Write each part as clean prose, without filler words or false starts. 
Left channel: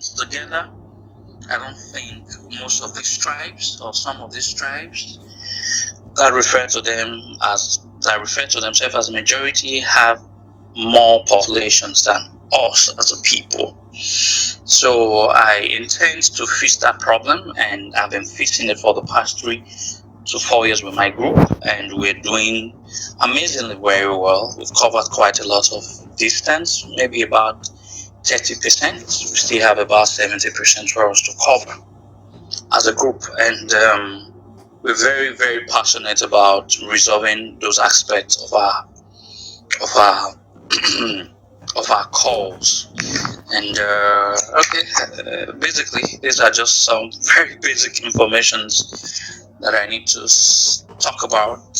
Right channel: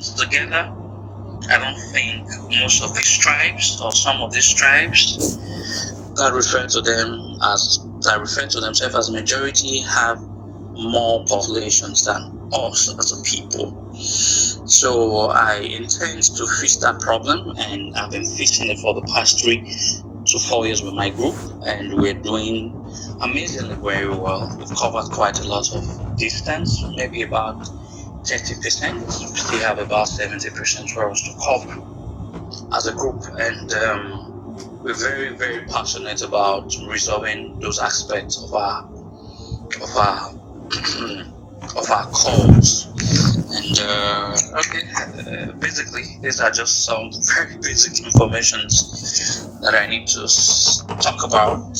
together. I don't think most of these tribes or some of these tribes that refer to themselves as majority have more populations than us as a people. So I intend to fix that problem, and I've been fixing it for the past 3 to 4 years with my group, and we're doing amazingly very well. We've covered quite a lot of distance, maybe about 30%. We still have about 70% for us to cover as a group, and we're very, very passionate about resolving those aspects of our of our calls. And basically, these are just some very basic informations that I need to talk about,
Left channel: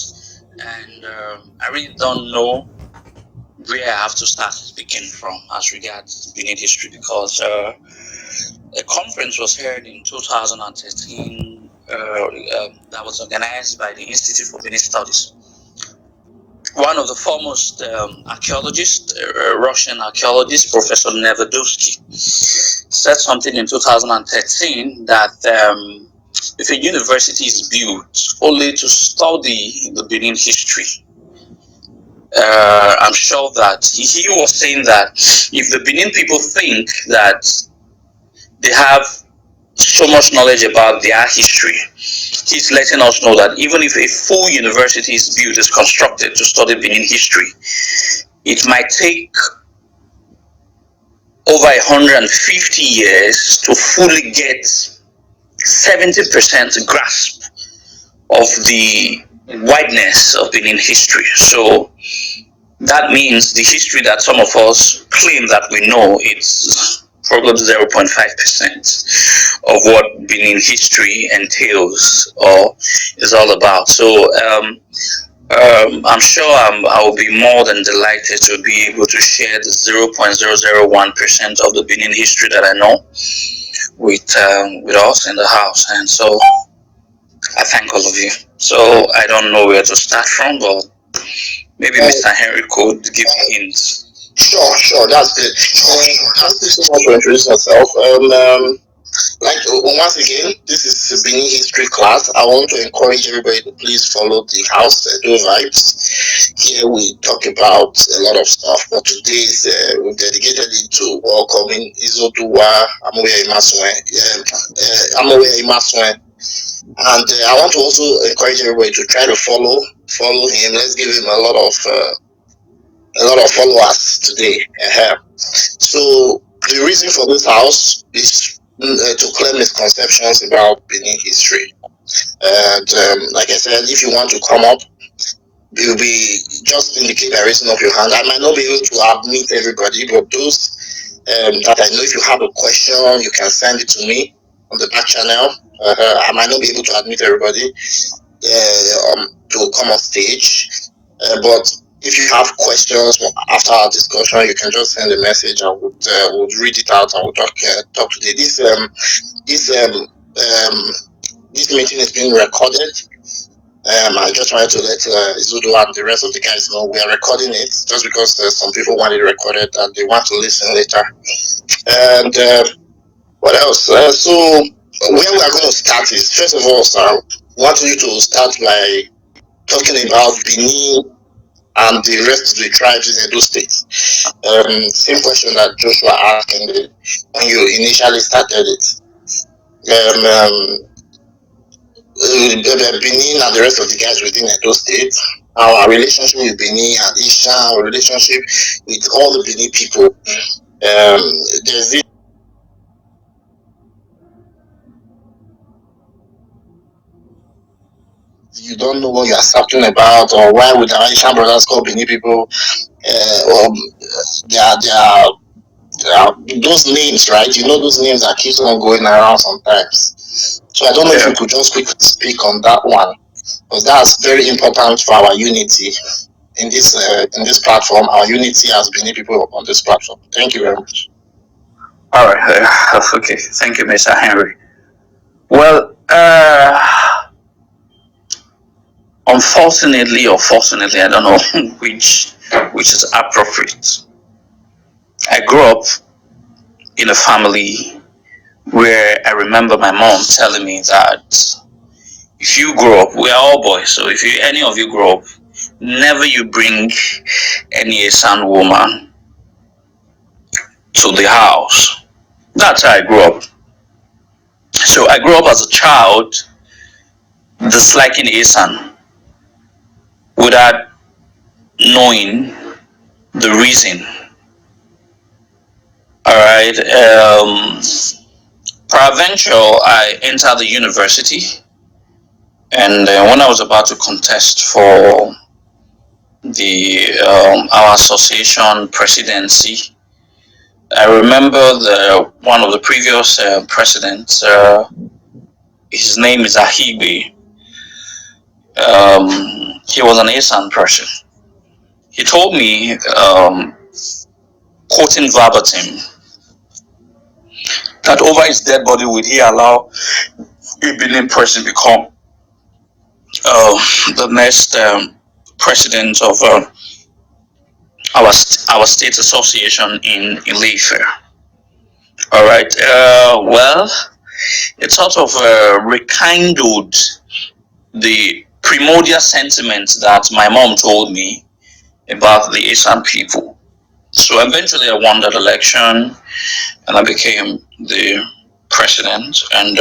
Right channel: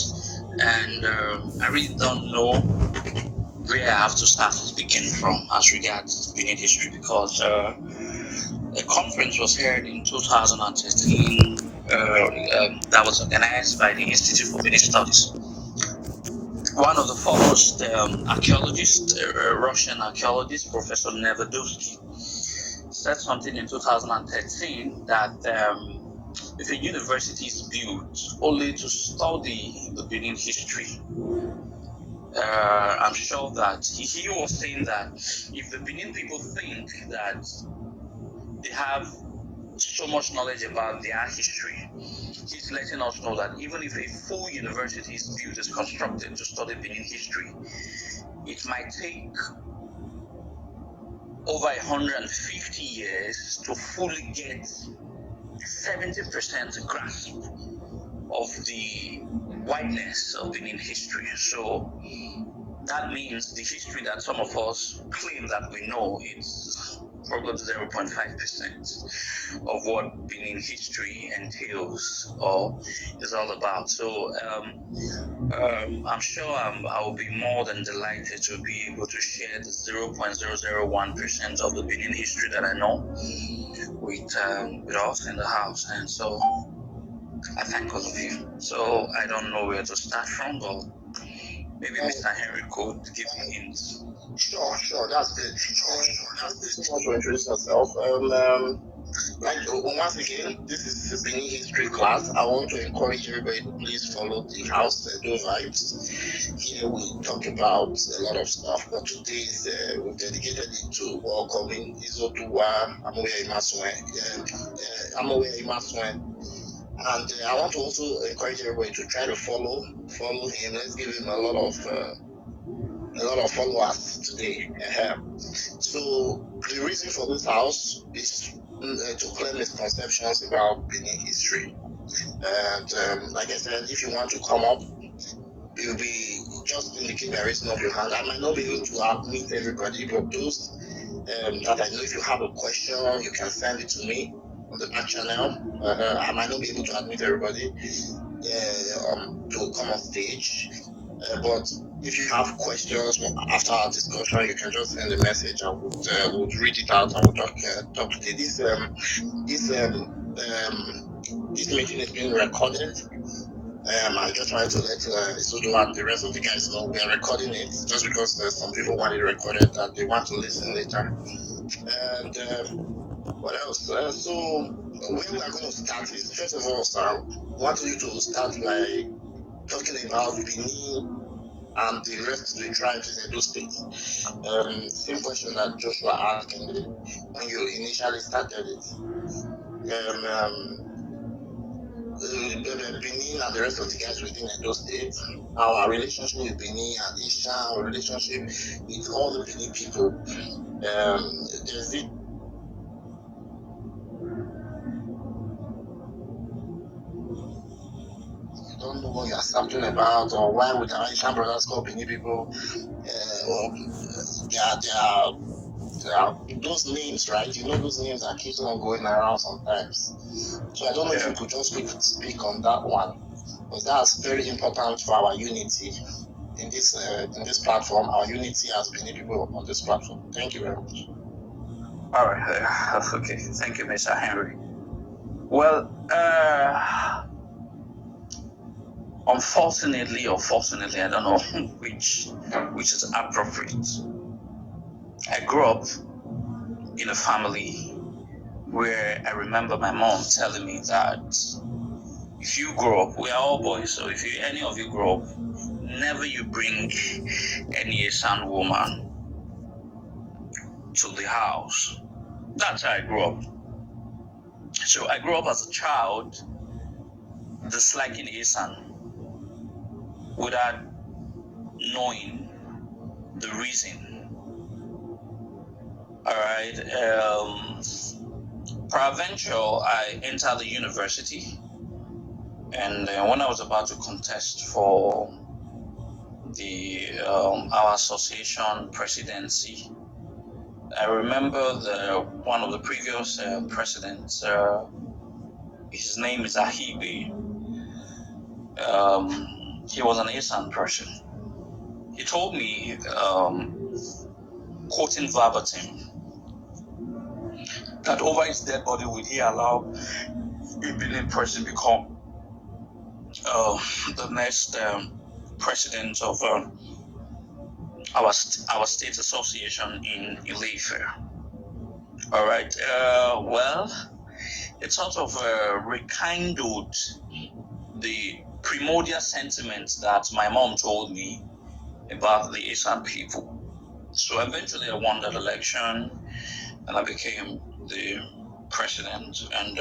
and I really don't know where I have to start speaking from as regards Benin history, because a conference was held in 2013 that was organized by the Institute for Benin Studies. One of the foremost archaeologists, Russian archaeologist, Professor Nevedovsky, said something in 2013 that if a university is built only to study the Benin history, I'm sure that he was saying that if the Benin people think that they have so much knowledge about their history, he's letting us know that even if a full university is built, is constructed to study Benin history, it might take over 150 years to fully get 70% grasp of the wideness of Benin history. So that means the history that some of us claim that we know, it's probably 0.5% of what Benin history entails or is all about. So I'm sure I will be more than delighted to be able to share the 0.001% of the Benin history that I know with us in the house. And so I thank all of you. So I don't know where to start from, but maybe Mr. Henry could give me hints. Sure, that's good. Thank you so much for introducing yourself. Once again, this is Benin history class. I want to encourage everybody to please follow the house, Edo Vibez. Here we talk about a lot of stuff, but today we've dedicated it to welcoming Izoduwa Imasuen. And I want to also encourage everybody to try to follow him. Let's give him a lot of followers today. So the reason for this house is to clear misconceptions about Benin history. And like I said, if you want to come up, you'll be just indicate by raising up your hand. I might not be able to admit everybody, but those that I know, if you have a question, you can send it to me on the back channel. I might not be able to admit everybody to come on stage, but if you have questions after our discussion, you can just send a message. I would read it out and we'll talk today. This meeting is being recorded. I just wanted to let Izoduwa and the rest of the guys know we are recording it, just because some people want it recorded and they want to listen later. And what else? So where we are going to start is, first of all, sir, I want you to start by talking about Benin and the rest of the tribes in Edo State. Same question that Joshua asked when you initially started it. Benin and the rest of the guys within Edo State, our relationship with Benin and Isha, our relationship with all the Benin people. There's this you don't know what you are talking about, or why would our Asian brothers call Benin people? They are those names, right? You know those names that keeps on going around sometimes. So I don't know if you could just quickly speak on that one, because that's very important for our unity in this platform. Our unity as Benin people on this platform. Thank you very much. All right. Okay. Thank you, Mr. Henry. Well, unfortunately or fortunately, I don't know which is appropriate. I grew up in a family where I remember my mom telling me that if you grow up, we are all boys, so if any of you grow up, never you bring any Esan woman to the house. That's how I grew up. So I grew up as a child disliking Esan without knowing the reason. Alright, peradventure, I entered the university, and when I was about to contest for the our association presidency, I remember one of the previous presidents. His name is Ahigbe. He was an Esan person. He told me, quoting verbatim, that over his dead body would he allow a Benin person become the next president of our state association in Ife. All right. Well, it sort of rekindled the primordial sentiment that my mom told me about the Esan people. So eventually I won that election and I became the president. And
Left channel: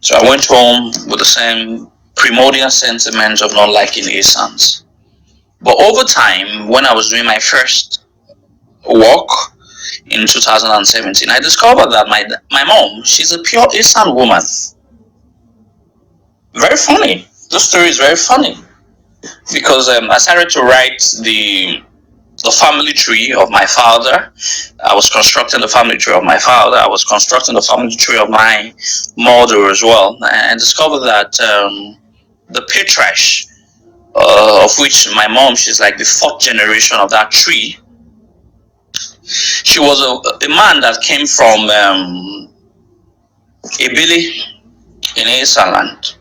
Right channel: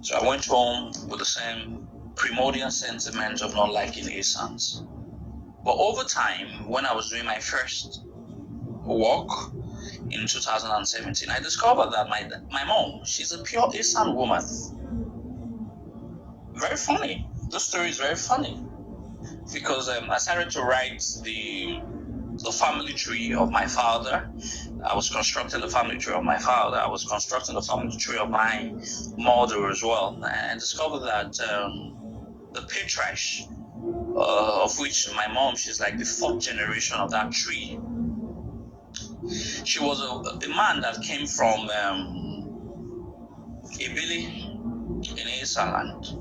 so I went home with the same primordial sentiment of not liking Esans. But over time, when I was doing my first walk in 2017, I discovered that my mom, she's a pure Esan woman. Very funny. The story is very funny. Because I started to write the family tree of my father. I was constructing the family tree of my father. I was constructing the family tree of my mother as well. And I discovered that the patriarch, of which my mom, she's like the fourth generation of that tree. She was a man that came from Ebili in Esan land.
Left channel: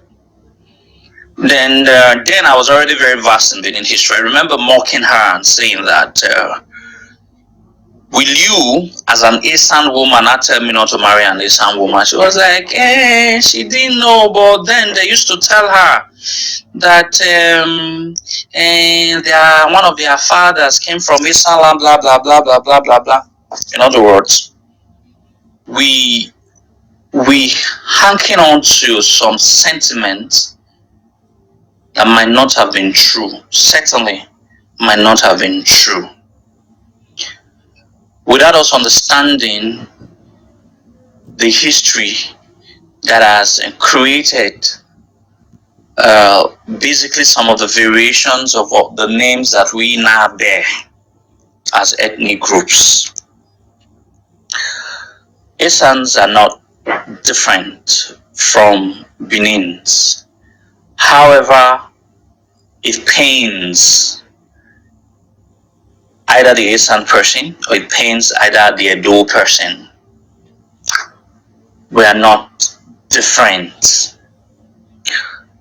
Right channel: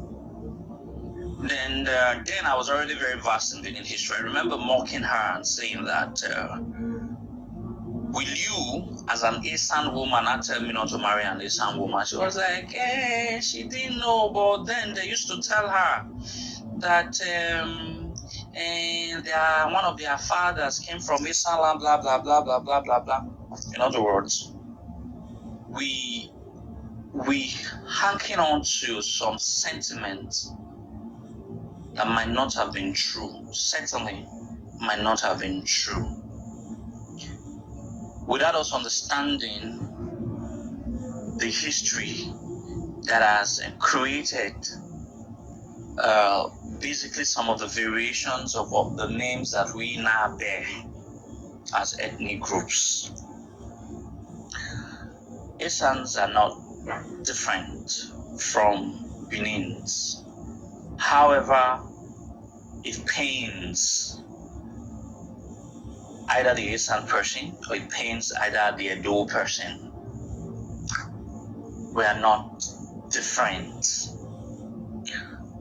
Then I was already very vast in Benin history. I remember mocking her and saying that, will you, as an Esan woman, not tell me not to marry an Esan woman? She was like, she didn't know, but then they used to tell her that one of their fathers came from Esan land, blah, blah, blah, blah, blah, blah, blah. In other words, we hanking on to some sentiment that might not have been true, certainly might not have been true. Without us understanding the history that has created basically some of the variations of the names that we now bear as ethnic groups. Esans are not different from Benins. However, it pains either the Esan person or it pains either the Edo person. We are not different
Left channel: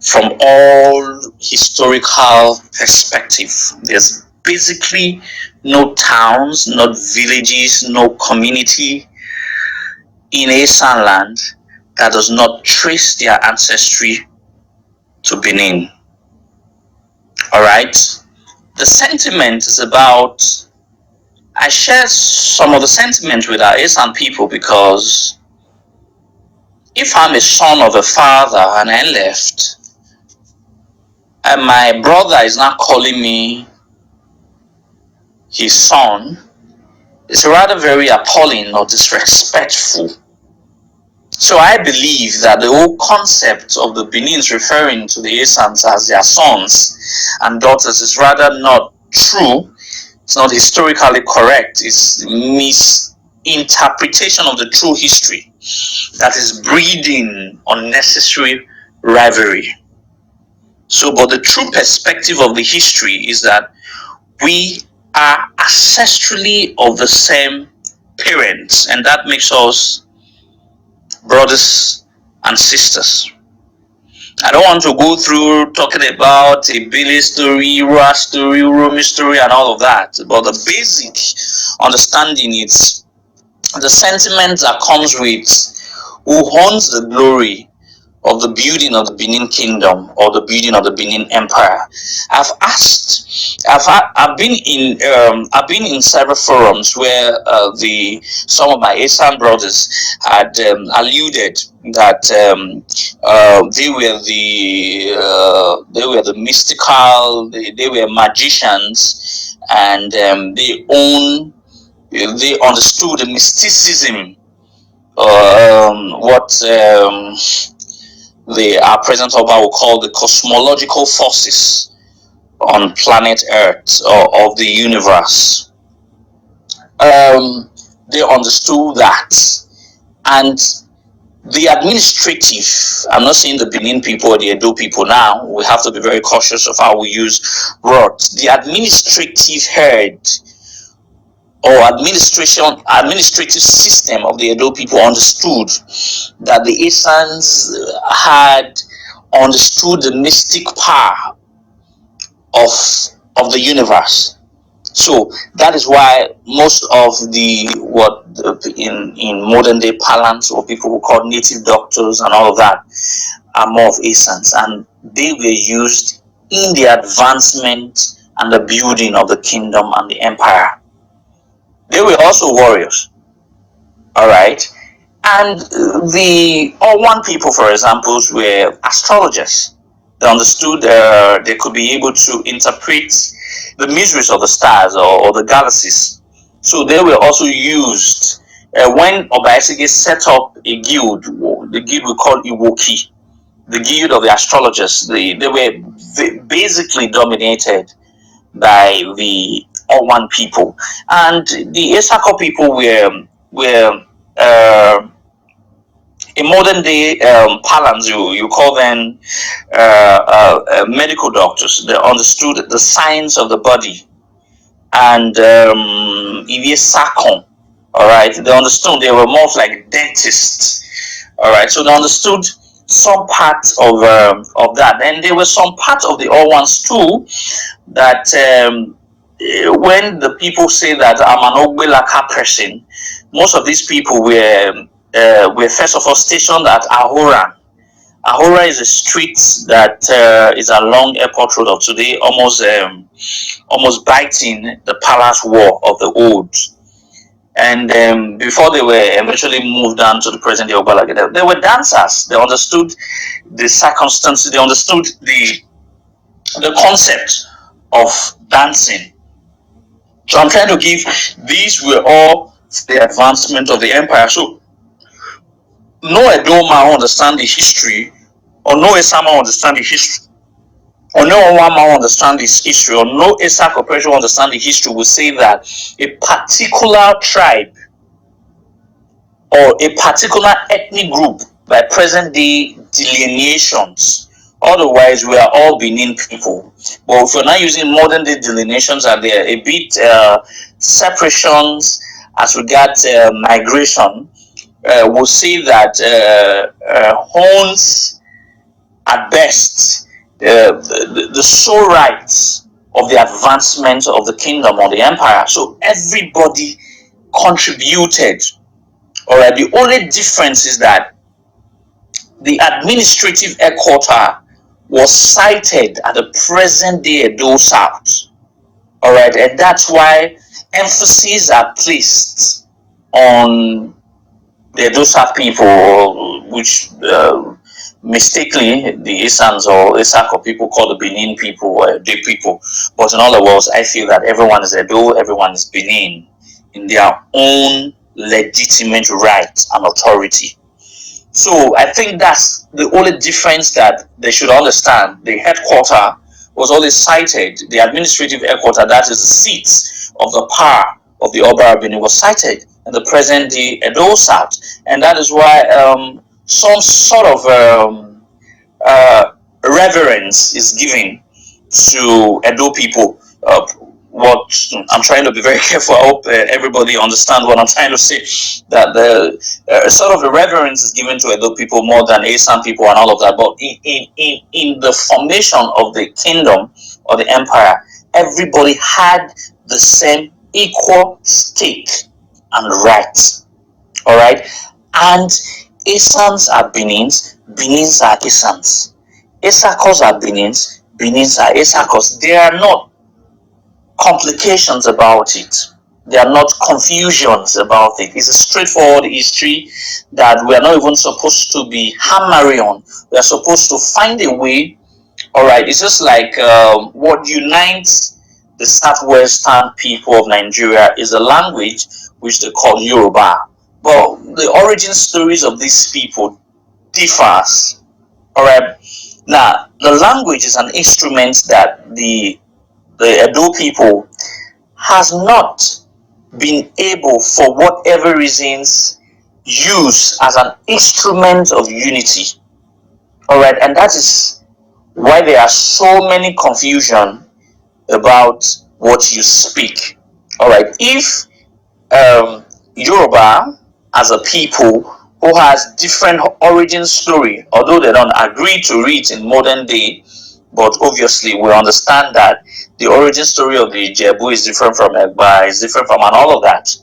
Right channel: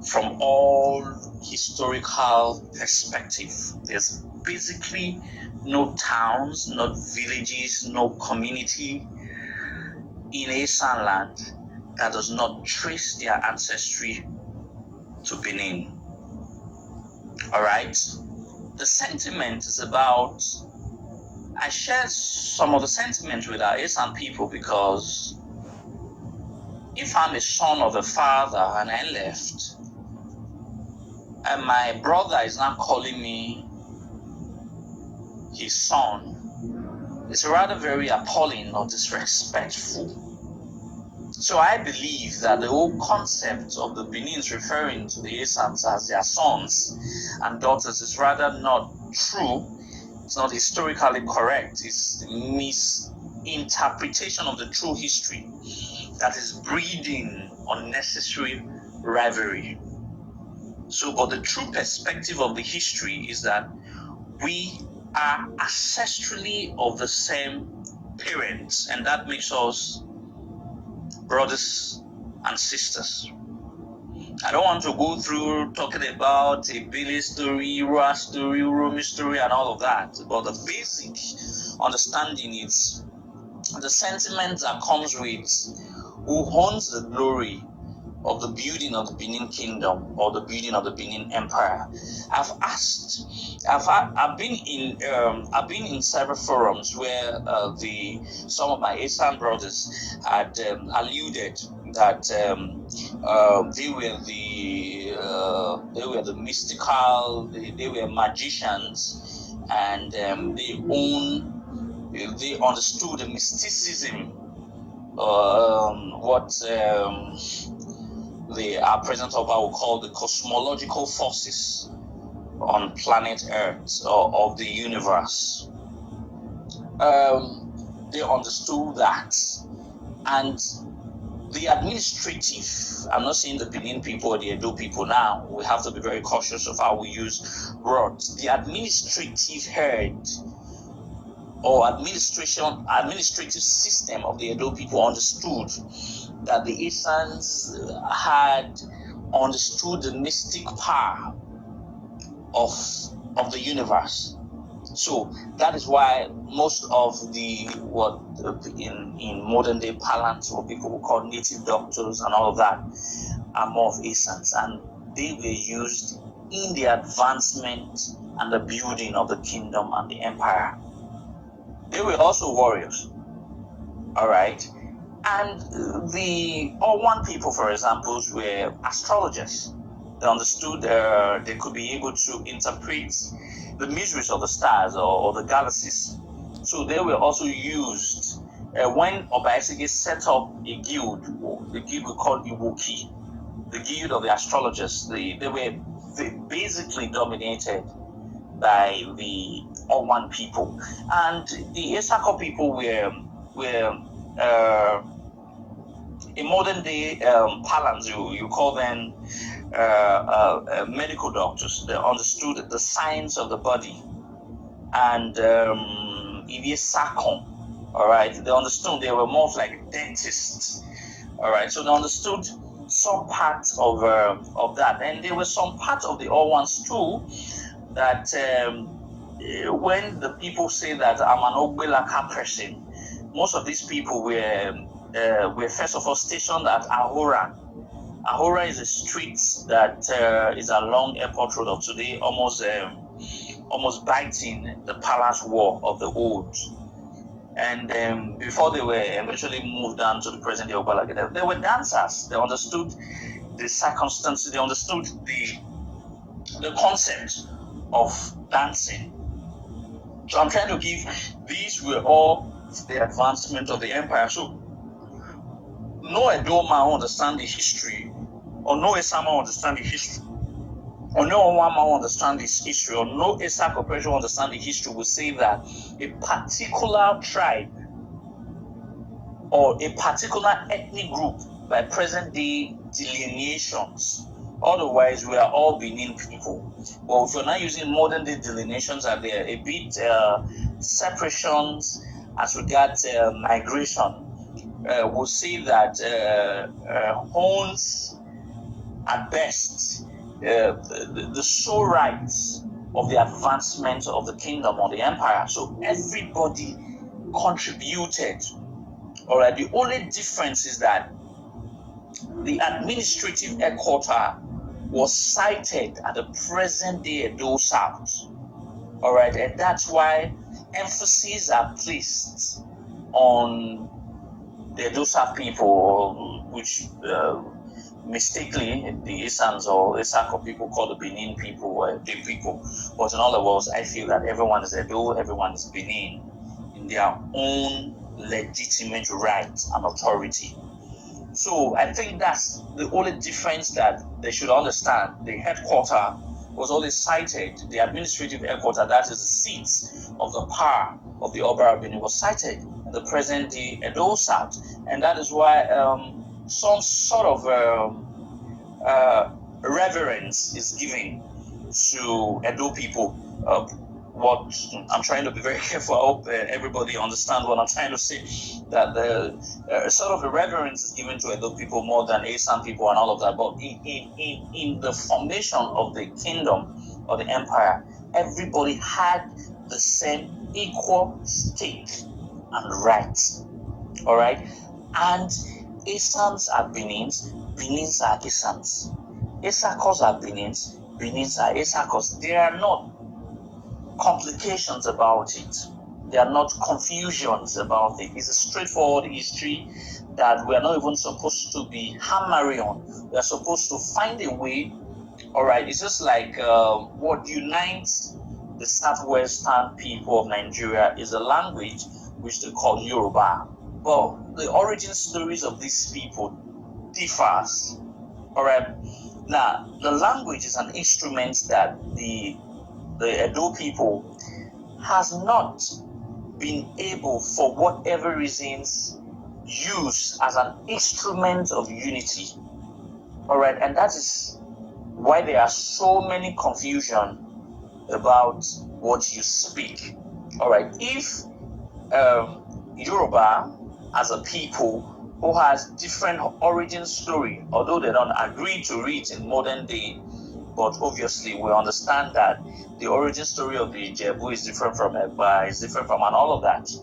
from all historical perspective. There's basically no towns, no villages, no community in Esan land that does not trace their ancestry to Benin. Alright? The sentiment is about, I share some of the sentiment with our Esan people because if I'm a son of a father and I left, and my brother is not calling me his son, it's rather very appalling or disrespectful. So I believe that the whole concept of the Benins referring to the Esans as their sons and daughters is rather not true. It's not historically correct. It's misinterpretation of the true history that is breeding unnecessary rivalry. So, but the true perspective of the history is that we are ancestrally of the same parents, and that makes us brothers and sisters. I don't want to go through talking about a Billy story, Ra story, Romy story, and all of that, but the basic understanding is the sentiment that comes with who owns the glory of the building of the Benin Kingdom or the building of the Benin Empire. I've been in several forums where some of my Asian brothers had alluded that they were the mystical, they were magicians, and they understood the mysticism, what our present Oba will call the cosmological forces on planet Earth or of the universe. They understood that, and the administrative, I'm not saying the Benin people or the Edo people now, we have to be very cautious of how we use words. The administrative head or administrative system of the Edo people understood that the Isans had understood the mystic power of the universe. So that is why most of the what in modern day parlance, or people who call native doctors and all of that, are more of Isans, and they were used in the advancement and the building of the kingdom and the empire. They were also warriors, all right. And the Owan people, for example, were astrologers. They understood they could be able to interpret the mysteries of the stars or the galaxies. So they were also used when Obaisege set up a guild, the guild we call Iwoki, the guild of the astrologers. They were basically dominated by the Owan people, and the Esako people were in modern day parlance, you call them medical doctors. They understood the science of the body, and all right. They understood. They were more like dentists, all right. So they understood some parts of that, and there were some parts of the old ones too that when the people say that I'm an Ogbelaka person, most of these people were first of all stationed at Ahora. Ahora is a street that is along Airport Road of today, almost biting the palace wall of the old. And before they were eventually moved down to the present day Ogbalaga, they were dancers. They understood the circumstances. They understood the concept of dancing. So I'm trying to give, these were all the advancement of the empire. So no Edoma understand the history, or no Esama understand the history, or no Owama understand this history, or no Esa corporation understand the history, will say that a particular tribe or a particular ethnic group by present day delineations. Otherwise, we are all Benin people. But if we're not using modern day delineations, and there are a bit separations as regards migration, we'll see that Horns, at best, the sole rights of the advancement of the kingdom or the empire. So everybody contributed. All right. The only difference is that the administrative headquarters was sited at the present day Edo South. All right, and that's why emphasis are placed on the Edo South people, which mistakenly the Isans or Isako people call the Benin people or the people. But in other words, I feel that everyone is Edo, everyone is Benin in their own legitimate right and authority. So I think that's the only difference that they should understand. The headquarters was always cited, the administrative headquarters, that is the seat of the power of the Oba Benin, was cited in the present day Edo South. And that is why some sort of reverence is given to Edo people. What I'm trying to be very careful. I hope everybody understands what I'm trying to say. That the sort of a reverence is given to Edo people more than Asan people and all of that. But in the formation of the kingdom or the empire, everybody had the same equal stake and rights. All right, and Esans are Benins, Benins are Esans, Esakos are Benins, Benins are Esakos. There are not complications about it. There are not confusions about it. It's a straightforward history that we are not even supposed to be hammering on. We are supposed to find a way. All right, it's just like what unites the southwestern people of Nigeria is a language which they call Yoruba. But the origin stories of these people differs. All right, now the language is an instrument that the Edo people has not been able, for whatever reasons, use as an instrument of unity. All right, and that is why there are so many confusion about what you speak. All right, if Yoruba as a people who has different origin story, although they don't agree to it in modern day, but obviously we understand that the origin story of the Ijebu is different from Egba, is different from and all of that.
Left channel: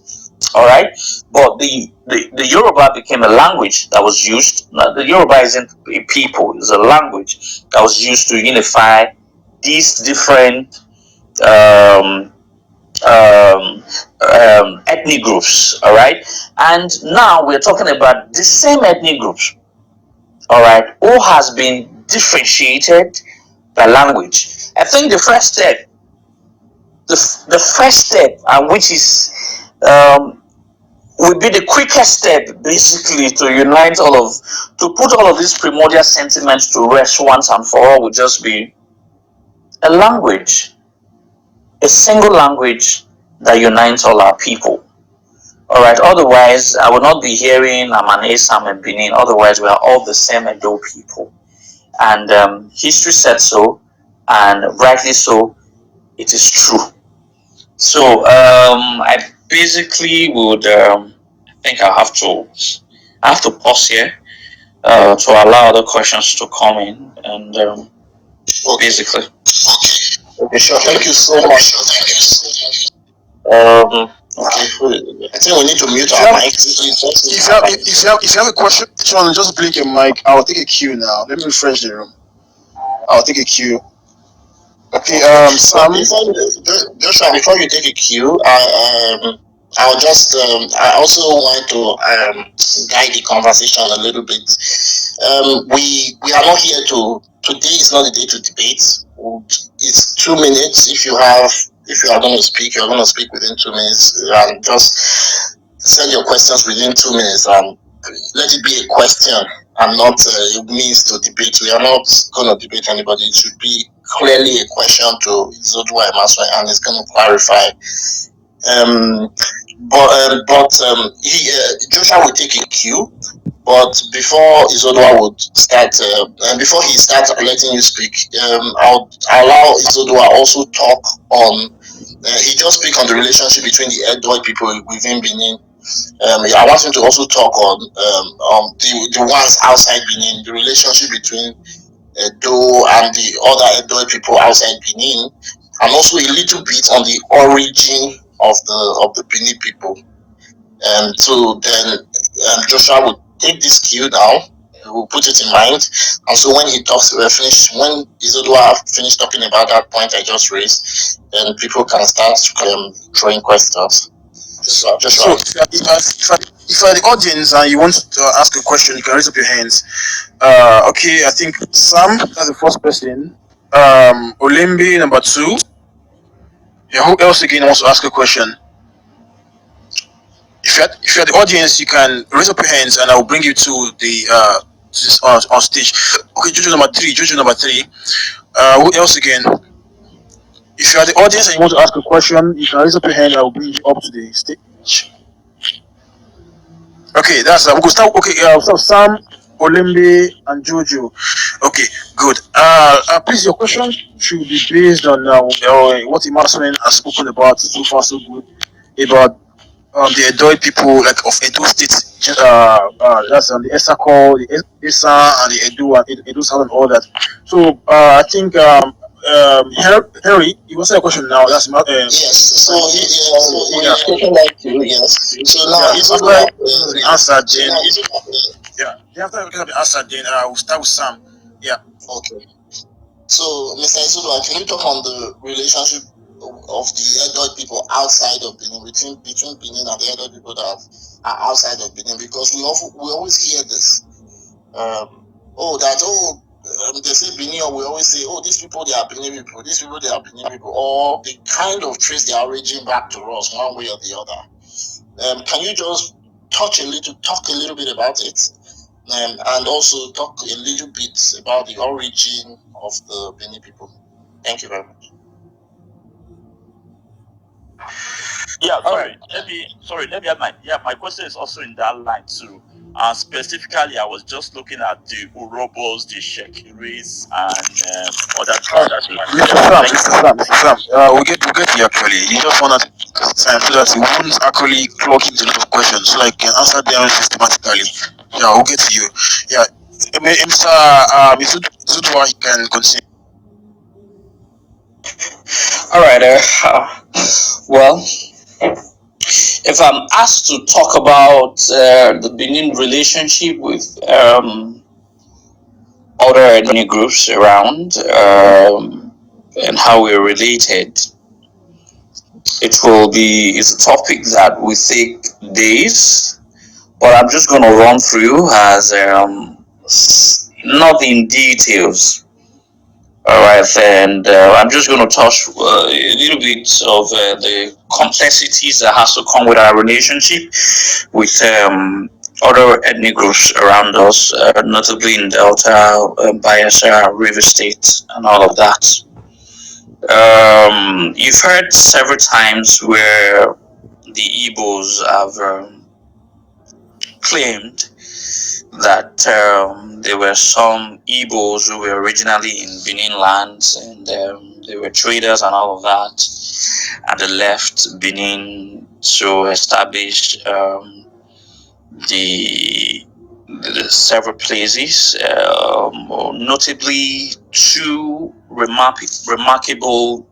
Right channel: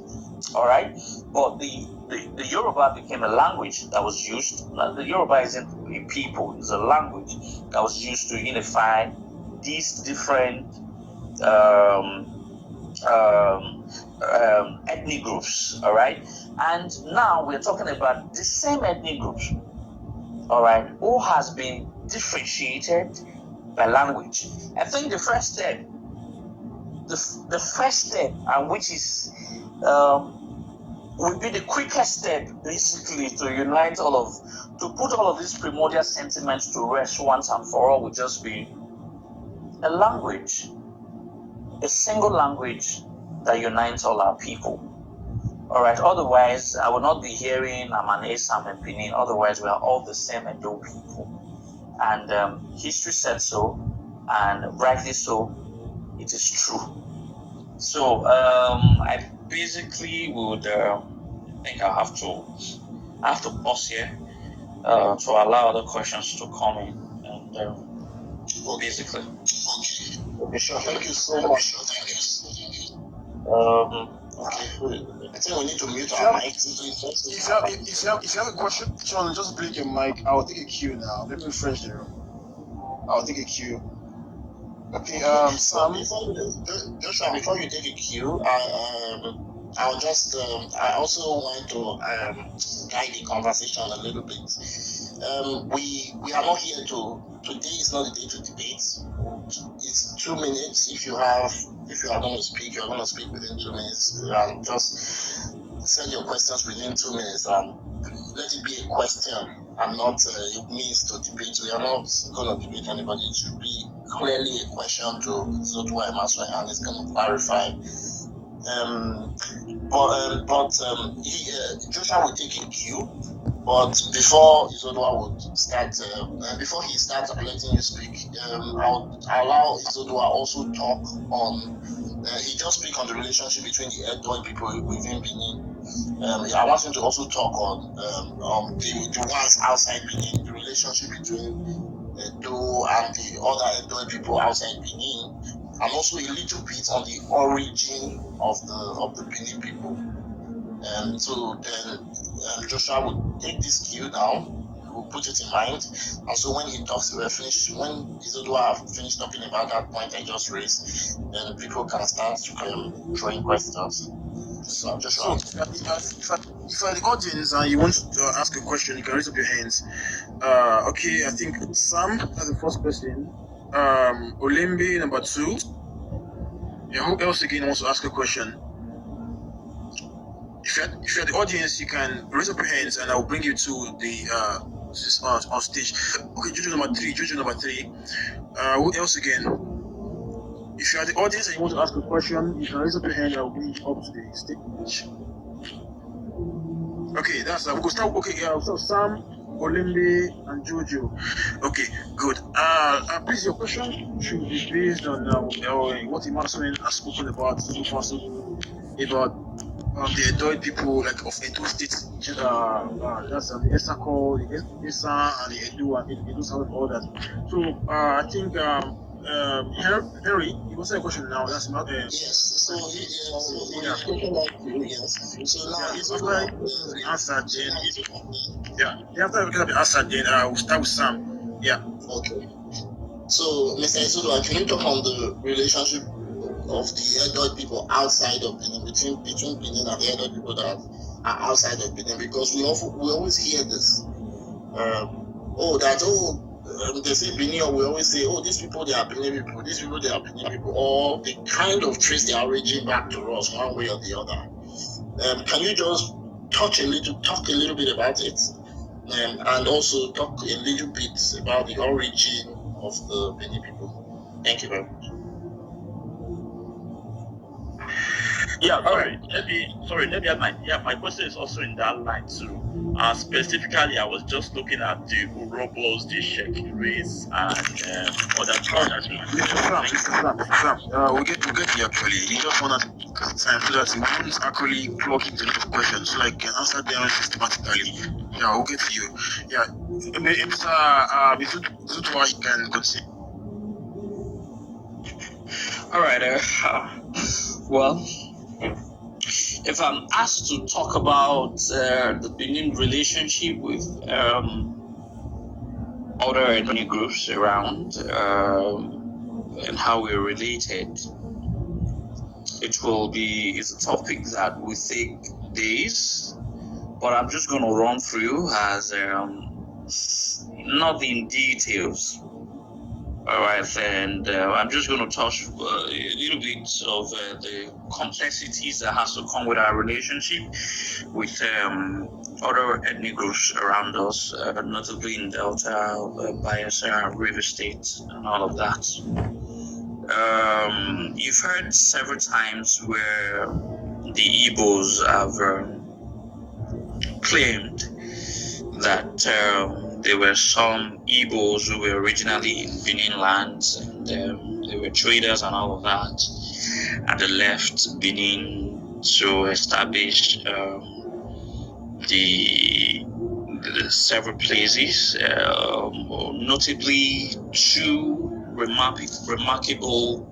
All right, but the Yoruba became a language that was used. Now, the Yoruba isn't a people; it's a language that was used to unify these different um, ethnic groups. All right, and now we're talking about the same ethnic groups. All right, who has been differentiated by language. I think the first step, the first step, and which is would be the quickest step, basically, to unite to put all of these primordial sentiments to rest once and for all, would just be a language, a single language that unites all our people. All right. Otherwise, I will not be hearing I'm an Asam and Benin. Otherwise, we are all the same Edo people, and history said so, and rightly so. It is true. So I basically would think I have to pause here to allow other questions to come in, and basically. Okay, sure. Thank you so much. Okay. I think we need to mute our mics. If you have a question, Sean, just blink your mic. I'll take a cue now. Let me refresh the room. I'll take a cue. Okay, Sam. Joshua, before you take a cue, I'll just I also want to guide the conversation a little bit. We are not here to, today is not the day to debate. It's 2 minutes. If you are going to speak, you're going to speak within 2 minutes, and just send your questions within 2 minutes, and let it be a question and not a means to debate. We are not going to debate anybody. It should be clearly a question to Izoduwa Imasuen, and it's going to clarify. Joshua will take a cue. But before Izoduwa would start, before he starts letting you speak, I'll allow Izoduwa also talk on. He just speak on the relationship between the Edo people within Benin. I want him to also talk on the ones outside Benin, the relationship between Edo and the other Edo people outside Benin, and also a little bit on the origin of the Benin people. So then Joshua would take this cue now. We'll put it in mind, and so when he talks, when Izoduwa finished talking about that point I just raised, then people can start throwing questions. Joshua. So, if you are the audience and you want to ask a question, you can raise up your hands. Okay, I think Sam, that's the first person. Olimbi, number 2. Yeah, who else again wants to ask a question? If you're the audience, you can raise up your hands, and I will bring you to the on stage. Okay, Jojo number three. Who else again? If you are the audience and you want to ask a question, you can raise up your hand. I will bring you up to the stage. Okay, that's we'll start. Okay, so Sam, Olimbe, and Jojo. Okay, good. Please, your question should be based on what Imasuen has spoken about so far, so good, about the Edo people, like of Edo State. That's the Esako, the Esa, and the Edo South and all that. So I think Harry, you answer a question now. That's Yes. So yeah. question like you, yes. So now Yeah. it's After about the answer, then after we get the answer, then we'll start with Sam. Yeah. okay. So Mr. Izoduwa, can you talk on the relationship of the Edo people outside of Benin, between Benin and the Edo people that are outside of Benin? Because we always hear this. They say Benin, or we always say, oh, these people they are Benin people, these people they are Benin people, or they kind of trace their origin back to us one way or the other. Can you just talk a little bit about it, and also talk a little bit about the origin of the Benin people? Thank you very much. Yeah, my question is also in that line too. Specifically, I was just looking at the Urobos, the Sheki race, and other tribes. Mr. Sam, we'll get to you actually. You just want to time so that you won't actually clock into a lot of questions, so I can answer them systematically. Yeah, we'll get to you. Yeah, Mr. Izoduwa, you can continue. All right. Well, if I'm asked to talk about the Benin relationship with other ethnic groups around and how we're related, it's a topic that will take days, but I'm just going to run through as not in details. All right, and I'm just going to touch a little bit of the complexities that has to come with our relationship with other ethnic groups around us, notably in Delta, Bayelsa, River State, and all of that. You've heard several times where the Igbos have claimed that there were some Igbos who were originally in Benin lands, and they were traders and all of that, and they left Benin to establish the several places, notably two remarkable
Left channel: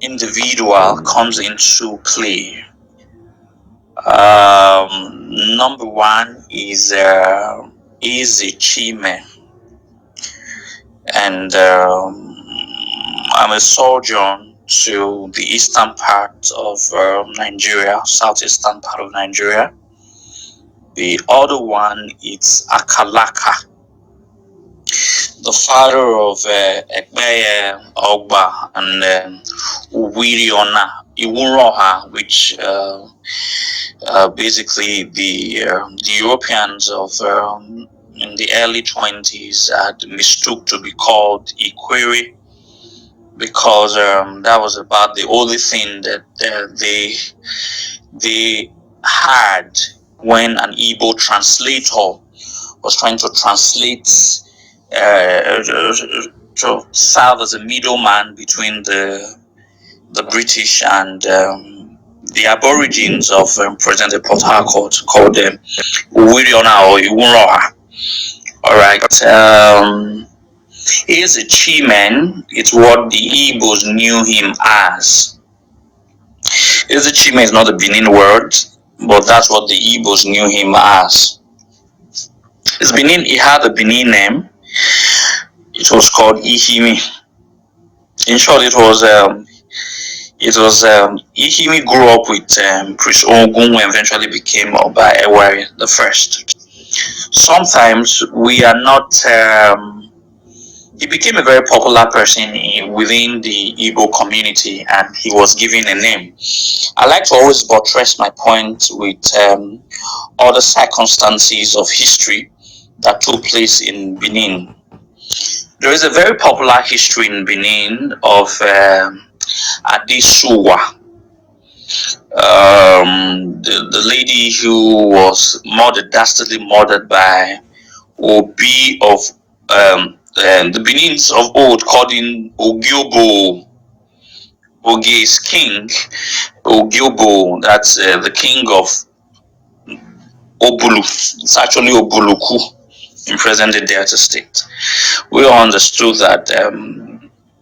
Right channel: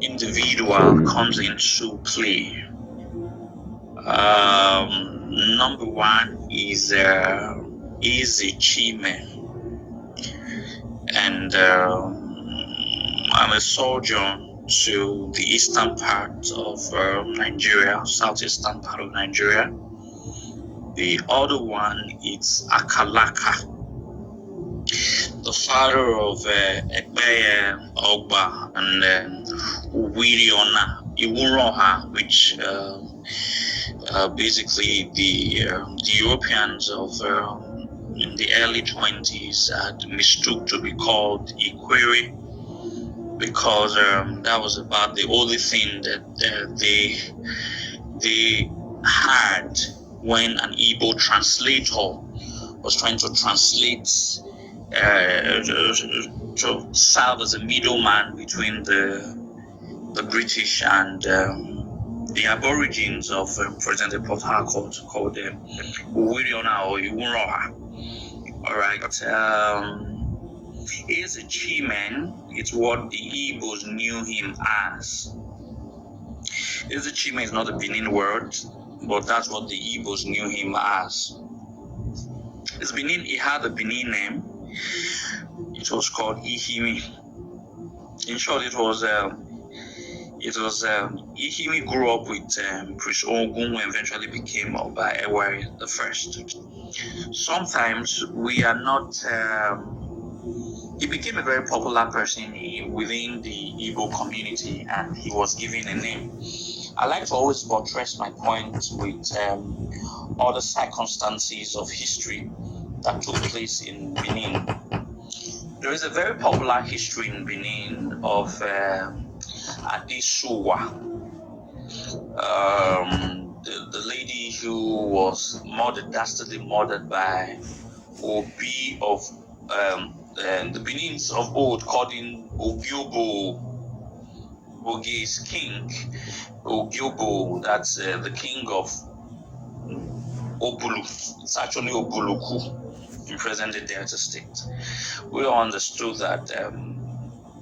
individual comes into play. Number one is Chime, and I'm a surgeon to the eastern part of Nigeria, southeastern part of Nigeria. The other one is Akalaka, the father of Ekbeye Ogba and Uwiriona Iwuroha, which basically the Europeans of in the early 20s had mistook to be called Ikwere, because that was about the only thing that they had when an Igbo translator was trying to translate to serve as a middleman between the British and the Aborigines of present Port Harcourt, called them Uwiriona or Iwunroha. All right. He's a Chiman. It's what the Igbos knew him as. He's a Chiman is not a Benin word, but that's what the Igbos knew him as. His Benin, he had a Benin name. It was called Ihimi. In short, it was Ihimi grew up with Prince Ogun, who eventually became Oba Ewari the First. Sometimes we are not. He became a very popular person within the Igbo community, and he was given a name. I like to always buttress my point with other circumstances of history that took place in Benin. There is a very popular history in Benin of Adesuwa, the lady who was dastardly murdered by Obi of the Benins of old, called in Ogiobo. Ogi is king. Ogiobo, that's the king of Obulu. It's actually Obuluku in present-day Delta State. We all understood that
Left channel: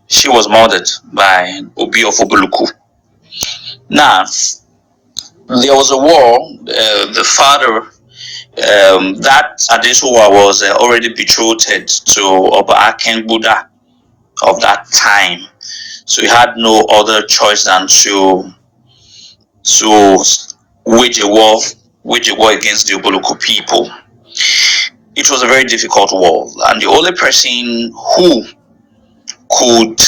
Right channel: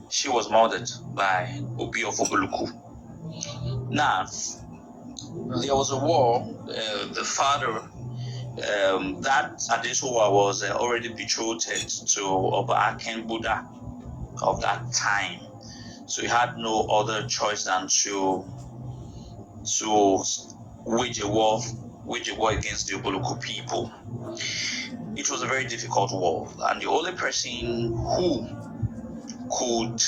she was murdered by Obi of Obuluku. Now, there was a war. The father, that Adesuwa was already betrothed to Oba Akenbuda of that time, so he had no other choice than to wage a war against the Obuluku people. It was a very difficult war, and the only person who could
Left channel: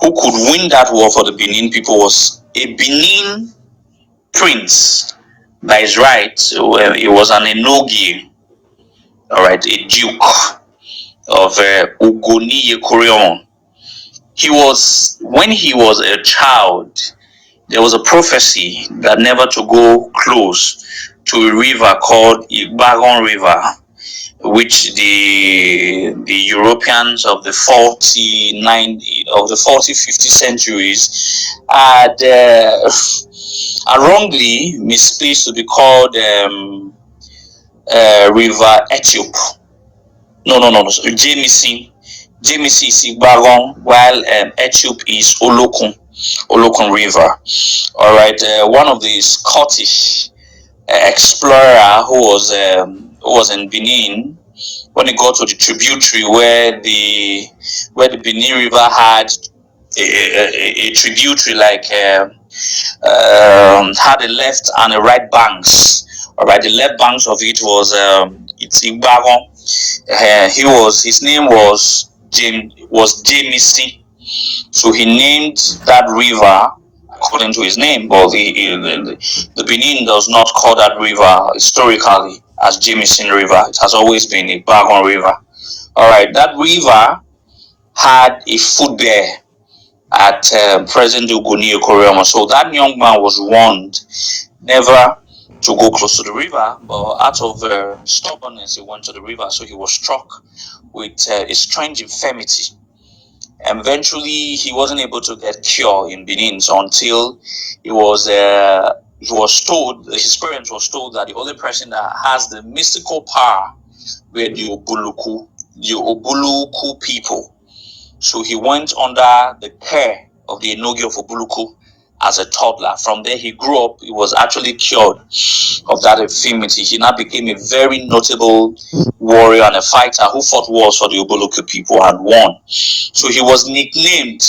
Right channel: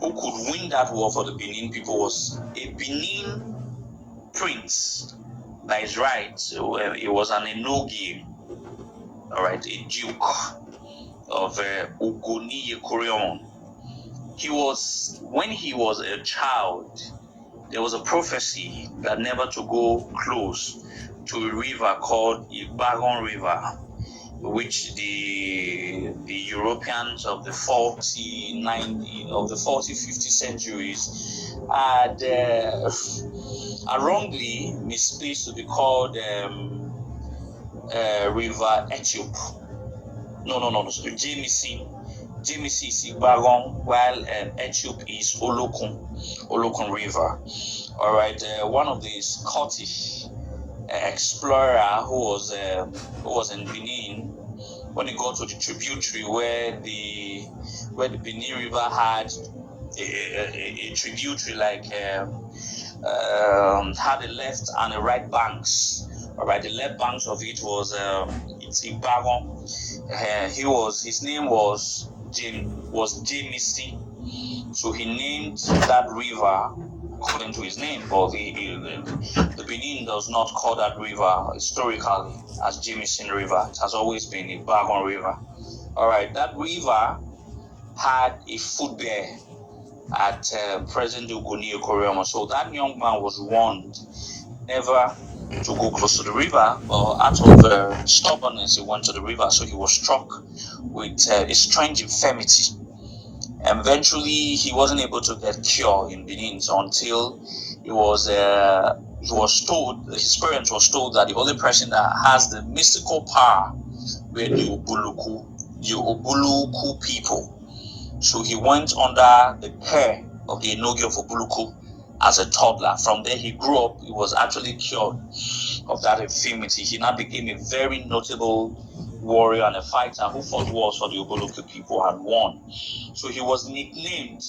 win that war for the Benin people was a Benin prince by his right. He was an Enogi, all right, a duke of Ugoniye Koreon. When he was a child, there was a prophecy that never to go close to a river called Igbaron River, which the Europeans of the 40-50 centuries had wrongly misplaced to be called River Ethiopia. No, Jamisi is Igbaron, while Ethiopia is Olokun River. All right, one of the Scottish explorer who was in Benin, when he got to the tributary where the Benin River had a tributary like had a left and a right banks. All right, the left banks of it was it's Igbaron. His name was Jamisi, so he named that river according to his name, but the Benin does not call that river historically as Jamison River. It has always been a Bagon River. All right, that river had a foot there at present Ugoni Koreama. So that young man was warned never to go close to the river, but out of stubbornness, he went to the river. So he was struck with a strange infirmity. And eventually, he wasn't able to get cure in Benin until he was told, his parents was told that the only person that has the mystical power were the Obuluku people. So he went under the care of the Enogi of Obuluku as a toddler. From there, he grew up. He was actually cured of that infirmity. He now became a very notable warrior and a fighter who fought wars for the Obuluku people and won. So he was nicknamed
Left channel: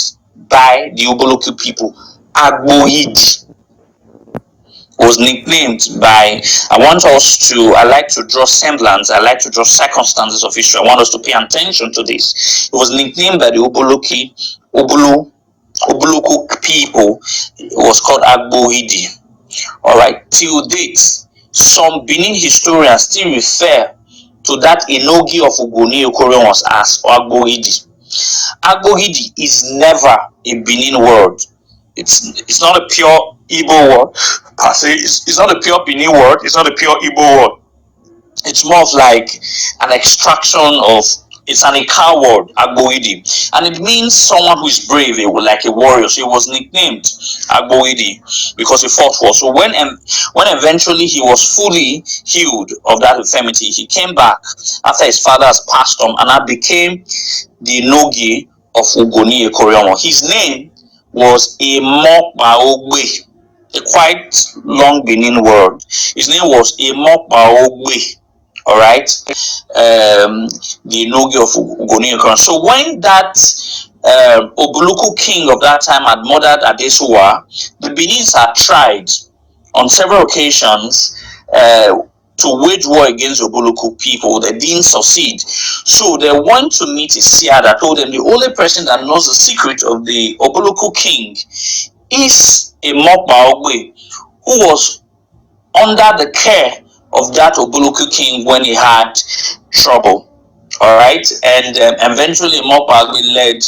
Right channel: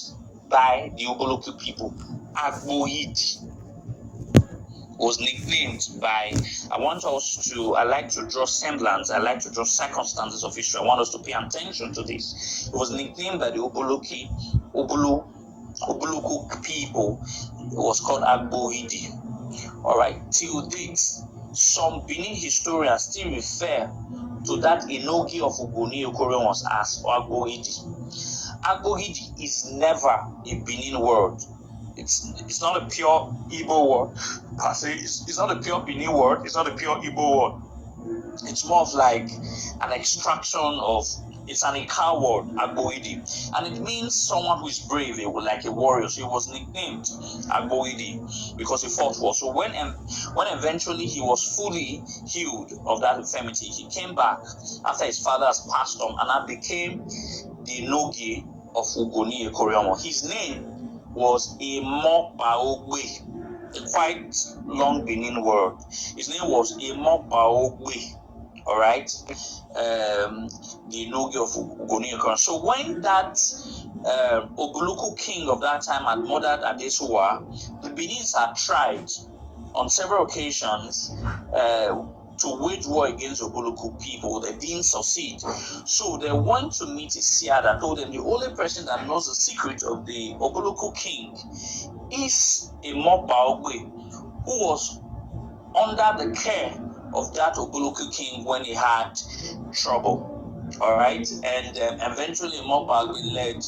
by the Obuluku people Agbohidi. Was nicknamed by, I like to draw semblance, I like to draw circumstances of history. I want us to pay attention to this. It was nicknamed by the Obuluku people. It was called Agbohidi. All right, till date, some Benin historians still refer to that Enogi of Ugoni Okoreons as Agbohidi. Agbohidi is never a Benin word. It's not a pure Igbo word per se. It's not a pure Benin word. It's not a pure Igbo word. It's more of like an extraction of. It's an Ika word, Agbohidi, and it means someone who is brave, like a warrior. So he was nicknamed Agbohidi because he fought war. So when eventually he was fully healed of that infirmity, he came back after his father has passed on, and that became the Nogi of Ugoni Ekoriomo. His name was Emokbaogbe, a quite long Benin word. His name was Emokbaogbe. All right, the Nogi of Ugoni Ekoriomo. So when that Obuluku king of that time had murdered Adesuwa, the Benins had tried on several occasions to wage war against Obuluku people. They didn't succeed. So they went to meet Isia that told them the only person that knows the secret of the Obuluku king is a Mokbaogbe, who was under the care of that Obuluku king when he had trouble. All right, and eventually Mokbaogbe led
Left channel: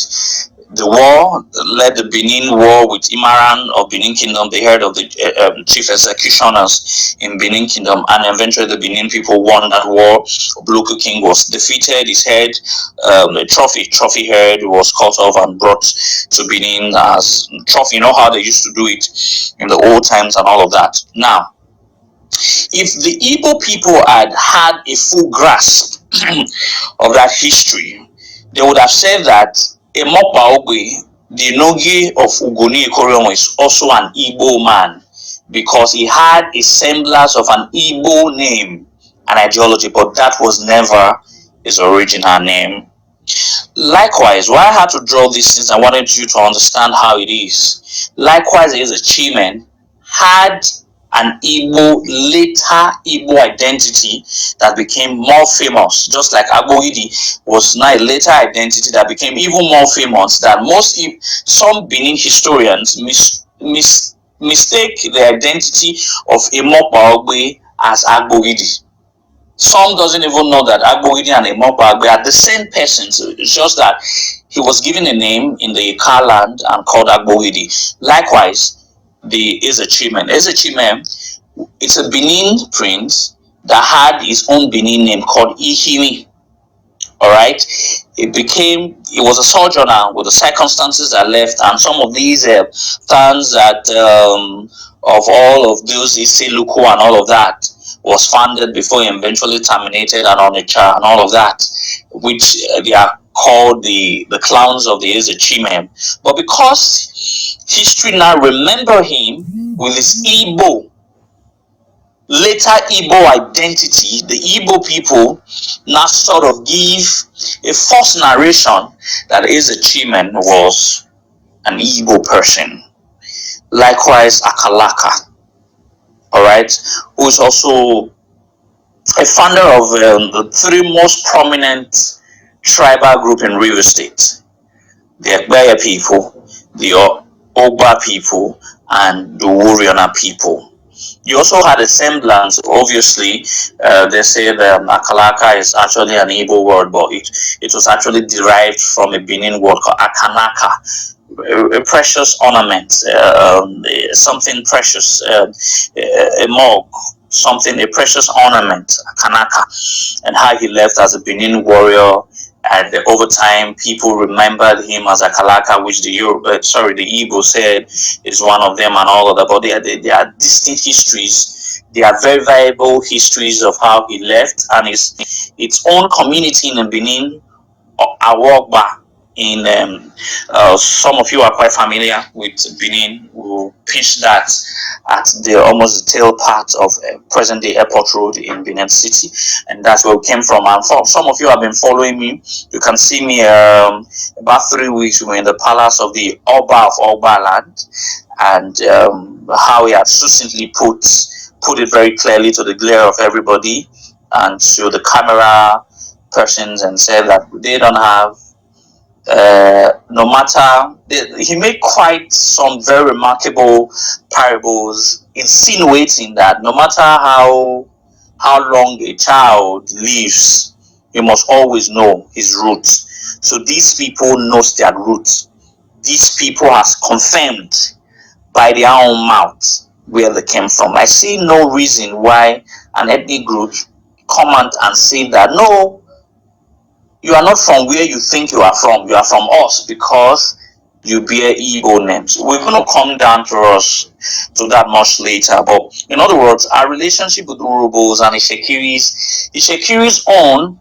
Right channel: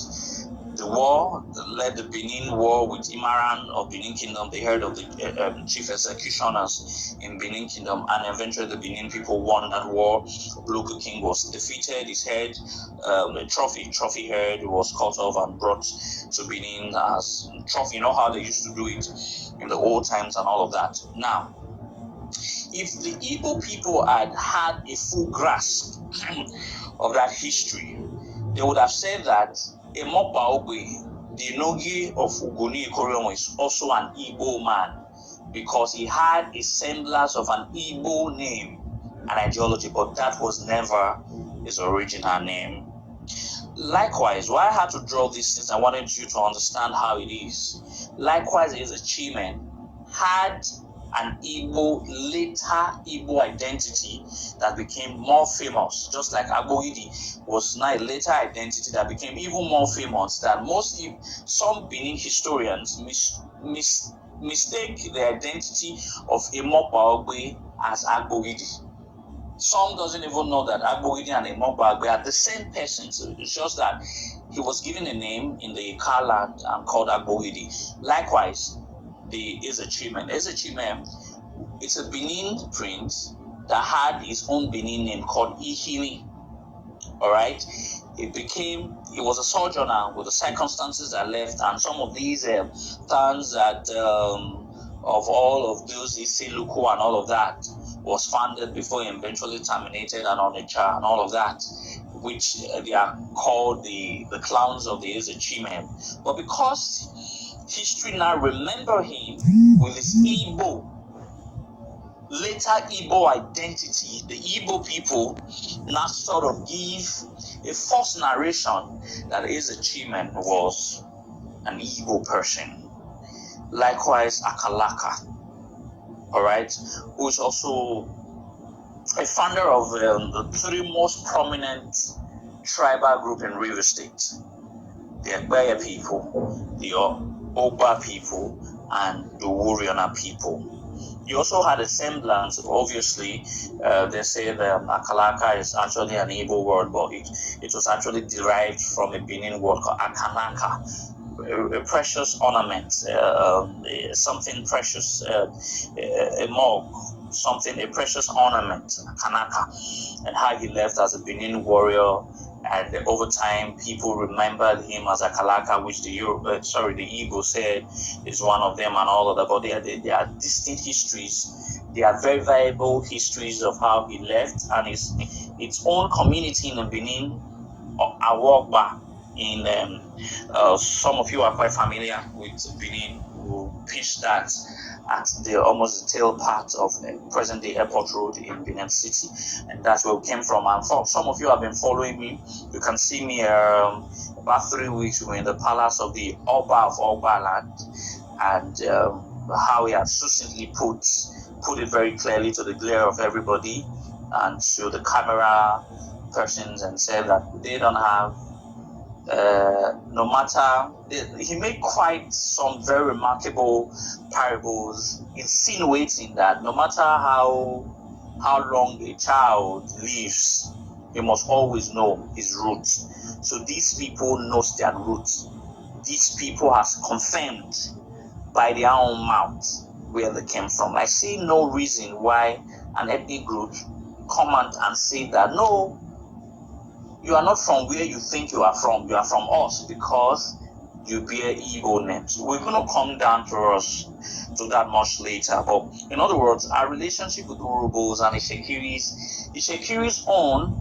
the Benin war with Imaran of Benin Kingdom, the head of the chief executioners in Benin Kingdom, and eventually the Benin people won that war. Obuluku king was defeated, his head, the trophy head was cut off and brought to Benin as trophy. You know how they used to do it in the old times and all of that. Now, if the Igbo people had a full grasp of that history, they would have said that Emokpa Ogbe, the Nogi of Ugoni Ikoromo, is also an Igbo man because he had a semblance of an Igbo name and ideology, but that was never his original name. Likewise, why I had to draw this since I wanted you to understand how it is. Likewise, Ezechimen had an later Igbo identity that became more famous, just like Agboidi was now a later identity that became even more famous. That some Benin historians mistake the identity of Emokpa Ogbe as Agboidi. Some doesn't even know that Agboidi and Emokpa Ogbe are the same persons. It's just that he was given a name in the Ika land and called Agboidi. Likewise, the Ezechimen. Ezechimen, it's a Benin prince that had his own Benin name called Ihimi. Alright, he was a sojourner with the circumstances that left, and some of these towns that of all of those Isiluku and all of that was founded before he eventually terminated and Onitsha and all of that, which they are called the clowns of the Ezechimen. But because history now remember him with his later Igbo identity, the Igbo people now sort of give a false narration that Ezechimen was an Igbo person. Likewise, Akalaka, alright, who is also a founder of the three most prominent tribal group in River State: the Egbaya people, the Ogba people, and the Wuriona people. You also had a semblance. Obviously, they say that Akalaka is actually an Igbo word, but it was actually derived from a Benin word called Akanaka, a precious ornament, something precious, a mug, a precious ornament, Akanaka, and how he left as a Benin warrior. And over time, people remembered him as Akalaka, which the Igbo said is one of them and all of that. But they are distinct histories. They are very viable histories of how he left and its own community in Benin, Awogba. Some of you are quite familiar with Benin. We'll pitch that at almost the tail part of present-day Airport Road in Benin City, and that's where we came from. And for some of you have been following me, you can see me about 3 weeks we were in the palace of the Oba of Ogba land, and how he had succinctly put it very clearly to the glare of everybody and to the camera persons, and said that they don't have no matter, he made quite some very remarkable parables insinuating that no matter how long a child lives, he must always know his roots. So these people knows their roots. These people has confirmed by their own mouth where they came from. I see no reason why an ethnic group come out and say that no, you are not from where you think you are from us because you bear Igbo names. We're going to come down to that much later. But in other words, our relationship with Urubos and Ishekiri's own,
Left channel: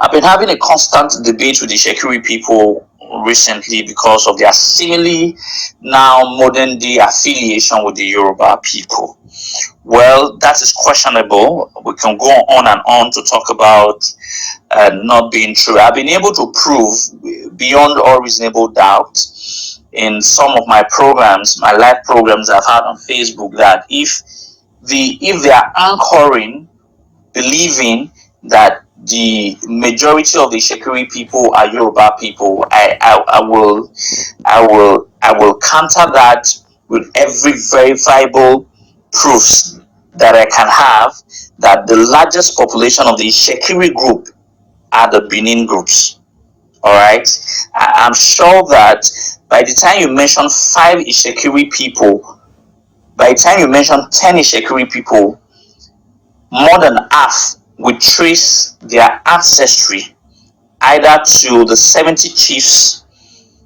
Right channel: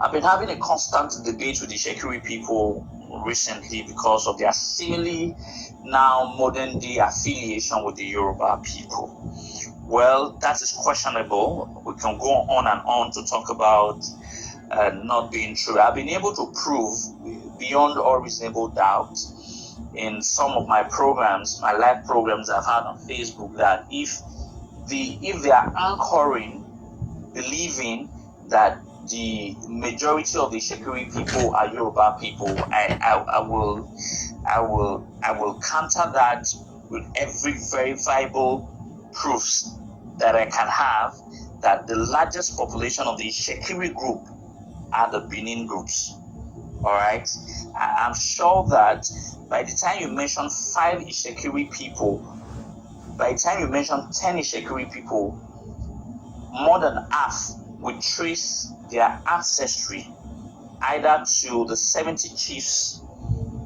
I've been having a constant debate with the Ishekiri people recently because of their seemingly now modern day affiliation with the Yoruba people. Well, that is questionable. We can go on and on to talk about not being true. I've been able to prove beyond all reasonable doubt in some of my programs, my live programs I've had on Facebook, that if they are anchoring, believing that the majority of the Shekiri people are Yoruba people, I will counter that with every verifiable proofs that I can have that the largest population of the Shekiri group are the Benin groups. All right, I'm sure that by the time you mention 5 Ishekiri people, by the time you mention 10 Ishekiri people, more than half will trace their ancestry either to the 70 chiefs,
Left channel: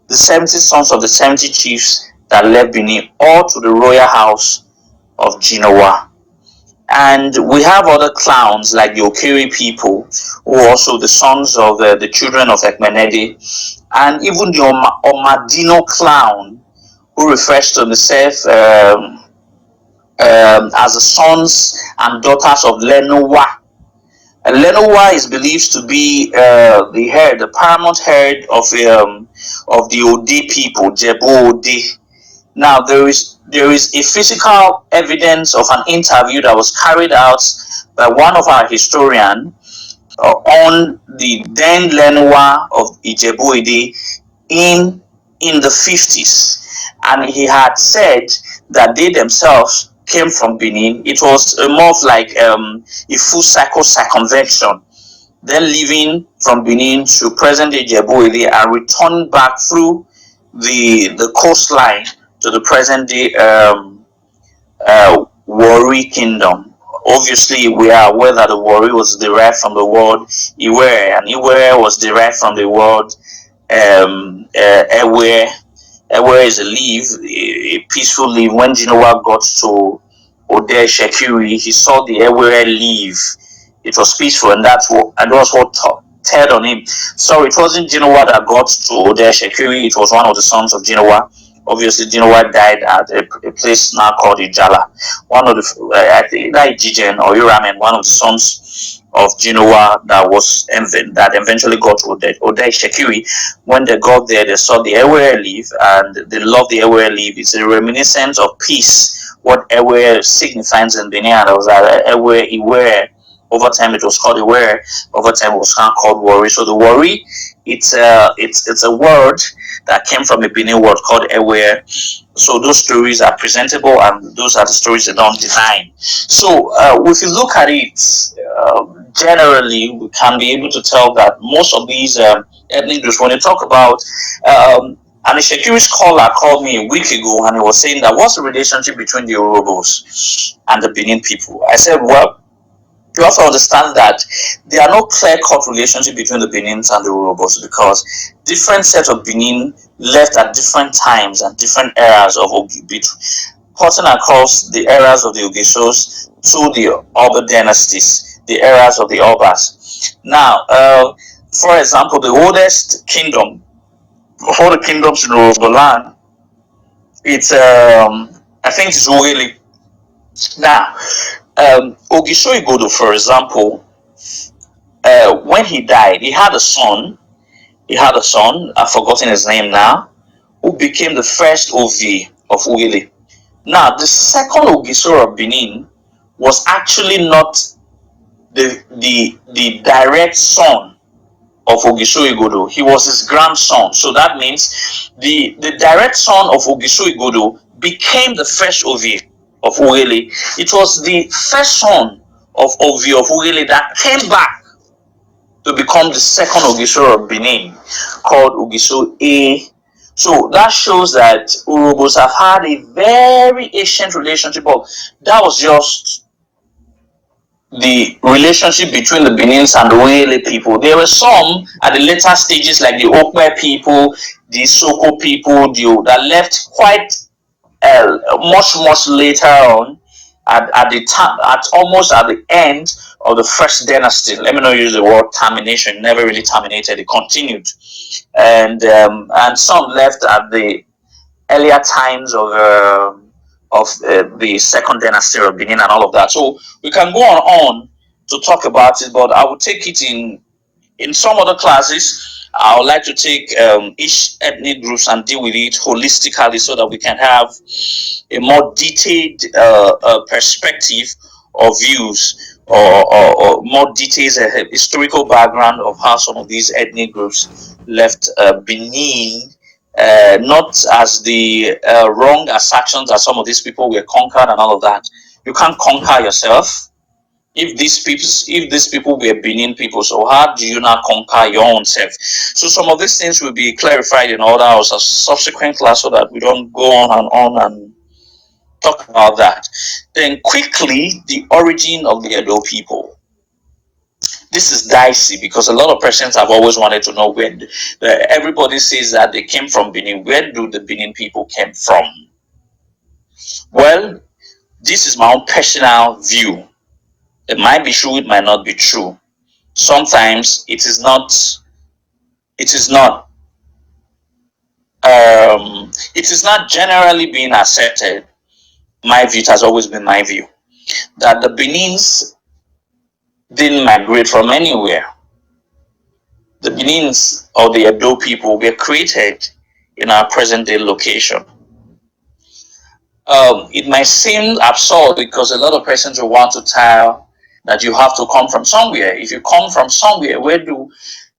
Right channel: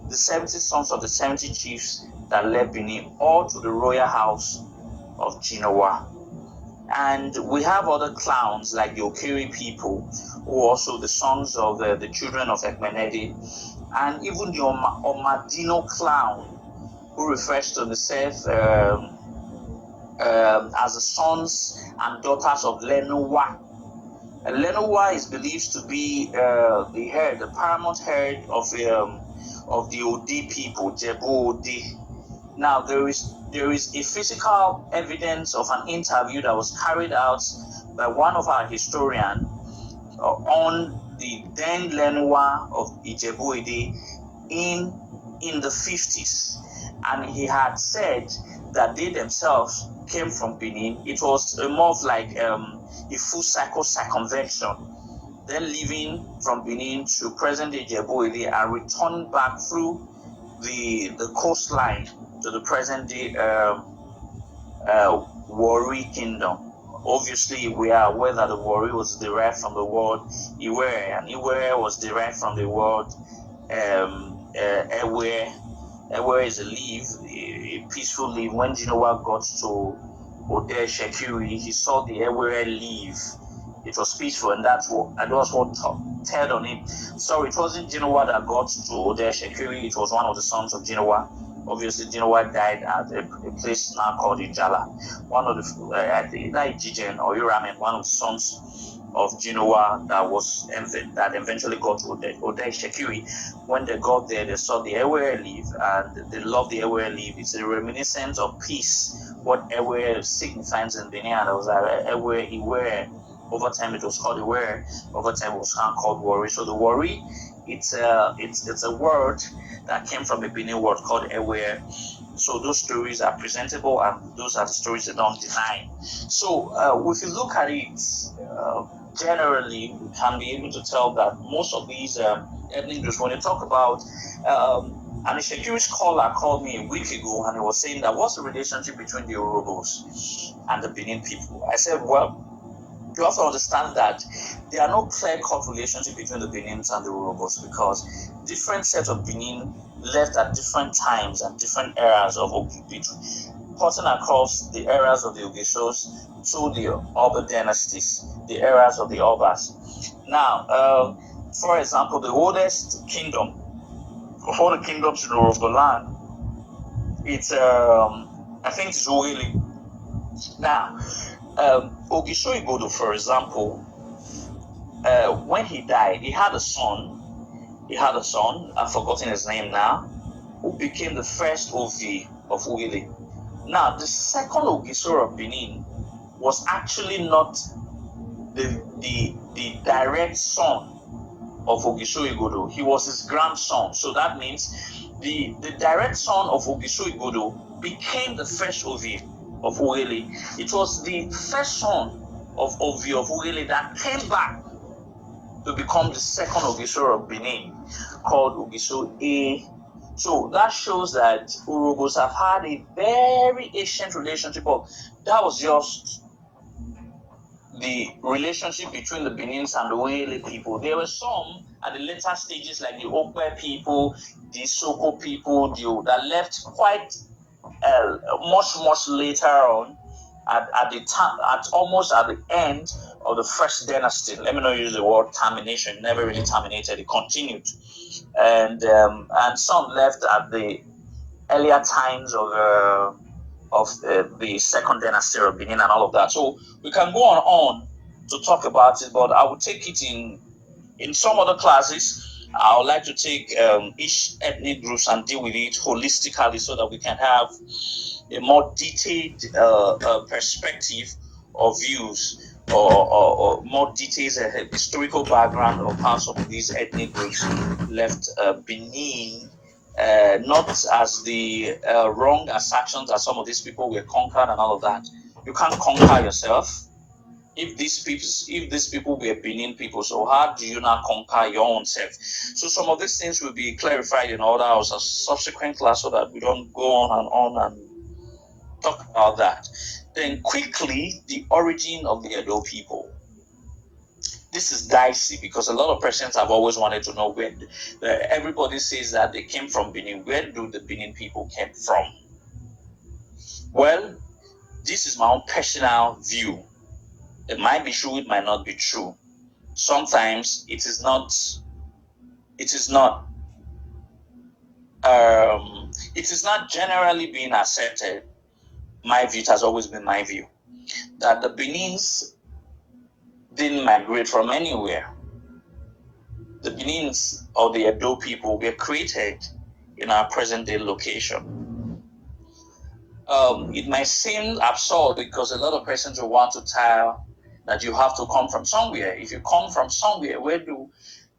the 70 sons of the 70 chiefs that left Benin, or to the royal house of Genoa. And we have other clowns like the Okiri people, who are also the sons of the children of Ekmenede, and even the Omadino clown, who refers to himself as the sons and daughters of Lenowa. And Lenowa is believed to be the paramount head of the Ode people, Jebu Ode. Now there is a physical evidence of an interview that was carried out by one of our historians on the then Lenowa of Ijebu Ode in the 50s, and he had said that they themselves came from Benin. It was more of like a full cycle circumvention, then leaving from Benin to present day Ijebu Ode and returning back through the coastline to the present day Warri Kingdom. Obviously, we are aware that the Warri was derived from the word Iwere, and Iwere was derived from the word Ewe. Ewe is a leaf, a peaceful leaf. When Genoa got to Ode Shekiri, he saw the Ewe leaf. It was peaceful, and that was what turned on him. So it wasn't Genoa that got to Ode Shekiri, it was one of the sons of Genoa. Obviously, Genoa died at a place now called Ijala. One of the, I think, like Jijen or Uramen, one of the sons of Genoa that eventually got to Ode Shekiri. When they got there, they saw the Ewe leaf and they loved the Ewe leaf. It's a reminiscence of peace. What Ewe signifies in Benin, was that Ewe Iwe. Over time, it was called Iwe. Over time, it was called Warri. So the Warri, it's a word that came from a Benin word called Ewe. So those stories are presentable, and those are the stories that don't deny. So if you look at it, generally, we can be able to tell that most of these ethnic groups, when you talk about, and a Shekiri scholar called me a week ago, and he was saying that what's the relationship between the Urhobos and the Benin people? I said, well, you have to understand that there are no clear-cut relationship between the Benins and the Urhobos, because different sets of Benin left at different times and different eras of cutting across the eras of the Ogesos to the Oba dynasties, the eras of the Obas. Now, for example, the oldest kingdom of all the kingdoms in Urhobo land, it's I think it's Uwele. Now, Ogiso Igodo, for example, when he died, he had a son. I've forgotten his name now, who became the first Ovi of Uwele. Now, the second Ogiso of Benin was actually not the direct son of Ogiso Igodo. He was his grandson. So that means the direct son of Ogiso Igodo became the first Ovi of Uwele. It was the first son of Ovi of Uwele that came back to become the second Ogiso of Benin, called Ogiso A. So that shows that Urhobos have had a very ancient relationship, but that was just the relationship between the Benins and the Uwele people. There were some at the later stages, like the Okwe people, the Soko people, that left quite much later on, at the time, almost at the end of the first dynasty. Let me not use the word termination. It never really terminated; it continued, and some left at the earlier times of the second dynasty of Benin and all of that. So we can go on to talk about it, but I will take it in some other classes. I would like to take each ethnic groups and deal with it holistically, so that we can have a more detailed perspective or views, or more details, a historical background of how some of these ethnic groups left Benin, not as the wrong assertions that some of these people were conquered and all of that. You can't conquer yourself. If these people were Benin people, so how do you not conquer your own self? So some of these things will be clarified in other or subsequent class, so that we don't go on and talk about that. Then quickly, the origin of the Edo people. This is dicey, because a lot of persons have always wanted to know where. Everybody says that they came from Benin. Where do the Benin people came from? Well, this is my own personal view. It might be true, it might not be true. Sometimes it is not. It is not. It is not generally being accepted. My view, it has always been my view, that the Benins didn't migrate from anywhere. The Benins or the Edo people were created in our present day location. It might seem absurd because a lot of persons will want to tell that you have to come from somewhere. If you come from somewhere, where do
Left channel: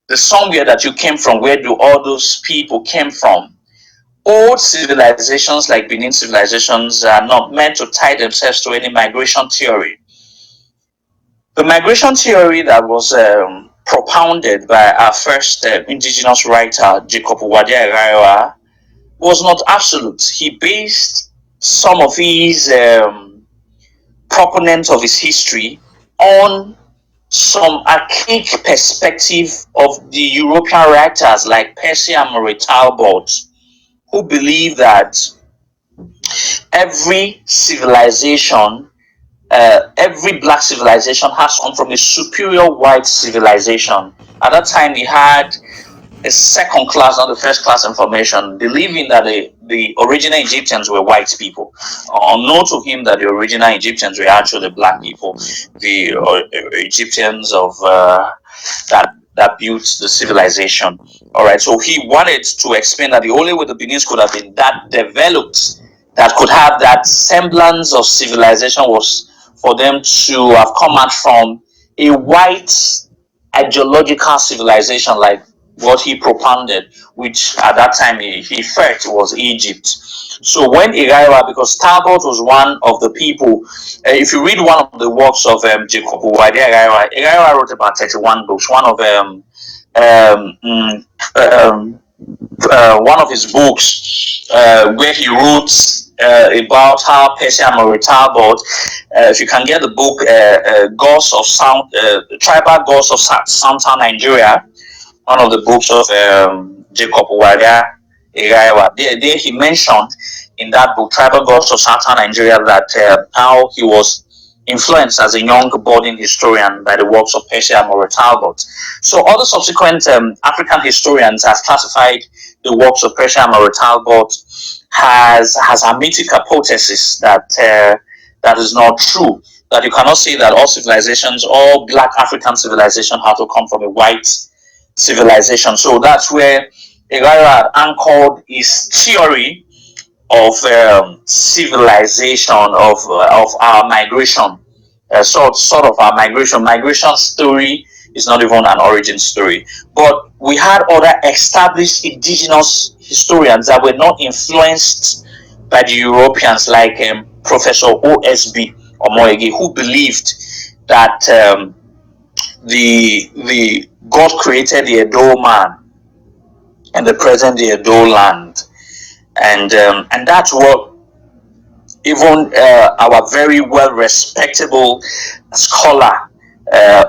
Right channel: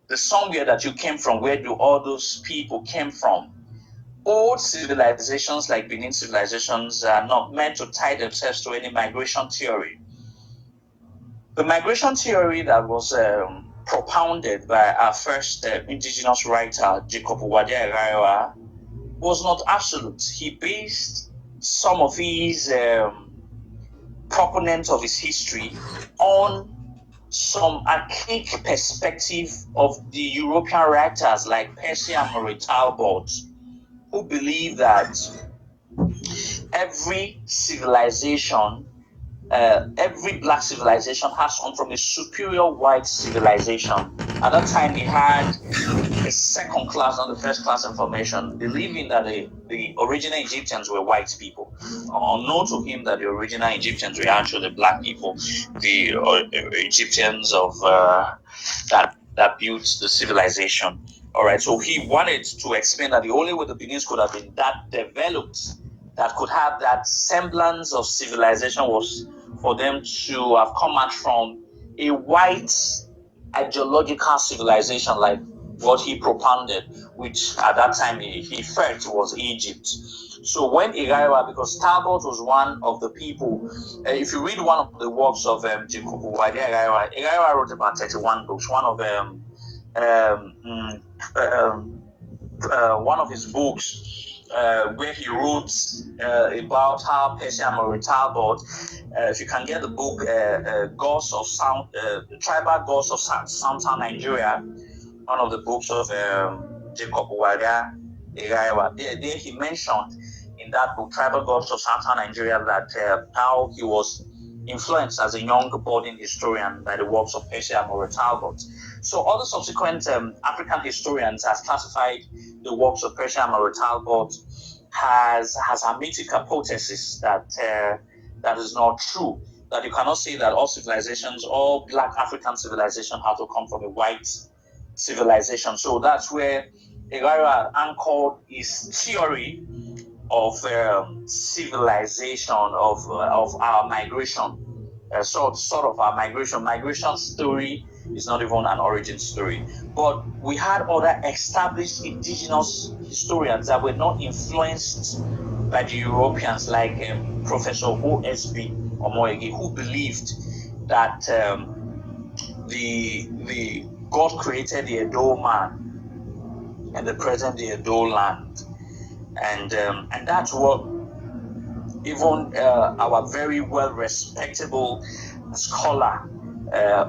the somewhere that you came from, where do all those people came from? Old civilizations like Benin civilizations are not meant to tie themselves to any migration theory. The migration theory that was propounded by our first indigenous writer, Jacob Wadya was not absolute. He based some of his proponents of his history on some archaic perspective of the European writers like Percy and Murray Talbot, who believe that every civilization, every black civilization has come from a superior white civilization. At that time, he had a second class, not the first class information, believing that the original Egyptians were white people. Unknown to him that the original Egyptians were actually black people, the Egyptians of that built the civilization. All right, so he wanted to explain that the only way the Benins could have been that developed, that could have that semblance of civilization, was for them to have come out from a white ideological civilization like what he propounded, which at that time he felt was Egypt. So when Irawa, because Talbot was one of the people, if you read one of the works of Jacob Wadya Irawa wrote about 31 books. One of his books where he wrote about how Percy and Murray Talbot, if you can get the book Gods of Sound, Tribal Gods of Southern Nigeria, one of the books of Jacob Wadya Irawa, there he mentioned in that book, Tribal Gods of Southern Nigeria, that how he was influenced as a young budding historian by the works of Percy and Murray Talbot. So other subsequent African historians have classified the works of Percy and Murray Talbot has a mythic hypothesis that that is not true. That you cannot say that all civilizations, all black African civilizations, have to come from a white civilization. So that's where Irawa anchored his theory of civilization, of our migration, sort of our migration story is not even an origin story. But we had other established indigenous historians that were not influenced by the Europeans, like Professor O.S.B. Omoyege, who believed that the God created the Edo man and the present the Edo land, and that's what even our very well respectable scholar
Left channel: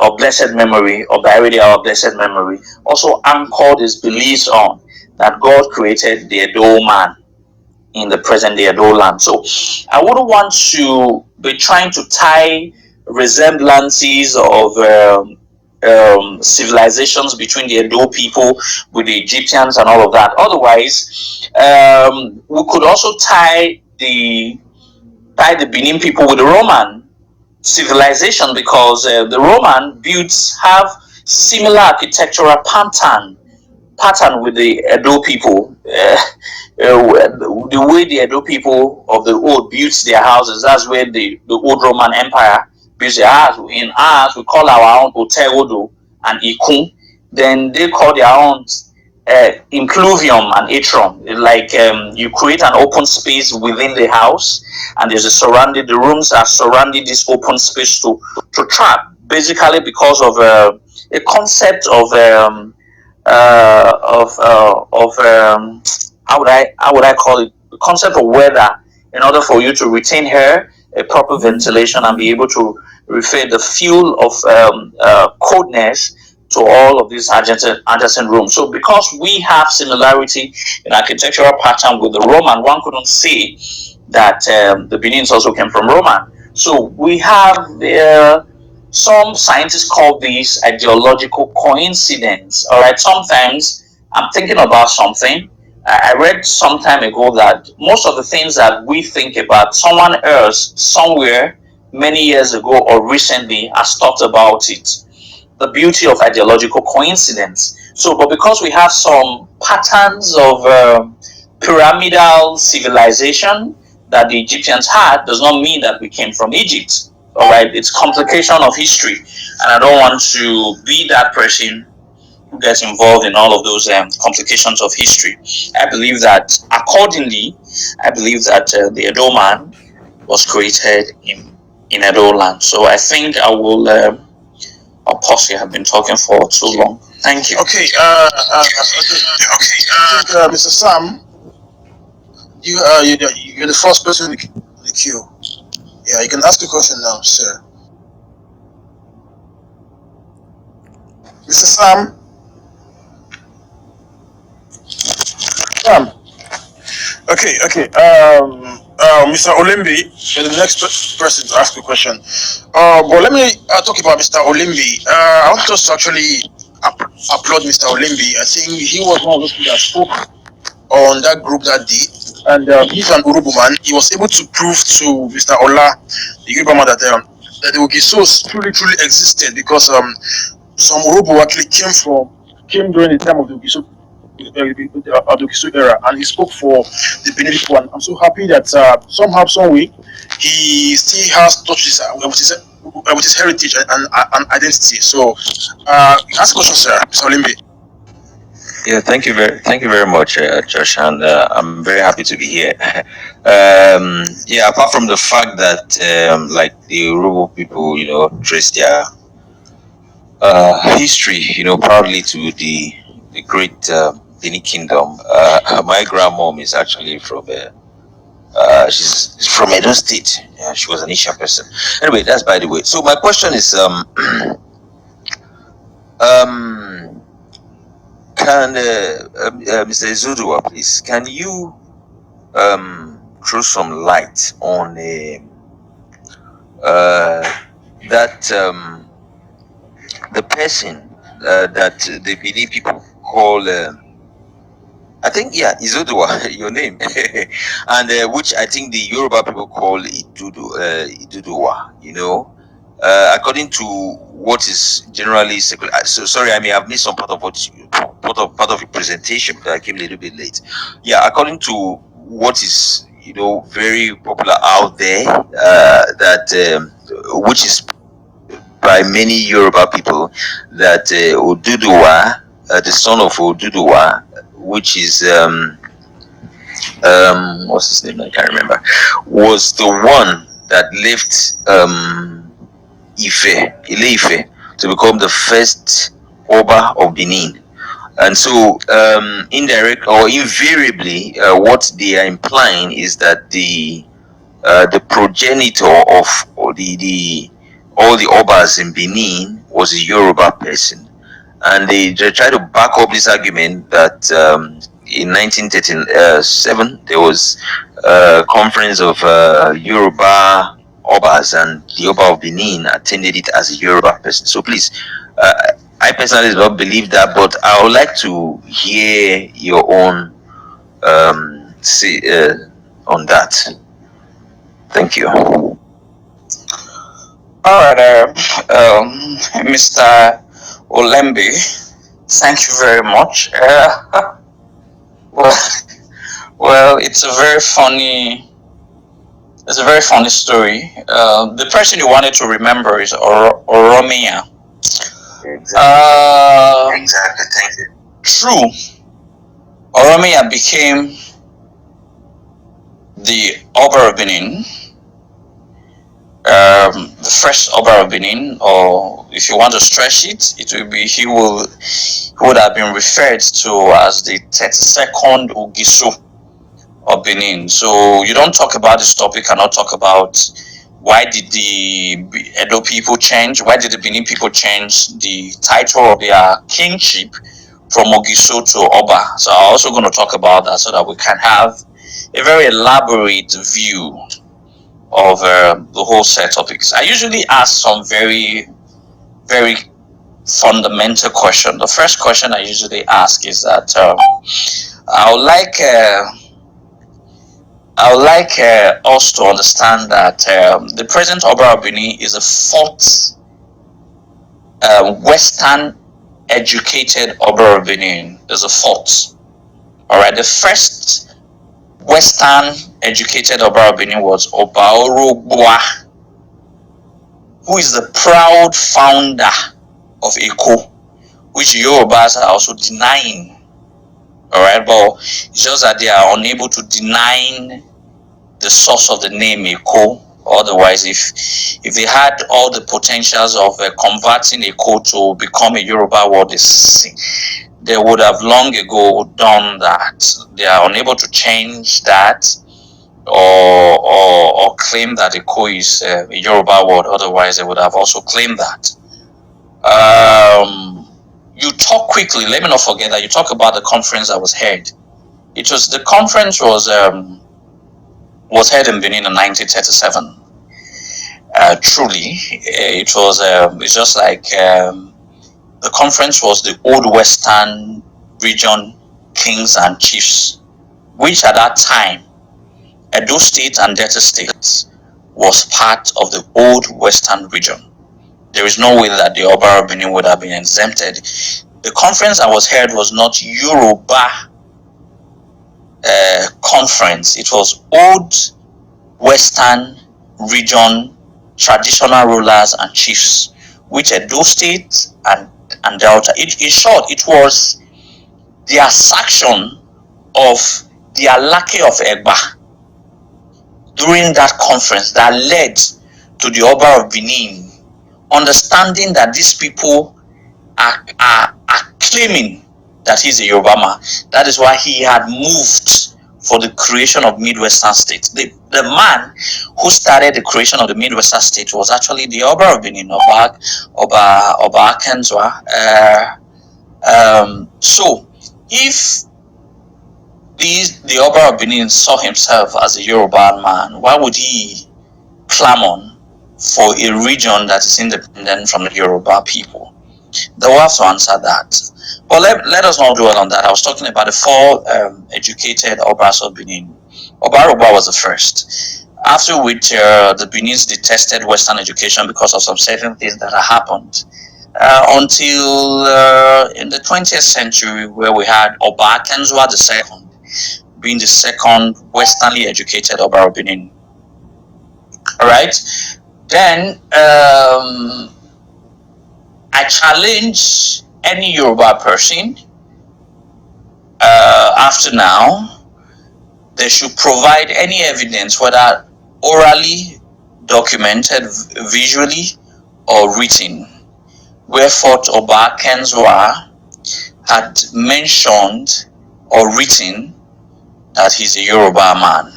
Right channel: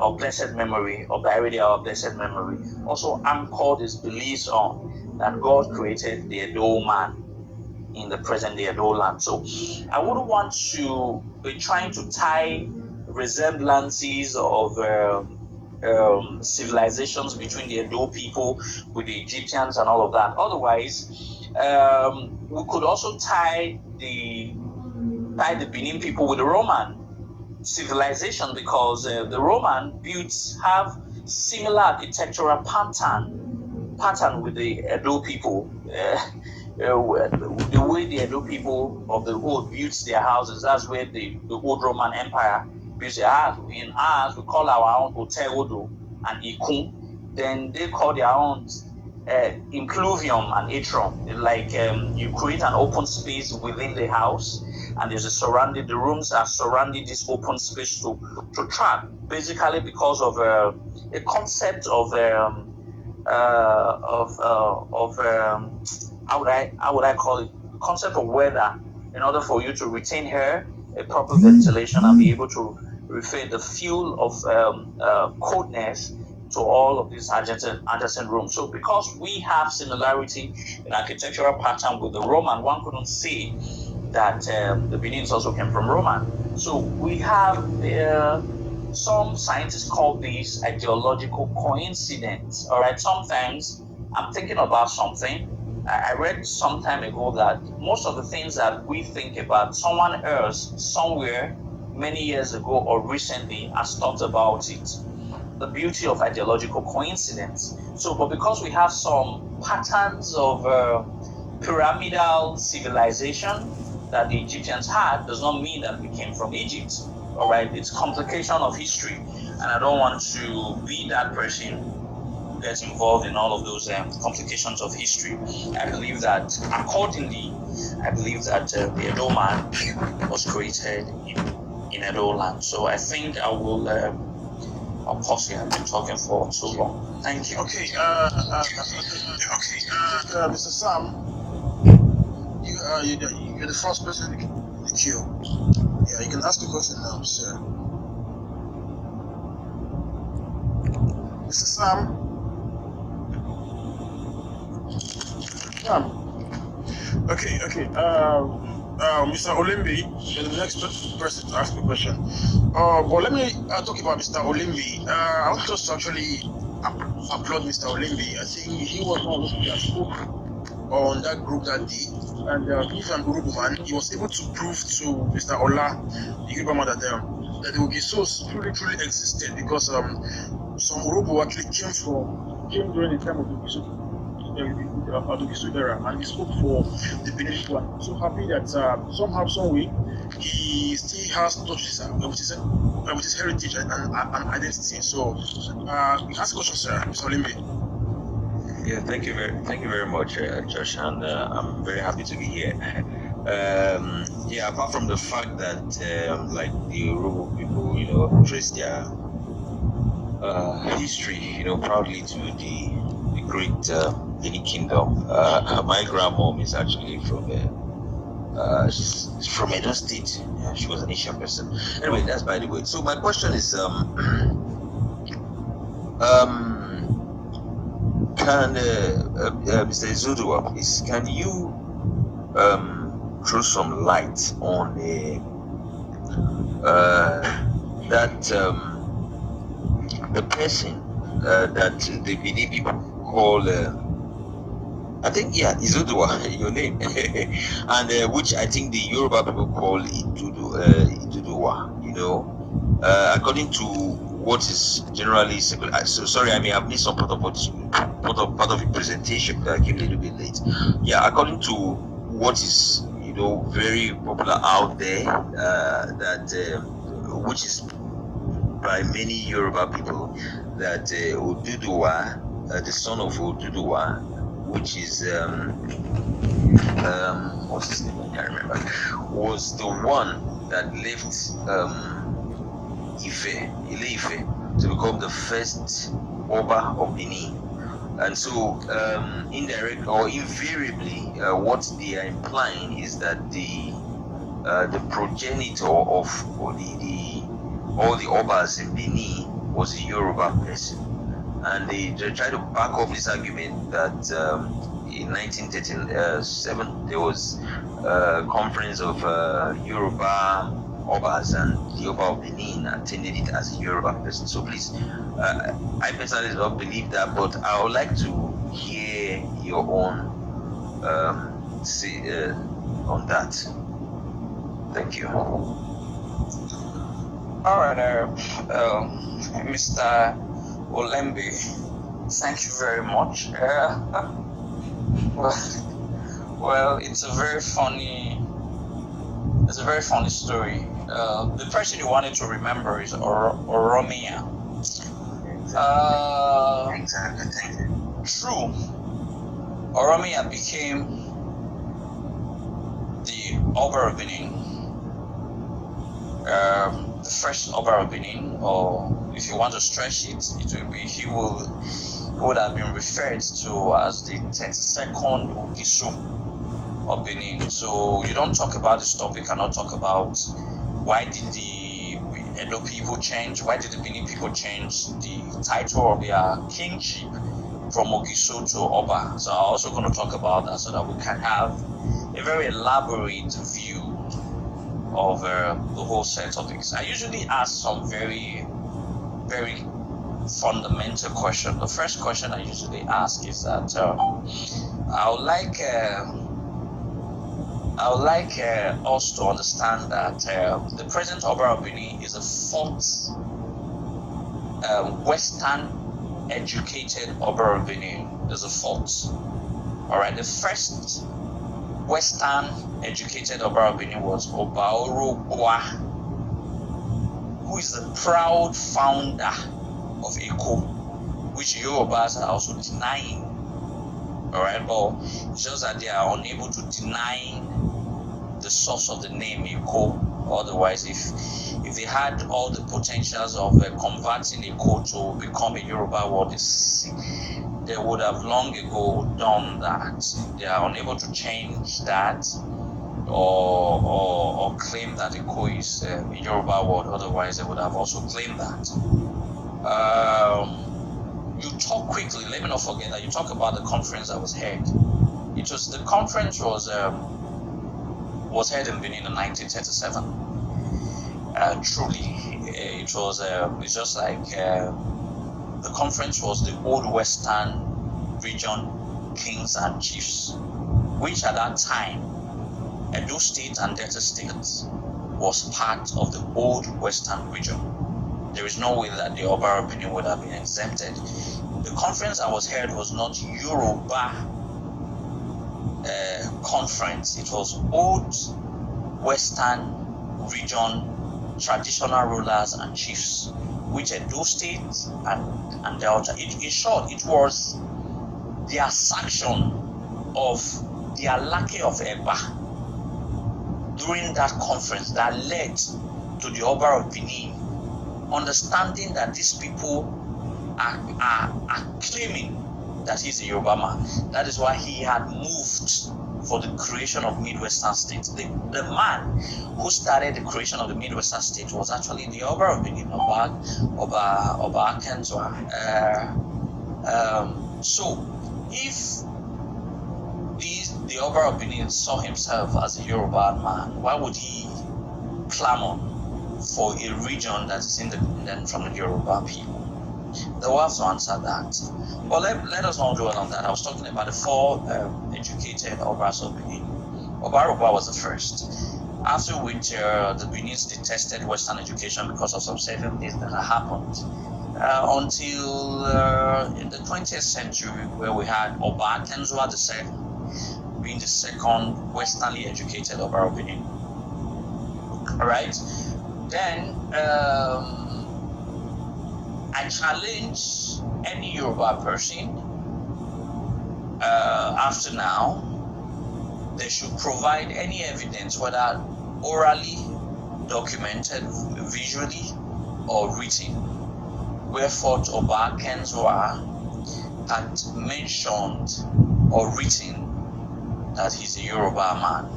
of blessed memory, or Baridi of blessed memory, also anchored his beliefs on, that God created the Edo man in the present day Edo land. So I wouldn't want to be trying to tie resemblances of civilizations between the Edo people with the Egyptians and all of that. Otherwise, we could also tie the Benin people with the Roman civilization, because the Roman builds have similar architectural pattern with the Edo people. The way the Edo people of the old built their houses, that's where the old Roman Empire built their house. In ours, we call our own Hotel Odo and Ikun. Then they call their own impluvium and atrium. Like you create an open space within the house, and there's the rooms are surrounding this open space to trap, basically because of a concept of how would I call it, the concept of weather, in order for you to retain air, a proper ventilation, and be able to refer the fuel of coldness to all of these adjacent rooms. So because we have similarity in architectural pattern with the Roman, one couldn't say that the Benins also came from Roman. So we have some scientists call this ideological coincidence. All right, sometimes I'm thinking about something. I read some time ago that most of the things that we think about, someone else somewhere many years ago or recently has thought about it. The beauty of ideological coincidence. So, but because we have some patterns of pyramidal civilization that the Egyptians had, does not mean that we came from Egypt. All right, it's complication of history, and I don't want to be that person who gets involved in all of those complications of history. I believe that accordingly, I believe that the Edo man was created in Edo land. So I think I will. I'll pause here. I've been talking for too long. Thank you. Okay. Mr. Sam, you're the first person in the queue. Yeah, you can ask the question now, sir. Mr. Sam. Sam. Okay. Mr. Olimbi, you're the next person to ask the question. But let me talk about Mr. Olimbi. I want us to actually applaud Mr. Olimbi. I think he was one of those people that spoke on that group that day. And he's an Urubu man. He was able to prove to Mr. Ola, the Yoruba man, that the Ogisos truly existed, because some Urubu actually came during the time of the Ogiso era, and he spoke for the Benin people. And I'm so happy that somehow, some way, he still has touched with his heritage and identity. So, ask a question, sir, Mr. Olimbi. Yeah, thank you very much, Josh, and I'm very happy to be here. Yeah, apart from the fact that, like the Yoruba people, trace their history, proudly to the great Benin Kingdom. My grandmom is actually from she's from Edo State. Yeah, she was an Asian person. Anyway, that's by the way. So my question is, can Mr. Izoduwa, please, can you throw some light on that the person that the Benin people call I think, yeah, Izoduwa, your name, and which I think the Yoruba people call Iduduwa, according to what is generally circulated. So sorry, I may have missed some part of part of your presentation, but I came a little bit late. Yeah, according to what is very popular out there, that which is by many Yoruba people, that Oduduwa, the son of Oduduwa, which is what's his name? I can't remember. Was the one that left Ile-Ife to become the first Oba of Benin. And so, indirect or invariably, what they are implying is that the progenitor of all the Obas in Benin was a Yoruba person. And they try to back up this argument that in 1937 there was a conference of Yoruba Obas, and the Oba of Benin attended it as a Yoruba person. So please, I personally do not believe that, but I would like to hear your own say on that. Thank you. All right, Mr. Olembe, thank you very much. Well, it's a very funny story. The person you wanted to remember is Oromia. Exactly. Thank you. True. Oromia became the Oba of Benin. The first Oba of Benin, or if you want to stretch it, he would have been referred to as the 32nd Ogiso of Benin. So you don't talk about this topic and not talk about why did the Edo people change, why did the Benin people change the title of their kingship from Ogiso to Oba. So I'm also going to talk about that so that we can have a very elaborate view of the whole set of topics. I usually ask some very very fundamental question. The first question I usually ask is that I would like us to understand that the present Oba of Benin is a fourth Western educated Oba of Benin. There's a fourth. All right, the first Western educated Oba of Benin was Oba Orogboa, who is the proud founder of Eko, which Yorubas are also denying. All right, but it's just that they are unable to deny the source of the name Eko. Otherwise, if they had all the potentials of converting Eko to become a Yoruba word, they would have long ago done that. They are unable to change that or claim that Eko is a Yoruba word. Otherwise, they would have also claimed that. You talk quickly. Let me not forget that you talk about the conference that was held. The conference was held in Benin in 1937. Truly, it was. It's just like the conference was the old Western region kings and chiefs, which at that time, Edo State and Delta State was part of the old Western region. There is no way that the Oba of Benin would have been exempted. The conference that was held was not Yoruba conference. It was old Western region traditional rulers and chiefs, which Edo State and Delta. In short, it was the assertion of the Alake of Egba during that conference that led to the Oba of Benin understanding that these people are claiming that he's a Yoruba man. That is why he had moved for the creation of Midwestern states. The man who started the creation of the Midwestern states was actually the Oba of Benin, Oba Akenzwa. So, if the Oba of Benin saw himself as a Yoruba man, why would he clamor for a region that is independent from the Yoruba people? They will have to answer that. But let us not dwell on that. I was talking about the four educated Obas of Benin. Oba Orogboa was the first, after which the Benin's detested Western education because of some certain things that had happened. Until in the 20th century, where we had Oba Akenzwa II being the second Westernly educated Oba of Benin. Alright? Then I challenge any Yoruba person after now, they should provide any evidence, whether orally, documented, visually, or written, wherefore Oba Akenzwa had mentioned or written that he's a Yoruba man.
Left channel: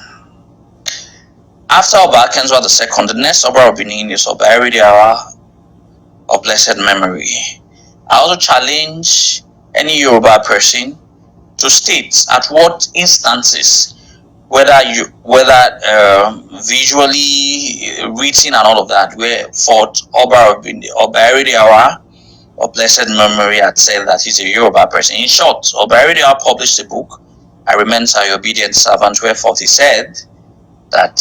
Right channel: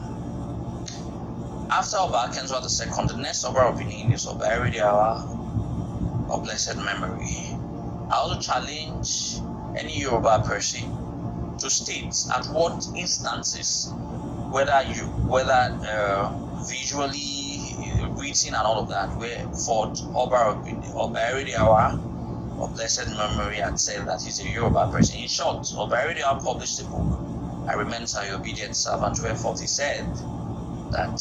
After Oba Akenzwa II, the next Oba of Benin is Oba Eridiawa of blessed memory. I also challenge any Yoruba person to state at what instances, whether visually, written and all of that, where for Oba Eridiawa of blessed memory had said that he's a Yoruba person. In short, Oba Eridiawa published a book, I Remain Your Obedient Servant, wherefore he said that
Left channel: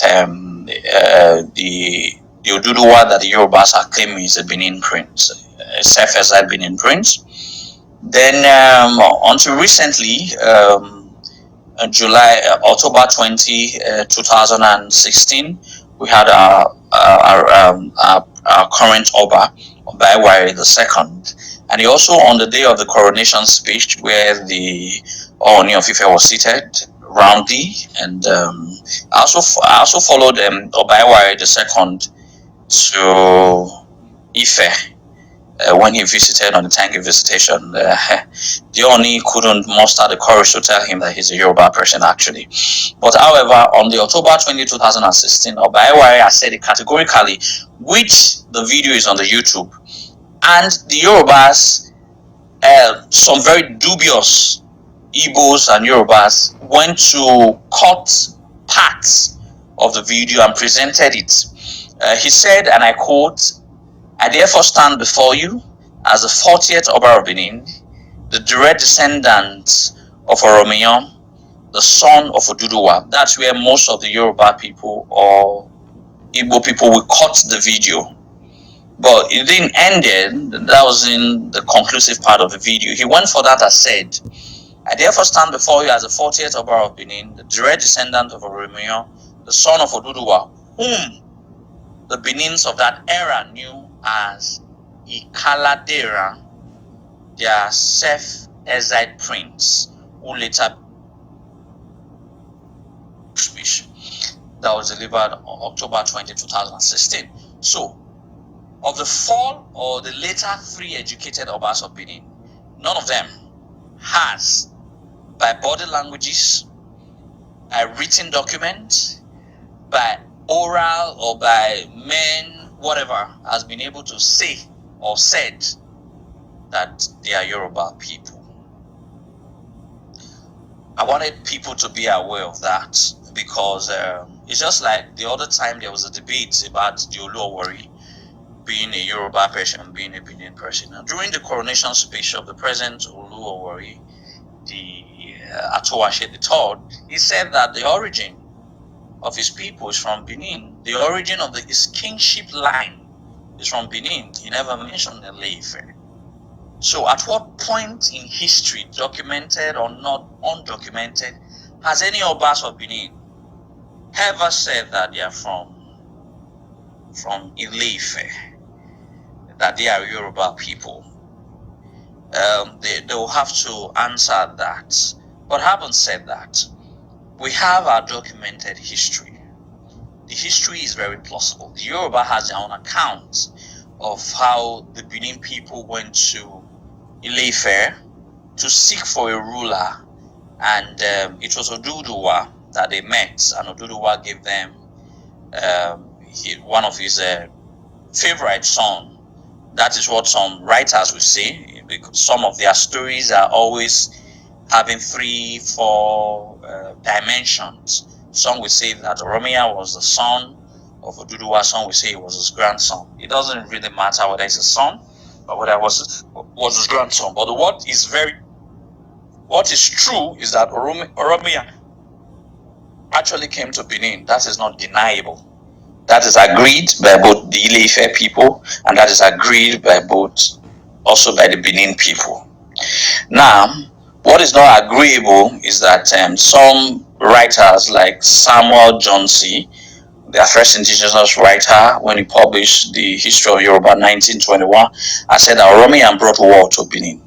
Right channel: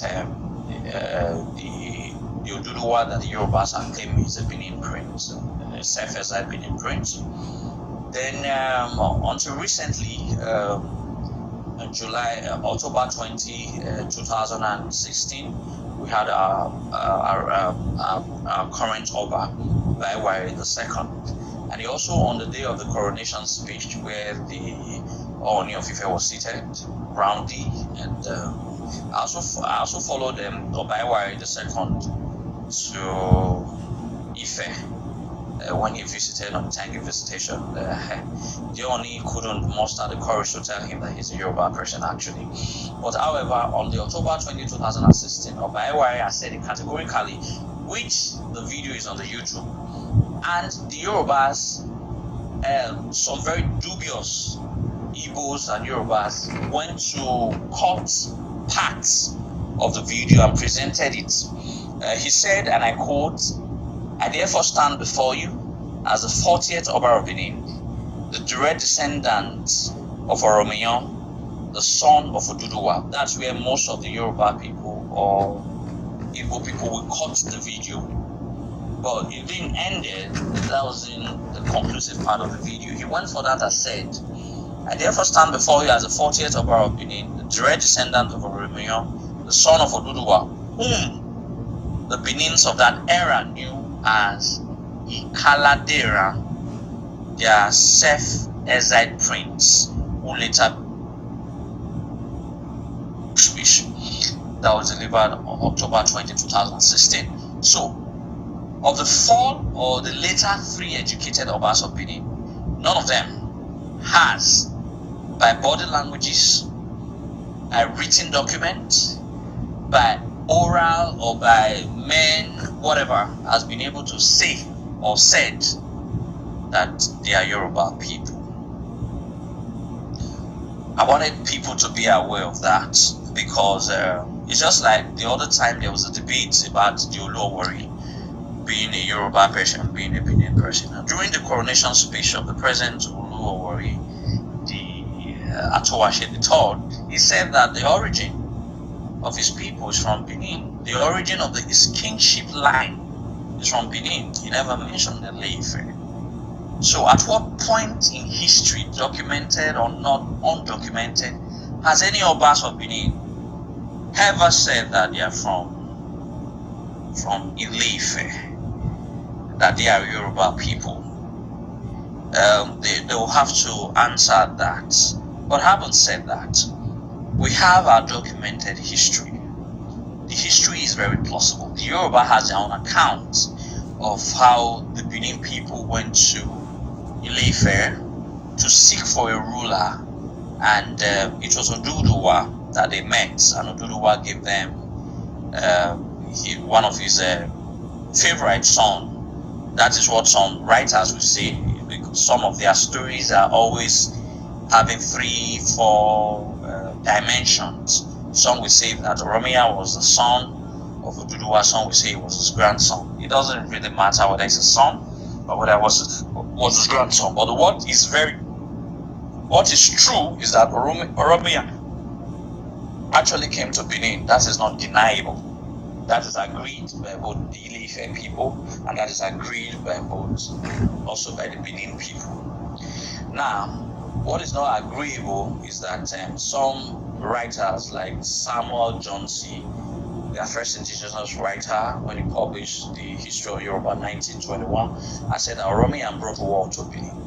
the Izoduwa that the Yorubas are claiming is a Benin prince, a self-exiled Benin prince. Then until recently, October 20, 2016, we had our current Oba Iwari II. And he also, on the day of the coronation speech, where the Ooni of Ife was seated roundly, and I also followed Oba Iwari II to Ife when he visited on the Tangi visitation. The Ooni couldn't muster the courage to tell him that he's a Yoruba person, actually. But however, on the October 20, 2016, Oba Iwari has said it categorically, which the video is on the YouTube, and the Yorubas, some very dubious Igbos and Yorubas, went to cut parts of the video and presented it. He said, and I quote, I therefore stand before you as the 40th Oba of Benin, the direct descendant of Oromiyan, the son of Oduduwa. That's where most of the Yoruba people or Igbo people will cut the video. But it didn't end there. That was in the conclusive part of the video. He went for that and said, I therefore stand before you as the 40th Oba of Benin, the direct descendant of Oromiyan, the son of Oduduwa, whom the Benins of that era knew as Ikaladera, their self-exiled prince, who later speech that was delivered on October 20, 2016. So, of the 4 or the later 3 educated Obas of Benin, none of them has, by body languages, by written document, by oral or by men, whatever, has been able to say or said that they are Yoruba people. I wanted people to be aware of that because it's just like the other time there was a debate about the Oluwari being a Yoruba person, being a Benin person. And during the coronation speech of the present Oluwari, the Atowashe III, he said that the origin of his people is from Benin. The origin of his kingship line is from Benin. He never mentioned Ile-Ife. So at what point in history, documented or not undocumented, has any Obas of Benin ever said that they are from Ile-Ife, that they are Yoruba people? They will have to answer that. But having said that, we have our documented history. The history is very plausible. The Yoruba has their own account of how the Benin people went to Ile-Ife to seek for a ruler, and it was Oduduwa that they met, and Oduduwa gave them one of his favorite songs. That is what some writers will say. Some of their stories are always having 3-4 dimensions. Some will say that Oromiyan was the son of Oduduwa. Some will say it was his grandson. It doesn't really matter whether it's his son or whether it was his grandson. But what is true is that Oromiyan actually came to Benin. That is not deniable. That is agreed by both the Ile-Ife people, and that is agreed by also by the Benin people. Now, what is not agreeable is that some writers like Samuel Johnsey, their first indigenous writer, when he published the History of Yoruba 1921, I said that Oromiyan brought war to Benin.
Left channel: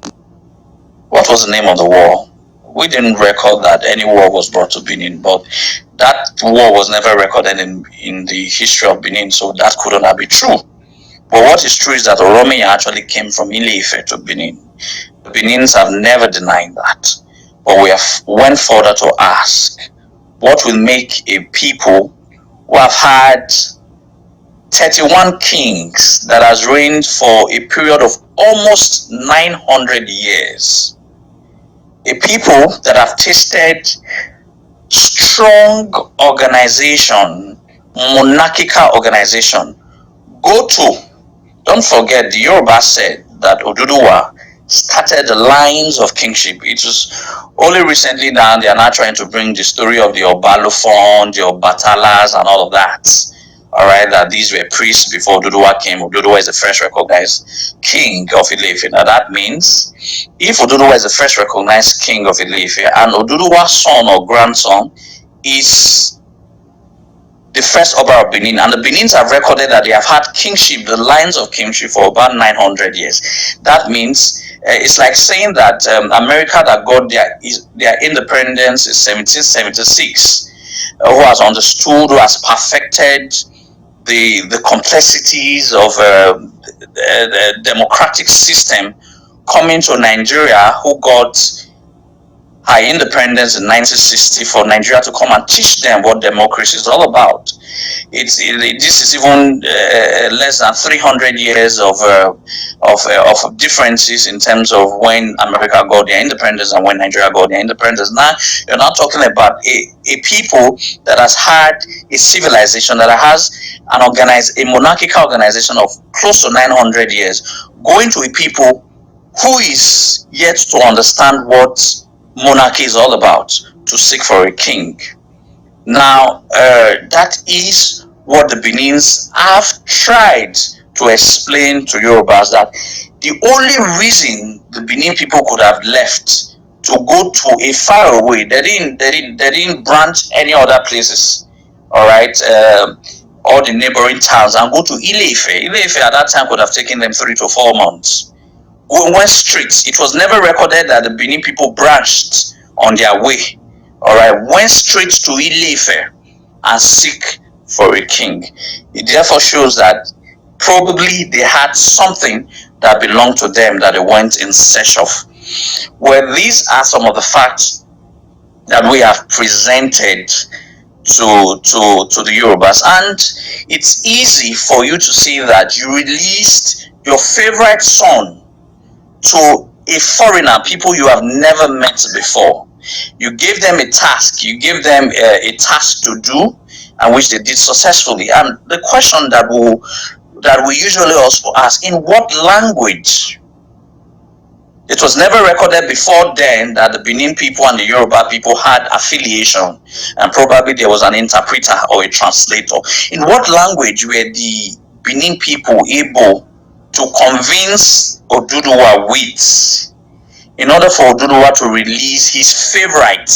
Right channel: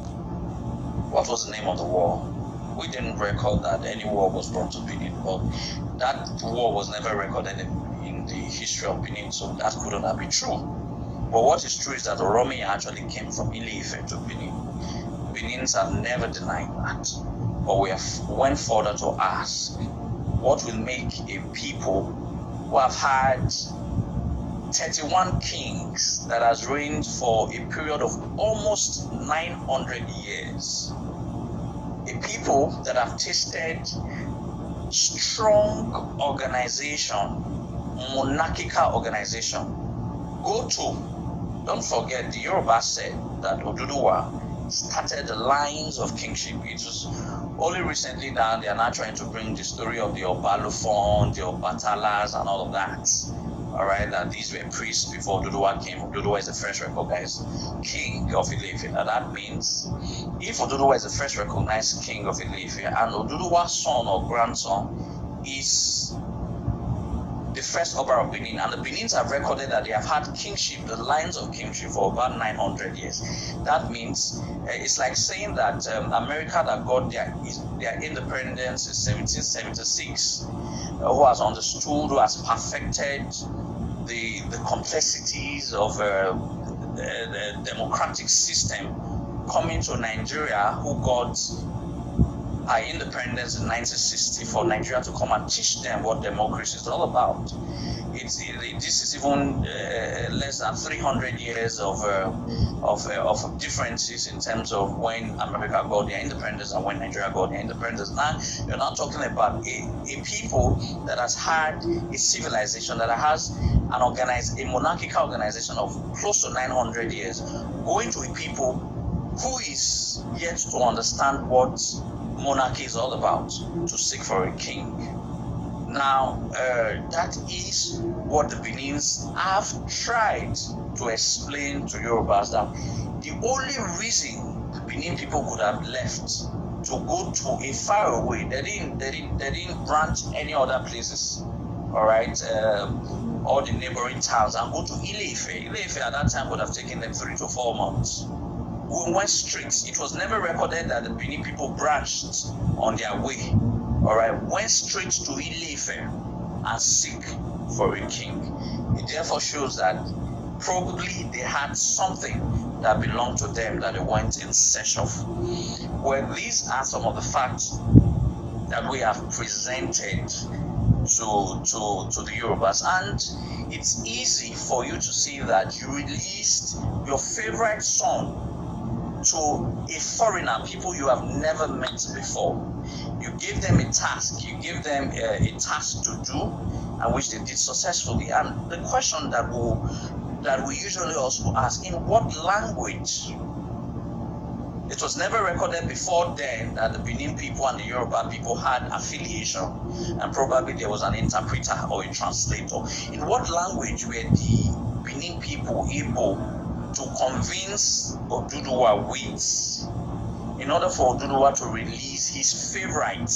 What was the name of the war? We didn't record that any war was brought to Benin, but that war was never recorded in the history of Benin, so that could not be true. But what is true is that Oromiyan actually came from Ile-Ife to Benin. The Benins have never denied that. But we have went further to ask, what will make a people who have had 31 kings that has reigned for a period of almost 900 years, a people that have tasted strong organization, monarchical organization, go to? Don't forget, the Yoruba said that Oduduwa started the lines of kingship. It was only recently now they are now trying to bring the story of the Obalofon, the Obatalas, and all of that. All right, that these were priests before Oduduwa came. Oduduwa is the first recognized king of Ile-Ife. Now that means if Oduduwa is the first recognized king of Ile-Ife and Oduduwa's son or grandson is the first Oba of Benin, and the Benins have recorded that they have had kingship, the lines of kingship, for about 900 years. That means it's like saying that America that got their independence in 1776, who has understood, who has perfected the complexities of the democratic system, coming to Nigeria, who got her independence in 1960, for Nigeria to come and teach them what democracy is all about. this is even less than 300 years of differences in terms of when America got their independence and when Nigeria got their independence. Now you're not talking about a people that has had a civilization, that has a monarchical organization of close to 900 years, going to a people who is yet to understand what monarchy is all about, to seek for a king. Now, that is what the Benins have tried to explain to Yorubas, that the only reason the Benin people could have left to go to a far away, they didn't branch any other places, all right, all the neighboring towns, and go to Ile-Ife. Ile-Ife at that time could have taken them 3 to 4 months. Went straight. It was never recorded that the Benin people branched on their way. All right, went straight to Ile-Ife and seek for a king. It therefore shows that probably they had something that belonged to them that they went in search of. Well, these are some of the facts that we have presented to the Yorubas, and it's easy for you to see that you released your favorite son to a foreigner, people you have never met before. You gave them a task, you gave them a task to do, and which they did successfully. And the question that we usually also ask, in what language? It was never recorded before then that the Benin people and the Yoruba people had affiliation, and probably there was an interpreter or a translator. In what language were the Benin people able to convince Oduduwa with, in order for Oduduwa to release his favorite,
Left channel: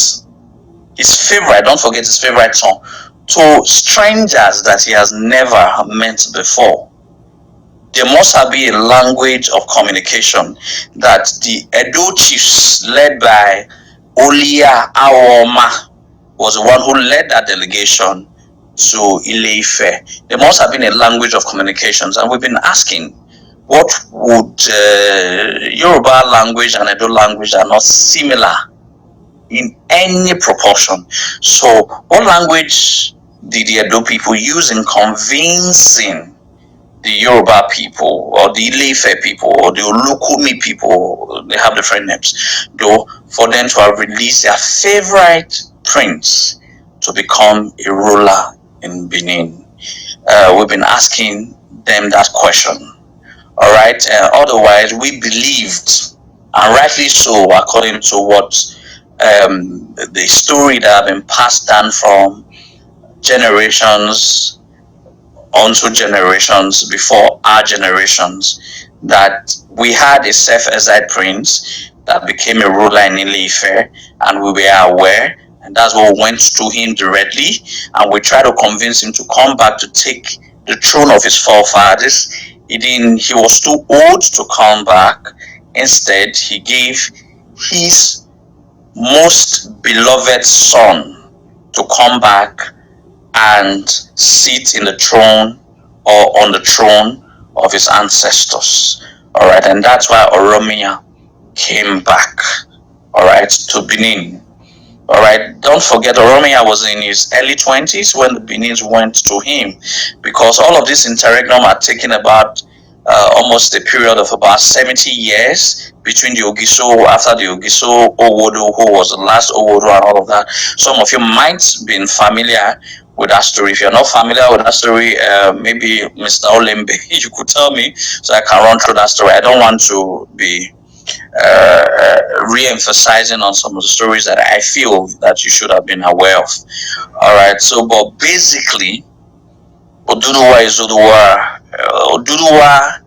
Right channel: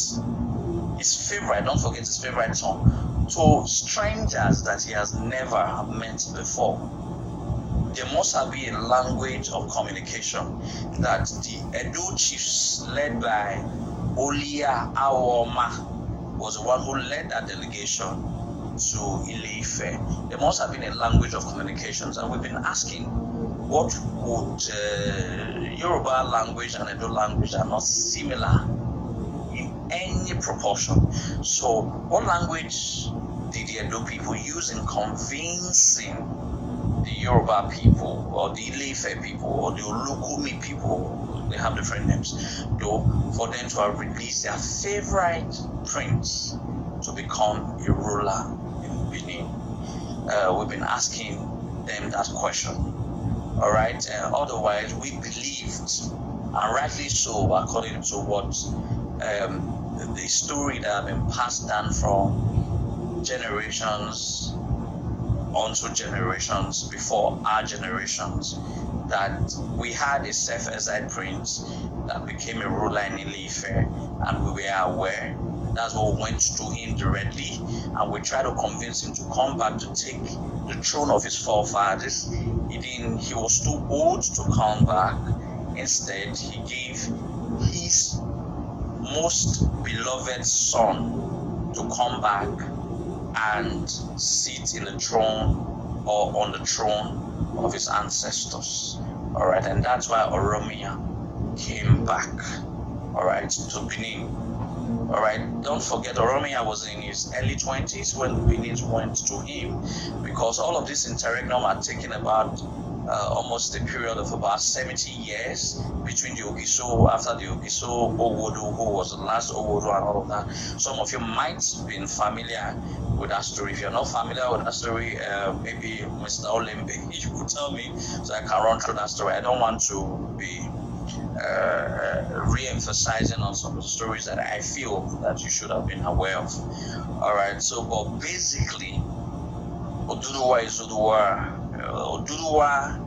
don't forget his favorite song, to strangers that he has never met before? There must have been a language of communication that the Edo chiefs, led by Olia Awoma, was the one who led that delegation to Ile-Ife. There must have been a language of communications, and we've been asking, what would Yoruba language and Edo language are not similar in any proportion? So what language did the Edo people use in convincing the Yoruba people, or the Ile-Ife people, or the Olukumi people, they have different names, though, for them to have released their favorite prince to become a ruler in Benin? We've been asking them that question. All right. Otherwise, we believed, and rightly so, according to what the story that have been passed down from generations onto generations before our generations, that we had a self-exiled prince that became a ruler in Ile-Ife, and we were aware, and that's what we went to him directly, and we tried to convince him to come back to take the throne of his forefathers. He was too old to come back. Instead, he gave his most beloved son to come back and sit in the throne, or on the throne of his ancestors. All right, and that's why Oromia came back, all right, to Benin. All right, don't forget, Oromia was in his early 20s when the Benins went to him, because all of this interregnum had taken about almost a period of about 70 years between the Ogiso, after the Ogiso, Owodo, who was the last Owodo, and all of that. Some of you might be familiar with that story. If you're not familiar with that story, maybe Mr. Olembe, you could tell me so I can run through that story. I don't want to be re-emphasizing on some of the stories that I feel that you should have been aware of. All right, so but basically, Oduduwa Izoduwa, Oduduwa,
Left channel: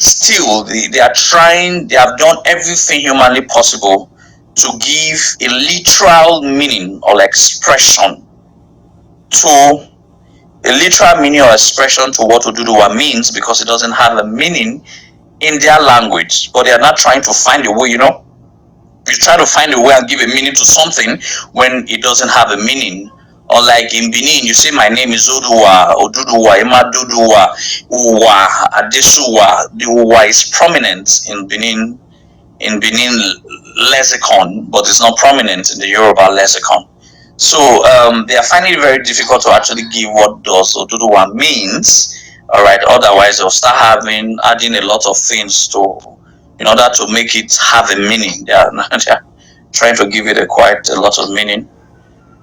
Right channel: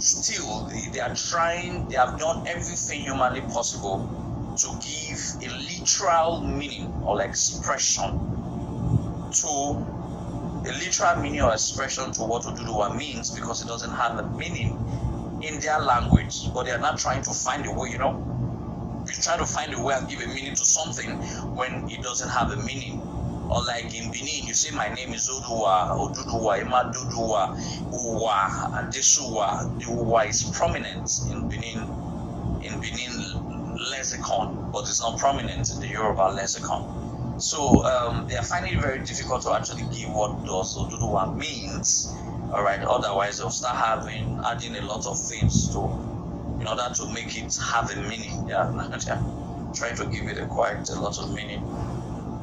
still they are trying, they have done everything humanly possible to give a literal meaning or expression to what Oduduwa means, because it doesn't have a meaning in their language. But they are not trying to find a way, you try to find a way and give a meaning to something when it doesn't have a meaning. Or like in Benin, you say my name is Oduwa, Oduduwa, Imaduduwa, Uwa, Adesuwa. The Uwa is prominent in Benin lexicon, but it's not prominent in the Yoruba lexicon. So they are finding it very difficult to actually give what does Oduduwa means. All right. Otherwise, they'll start adding a lot of things to, in order to make it have a meaning. They are trying to give it quite a lot of meaning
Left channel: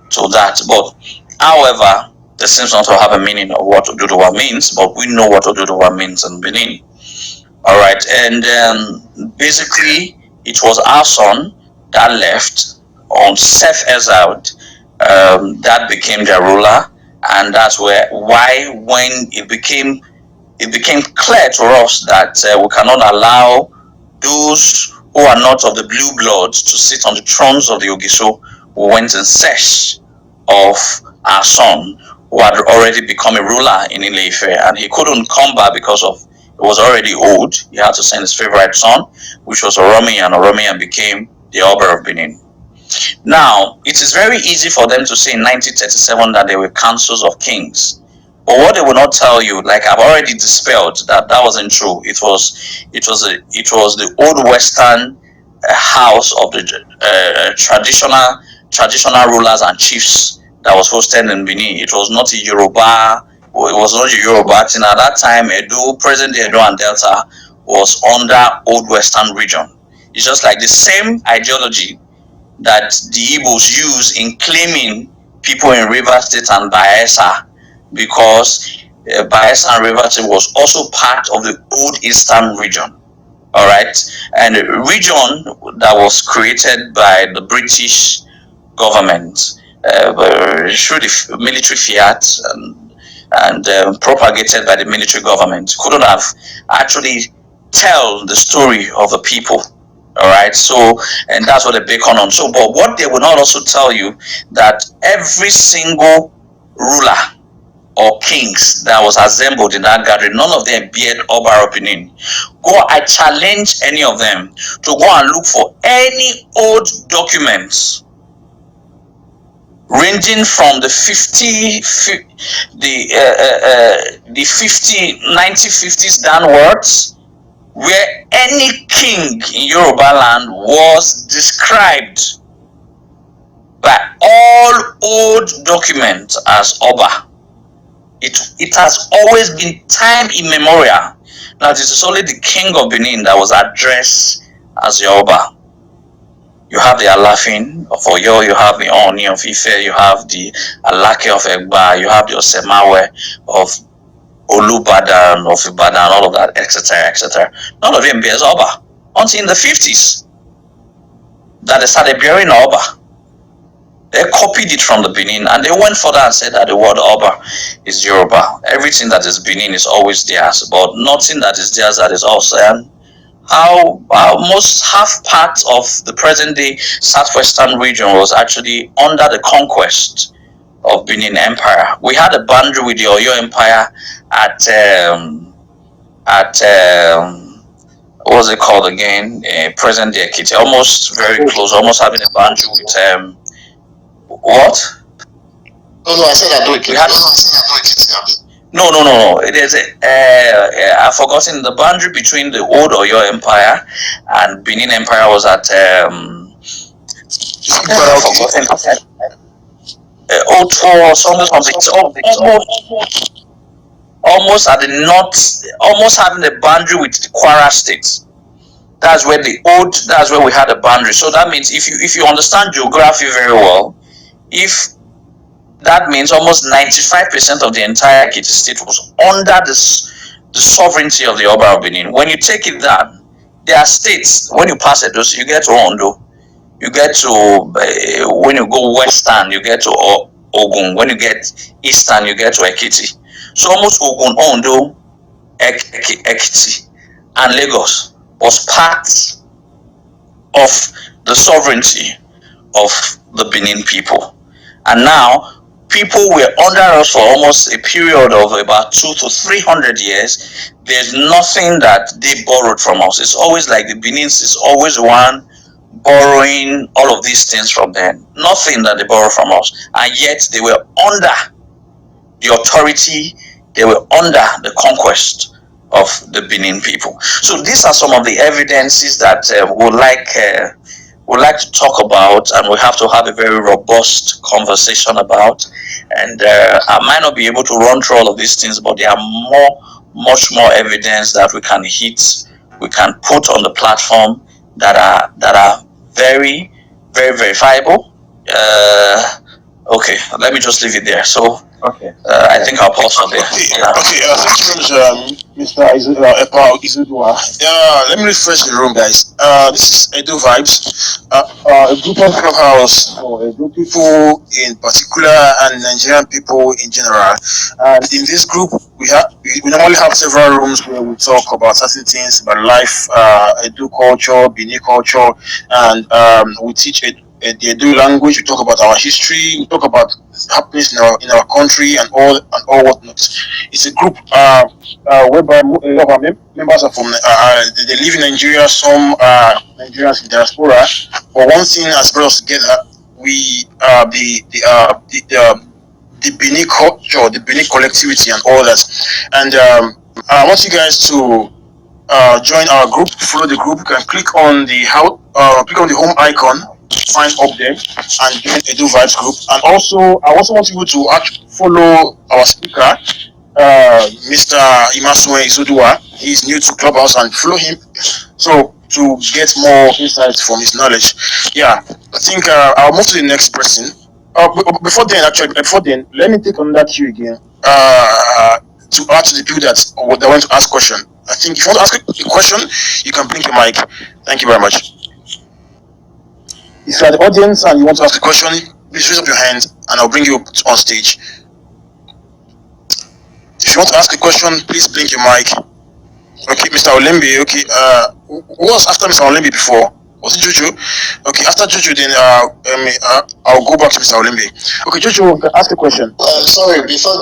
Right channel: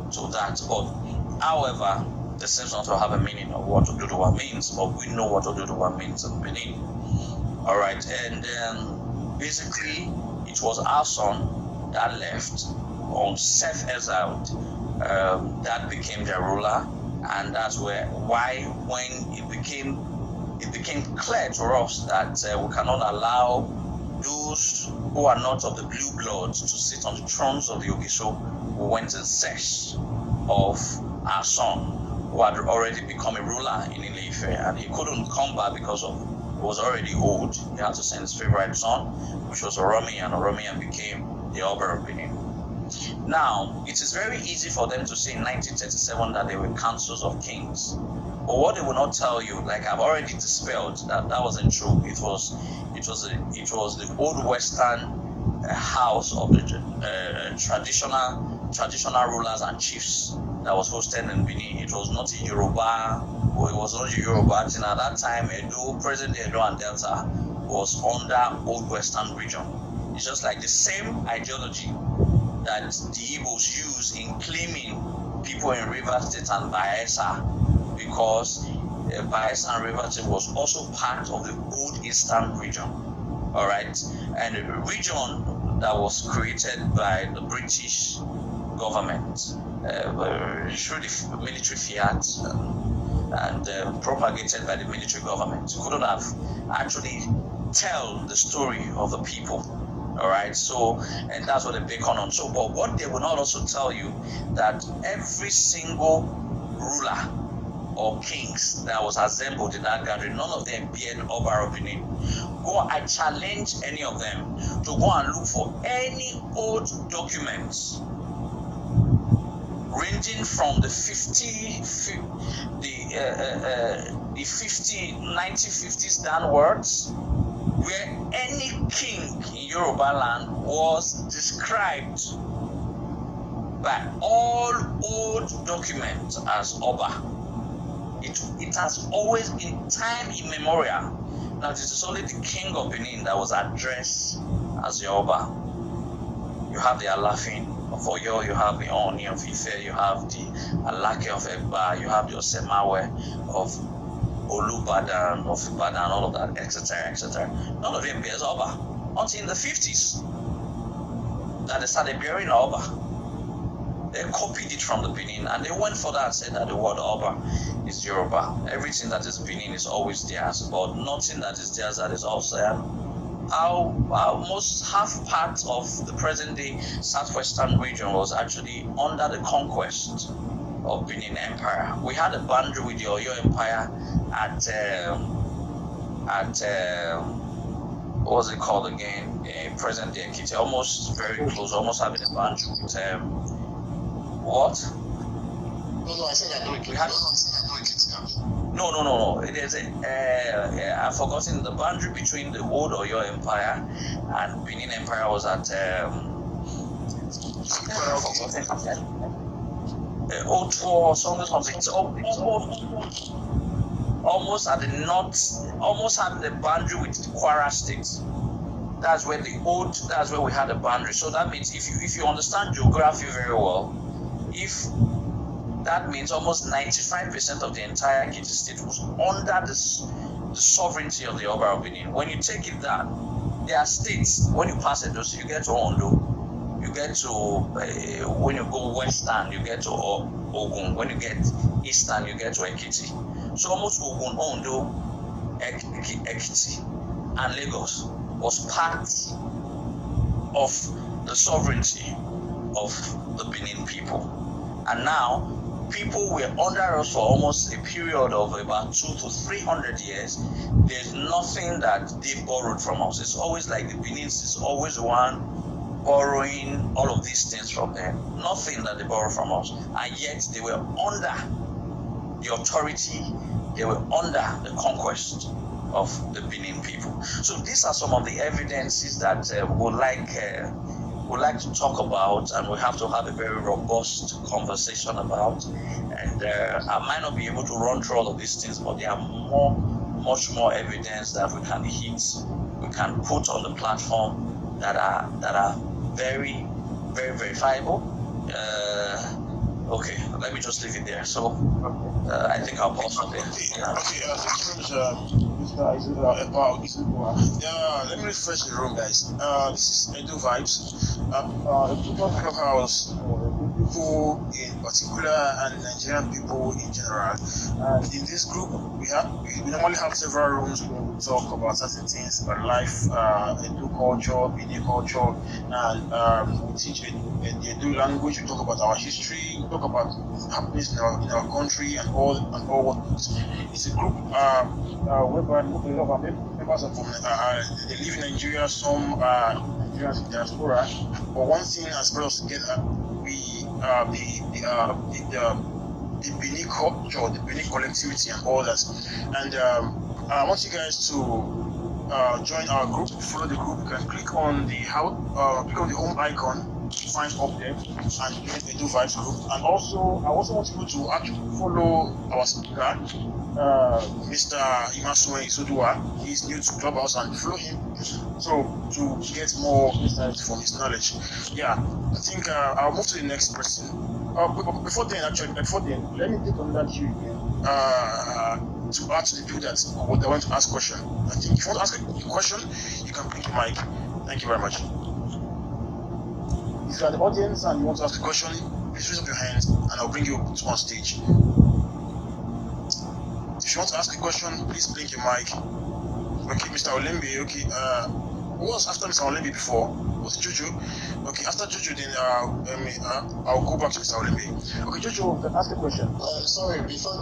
to that. But however, there seems not to have a meaning of what Oduduwa means. But we know what Oduduwa means in Benin. All right. And basically, it was our son that left on self-exiled, that became their ruler, and that's why when it became clear to us that we cannot allow those who are not of the blue bloods to sit on the thrones of the Ogiso, we went in search of our son, who had already become a ruler in Ile-Ife, and he couldn't come back because of he was already old. He had to send his favorite son, which was Oromiyan. Oromiyan became the Oba of Benin. Now, it is very easy for them to say in 1937 that they were councils of kings. But what they will not tell you, like I've already dispelled that wasn't true. It was the old Western house of the traditional rulers and chiefs that was hosted in Benin. It was not a Yoruba. It was not a Yoruba thing at that time. Present Edo and Delta was under old Western region. It's just like the same ideology that the Igbos use in claiming people in Rivers State and Bayelsa, because Bayelsa and Rivers State was also part of the old Eastern region. All right, and a region that was created by the British government through the military fiat and propagated by the military government, couldn't have actually tell the story of the people. All right, so, and that's what they bacon on. So, but what they will not also tell you, that every single ruler or kings that was assembled in that gathering, none of them beard Oba of Benin. I challenge any of them to go and look for any old documents ranging from the 1950s downwards, where any king in Yoruba land was described by all old documents as Oba. It has always been time immemorial that it is only the king of Benin that was addressed as the Oba. You have the Alafin of Oyo, you have the Oni of Ife, you have the Alake of Egba, you have the Osemawe of Olubadan, of Ibadan, all of that, etc., etc. None of them bears Oba until in the 50s that they started bearing Oba. They copied it from the Benin, and they went further and said that the word Oba is Yoruba. Everything that is Benin is always theirs, but nothing that is theirs that is also. Almost half part of the present-day southwestern region was actually under the conquest of Benin Empire. We had a boundary with the Oyo Empire at what was it called again? Present-day Ekiti, almost very close, almost having a boundary with what? No, I said I do it. No. It is I've forgotten the boundary between the old Oyo Empire and Benin Empire was at I've forgotten. Almost at the north, almost having a boundary with the Kwara State. That's where we had a boundary. So that means if you understand geography very well, that means almost 95% of the entire Ekiti state was under the sovereignty of the Oba of Benin. When you take it down, there are states, when you pass it, you get to Ondo, you get to, when you go western, you get to Ogun, when you get eastern, you get to Ekiti. So almost Ogun, Ondo, Ekiti, and Lagos was part of the sovereignty of the Benin people. And now, people were under us for almost a period of about 200 to 300 years. There's nothing that they borrowed from us. It's always like the Benin's is always one borrowing all of these things from them. Nothing that they borrow from us. And yet they were under the authority, they were under the conquest of the Benin people. So these are some of the evidences that we like to talk about, and we have to have a very robust conversation about. And I might not be able to run through all of these things, but there are much more evidence that we can put on the platform that are very, very verifiable. Okay, let me just leave it there. So I think I'll pause on there. Thank you very much, Mr. Izoduwa. Let me refresh the room, guys. This is Edo Vibez, a group of clubhouse for a group of people in particular and Nigerian people in general. And in this group, we normally have several rooms where we talk about certain things about life, Edo culture, Benin culture, and we teach the Edo language. We talk about our history. We talk about happenings in our country and all whatnot. It's a group whereby a lot of our members are from they live in Nigeria. Some Nigerians in diaspora. But one thing has brought us together. We the Benin culture, the Benin collectivity, and all that. And I want you guys to join our group, follow the group. You can click on the home icon, find up there, and join Edo Vibez group. And also, I also want you to follow our speaker, Mr. Imasuen Izoduwa. He's new to Clubhouse, and follow him so to get more insights from his knowledge. Yeah, I think I'll move to the next person. Before then, let me take on that cue again. To add to the people that want to ask question. I think if you want to ask a question, you can blink your mic. Thank you very much. If you are the audience and you want to ask a question, please raise up your hand and I'll bring you up on stage. If you want to ask a question, please blink your mic. Okay, Mr. Olembe. Okay, who was after Mr. Olembe before? Was it Jojo? Okay, after Jojo, then I'll go back to Mr. Olembe. Okay, Jojo, ask a question. Sorry, before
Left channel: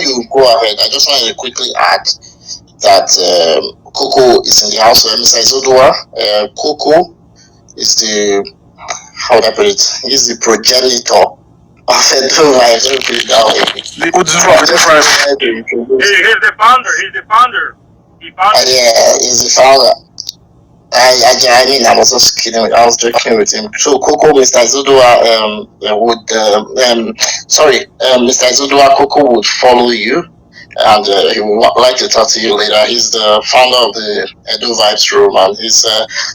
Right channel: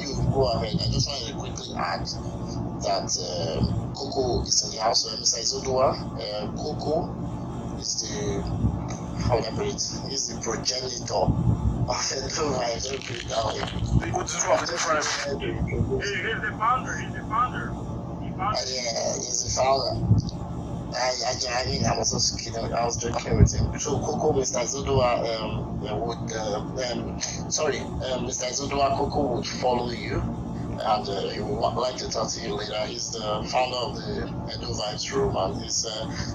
you go ahead, I just want to quickly add that Coco is in the house. Mr. Izoduwa, Coco is the, how would I put it? He's the progenitor of Edo Vibez. He's the founder. Yeah, he's the founder. I mean, I was just kidding. I was joking with him. So, Coco, Mr. Izoduwa Mr. Izoduwa, Coco would follow you, and he would like to talk to you later. He's the founder of the Edo Vibez room, and he's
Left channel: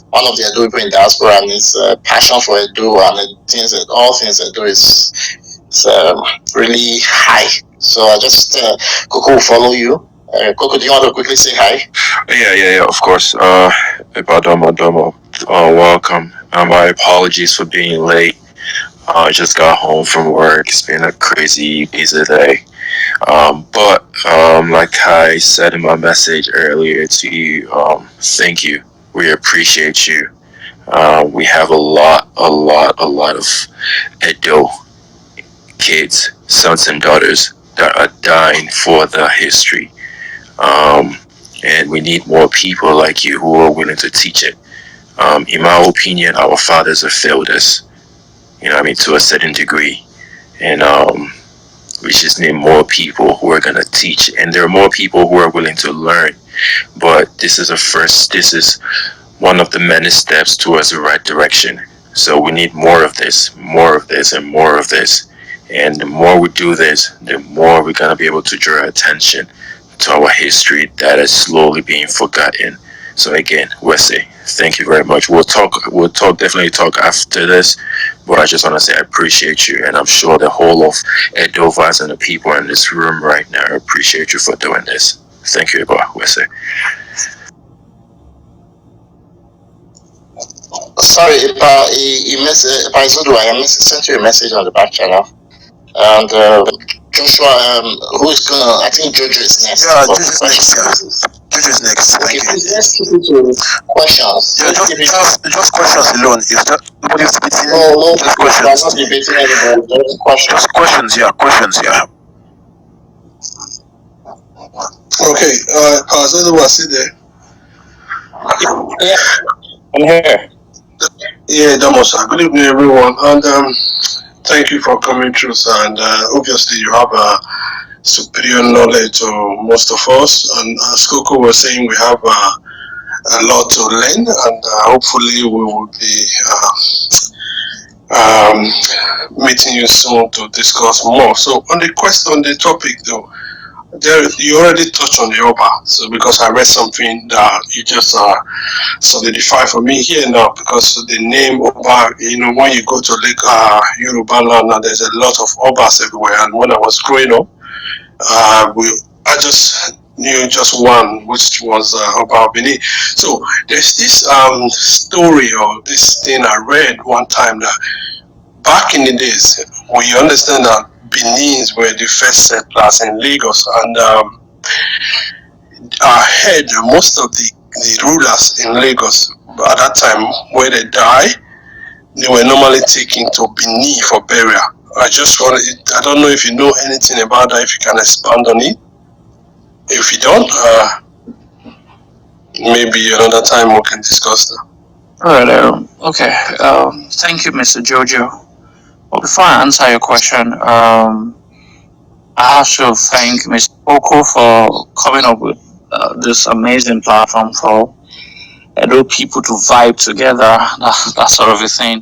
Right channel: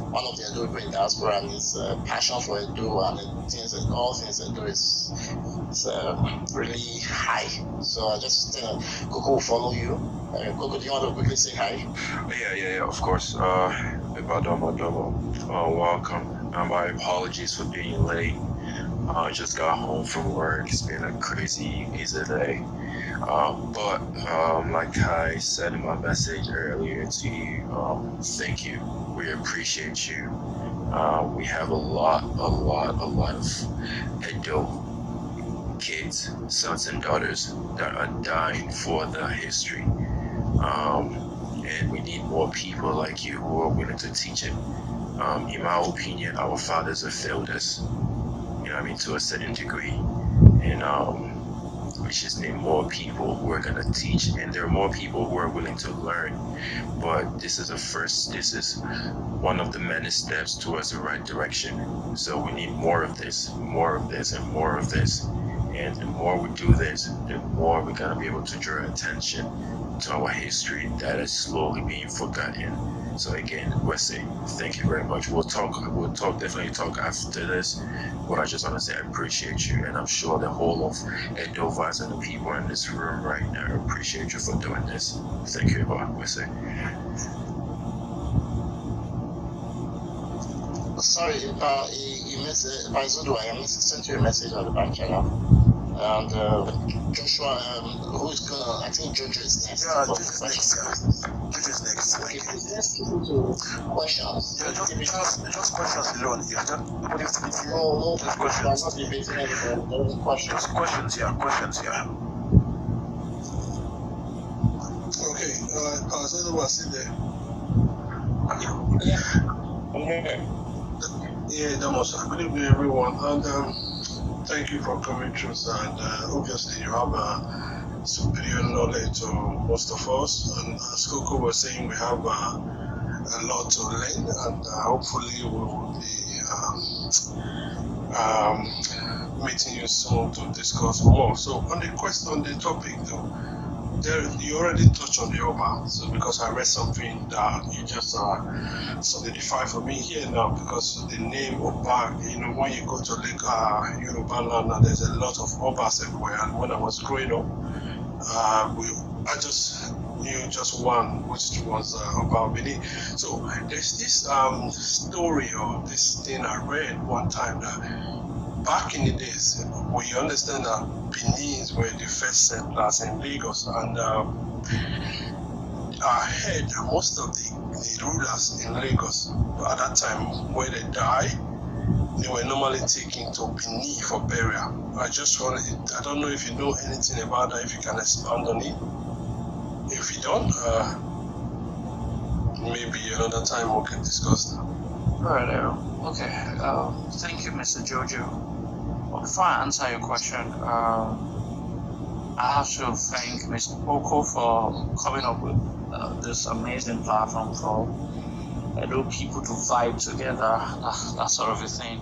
one of the Edo people in diaspora, and his passion for Edo and all things Edo is really high. So I just Coco will follow you. Coco, do you want to quickly say hi? Yeah, of course. Domo. Welcome. My apologies for being late. I just got home from work. It's been a crazy busy day. But like I said in my message earlier to you, thank you. We appreciate you. We have a lot of Edo kids, sons and daughters that are dying for the history. And we need more people like you who are willing to teach it. In my opinion, our fathers have failed us, to a certain degree. And we just need more people who are going to teach. And there are more people who are willing to learn. But this is one of the many steps towards the right direction. So we need more of this, and more of this. And the more we do this, the more we're going to be able to draw attention to our history that is slowly being forgotten. So again, Wesley, thank you very much. We'll definitely talk after this, but I just want to say I appreciate you, and I'm sure the whole of Edo Vibez and the people in this room right now appreciate you for doing this. Thank you, Wesley. Sorry, I sent you a message on the back channel. And Joshua, who is gonna? I think Jojo is next. Yeah, Jojo's next. Yeah, Jojo's next. Okay, let's keep it to questions. Yeah, just questions alone. It's just nobody's debating. No, just questions. I'm not debating anybody. Just questions. Just questions. Yeah. Okay, Izoduwa, sit there. Yeah, I'm here. Yeah, Damosa. Good evening, everyone, and thank you for coming through, sir. And obviously, you have a superior knowledge to most of us. And as Coco was saying, we have a lot to learn, and hopefully we will be meeting you soon to discuss more. So on the topic though, there you already touched on the Oba. So because I read something that you just solidify for me here now, because the name Oba, when you go to Lake Yoruba land, now there's a lot of Obas everywhere. And when I was growing up, I just knew just one, which was Oba Benin. So there's this story or this thing I read one time that back in the days, we understand that Benin's were the first settlers in Lagos, and I heard most of the rulers in Lagos at that time, when they die, they were normally taken to Benin for burial. I don't know if you know anything about that, if you can expand on it. If you don't, maybe another time we can discuss that. All right. Okay. Thank you, Mr. Jojo. Well, before I answer your question, I have to thank Mr. Oko for coming up with this amazing platform for Edo people to vibe together, that sort of a thing.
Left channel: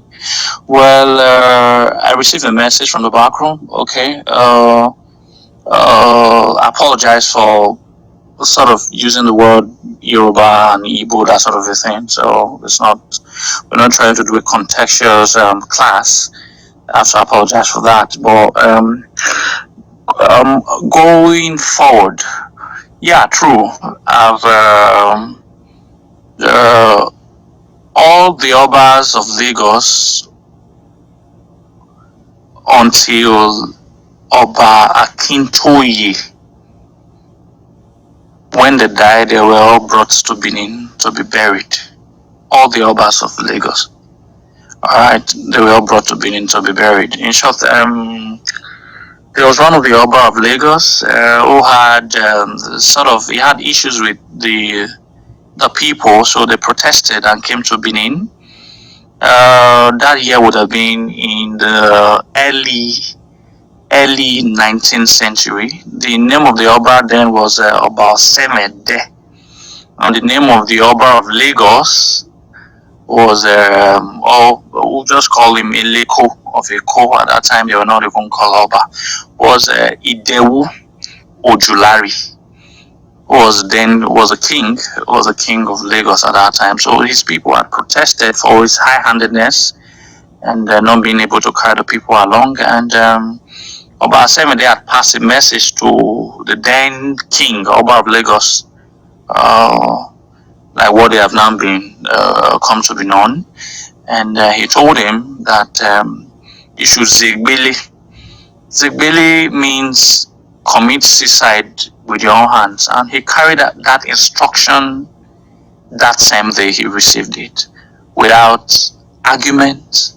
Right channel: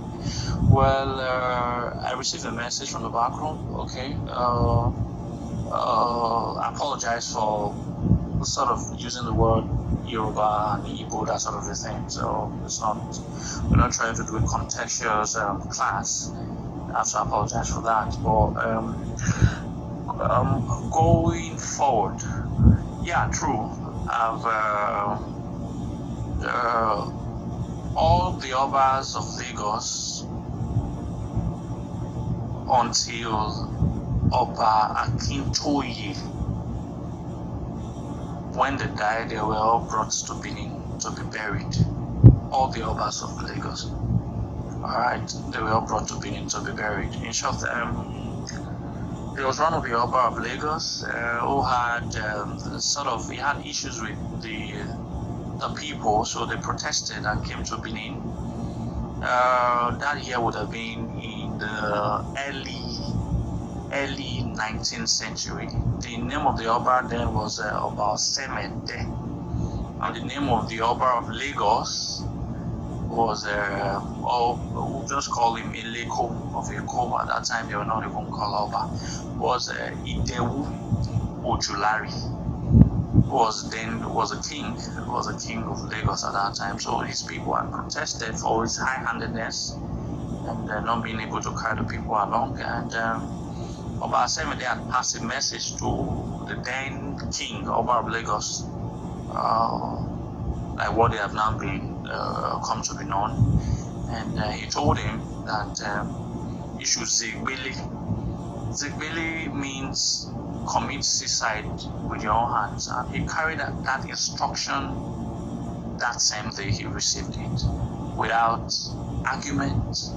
Well, I received a message from the back room. Okay. I apologize for sort of using the word Yoruba and Igbo, that sort of a thing. So we're not trying to do a contextual class. I have to apologize for that. But going forward, yeah, true. I've all the Obas of Lagos until Oba Akintoye, when they died, they were all brought to Benin to be buried. All the Obas of Lagos. Alright, they were all brought to Benin to be buried. In short, there was one of the Oba of Lagos who had he had issues with the people, so they protested and came to Benin. That year would have been in the early 19th century. The name of the Oba then was Oba Semede, and the name of the Oba of Lagos was we'll just call him Eleko of Eko. At that time they were not even called Oba. Was Idowu Ojulari, was a king of Lagos at that time. So his people had protested for his high-handedness and not being able to carry the people along. And Oba Semede had passed a message to the then king, Oba of Lagos, like what they have now been come to be known. And he told him that he should zigbili. Zigbili means commit suicide with your own hands, and he carried that instruction that same day. He received it without argument,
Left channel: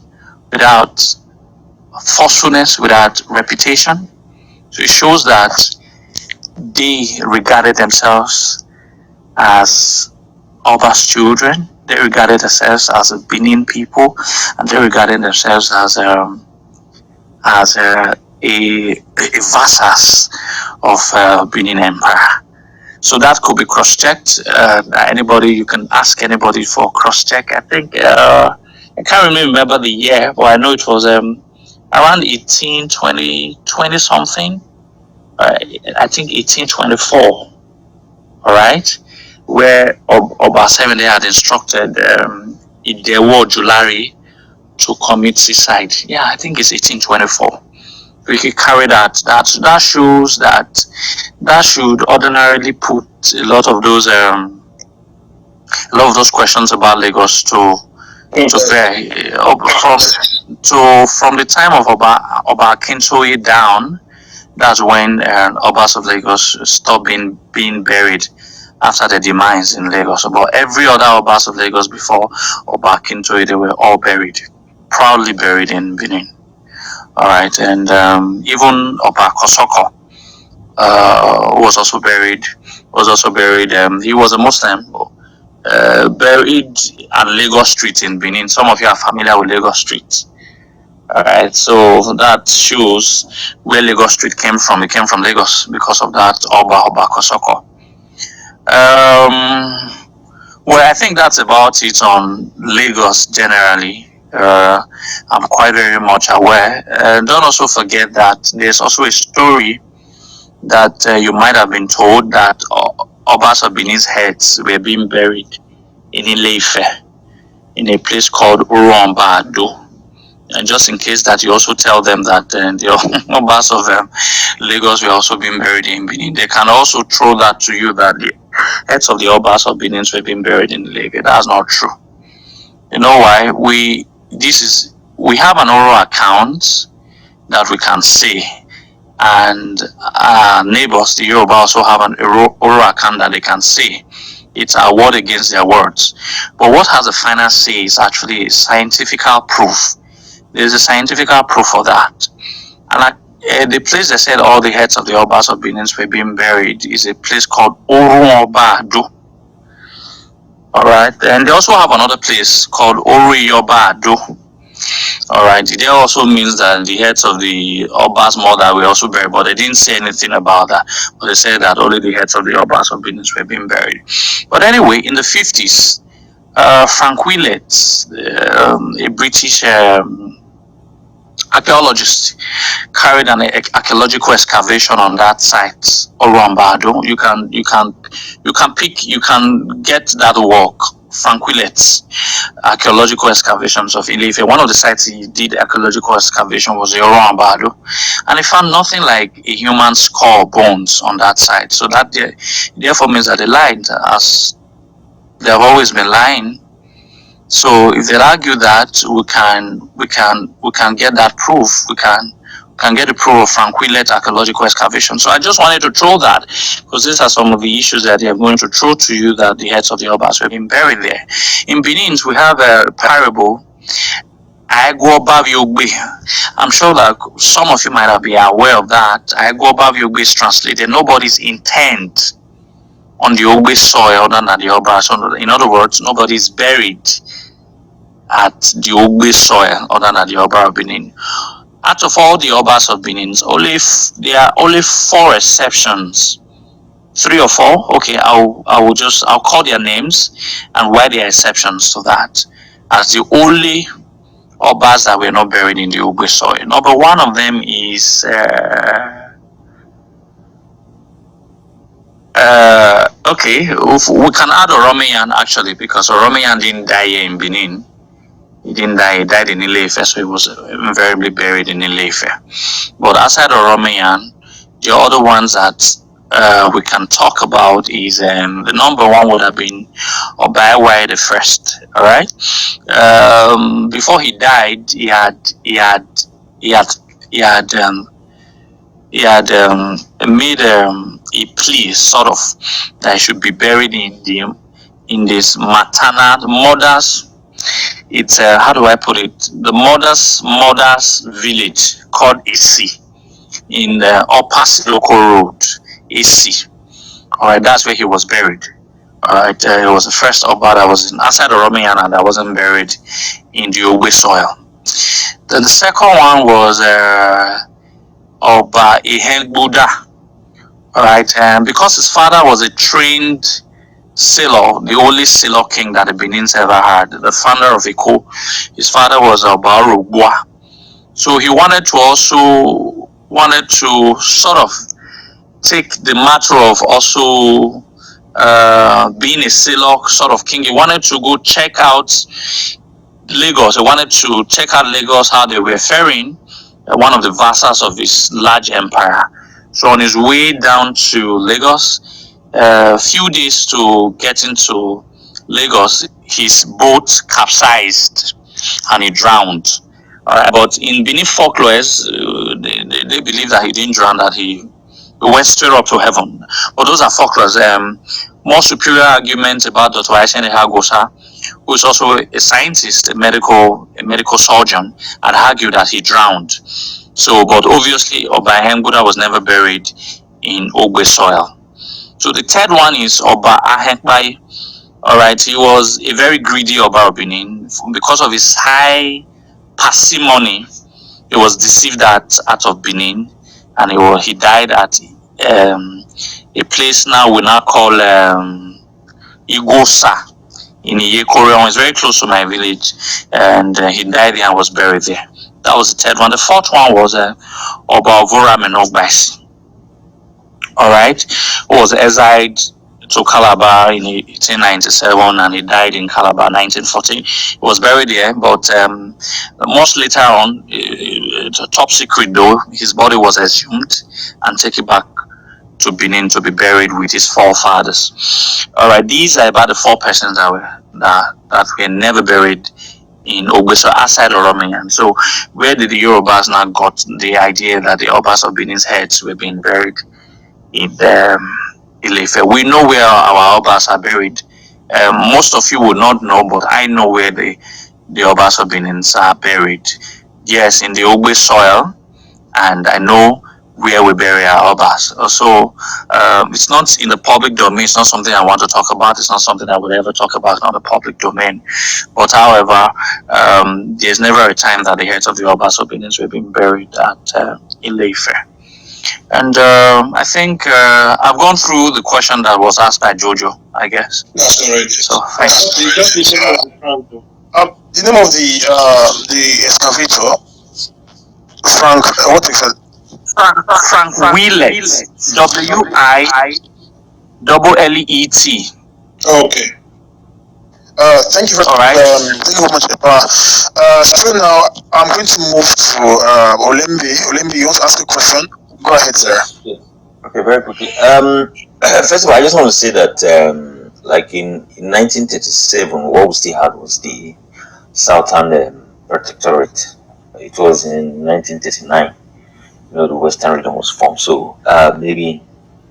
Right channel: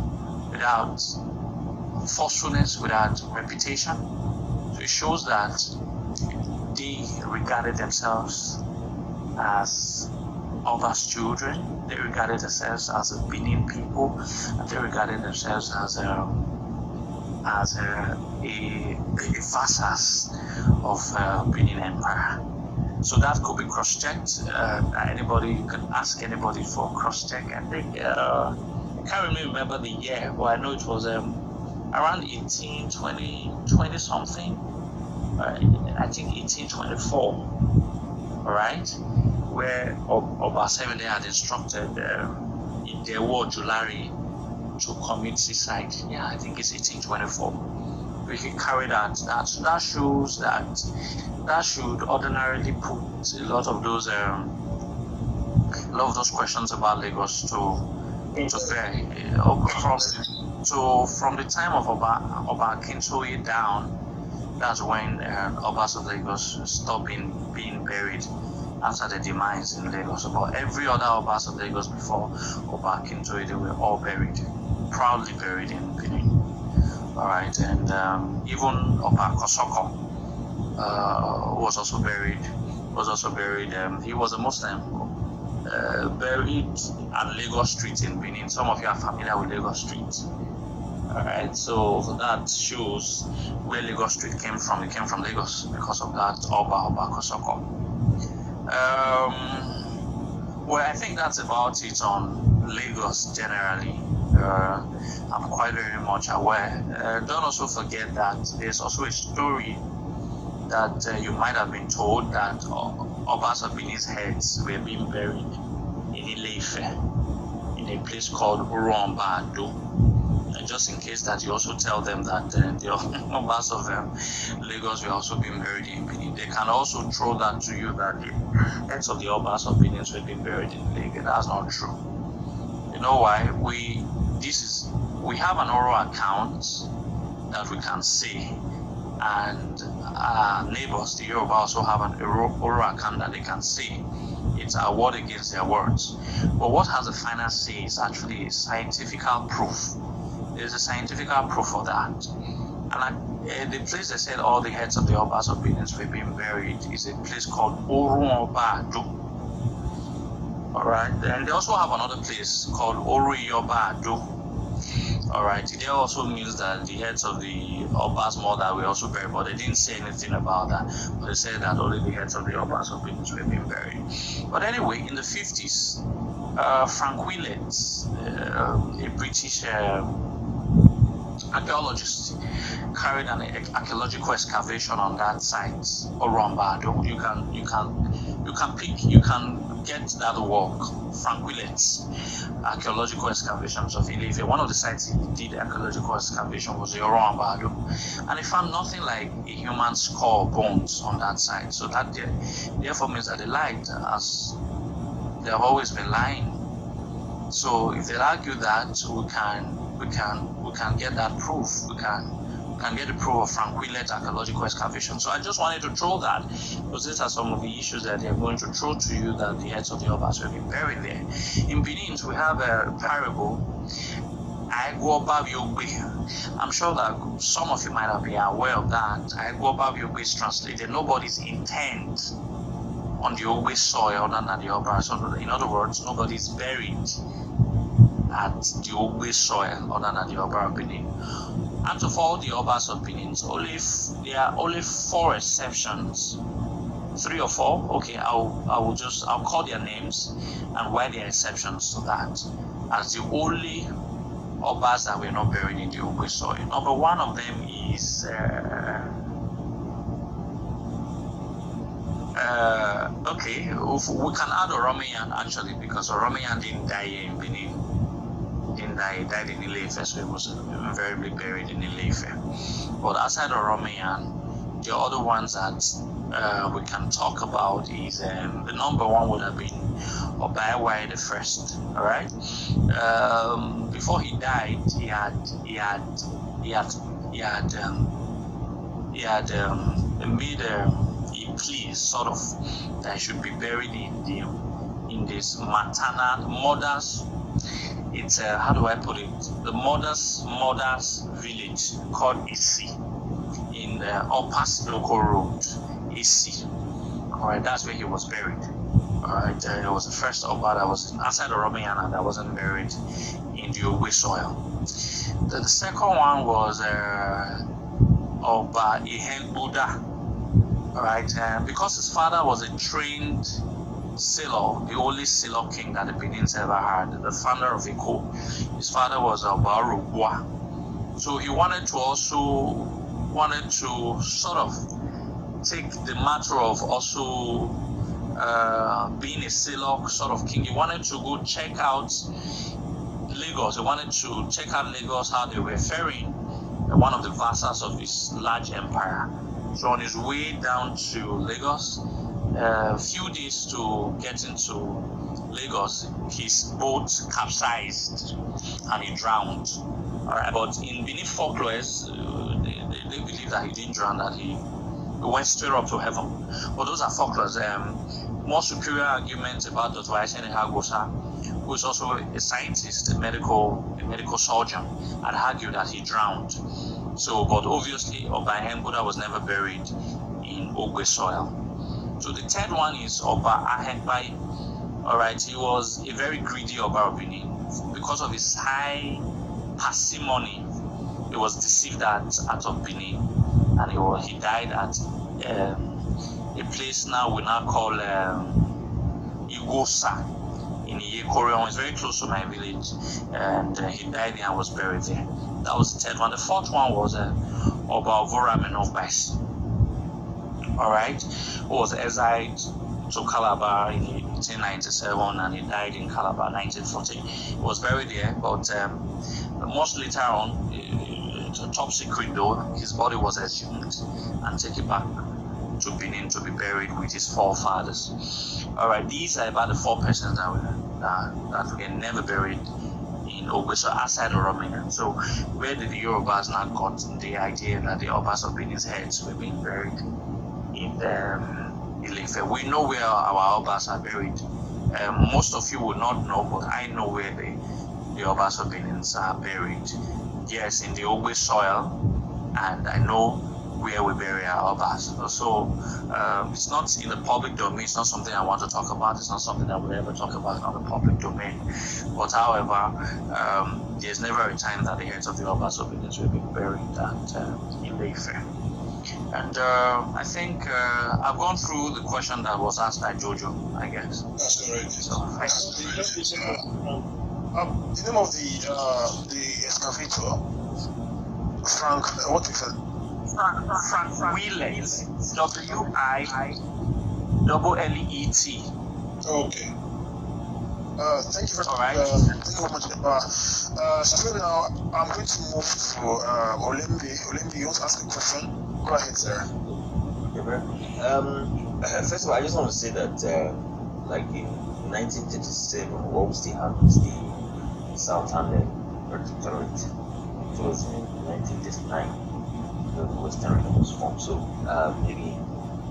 without forcefulness, without reputation. So it shows that they regarded themselves as Oba's children. They regarded themselves as a Benin people, and they regarded themselves as vassals of Benin Empire. So that could be cross-checked. You can ask anybody for cross-check. I think I can't remember the year, but I know it was around 1820 something. I think 1824. All right, where Oba Semede had instructed Idowu Ojulari to commit suicide. Yeah, I think it's 1824. We could carry that. That shows that should ordinarily put a lot of those questions about Lagos to bear. From the time of Oba Akintoye down, that's when Obas of Lagos stopped being buried after the demise in Lagos. But every other Obas of Lagos before Oba Akintoye, they were all proudly buried in Benin. All right, and even Oba Kosoko was also buried. He was a Muslim, buried at Lagos Street in Benin. Some of you are familiar with Lagos Street. All right, so that shows where Lagos Street came from. It came from Lagos because of that Oba Kosoko. Well, I think that's about it on Lagos generally. I'm quite very much aware. Don't also forget that there's also a story that you might have been told that Obas of Benin's heads were being buried in Ile-Ife, in a place called Orombado. And just in case that you also tell them that the Obas of Lagos were also being buried in Benin, they can also throw that to you that the heads of the Obas of Benin were being buried in Lagos. That's not true. You know why? We have an oral account that we can see, and our neighbors, the Yoruba, also have an oral account that they can see. It's our word against their words. But what has the final say is actually scientific proof. There's a scientific proof for that. And the place they said all the heads of the Obas of Benin were being buried is a place called Oruobado. Alright, and they also have another place called Oriyobado. Alright, it also means that the heads of the Obas mother were also buried, but they didn't say anything about that. But they said that only the heads of the Obas of Benin were being buried. But anyway, in the 50s, Frank Willett, a British archaeologist, carried an archaeological excavation on that site, Orombado. You can get that work, Frank Willett's archaeological excavations of Ile-Ife. One of the sites he did archaeological excavation was the Orombado, and he found nothing like a human skull bones on that site. So that therefore means that they lied, as they have always been lying. So if they argue that we can get that proof, we can get the proof of Frank Willett archaeological excavation. So I just wanted to throw that, because these are some of the issues that they are going to throw to you, that the heads of the Obas have been buried there. In Benin, we have a parable, I'm sure that some of you might have been aware of that. Is translated nobody's intent on the Ogbe soil other than the Obas. In other words, nobody's buried at the Ogbe soil other than the Oba of Benin. Out of all the Obas of Benin, there are only 4 exceptions. 3 or 4. Okay, I'll call their names and why there are exceptions to that, as the only Obas that were not buried in the Ogbe soil. Number 1 of them is okay, we can add Oromeyan actually, because Oromeyan didn't die here in Benin. He didn't die, he died in Ile-Ife, so he was invariably buried in Ile-Ife. But outside Oromeyan, the other ones that we can talk about is the number 1 would have been Obaiwai the First. All right. Before he died, he had made a plea, sort of, that he should be buried in this maternal mother's. It's how do I put it? The mother's village called Isi in the Upper Local Road, Isi. All right, that's where he was buried. All right, it was the first Oba that was outside of Romeana that wasn't buried in the Ogbe soil. Then the second one was Oba Ihengbuda. All right, and because his father was a trained sailor, the only sailor king that the Benins ever had, the founder of Iko, his father was Oba Rogwa. So he wanted to sort of take the matter of also being a sailor sort of king. He wanted to go check out Lagos. He wanted to check out Lagos, how they were faring, one of the vassals of his large empire. So on his way down to Lagos, a few days to get into Lagos, his boat capsized and he drowned. But in Benin folklores, they believe that he didn't drown, that he went straight up to heaven. But those are folklores. More superior arguments about Dr. Aisene Hagosa, who is also a scientist, a medical surgeon, had argued that he drowned. So, but obviously, Oba Ihengbuda was never buried in Ogbe soil. So the third one is Oba Ahengbai. All right, he was a very greedy Oba of Benin. Because of his high parsimony, he was deceived out of Benin, and he died at a place now we now call Igosa in Iyekorion. It's very close to my village, and he died there and was buried there. That was the third one. The fourth one was Oba Ovuram and Ogbasi. All right, who was exiled to Calabar in 1897, and he died in Calabar 1940. He was buried there, but much later on, top secret though, his body was exhumed and taken back to Benin to be buried with his forefathers. All right, these are about the four persons that were never buried in Ogbeso outside Oromiyan. So where did the Yorubas now got the idea that the Obas of Benin's heads were being buried in Ile-Ife? We know where our Obas are buried. Most of you would not know, but I know where the Obas of Benin are buried. Yes, in the Ogbe soil, and I know where we bury our Obas. So it's not in the public domain. It's not something I want to talk about. It's not something I would ever talk about on the public domain. But however, there's never a time that the heads of the Obas of Benin were being buried at Ile-Ife. And I think I've gone through the question that was asked by Jojo, I guess. That's correct. So thanks. The name of the excavator, Frank, what is it? Frank Wheelet, Willet. Okay. Thank you very All right. Thank you very much, Epa. So now I'm going to move to Olembe. Olembe, you want to ask a question? Go ahead, sir. Okay, very quickly. First of all, I just want to say that, like in 1937, what we still had was the Southern Protectorate. It was in 1939. The Western region was formed. So maybe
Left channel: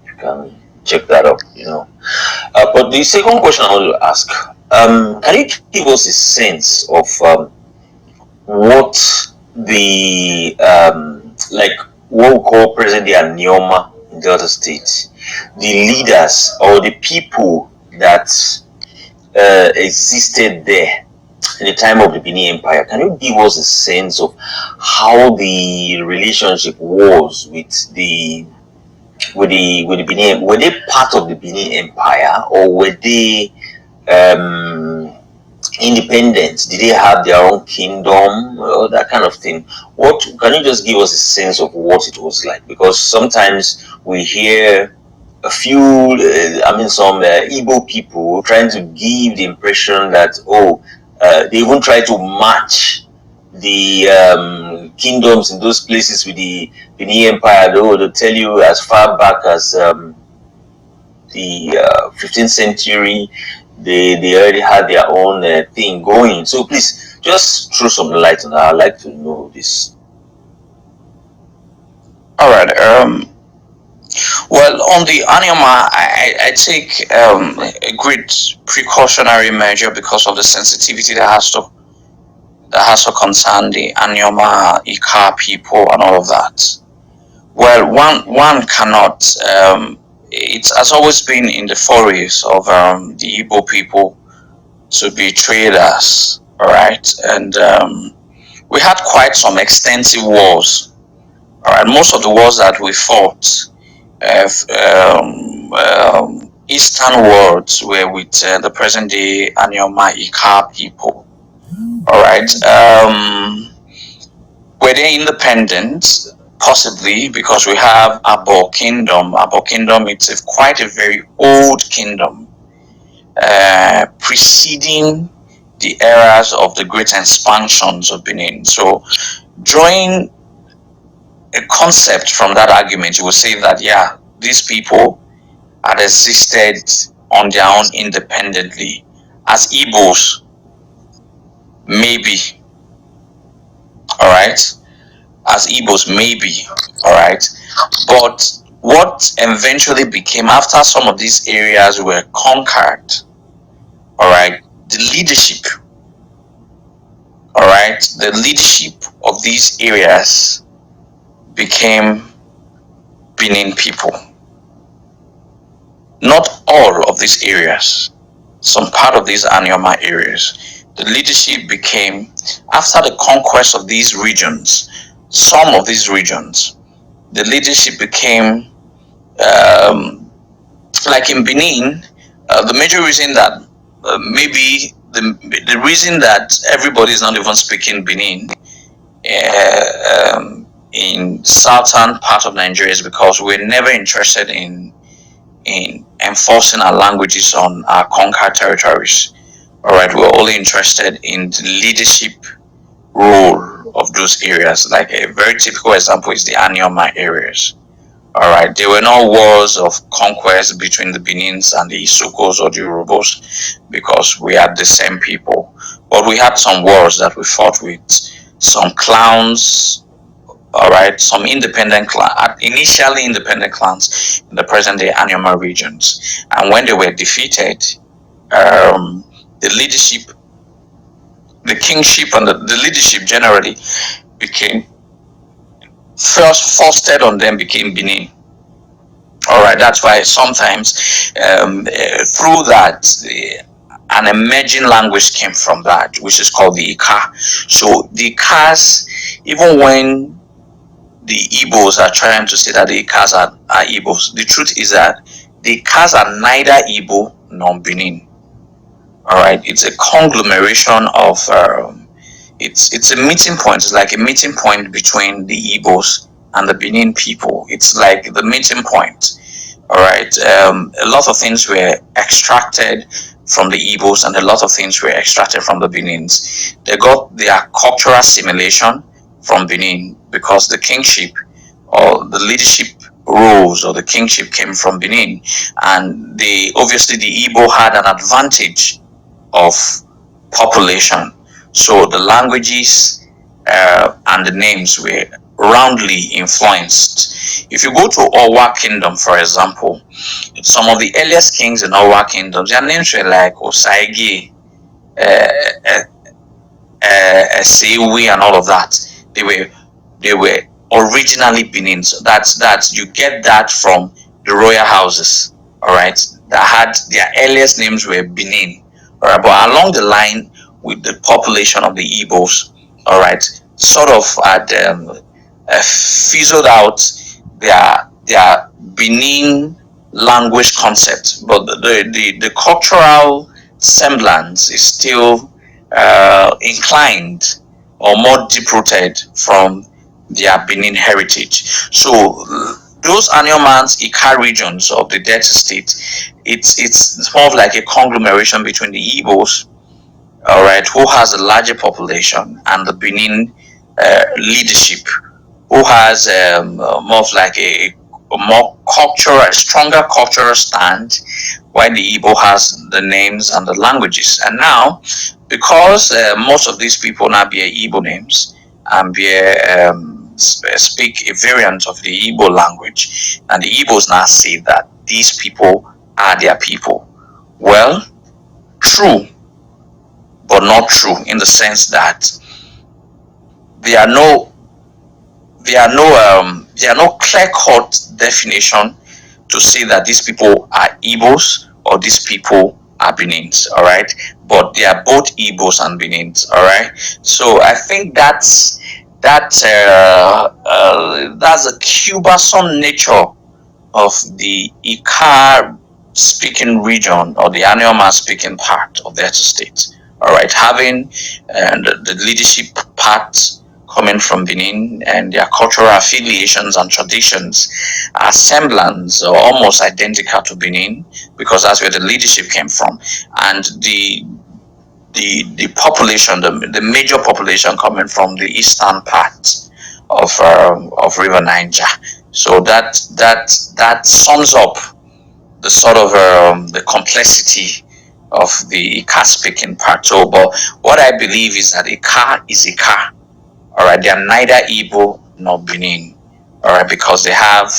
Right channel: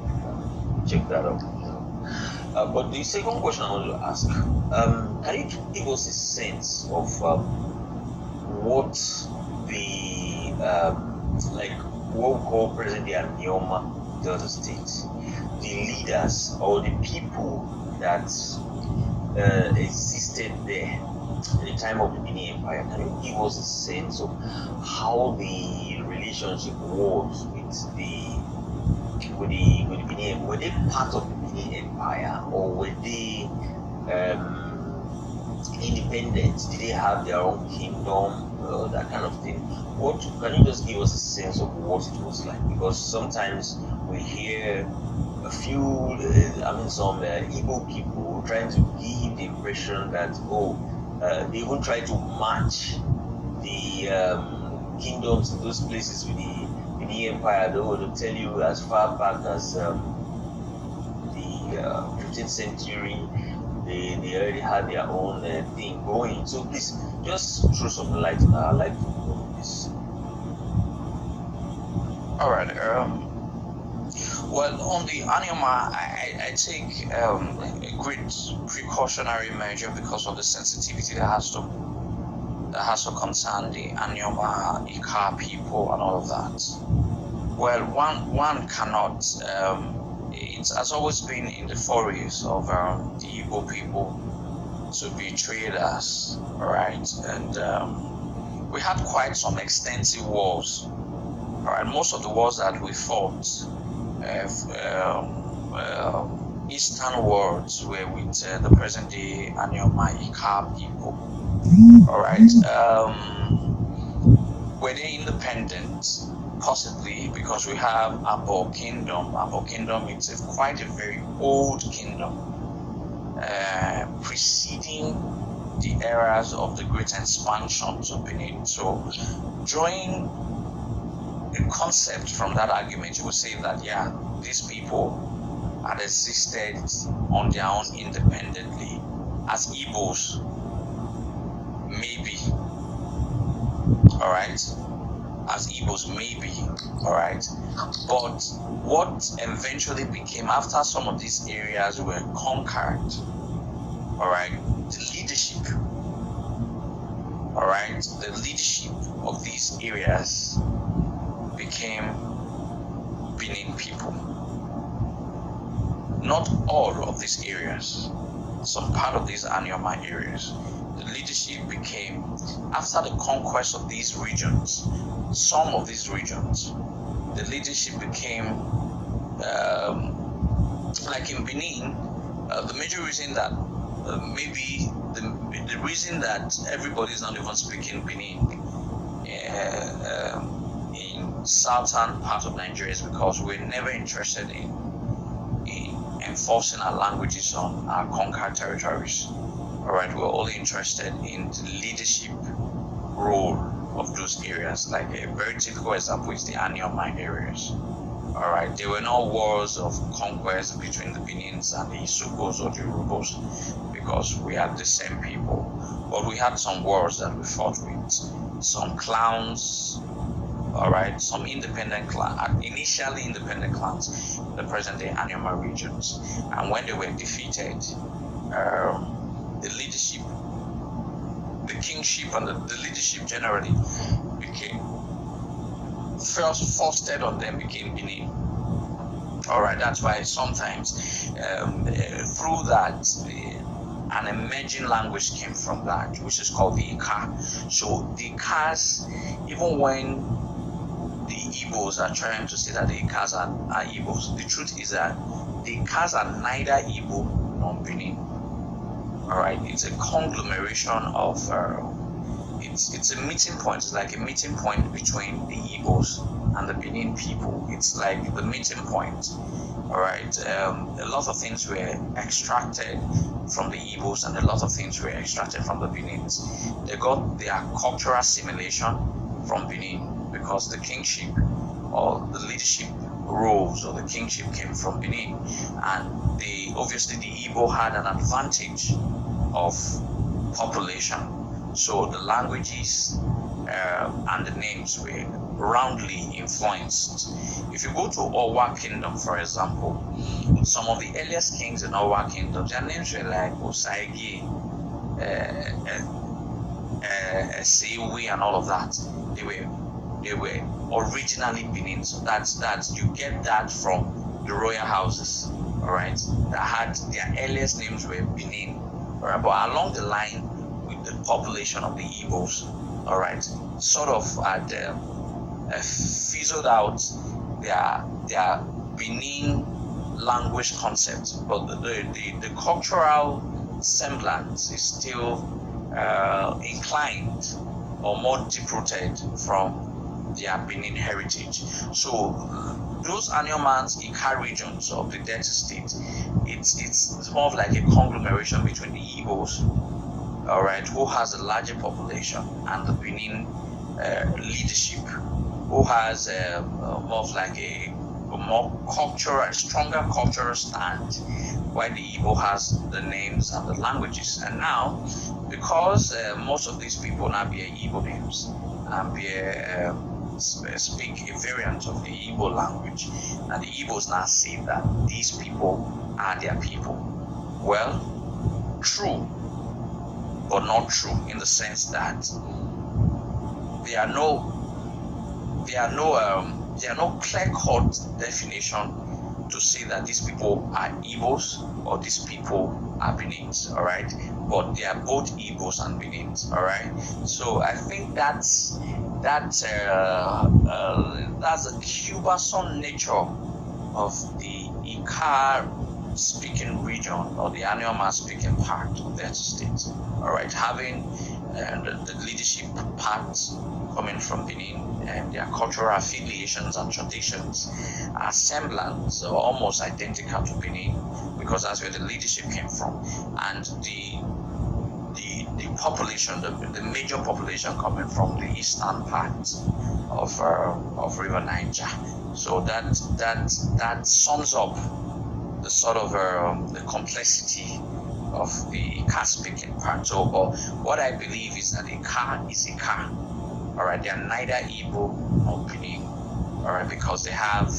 you can check that up. But the second question I want to ask: can you give us a sense of what the what we call present-day Anioma in the other states, the leaders or the people that existed there in the time of the Benin Empire? Can you give us a sense of how the relationship was with the Benin? Were they part of the Benin Empire, or were they independent? Did they have their own kingdom, or that kind of thing? What can you just give us a sense of what it was like? Because sometimes we hear a few, some Igbo people trying to give the impression that they even try to match the kingdoms in those places with the Benin Empire. They'll tell you as far back as the 15th century, they already had their own thing going. So please, just throw some light on that. I'd like to know this. All right. Well, on the Anioma, I take a great precautionary measure because of the sensitivity that has to concern the Anioma, Ika people, and all of that. Well, one cannot. It has always been in the forays of the Igbo people to be traders, all right? And we had quite some extensive wars, all right? Most of the wars that we fought, eastern wars, were with the present-day Anioma Ika people, all right? Were they independent? Possibly, because we have Abo Kingdom. Abo Kingdom, it's quite a very old kingdom, preceding the eras of the great expansions of Benin. So, drawing a concept from that argument, you will say that, yeah, these people had existed on their own independently. As Igbos, maybe, all right? As Igbos, maybe, all right? But what eventually became, after some of these areas were conquered, all right, the leadership, all right, the leadership of these areas became Benin people. Not all of these areas, some part of these Anioma areas, the leadership became, after the conquest of these regions, some of these regions, the leadership became, like in Benin, the major reason that maybe the reason that everybody is not even speaking Benin in southern part of Nigeria is because we're never interested in enforcing our languages on our conquered territories. All right, we're only interested in the leadership role of those areas. Like a very typical example is the Anioma areas. All right, there were no wars of conquest between the Benins and the Isokos or the Urubos because we had the same people. But we had some wars that we fought with some clans. All right, some independent clans, initially independent clans in the present-day Anioma regions, and when they were defeated, the leadership, the kingship, and the leadership generally became fostered on them became Benin. All right, that's why sometimes through that. An emerging language came from that, which is called the Ika. So the Ikas, even when the Igbos are trying to say that the Ikas are Igbos, the truth is that the Ikas are neither Igbo nor Benin. All right, it's a conglomeration of it's a meeting point. It's like a meeting point between the Igbos and the Benin people. It's like the meeting point. All right, a lot of things were extracted from the Igbos and a lot of things were extracted from the Benins. They got their cultural assimilation from Benin because the kingship or the leadership roles or the kingship came from Benin, and obviously the Igbo had an advantage of population. So the languages and the names were roundly influenced. If you go to Owa Kingdom, for example, some of the earliest kings in Owa Kingdom, their names were like Osaigi, Sewi, and all of that. They were originally Benin. So that's you get that from the royal houses, all right, that had their earliest names were Benin. All right, but along the line with the population of the Igbos, all right, sort of had fizzled out their Benin language concept, but the cultural semblance is still inclined or more deep-rooted from their Benin heritage. So those Aniomans, Ika regions of the Delta State, it's more of like a conglomeration between the Igbos, all right, who has a larger population, and the Benin leadership, who has more of like a more cultural, a stronger cultural stand, while the Igbo has the names and the languages. And now, because most of these people now bear Igbo names and speak a variant of the Igbo language, and the Igbos now say that these people are their people. Well, true, but not true, in the sense that there are no clear-cut definition to say that these people are Igbos or these people are Benins, all right? But they are both Igbos and Benins, all right? So I think that's a cumbersome nature of the Ika speaking region or the Anioma speaking part of the state, all right? Having the leadership part coming from Benin, and their cultural affiliations and traditions are semblance or almost identical to Benin, because that's where the leadership came from, and the population, the major population coming from the eastern part of River Niger. So that sums up the sort of the complexity of the Ika speaking part. So, but what I believe is that Ika is Ika. All right, they are neither Igbo nor Benin, all right, because they have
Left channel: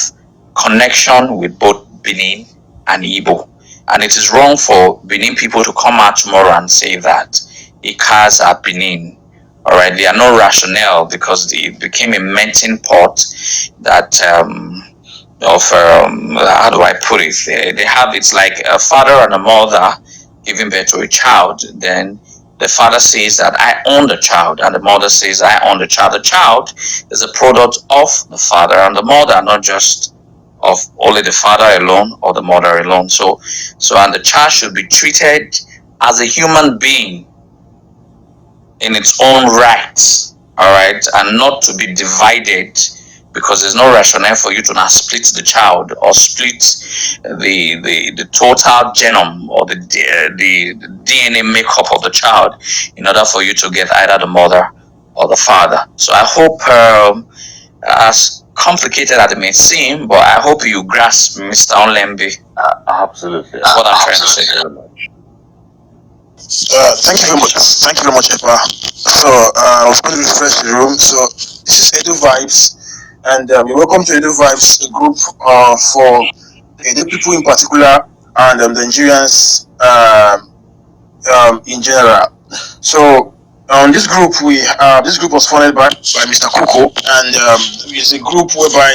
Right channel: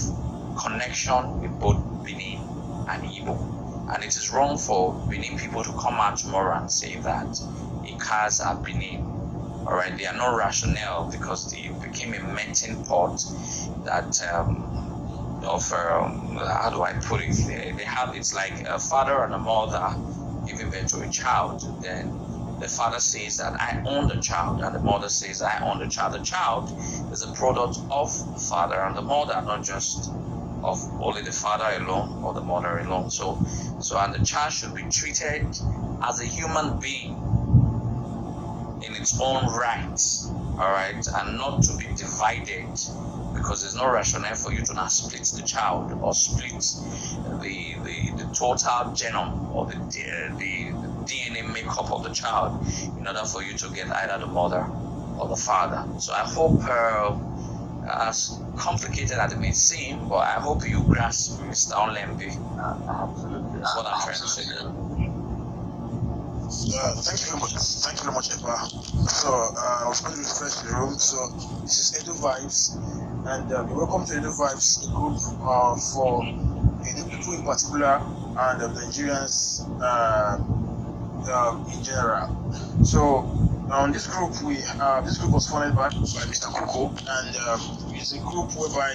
connection with both Benin and Igbo. And it is wrong for Benin people to come out tomorrow and say that Ikas are Benin. All right, they are no rationale, because they became a melting pot that how do I put it? They have, it's like a father and a mother giving birth to a child. Then the father says that I own the child, and the mother says I own the child. The child is a product of the father and the mother, not just of only the father alone or the mother alone. So and the child should be treated as a human being in its own rights, all right, and not to be divided, because there's no rationale for you to now split the child or split the total genome or the DNA makeup of the child in order for you to get either the mother or the father. So I hope, as complicated as it may seem, but I hope you grasp, Mr. Onlembi, Absolutely. what I'm trying to say. Thank you very much. Thank you very much, Epa. So I was going to refresh the room. So this is Edo Vibez, and you're welcome to Edo Vibez, a group for Edo people in particular, and the Nigerians in general. So this group this group was founded by Mr. Kuko, and it's a group whereby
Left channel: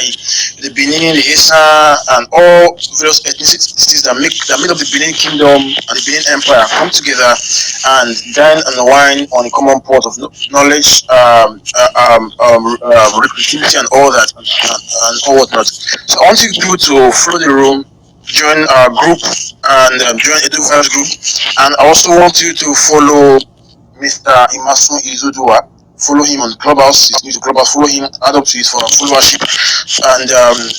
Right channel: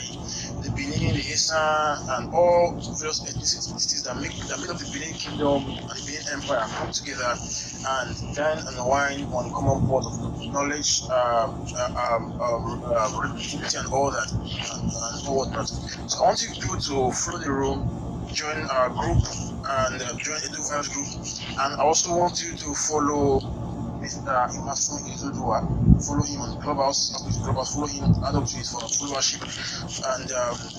the Benin, the Esa, and all various ethnicities that made up the Benin Kingdom and the Benin Empire come together and dine and wine on a common pot of knowledge, creativity, and all that, and all whatnot. So I want you people to follow the room, join our group, and join Edo Vibez group. And I also want you to follow Mr. Imasuen Izoduwa. Follow him on Clubhouse. He's new to Clubhouse. Follow him. Add up to his followership. And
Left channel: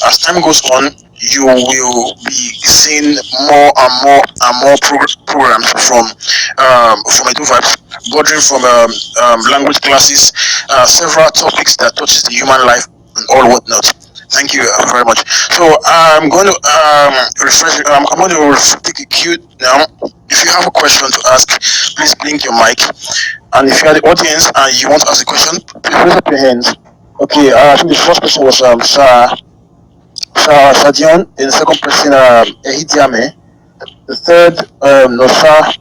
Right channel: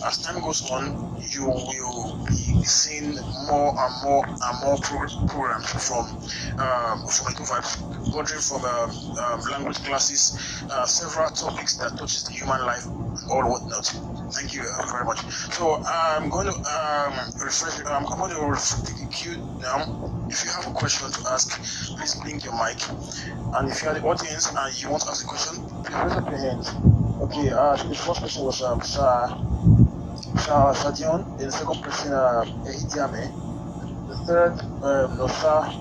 as time goes on, you will be seeing more and more programs from Edo Vibez, bordering from language classes, several topics that touches the human life and all whatnot. Thank you very much. So I'm going to refresh. I'm going to take a cue now. If you have a question to ask, please blink your mic. And if you're the audience and you want to ask a question, please raise up your hands. Okay, I think the first person was Sadion. Then the second person, Ehitiame. The third, Nosa.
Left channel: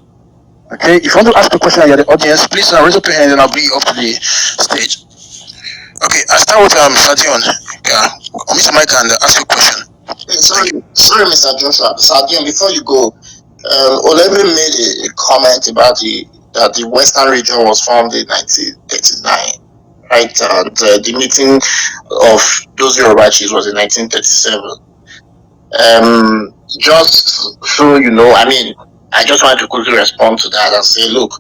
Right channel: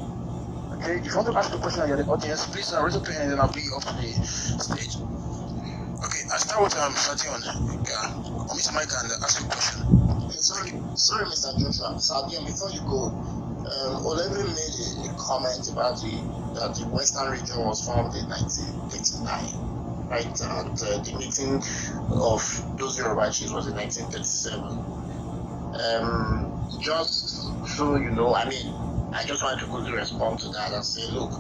Okay, if you want to ask a question and you're the audience, please raise up your hand and I'll bring you up to the stage. Okay, I start with Sadion. Mr. Mike, and ask you a question. Sorry, Mr. Joshua. Sadion, before you go, Olebe made a comment about that the Western region was formed in 1939, right? And the meeting of those Yoruba chiefs was in 1937. Just so you know, I mean, I just wanted to quickly respond to that and say, look,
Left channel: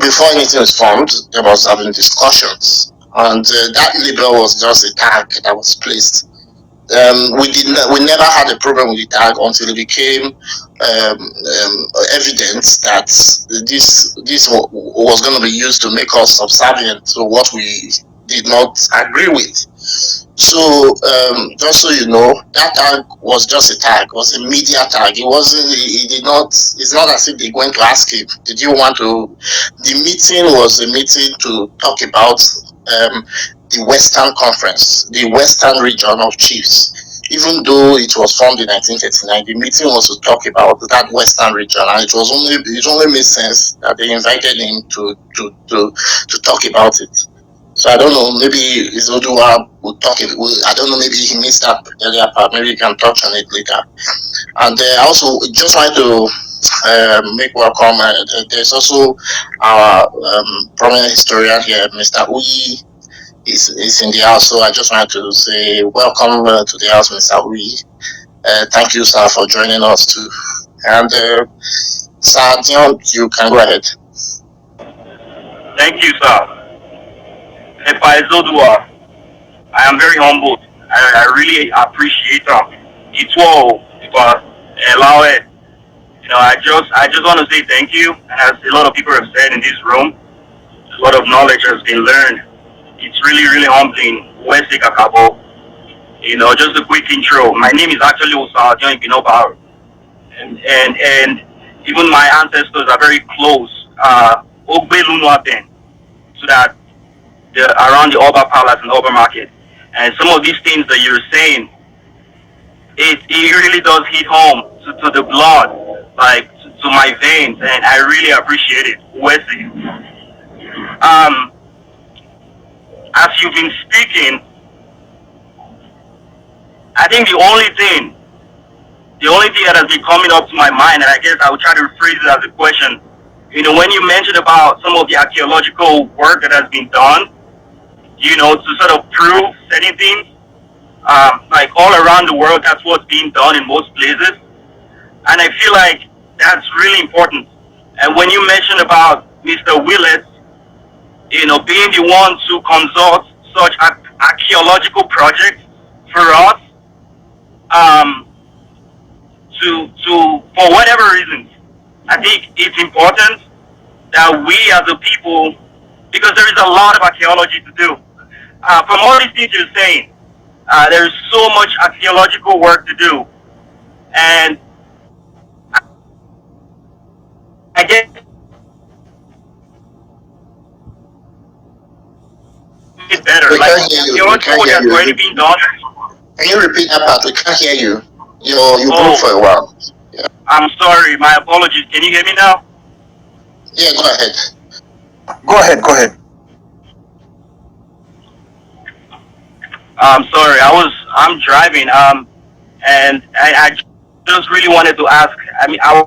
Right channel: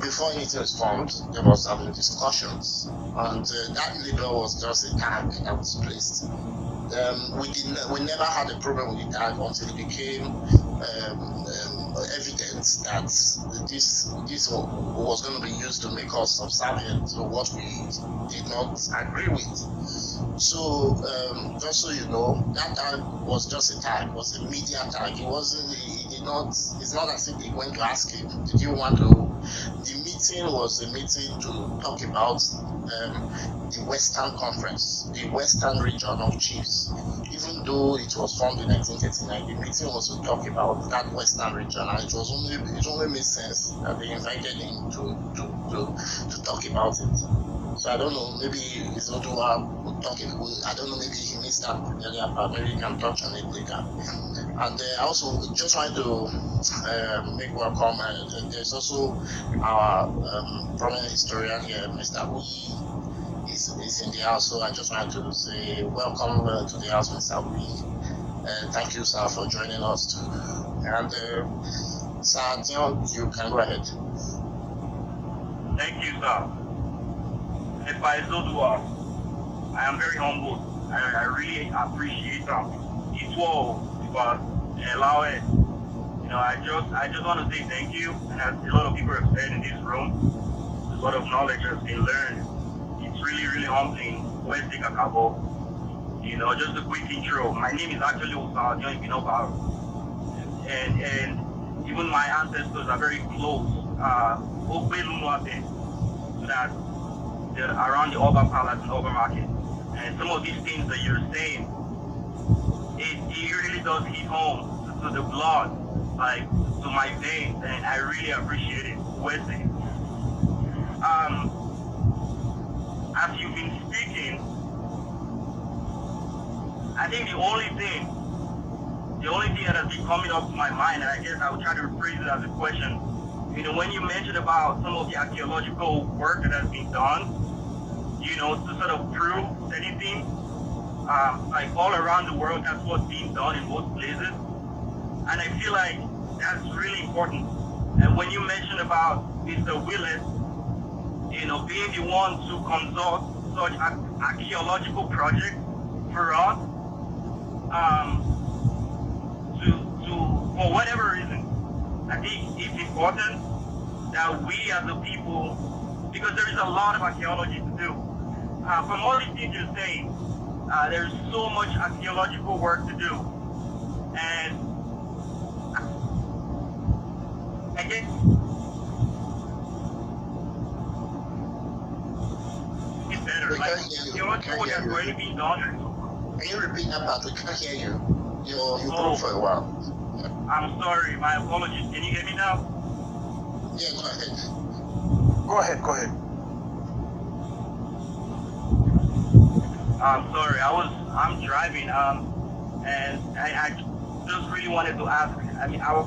before anything was formed, there was having discussions, and that label was just a tag that was placed. We never had a problem with the tag until it became evident that this was going to be used to make us subservient to what we did not agree with. So just so you know, that tag was just a tag. It was a media tag. It wasn't. It did not. It's not as if they went to ask him, "Did you want to?" The meeting was a meeting to talk about the Western Conference, the Western region of chiefs. Even though it was formed in 1939, the meeting was to talk about that Western region, and it only made sense that they invited him to talk about it. So I don't know, maybe Izoduwa would talk. I don't know, maybe he missed that earlier part. Maybe you can touch on it later. And I also just wanted to make welcome. There's also our prominent historian here, Mr. Uyi, is in the house. So I just wanted to say welcome to the house, Mr. Uyi. Thank you, sir, for joining us too. And Sir Dion, you can go ahead. Thank you, sir. Izoduwa, I am very humbled. I really appreciate it all because allow it. You know, I just want to say thank you. And as a lot of people have said in this room, a lot of knowledge has been learned. It's really, really humbling. West Kakabo. You know, just a quick intro. My name is actually Osadion Ibinoba, and even my ancestors are very close. Ogbe Lunuaten, so that around the Oba Palace and Oba Market. And some of these things that you're saying, it really does hit home to the blood, like to my veins, and I really appreciate it. Wesley. As you've been speaking, I think the only thing that has been coming up to my mind, and I guess I will try to rephrase it as a question, you know, when you mentioned about some of the archaeological work that has been done, you know, to sort of prove certain things, like all around the world, that's what's being done in most places. And I feel like That's really important. And when you mentioned about Mr. Willett, being the one to consult such archaeological projects for us, for whatever reasons, I think it's important that we as a people, because there is a lot of archaeology to do. From all these things you're saying, there is so much archaeological work to do, and I guess it's better. We Like can't hear you. We can't archaeological work hear has you. already been done. Can you repeat that part? We can't hear you. You broke for a while. Yeah. I'm sorry. My apologies. Can you hear me now? Yeah, go ahead. Go ahead. Go ahead. I'm sorry. I'm driving. And I just really wanted to ask. I mean, I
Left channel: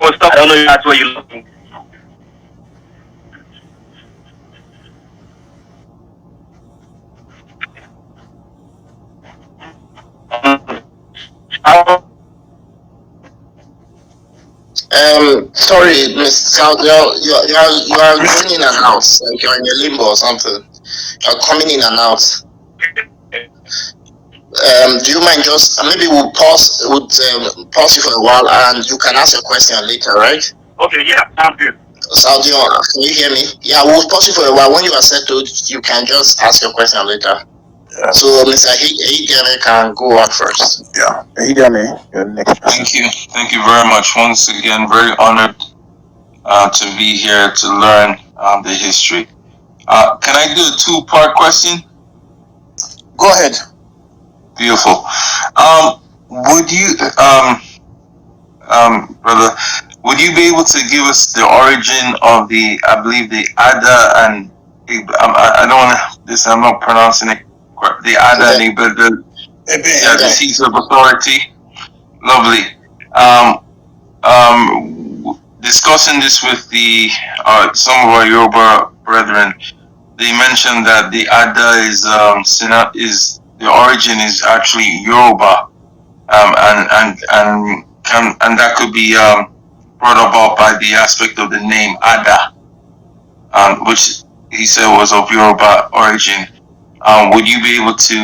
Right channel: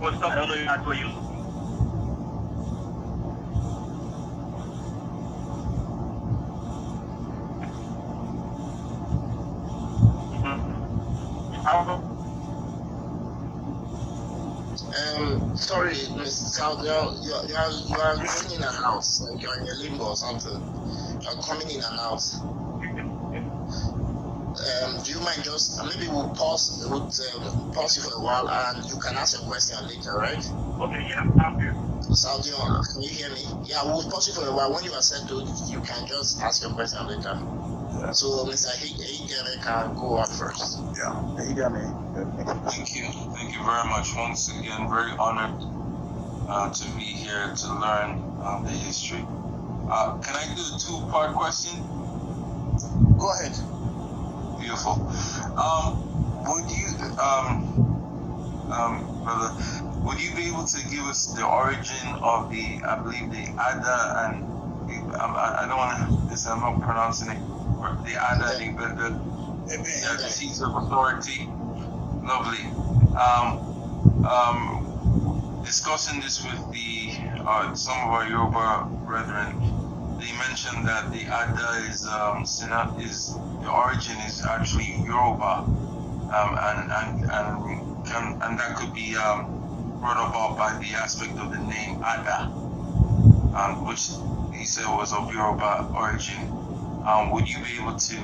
was talking. I don't know if that's what you're looking. Sorry, Miss South, you are going in and out. Like you're in a limbo or something. You're coming in and out. Do you mind just maybe we'll pause you for a while and you can ask your question later, right? Okay, yeah, sounds good. Saudi, can you hear me? Yeah, we'll pause you for a while. When you are settled, you can just ask your question later. Yeah. So Mr. Hideme can go on first. Yeah, Hideme, your next. Thank you very much. Once again, very honored to be here to learn the history. Can I do a two-part question? Go ahead. Beautiful. Would you, brother, would you be able to give us the origin of I believe the Ada and I don't want to. I'm not pronouncing it. The Ada and the seats of authority. Lovely. Discussing this with the some of our Yoruba brethren, they mentioned that the Ada is the origin is actually Yoruba, and that could be brought about by the aspect of the name Ada, which he said was of Yoruba origin. Would you be able to?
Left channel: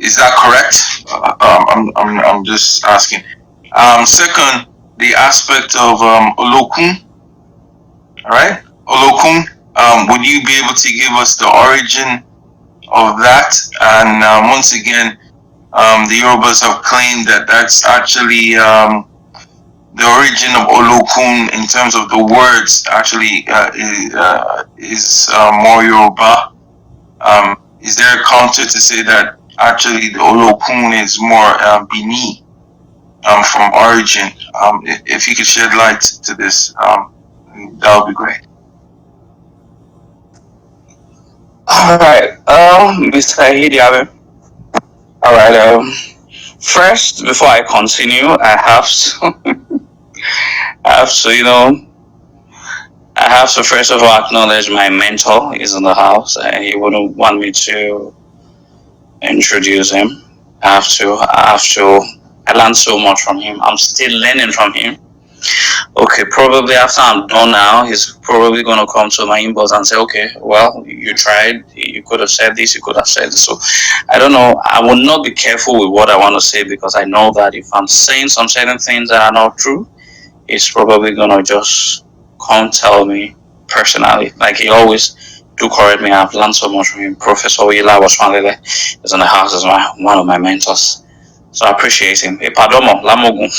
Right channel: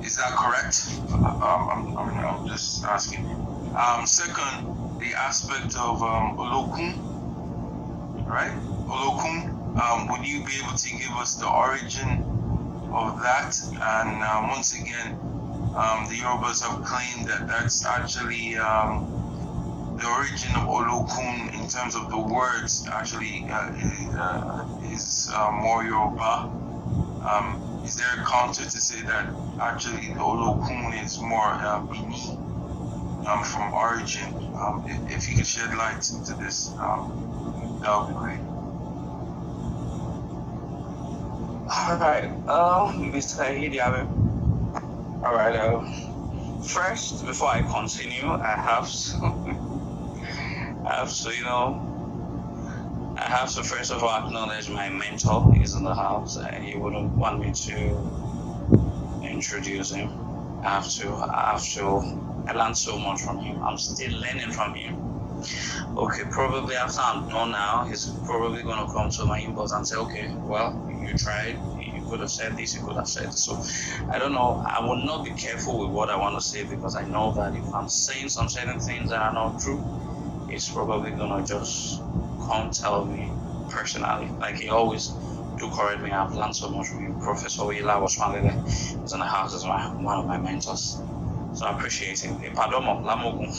Is that correct? I'm just asking. Second, the aspect of Olokun. All right, Olokun. Would you be able to give us the origin of that? And once again, the Yorubas have claimed that that's actually the origin of Olokun in terms of the words actually is more Yoruba. Is there a counter to say that actually the Olokun is more Bini from origin? If you could shed light to this, that would be great. All right, Mr. Hidiabe. All right. First, before I continue, I have to first of all acknowledge my mentor is in the house, and he wouldn't want me to introduce him. I learned so much from him. I'm still learning from him. Okay, probably after I'm done now, he's probably going to come to my inbox and say, okay, well, you tried, you could have said this, you could have said this. So I don't know. I will not be careful with what I want to say, because I know that if I'm saying some certain things that are not true, he's probably going to just come tell me personally. Like he always do correct me. I've learned so much from him. Professor Oyila Waswanlele is in the house as one of my mentors. So I appreciate him. Padomo, Lamogun.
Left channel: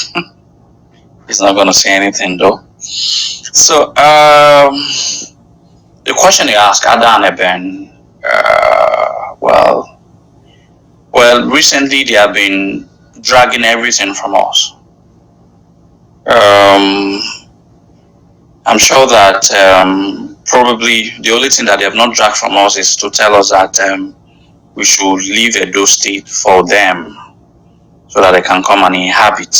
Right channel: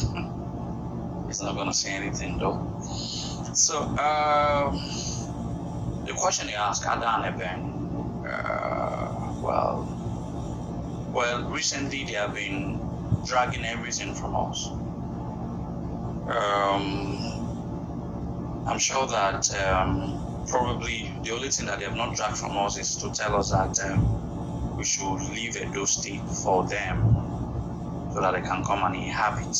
He's not going to say anything though. So the question you asked, Ada and Eben, well, recently they have been dragging everything from us. I'm sure that probably the only thing that they have not dragged from us is to tell us that we should leave Edo State for them so that they can come and inhabit.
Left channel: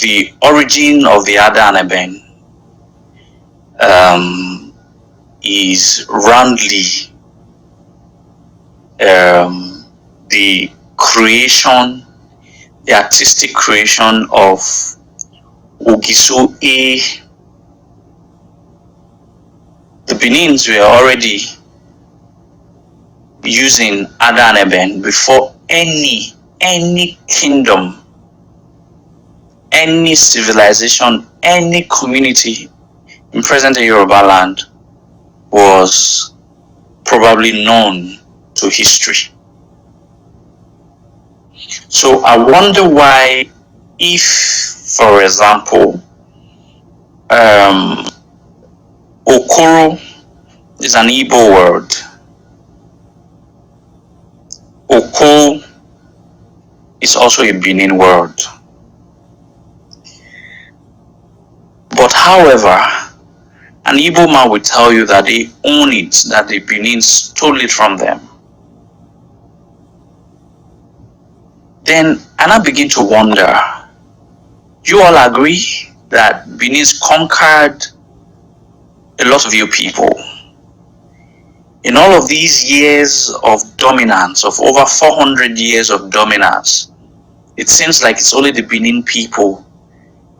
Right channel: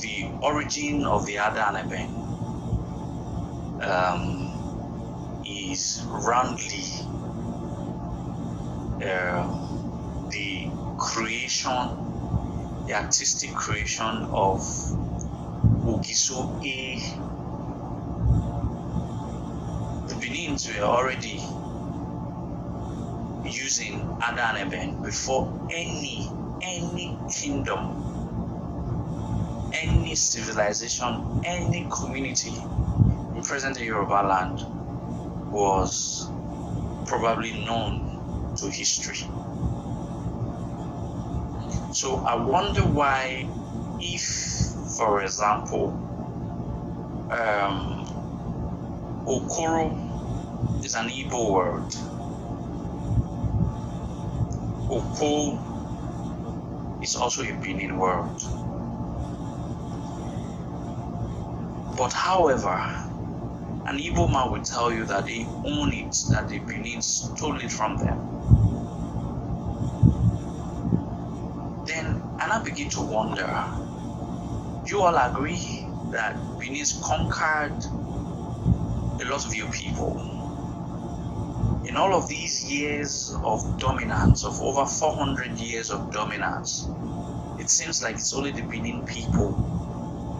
The origin of the Ada and Eben is roundly the creation the artistic creation of Ogiso A. The Benins were already using Ada and Eben before any kingdom, any civilization, any community in present-day Yoruba land was probably known to history. So I wonder why, if, for example, Okoro is an Igbo word, Oko is also a Benin word. But however, an Igbo man will tell you that they own it, that the Benin stole it from them. Then I begin to wonder, you all agree that Benin conquered a lot of your people? In all of these years of dominance, of over 400 years of dominance, it seems like it's only the Benin people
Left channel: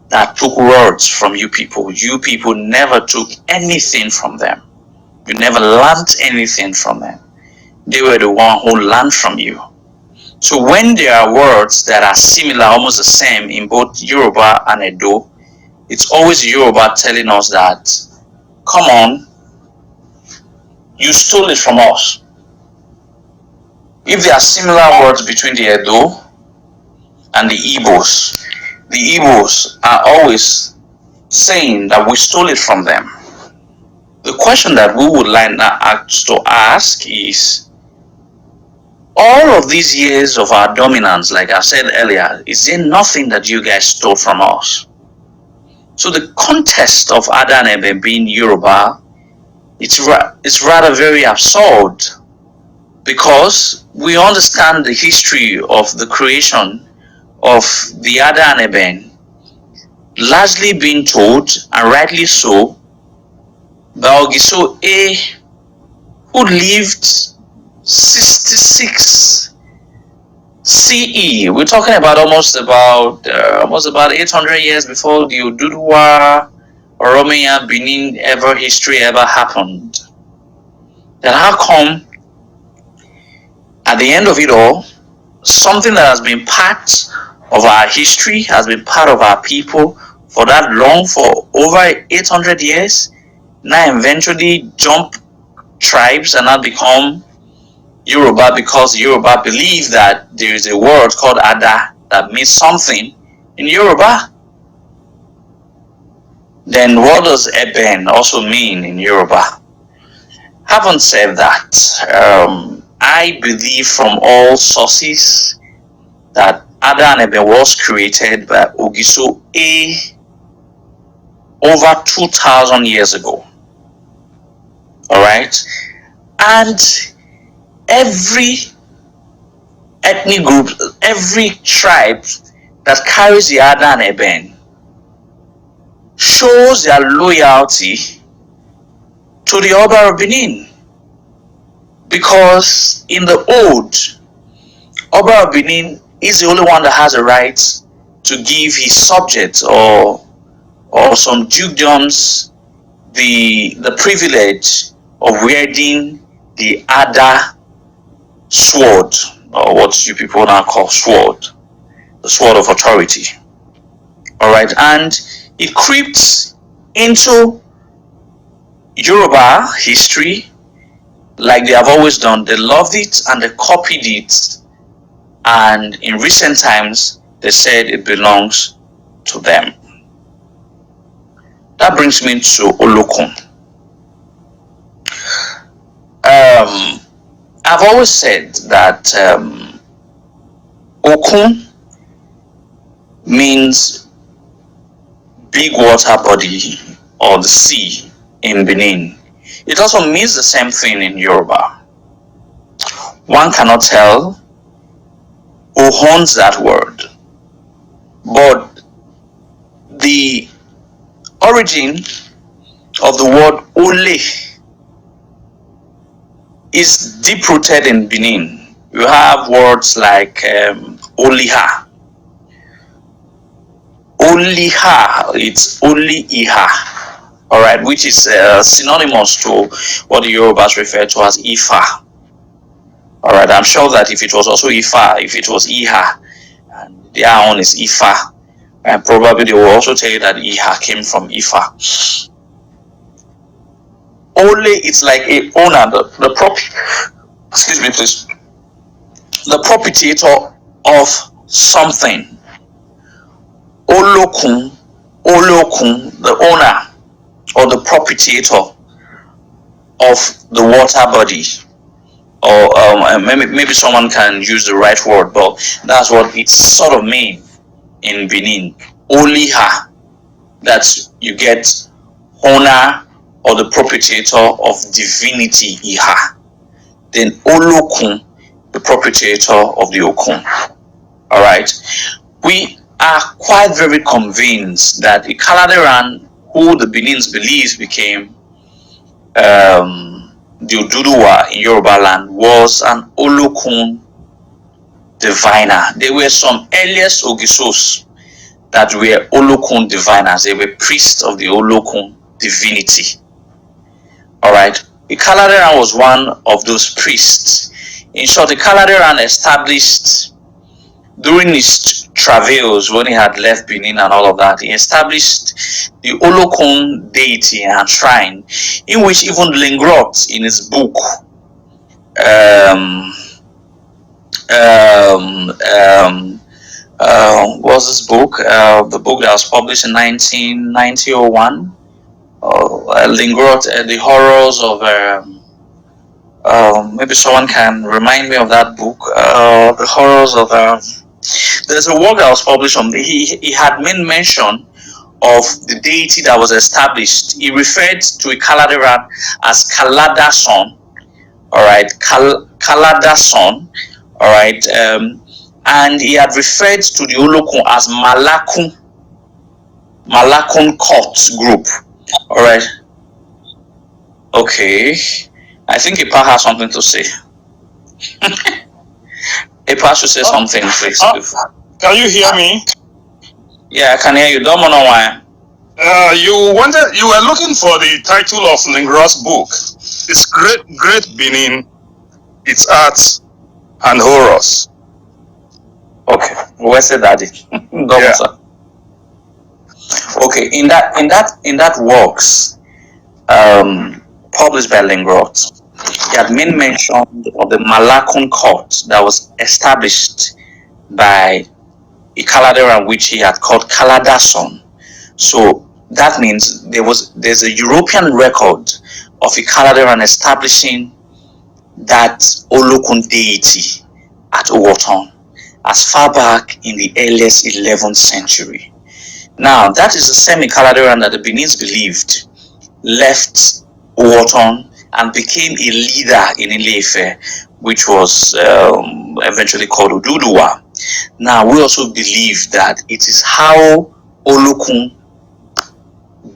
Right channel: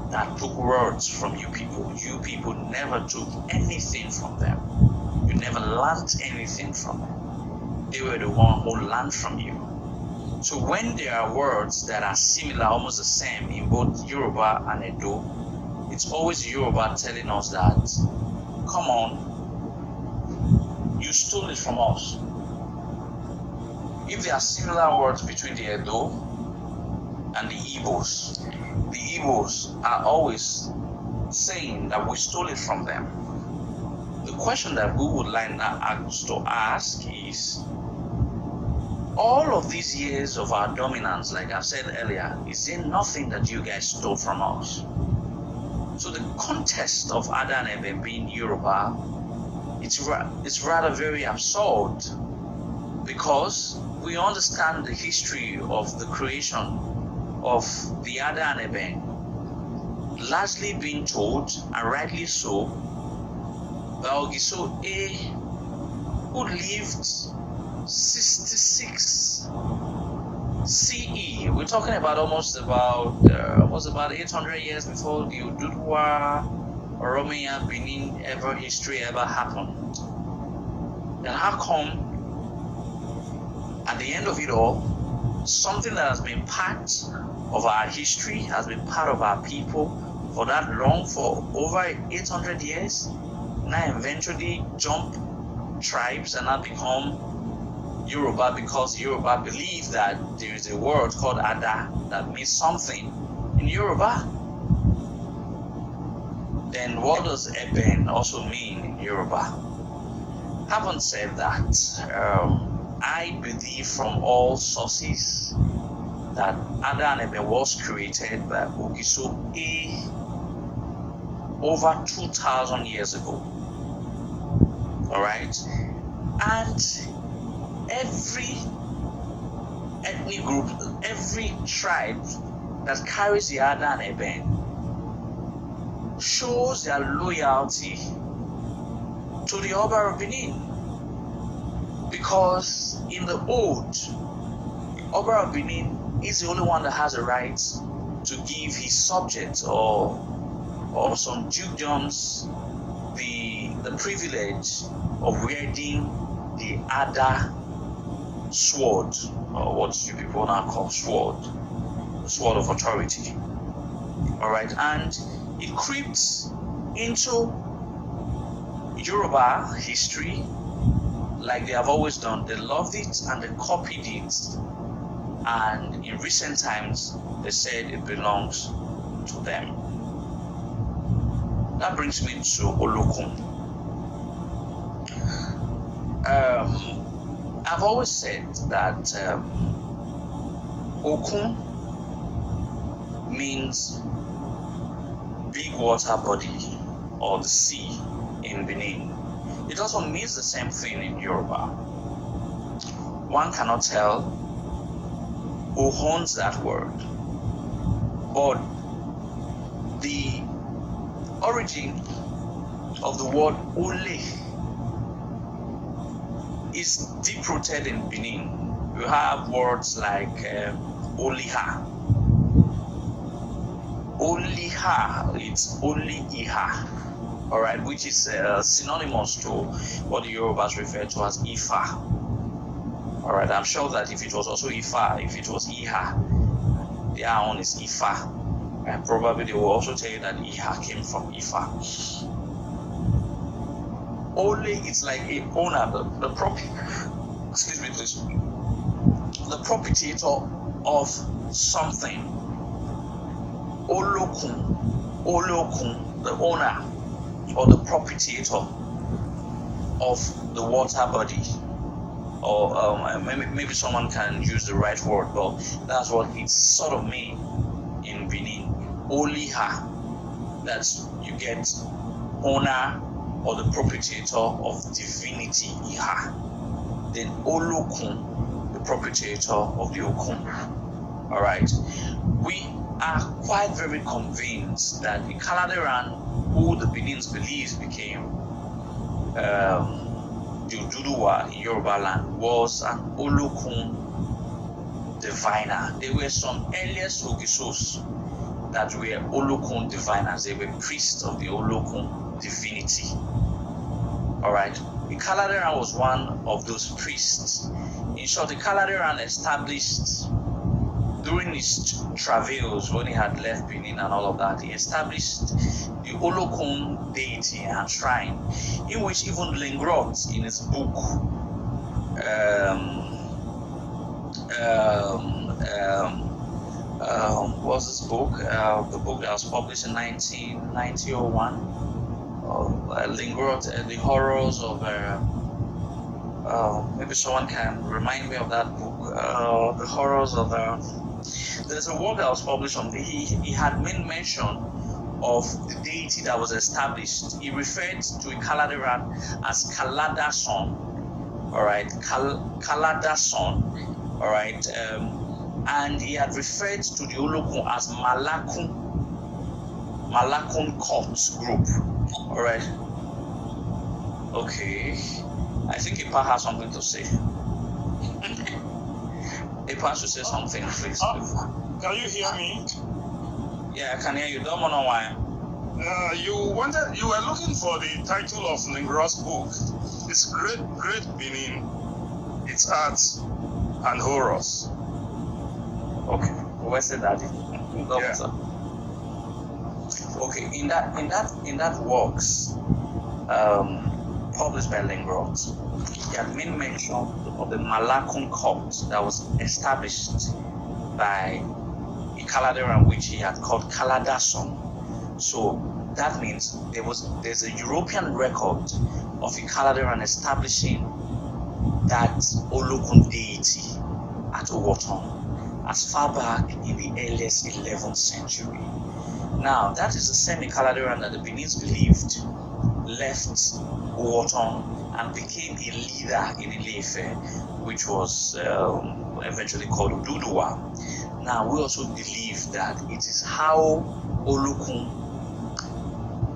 that took words from you people. You people never took anything from them. You never learned anything from them. They were the one who learned from you. So when there are words that are similar, almost the same in both Yoruba and Edo, it's always Yoruba telling us that, come on, you stole it from us. If there are similar words between the Edo and the Igbos are always saying that we stole it from them. The question that we would like now to ask is, all of these years of our dominance, like I said earlier, is there nothing that you guys stole from us? So the context of Ada and Eben being Yoruba, it's rather very absurd, because we understand the history of the creation of the Ada and Eben largely being told, and rightly so, by Ogiso A, who lived 66 CE. We're talking about almost about 800 years before the Izoduwa Oromia Benin history ever happened. Then how come at the end of it all, something that has been part of our history, has been part of our people for that long, for over 800 years, now eventually jump tribes and now become Yoruba, because Yoruba believe that there is a word called Ada that means something in Yoruba. Then what does Eben also mean in Yoruba? Having said that, I believe from all sources that Ada and Eben was created by Ogiso A over 2,000 years ago. Alright? And every ethnic group, every tribe that carries the Ada and Eben shows their loyalty to the Oba of Benin. Because in the Old, Oba of Benin is the only one that has a right to give his subjects or some dukedoms the privilege of wielding the Ada sword, or what you people now call sword, the sword of authority. Alright, and it creeps into Yoruba history like they have always done. They loved it and they copied it, and in recent times they said it belongs to them. That brings me to Olokun. I've always said that Okun means big water body or the sea in Benin. It also means the same thing in Yoruba. One cannot tell who owns that word, but the origin of the word Ole is deep rooted in Benin. You have words like Oliha, only her, it's only Iha, all right, which is synonymous to what the Yorubas refer to as Ifa. All right, I'm sure that if it was also Ifa, if it was Iha, their own is Ifa, and probably they will also tell you that Iha came from Ifa. Only it's like a owner, the excuse me please, the proprietor of something. Olokun, the owner or the proprietor of the water body, or maybe someone can use the right word, but that's what it sort of means in Benin. Only her, that you get owner or the proprietor of divinity Iha. Then Olokun, the proprietor of the Okun. All right, we are quite very convinced that the Kaladeran, who the Benins believes became the Oduduwa in Yoruba land, was an Olokun diviner. There were some earliest Ogisos that were Olokun diviners. They were priests of the Olokun divinity. All right, the Kaladeran was one of those priests. In short, the Kaladeran established during his travails when he had left Benin and all of that, he established the Olokun deity and shrine, in which even Lingrot in his book, what was this book? The book that was published in 1901. Lingrot, the horrors of. Maybe someone can remind me of that book. The horrors of. There's a work that was published on. He had made mention of the deity that was established. He referred to a Kaladeran as Kalada Son. All right, Kalada Son. All right, and he had referred to the Olokun as Malakun Court Group. All right. Okay. I think Ipa has something to say. Ipa should say something, please. Can you hear me? Yeah, I can hear you. Don't know why. You were looking for the title of Lingrot's book. It's Great Benin, its arts and horrors. Okay, where's the daddy? Yeah. Okay, in that works, published by Lingrot, he had made mention of the Malakun court that was established by a Kaladeran which he had called Kaladason. So that means there's a European record of a Kaladeran establishing that Olokun deity at Owoton as far back in the earliest 11th century. Now, that is the same Kaladeran that the Benins believed left Owoton and became a leader in Ile-Ife, which was eventually called Oduduwa. Now, we also believe that it is how Olokun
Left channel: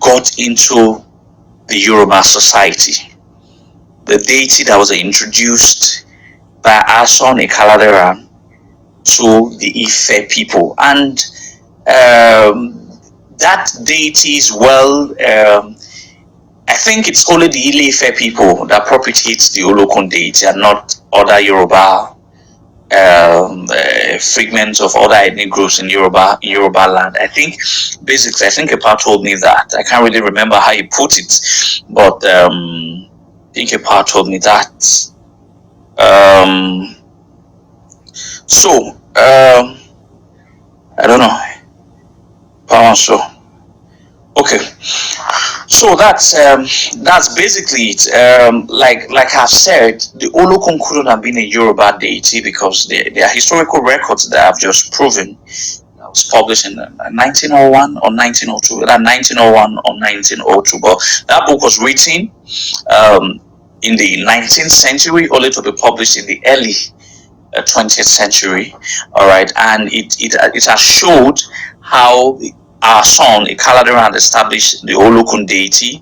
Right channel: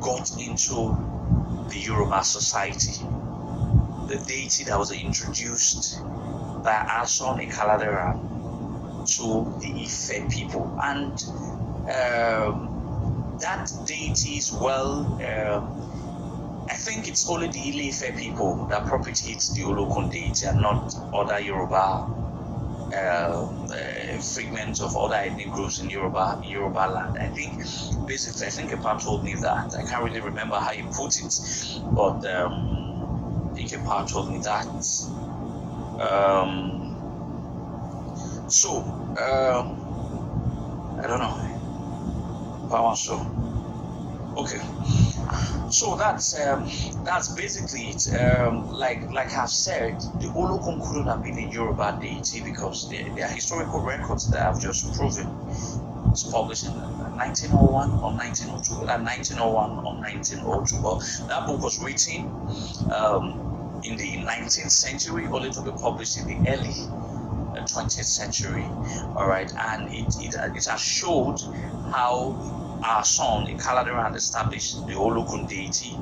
got into the Yoruba society. The deity that was introduced by our son Kaladeran to the Ife people. And that deity is I think it's only the Ile-Ife people that propitiate the Olokun deity and not other Yoruba fragments of other ethnic groups in Yoruba land. I think Epa told me that. I can't really remember how he put it, but I think Epa told me that. I don't know. Okay, so that's basically it. Like I've said, the Olokun couldn't have been a Yoruba deity because there are historical records that I've just proven. It was published in 1901 or 1902, 1901 or 1902. But that book was written in the 19th century, only to be published in the early 20th century. All right, and it has showed how our son Kaladeran established the Olokun deity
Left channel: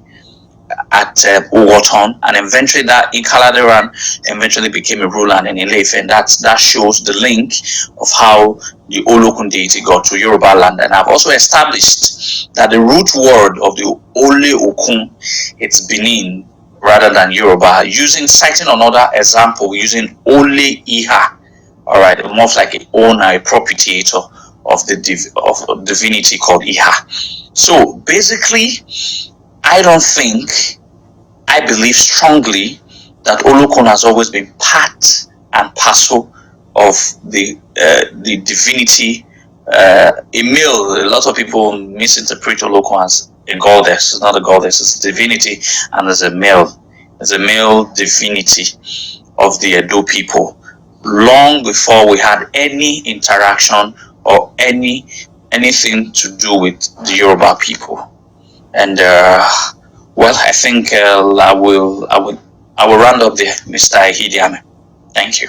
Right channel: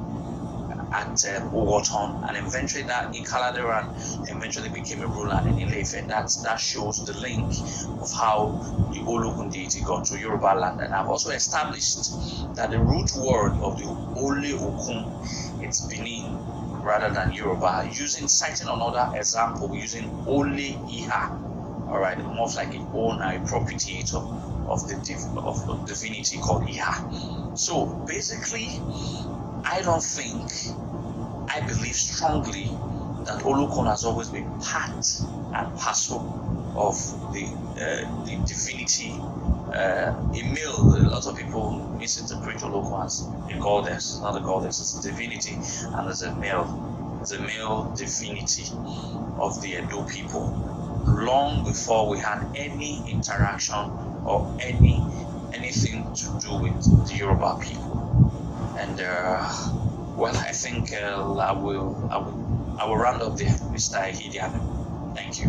at Uwoton, and eventually that Ikaladeran eventually became a ruler in Ilefe, and that shows the link of how the Olokun deity got to Yoruba land. And I've also established that the root word of the Ole Okun, it's Benin rather than Yoruba, citing another example using Ole Iha, all right, almost like an owner, a propitiator of the of divinity called Iha. So basically, I believe strongly that Olokun has always been part and parcel of the divinity. A male, a lot of people misinterpret Olokun as a goddess. It's not a goddess, it's a divinity, and there's a male divinity of the Edo people. Long before we had any interaction or anything to do with the Yoruba people. And well, I think I will round up there, Mr. Hidiame. Thank you.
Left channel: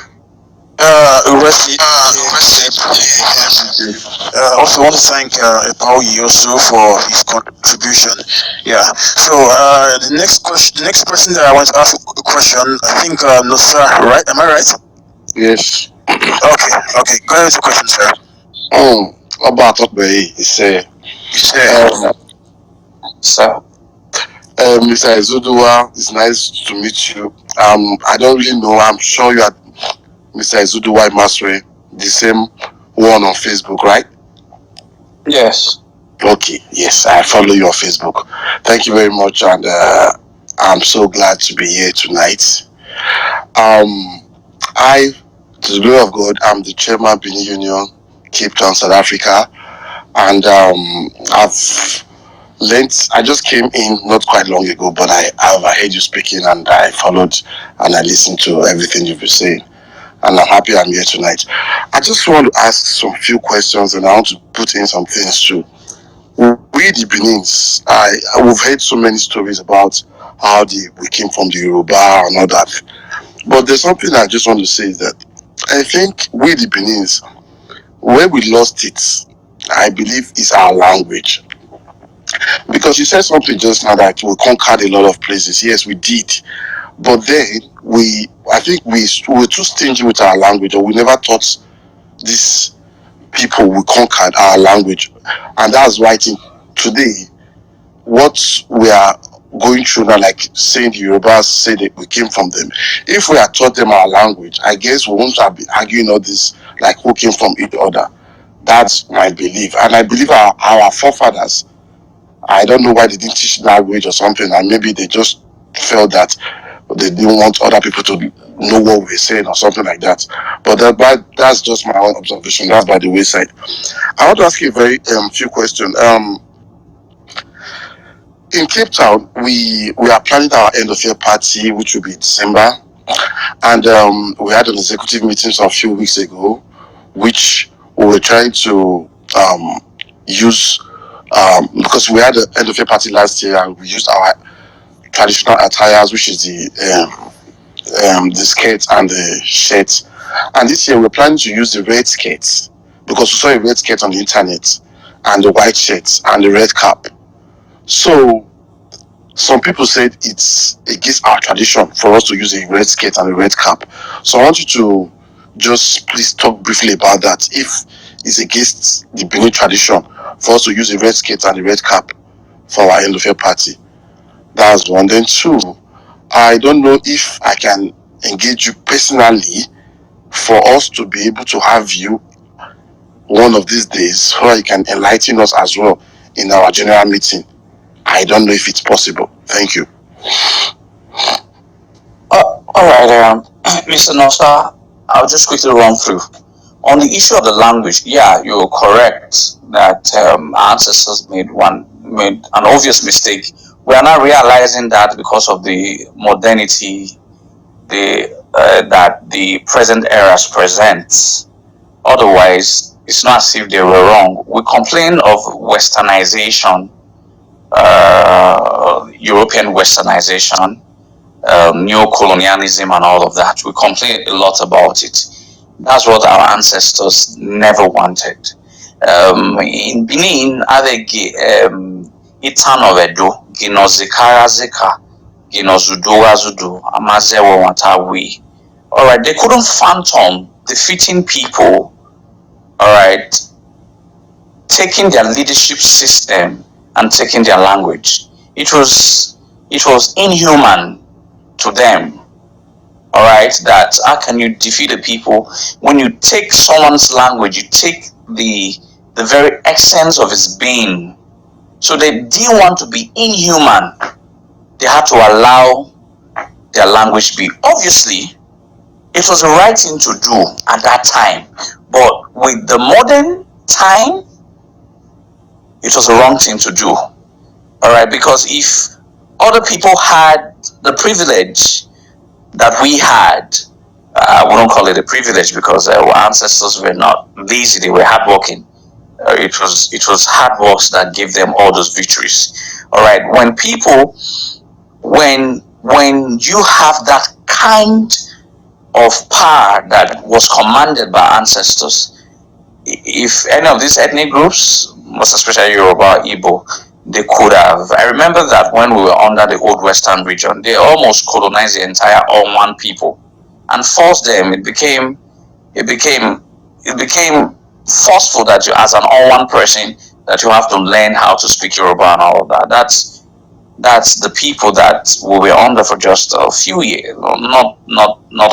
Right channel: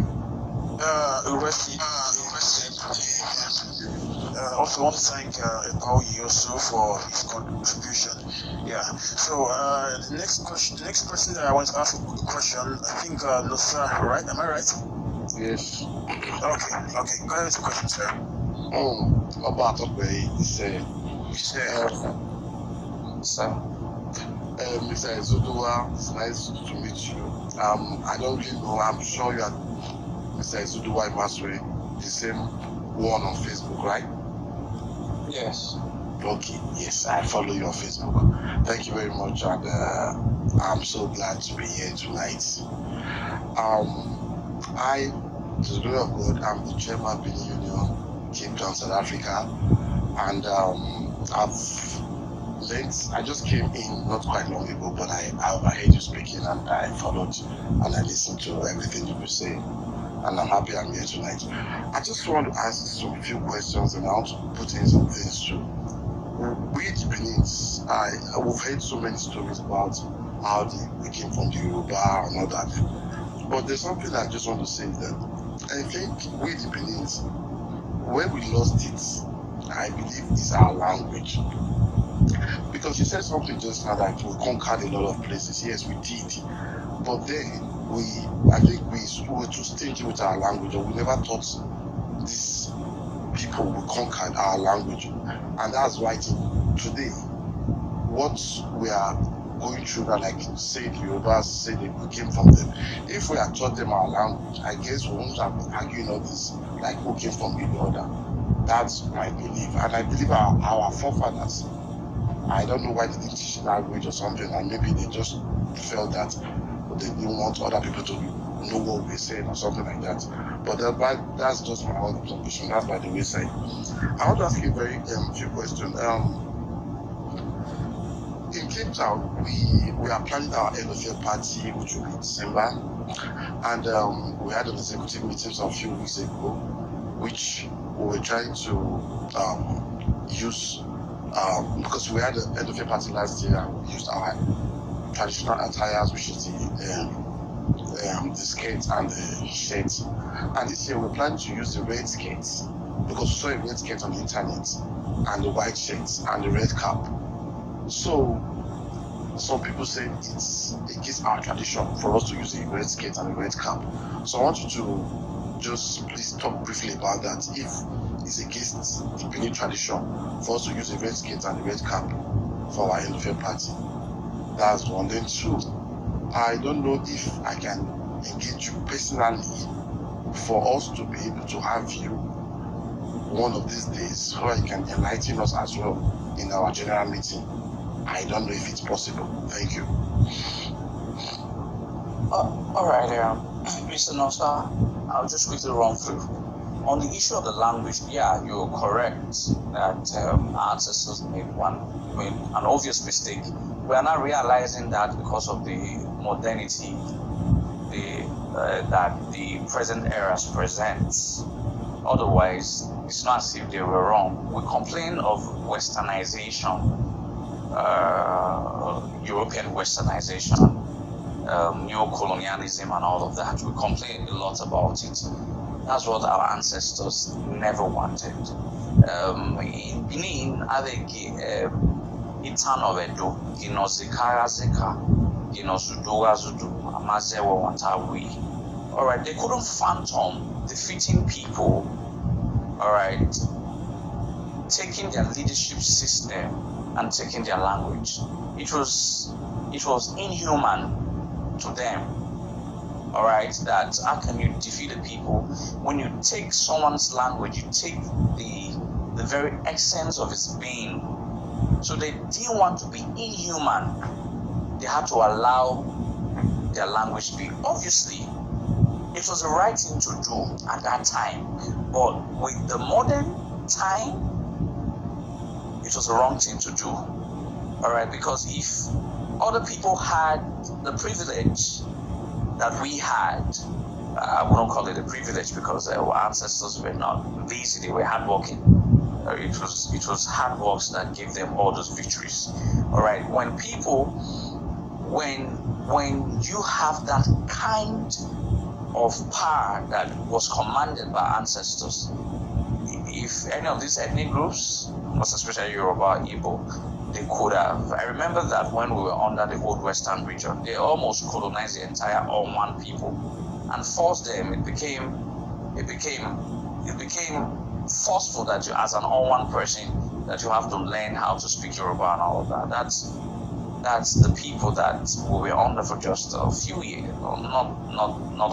Also want to thank Epaoyi also for his contribution. Yeah. So the next person that I want to ask a question, I think Nosa, right? Am I right? Yes. Okay. Go ahead with the question, sir. About what way is Sir. Mr. Izoduwa, it's nice to meet you. I don't really know. I'm sure you are Mr. Izoduwa Imasuen, the same one on Facebook, right? Yes. Okay. Yes, I follow you on Facebook. Thank you very much, and I'm so glad to be here tonight. I, to the glory of God, I'm the chairman of Benin Union, Cape Town, South Africa, and I just came in not quite long ago, but I heard you speaking, and I followed and I listened to everything you've been saying, and I'm happy I'm here tonight. I just want to ask some few questions, and I want to put in some things too. We the Benins, we've heard so many stories about how we came from the Yoruba and all that, but there's something I just want to say is that I think we the Benins, where we lost it, I believe, is our language. Because you said something just now that we conquered a lot of places. Yes, we did. But then I think we were too stingy with our language, or we never taught these people we conquered our language. And that's why I think today, what we are going through now, like saying the Yorubas say that we came from them, if we had taught them our language, I guess we wouldn't have been arguing all this, like who came from each other. That's my belief. And I believe our forefathers, I don't know why they didn't teach language or something, and maybe they just felt that they didn't want other people to know what we're saying or something like that. But that's just my own observation. That's by the wayside. I want to ask you a very few questions. In Cape Town, we are planning our end of year party, which will be December, and we had an executive meeting a few weeks ago, which we were trying to use. Because we had an end of year party last year, and we used our traditional attires, which is the skirts and the shirts. And this year we're planning to use the red skirts, because we saw a red skirt on the internet, and the white shirts and the red cap. So some people said it's against our tradition for us to use a red skirt and a red cap. So I want you to just please talk briefly about that. If it's against the Benin tradition for us to use a red skirt and a red cap for our end of year party. That's one. Then two, I don't know if I can engage you personally for us to be able to have you one of these days, so you can enlighten us as well in our general meeting. I don't know if it's possible. Thank you. All right, Mr. Nosa, I'll just quickly run through. On the issue of the language, yeah, you're correct that our ancestors made an obvious mistake. We are now realizing that because of the modernity that the present era presents. Otherwise, it's not as if they were wrong. We complain of westernization, European westernization, neo-colonialism and all of that. We complain a lot about it. That's what our ancestors never wanted. In Benin, Itan of Edo, Ginozikara Zika, Zudu, Amazewa Watawi. Alright, they couldn't fathom defeating people, alright, taking their leadership system and taking their language. It was inhuman to them. Alright, that how can you defeat the people when you take someone's language, you take the very essence of his being. So they didn't want to be inhuman. They had to allow their language be. Obviously, it was the right thing to do at that time, but with the modern time, it was the wrong thing to do. Alright, because if other people had the privilege that we had, we don't call it a privilege because our ancestors were not lazy, they were hardworking. It was hard work that gave them all those victories. Alright, when you have that kind of power that was commanded by ancestors, if any of these ethnic groups, most especially Yoruba, Igbo, they could have. I remember that when we were under the old Western region, they almost colonized the entire Oman people and forced them. It became forceful that you, as an Oman person, that you have to learn how to speak Yoruba and all of that. That's the people that we were under for just a few years, not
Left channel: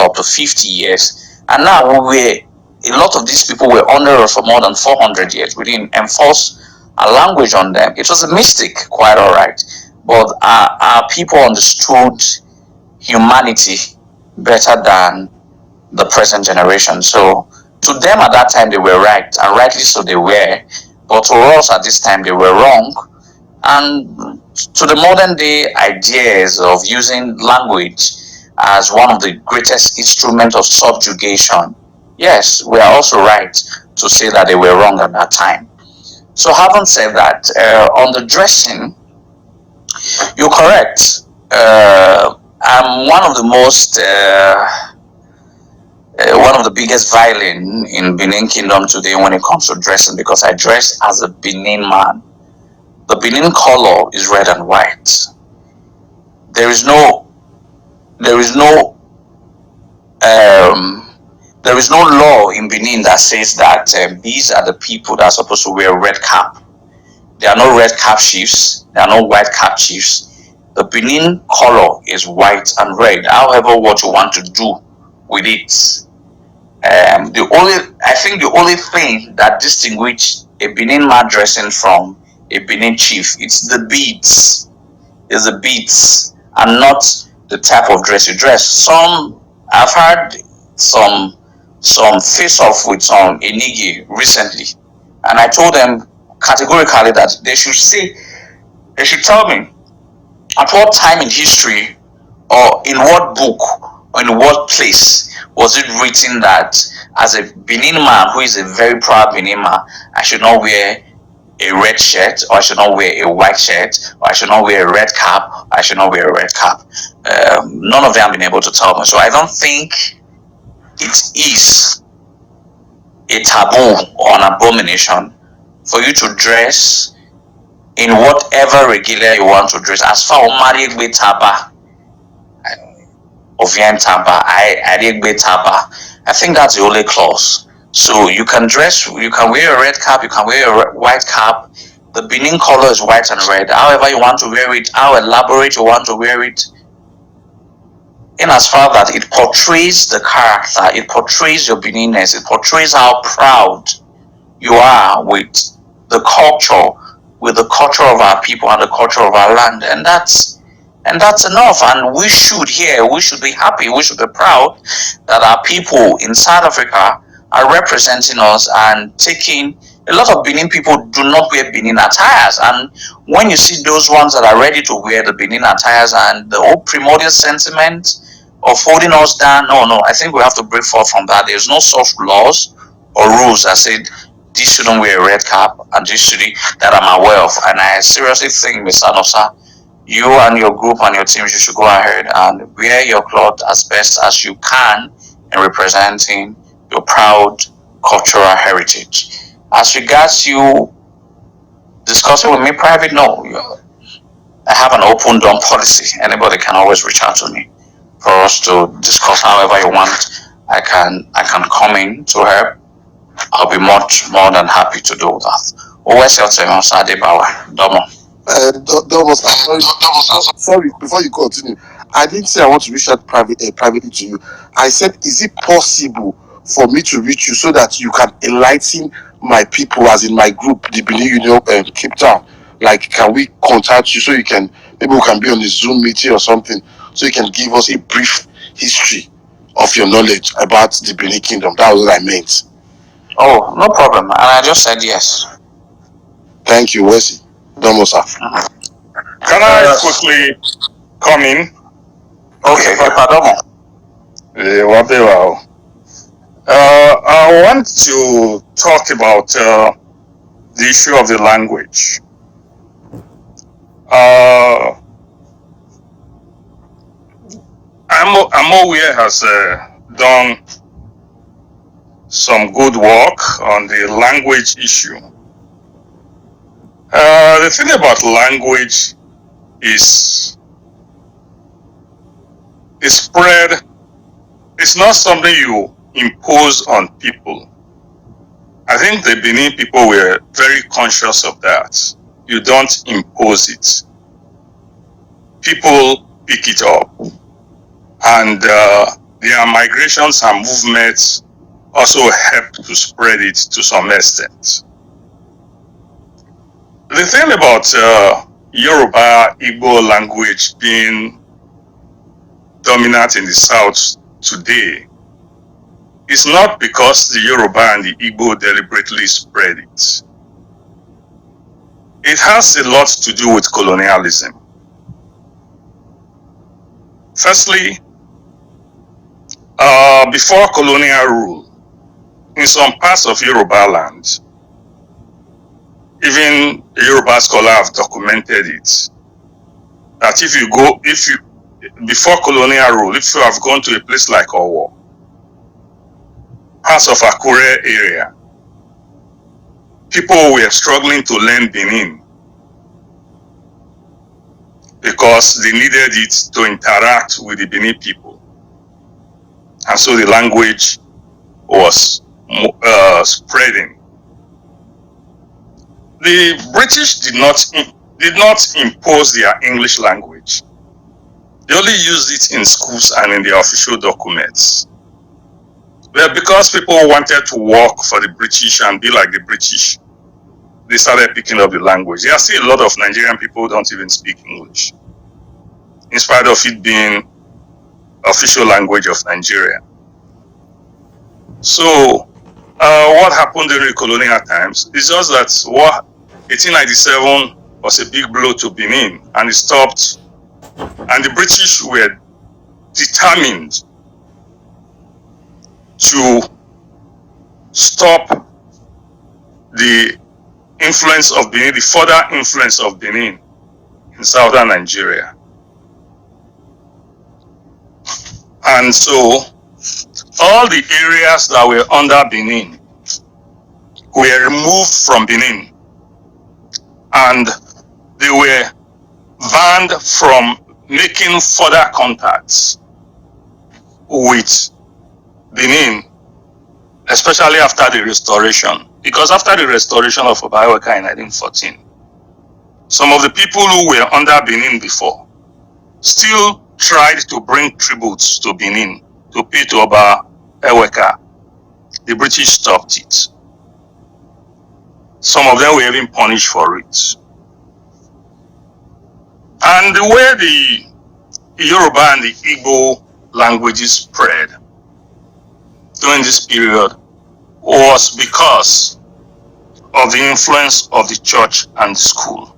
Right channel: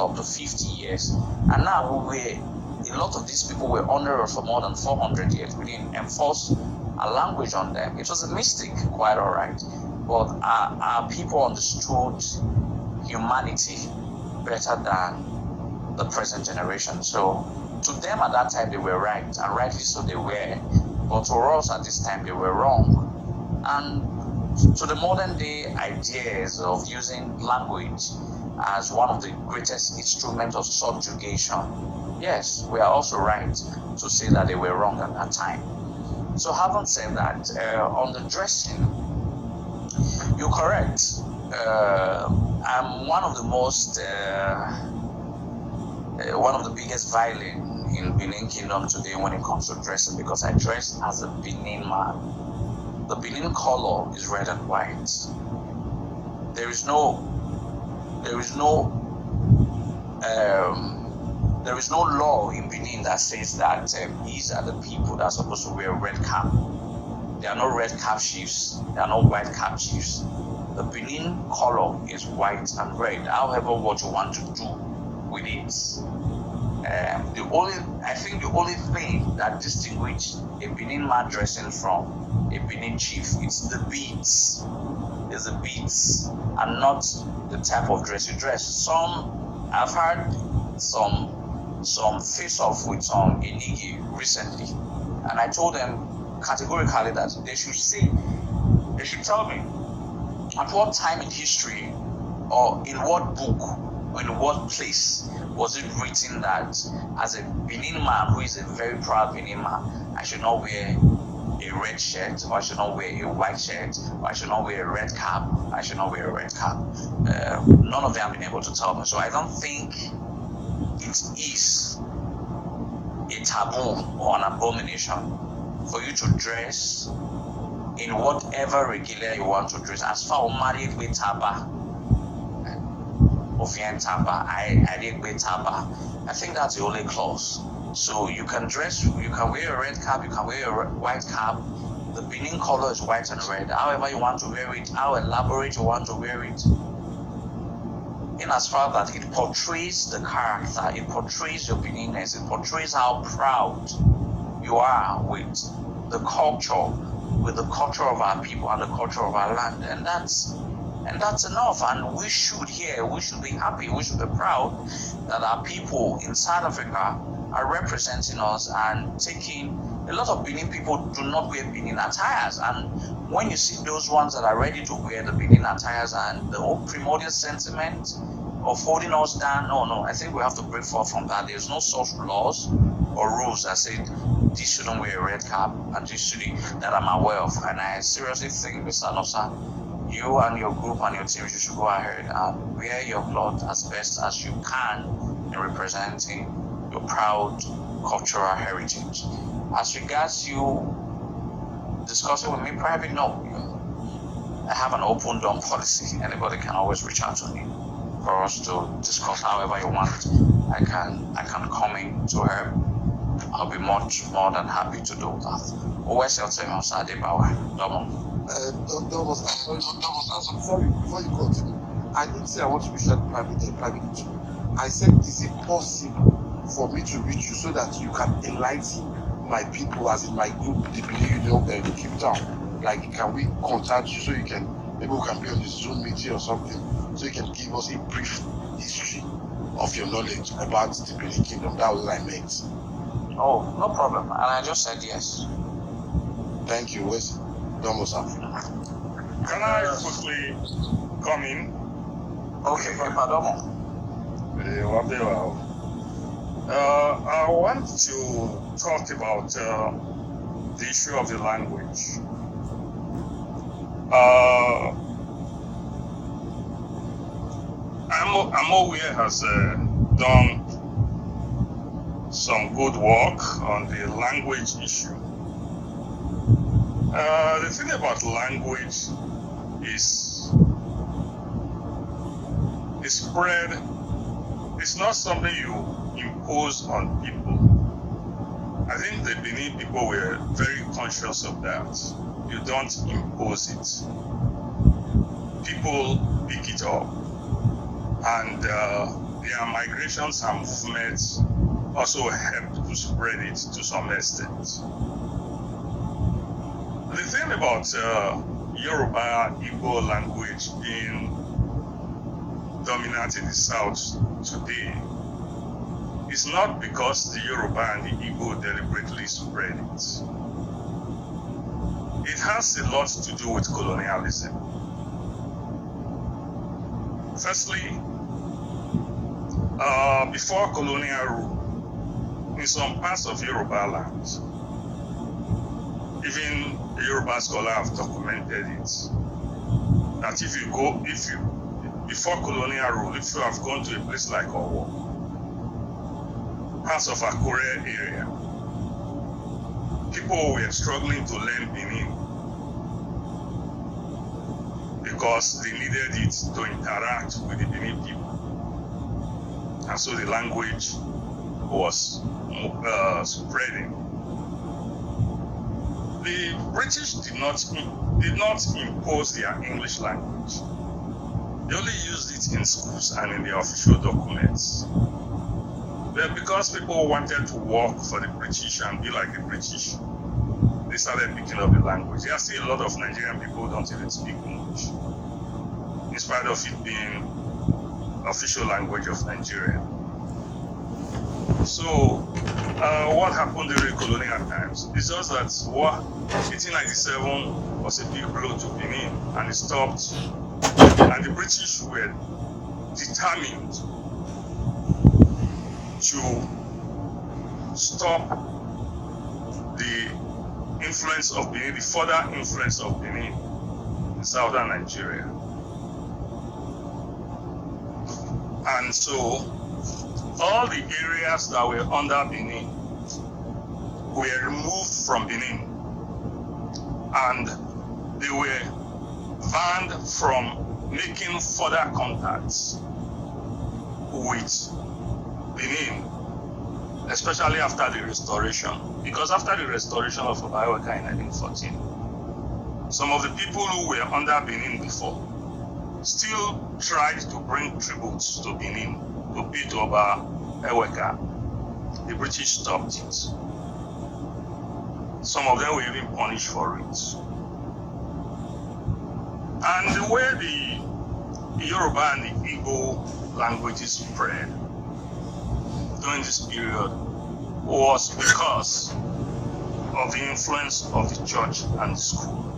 up to 50 years, and now a lot of these people were under us for more than 400 years. We didn't enforce a language on them. It was a mistake, quite alright, but our people understood humanity better than the present generation. So to them at that time they were right, and rightly so they were, but to us at this time they were wrong. And to the modern day ideas of using language as one of the greatest instruments of subjugation, yes, we are also right to say that they were wrong at that time. So having said that, on the dressing, you're correct. I'm one of the biggest violin in Benin Kingdom today when it comes to dressing, because I dress as a Benin man. The Benin color is red and white. There is no law in Benin that says that these are the people that are supposed to wear red cap. There are no red cap chiefs. There are no white cap chiefs. The Benin color is white and red. However, what you want to do with it. The only thing that distinguishes a Benin man dressing from a Benin chief, it's the beads. It's the beads and not the type of dress you dress. I've had some face off with some Enigi recently, and I told them categorically that they should tell me at what time in history or in what book or in what place was it written that as a Benin man who is a very proud Benin man, I should not wear a red shirt, or I should not wear a white shirt, or I should not wear a red cap, or I should not wear a red cap. None of them have been able to tell me. So I don't think it is a taboo or an abomination for you to dress in whatever regular you want to dress. As far as Mariegbe Taba, Ovien Taba, Ariegbe Taba, I think that's the only clause. So you can dress, you can wear a red cap, you can wear a white cap. The Benin color is white and red. However you want to wear it, how elaborate you want to wear it, in as far that it portrays the character, it portrays your Beninness, it portrays how proud you are with the culture of our people and the culture of our land, and that's enough. And we should be happy, we should be proud that our people in South Africa are representing us and taking. A lot of Benin people do not wear Benin attires, and when you see those ones that are ready to wear the Benin attires and the whole primordial sentiment of holding us down, no, I think we have to break forth from that. There's no such laws or rules that say this shouldn't wear a red cap and this should, that I'm aware of. And I seriously think, Mr. Nosa, you and your group and your teams, you should go ahead and wear your cloth as best as you can in representing your proud cultural heritage. As regards you discussing with me private, no, I have an open door policy. Anybody can always reach out to me for us to discuss however you want. I can come in to help. I'll be much more than happy to do that. Always your time, Adebawa. Domo. Sorry, before you continue, I didn't say I want to reach out privately to you. I said, is it possible for me to reach you so that you can enlighten my people, as in my group, the Benin Union Cape Town? Like, can we contact you so you can, maybe we can be on a Zoom meeting or something, so you can give us a brief history of your knowledge about the Benin Kingdom? That was what I meant. Oh, no problem. And I just said yes. Thank you, Wesley. Domo, sir. Can I quickly come in? Okay, pardon. I want to talk about the issue of the language. Amowie has done some good work on the language issue. The thing about language is spread. It's not something you impose on people. I think the Benin people were very conscious of that. You don't impose it. People pick it up. And their migrations and movements also help to spread it to some extent. The thing about Yoruba Igbo language being dominant in the South today is not because the Yoruba and the Igbo deliberately spread it. It has a lot to do with colonialism. Firstly, before colonial rule, in some parts of Yoruba land, even a Yoruba scholar have documented it, that before colonial rule, if you have gone to a place like Owo, parts of Akure area, people were struggling to learn Benin because they needed it to interact with the Benin people. And so the language was spreading. The British did not impose their English language. They only used it in schools and in their official documents. But because people wanted to work for the British and be like the British, they started picking up the language. There are still a lot of Nigerian people who don't even speak English, in spite of it being official language of Nigeria. So, what happened during colonial times is just that 1897 was a big blow to Benin, and it stopped. And the British were determined to stop the influence of Benin, the further influence of Benin in southern Nigeria. And so all the areas that were under Benin were removed from Benin, and they were banned from making further contacts with Benin, especially after the restoration. Because after the restoration of Oba Eweka in 1914, some of the people who were under Benin before still tried to bring tributes to Benin to pay to Oba Eweka. The British stopped it. Some of them were even punished for it. And the way the Yoruba and the Igbo languages spread during this period was because of the influence of the church and the school.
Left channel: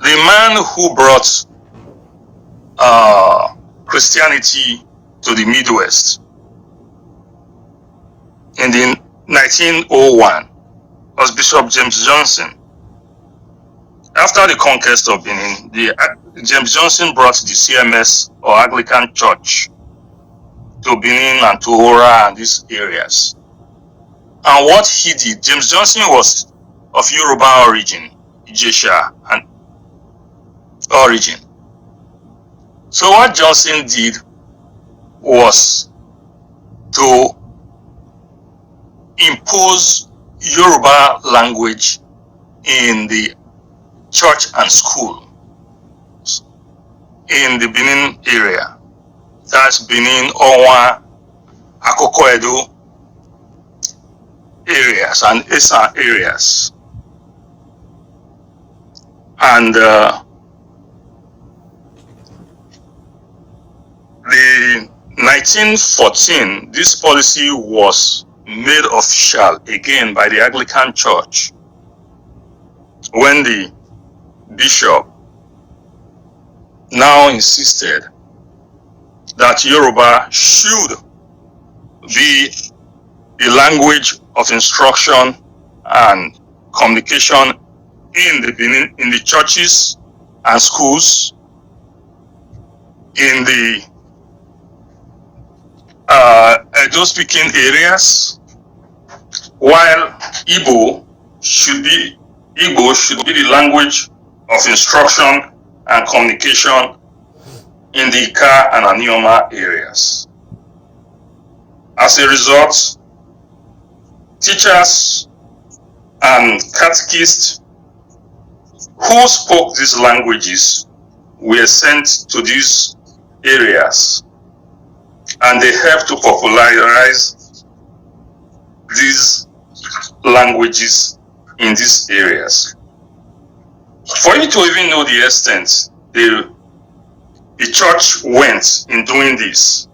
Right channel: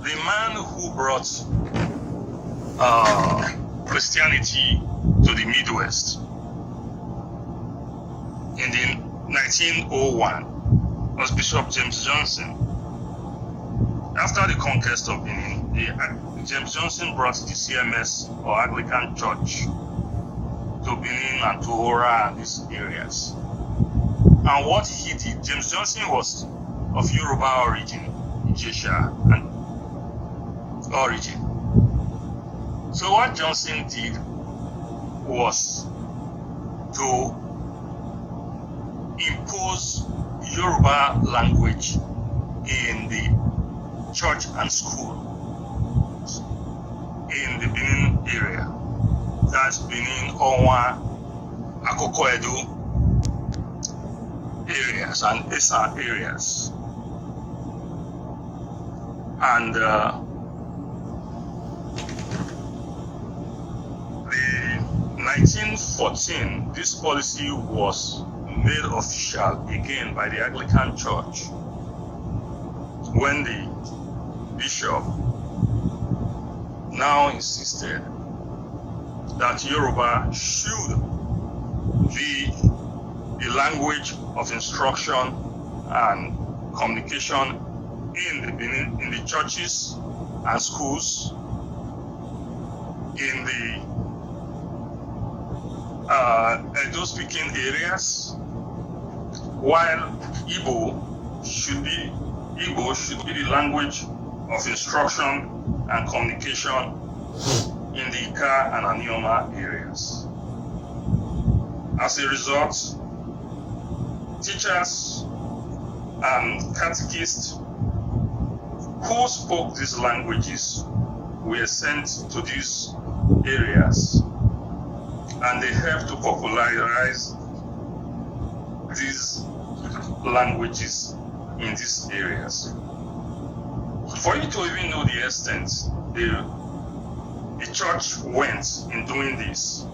The man who brought Christianity to the Midwest in the 1901 was Bishop James Johnson. After the conquest of Benin, James Johnson brought the CMS or Anglican Church to Benin and to Ora and these areas. And what he did, James Johnson was of Yoruba origin. Ijesha and origin. So what Johnson did was to impose Yoruba language in the church and school in the Benin area. That's Benin, Onwa, Akoko Edo areas and Esa areas. And the 1914, this policy was made official again by the Anglican Church when the bishop now insisted that Yoruba should be the language of instruction and communication in the churches and schools, in the Edo-speaking areas, while Igbo should be the language of instruction and communication in the Ika and Anioma areas. As a result, teachers and catechists who spoke these languages were sent to these areas, and they helped to popularize these languages in these areas. For you to even know the extent the church went in doing this,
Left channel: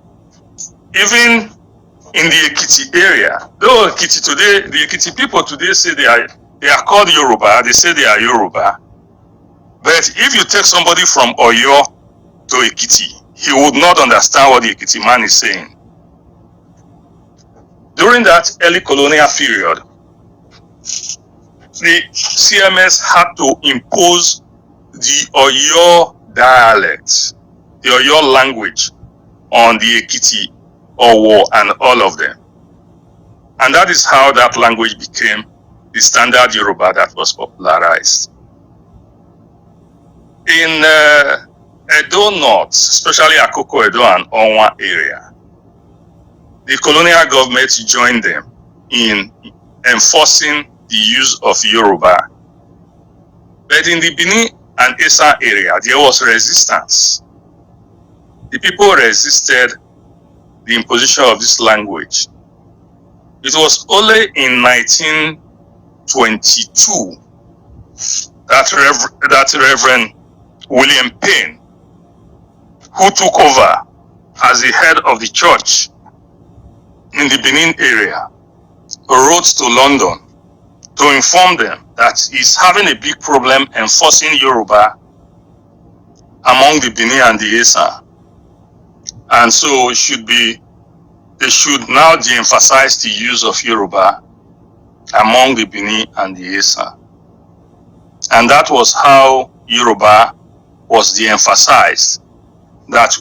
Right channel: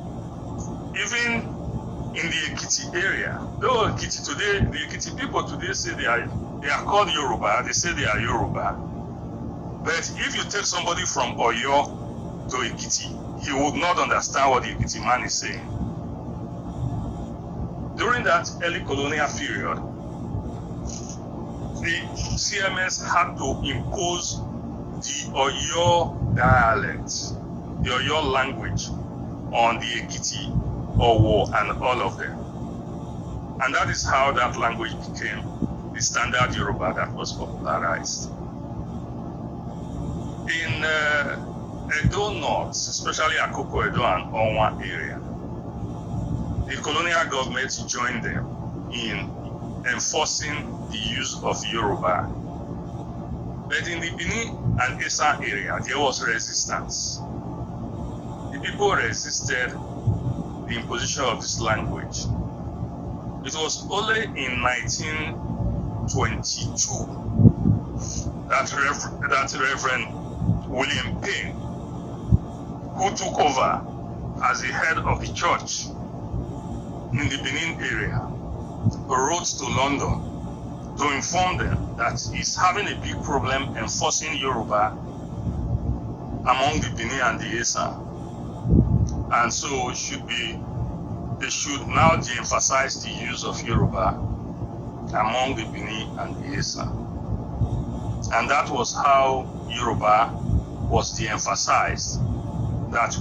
even in the Ekiti area, though Ekiti today, the Ekiti people today say they are called Yoruba, they say they are Yoruba. But if you take somebody from Oyo to Ekiti, he would not understand what the Ekiti man is saying. During that early colonial period, the CMS had to impose the Oyo dialect, the Oyo language on the Ekiti, Owo, and all of them. And that is how that language became the standard Yoruba that was popularized. In Edo North, especially Akoko Edo and Onwa area, the colonial government joined them in enforcing the use of Yoruba. But in the Benin and Esa area, there was resistance. The people resisted the imposition of this language. It was only in 1922 that Reverend William Payne, who took over as the head of the church in the Benin area, wrote to London to inform them that he's having a big problem enforcing Yoruba among the Benin and the Esa. And so they should now de-emphasize the use of Yoruba among the Benin and the Esa. And that was how Yoruba was de-emphasized, that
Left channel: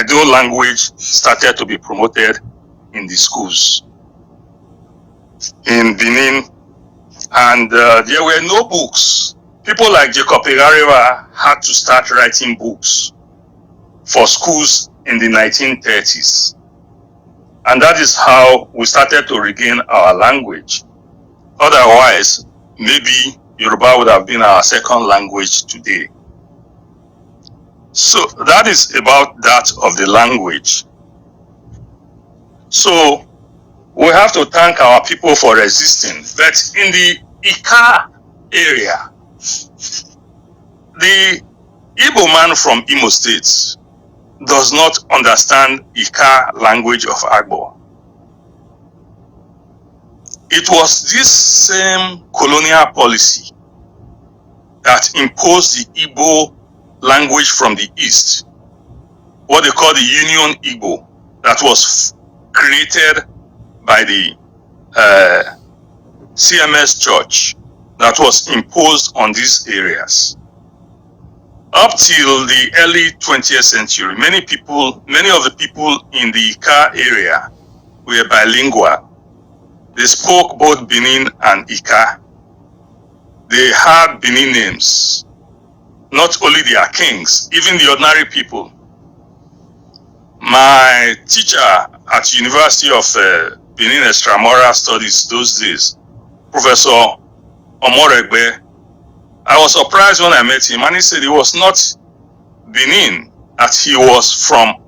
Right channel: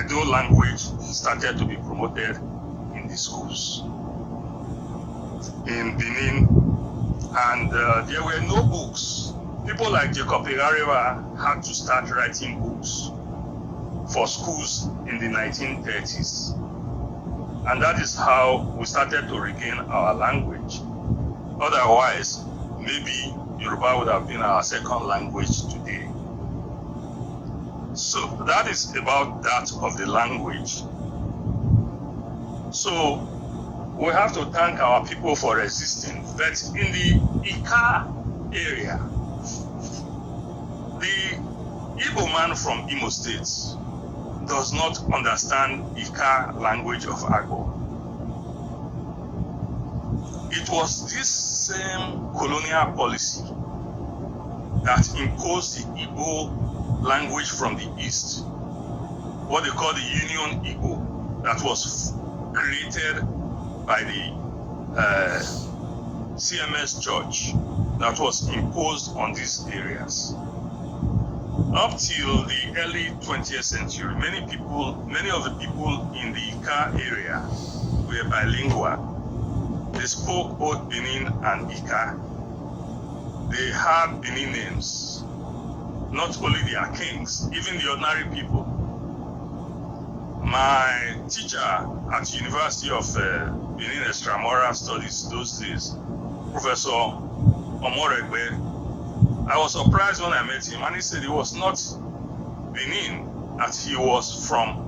Edo language started to be promoted in the schools in Benin. And there were no books. People like Jacob Egareva had to start writing books for schools in the 1930s. And that is how we started to regain our language. Otherwise, maybe Yoruba would have been our second language today. So that is about that of the language. So we have to thank our people for resisting. But in the Ika area, the Igbo man from Imo State does not understand Ika language of Agbo. It was this same colonial policy that imposed the Igbo language from the East, what they call the Union Igbo, that was created by the CMS Church, that was imposed on these areas. Up till the early 20th century, many of the people in the Ika area were bilingual. They spoke both Benin and Ika. they had Benin names. Not only their kings, even the ordinary people. My teacher at University of Benin Extramural Studies those days, Professor Omoregbe, I was surprised when I met him, and he said he was not Benin, that he was from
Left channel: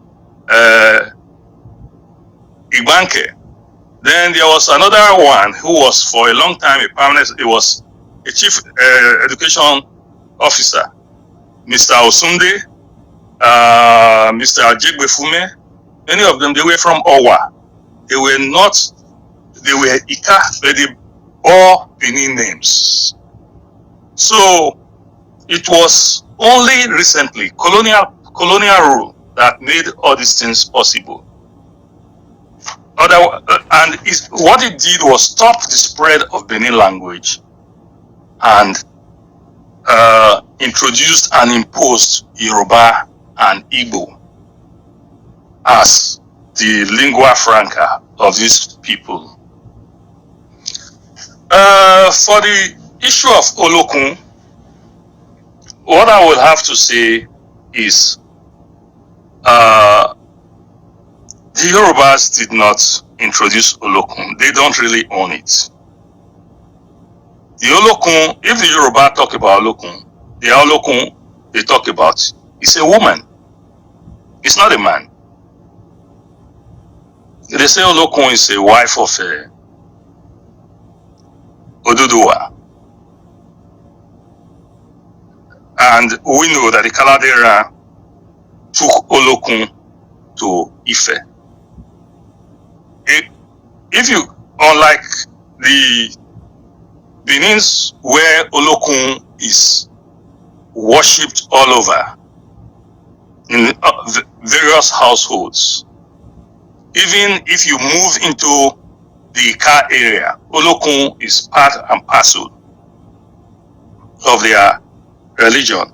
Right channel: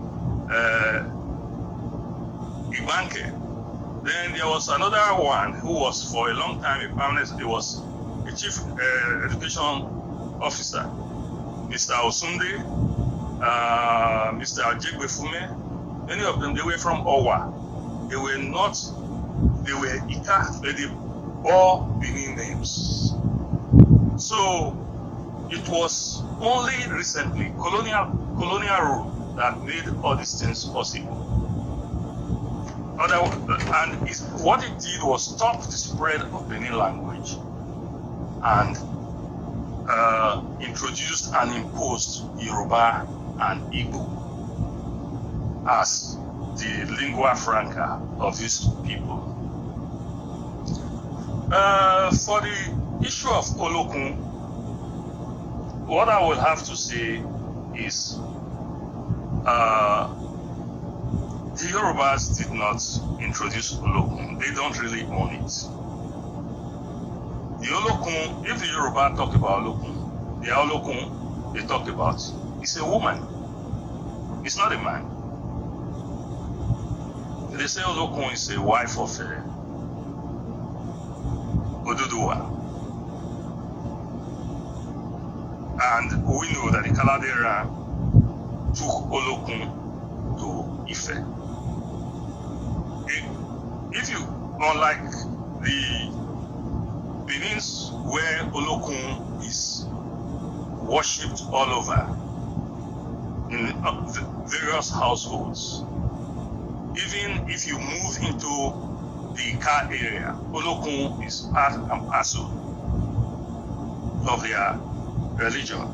Ibanke. Then there was another one who was for a long time a permanent, he was a chief education officer, Mr. Osunde, Mr. Ajegbefume. Many of them, they were from Owa. They were not, they were Ika, but they bore Benin names. So it was only recently colonial rule that made all these things possible. And what it did was stop the spread of Benin language and introduced and imposed Yoruba and Igbo as the lingua franca of these people. For the issue of Olokun, what I will have to say is the Yorubas did not introduce Olokun. They don't really own it. The Olokun, if the Yoruba talk about Olokun, the Olokun they talk about is a woman. It's not a man. They say Olokun is a wife of Oduduwa. And we know that the Kaladera took Olokun to Ife. If you, unlike the Benins where Olokun is worshipped all over in various households, even if you move into the Ika area, Olokun is part and parcel of their religion.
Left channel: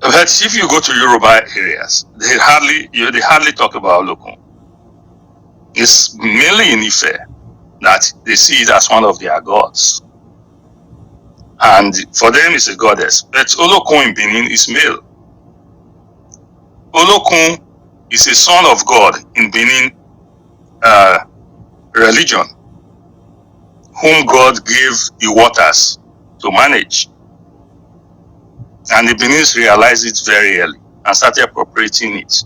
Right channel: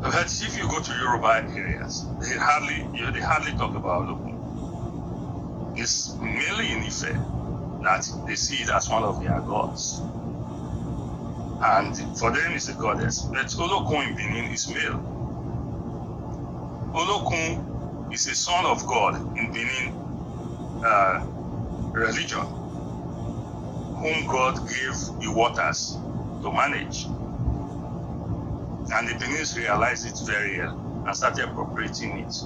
But if you go to Yoruba areas, they hardly talk about Olokun. It's mainly in Ife that they see it as one of their gods. And for them it's a goddess. But Olokun in Benin is male. Olokun is a son of God in Benin religion, whom God gave the waters to manage. And the Benin's realized it very early and started appropriating it.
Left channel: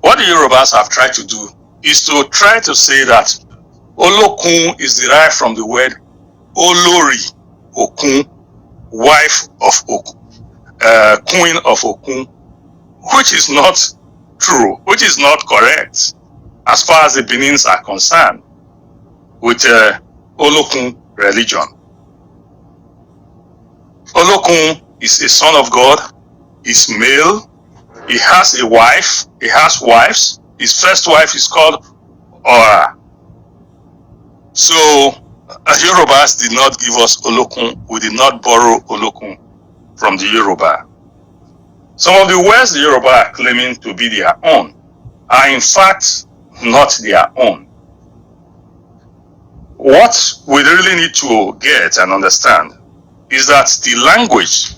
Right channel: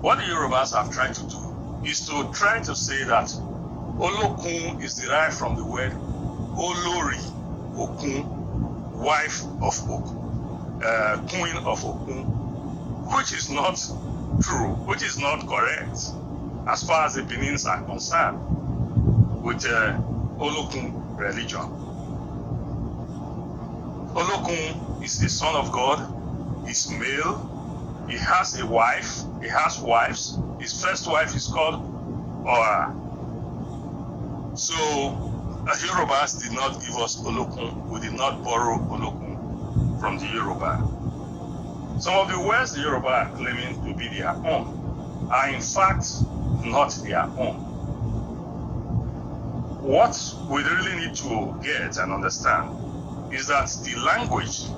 What the Yorubas have tried to do is to try to say that Olokun is derived from the word Olori Okun, wife of Okun, queen of Okun, which is not true, which is not correct as far as the Benins are concerned with Olokun religion. Olokun is a son of God, he's male, he has a wife, he has wives. His first wife is called Ora. So Yorubas did not give us Olokun, we did not borrow Olokun from the Yoruba. Some of the words the Yoruba are claiming to be their own are in fact not their own. What we really need to get and understand is that the language,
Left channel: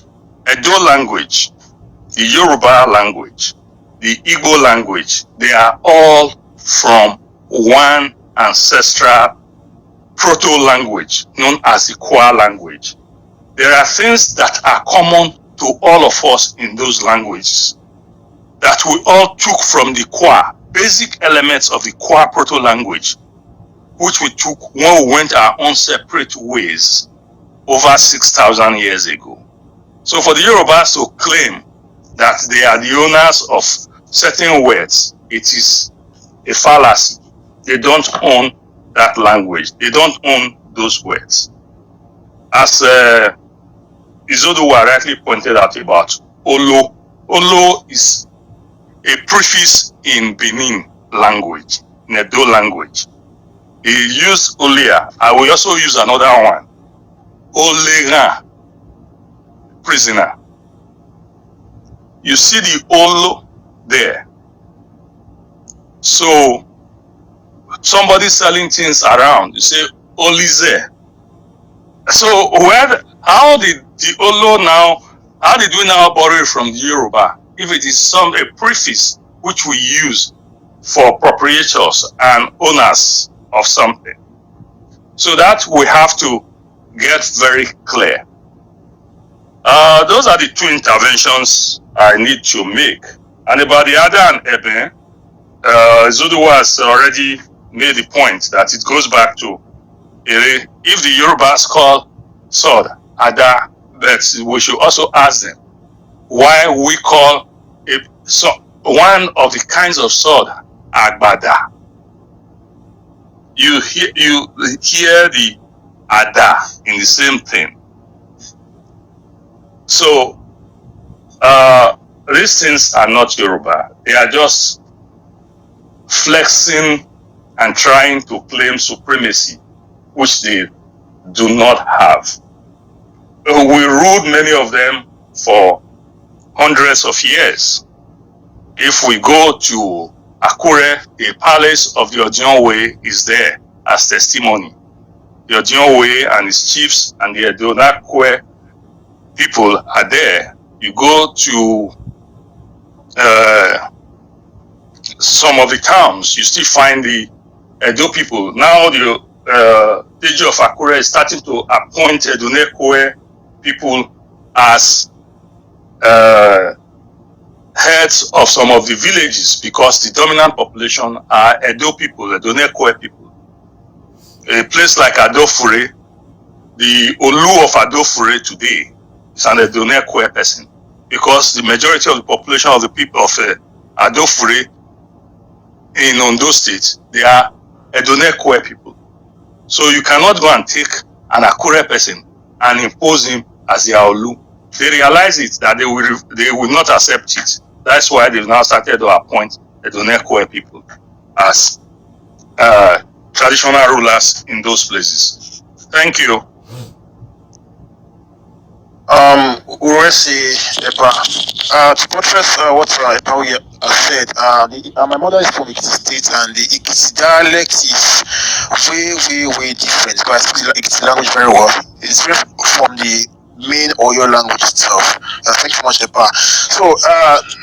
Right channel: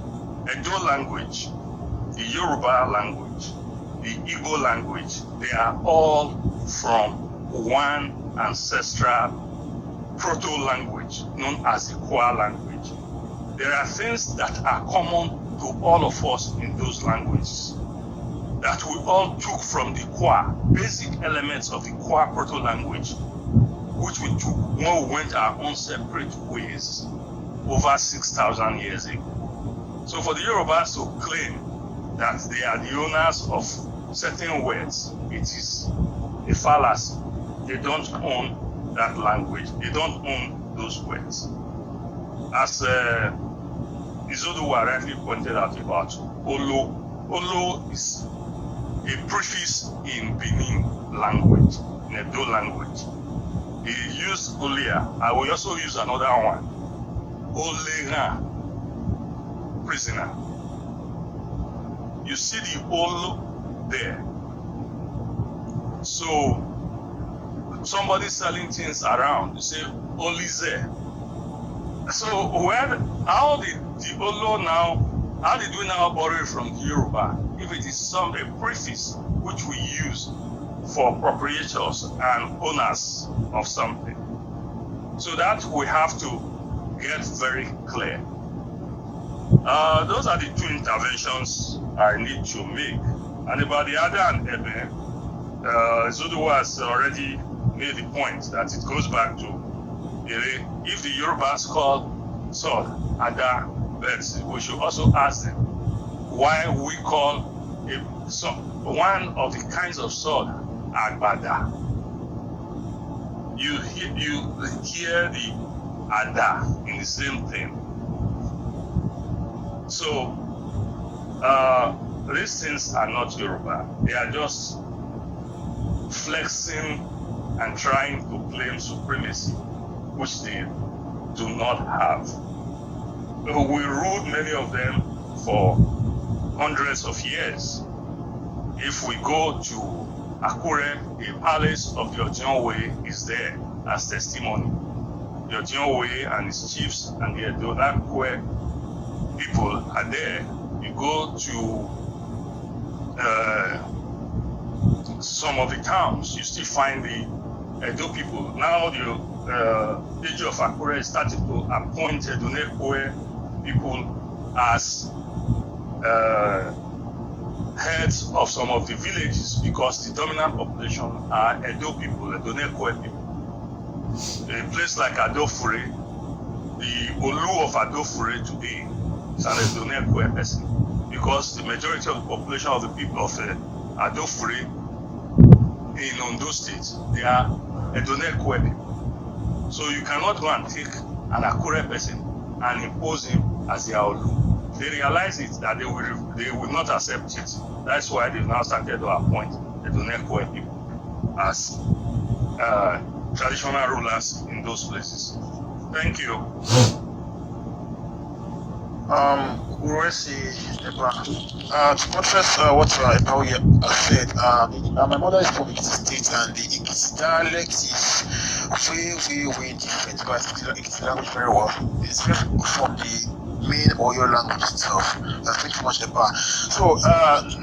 Edo language, the Yoruba language, the Igbo language, they are all from one ancestral proto-language known as the Kwa language. There are things that are common to all of us in those languages that we all took from the Kwa, basic elements of the Kwa proto-language, which we took when we went our own separate ways over 6,000 years ago. So for the Yorubas to claim that they are the owners of certain words, it is a fallacy. They don't own that language. They don't own those words. As Izoduwa rightly pointed out about Olo. Olo is a prefix in Benin language, in Edo language. He used Olia. I will also use another one. Olera, prisoner. You see the Olo there. So somebody selling things around, you say Olize. So how did the Olo now, how did we now borrow it from the Yoruba if it is a preface which we use for proprietors and owners of something? So that we have to get very clear. Those are the two interventions I need to make. And about the Ada and Ebe, Izoduwa has already made the point that it goes back to Ere. If the Yorubas call sword Ada, but we should also ask them why we call one of the kinds of sword Agbada. You hear the Ada in the same thing. So these things are not Yoruba. They are just flexing and trying to claim supremacy, which they do not have. We ruled many of them for hundreds of years. If we go to Akure, the palace of the Ojonwe is there as testimony. The Ojonwe and his chiefs and the Edonakwe people are there. You go to some of the towns, you still find the Edo people. Now the Deji of Akure is starting to appoint Edonekwe people as heads of some of the villages because the dominant population are Edo people, Edonekwe people. A place like Adofure, the Olu of Adofure today is an Edonekwe person because the majority of the population of the people of Adofure in Ondo State, they are Edonekwe people. So you cannot go and take an Akure person and impose him as their Olu. They realize it that they will not accept it. That's why they've now started to appoint Edonekwe people as traditional rulers in those places. Thank you. Uresi Epa. To buttress what Epa has said, my mother is from Ekiti State, and the Ekiti dialect is way different. But I speak the Ekiti language very well. It's different from the main Oyo language itself. Thank you so much, Epa. So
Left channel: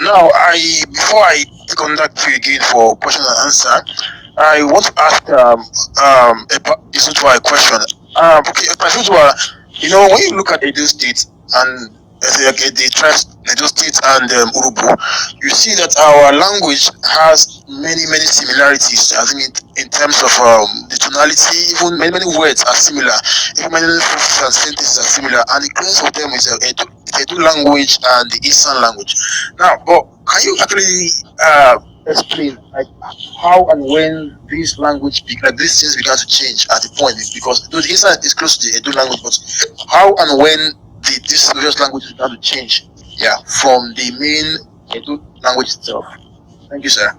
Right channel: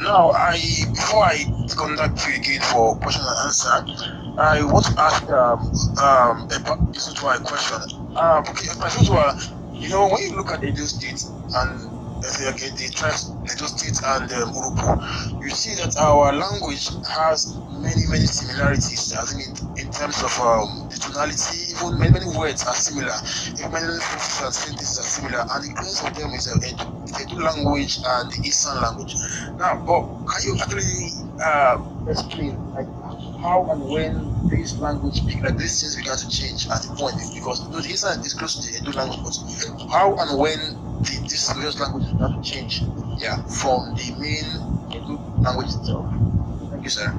now, before I contact you again for question and answer, I want to ask Epa Izoduwa a question. Okay, Epa Izoduwa, you know, when you look at Edo State and the tribes, Edo State and Urubu, you see that our language has many similarities. I think in terms of the tonality, even many words are similar. Even many sentences are similar, and the close of them is the Edo language and the Eastern language. Now, but can you actually explain like how and when this language, like these things began to change at the point, because the Eastern is close to the Edo language, but how and when did this various languages began to change? Yeah, from the main Edo language itself. Thank you, sir.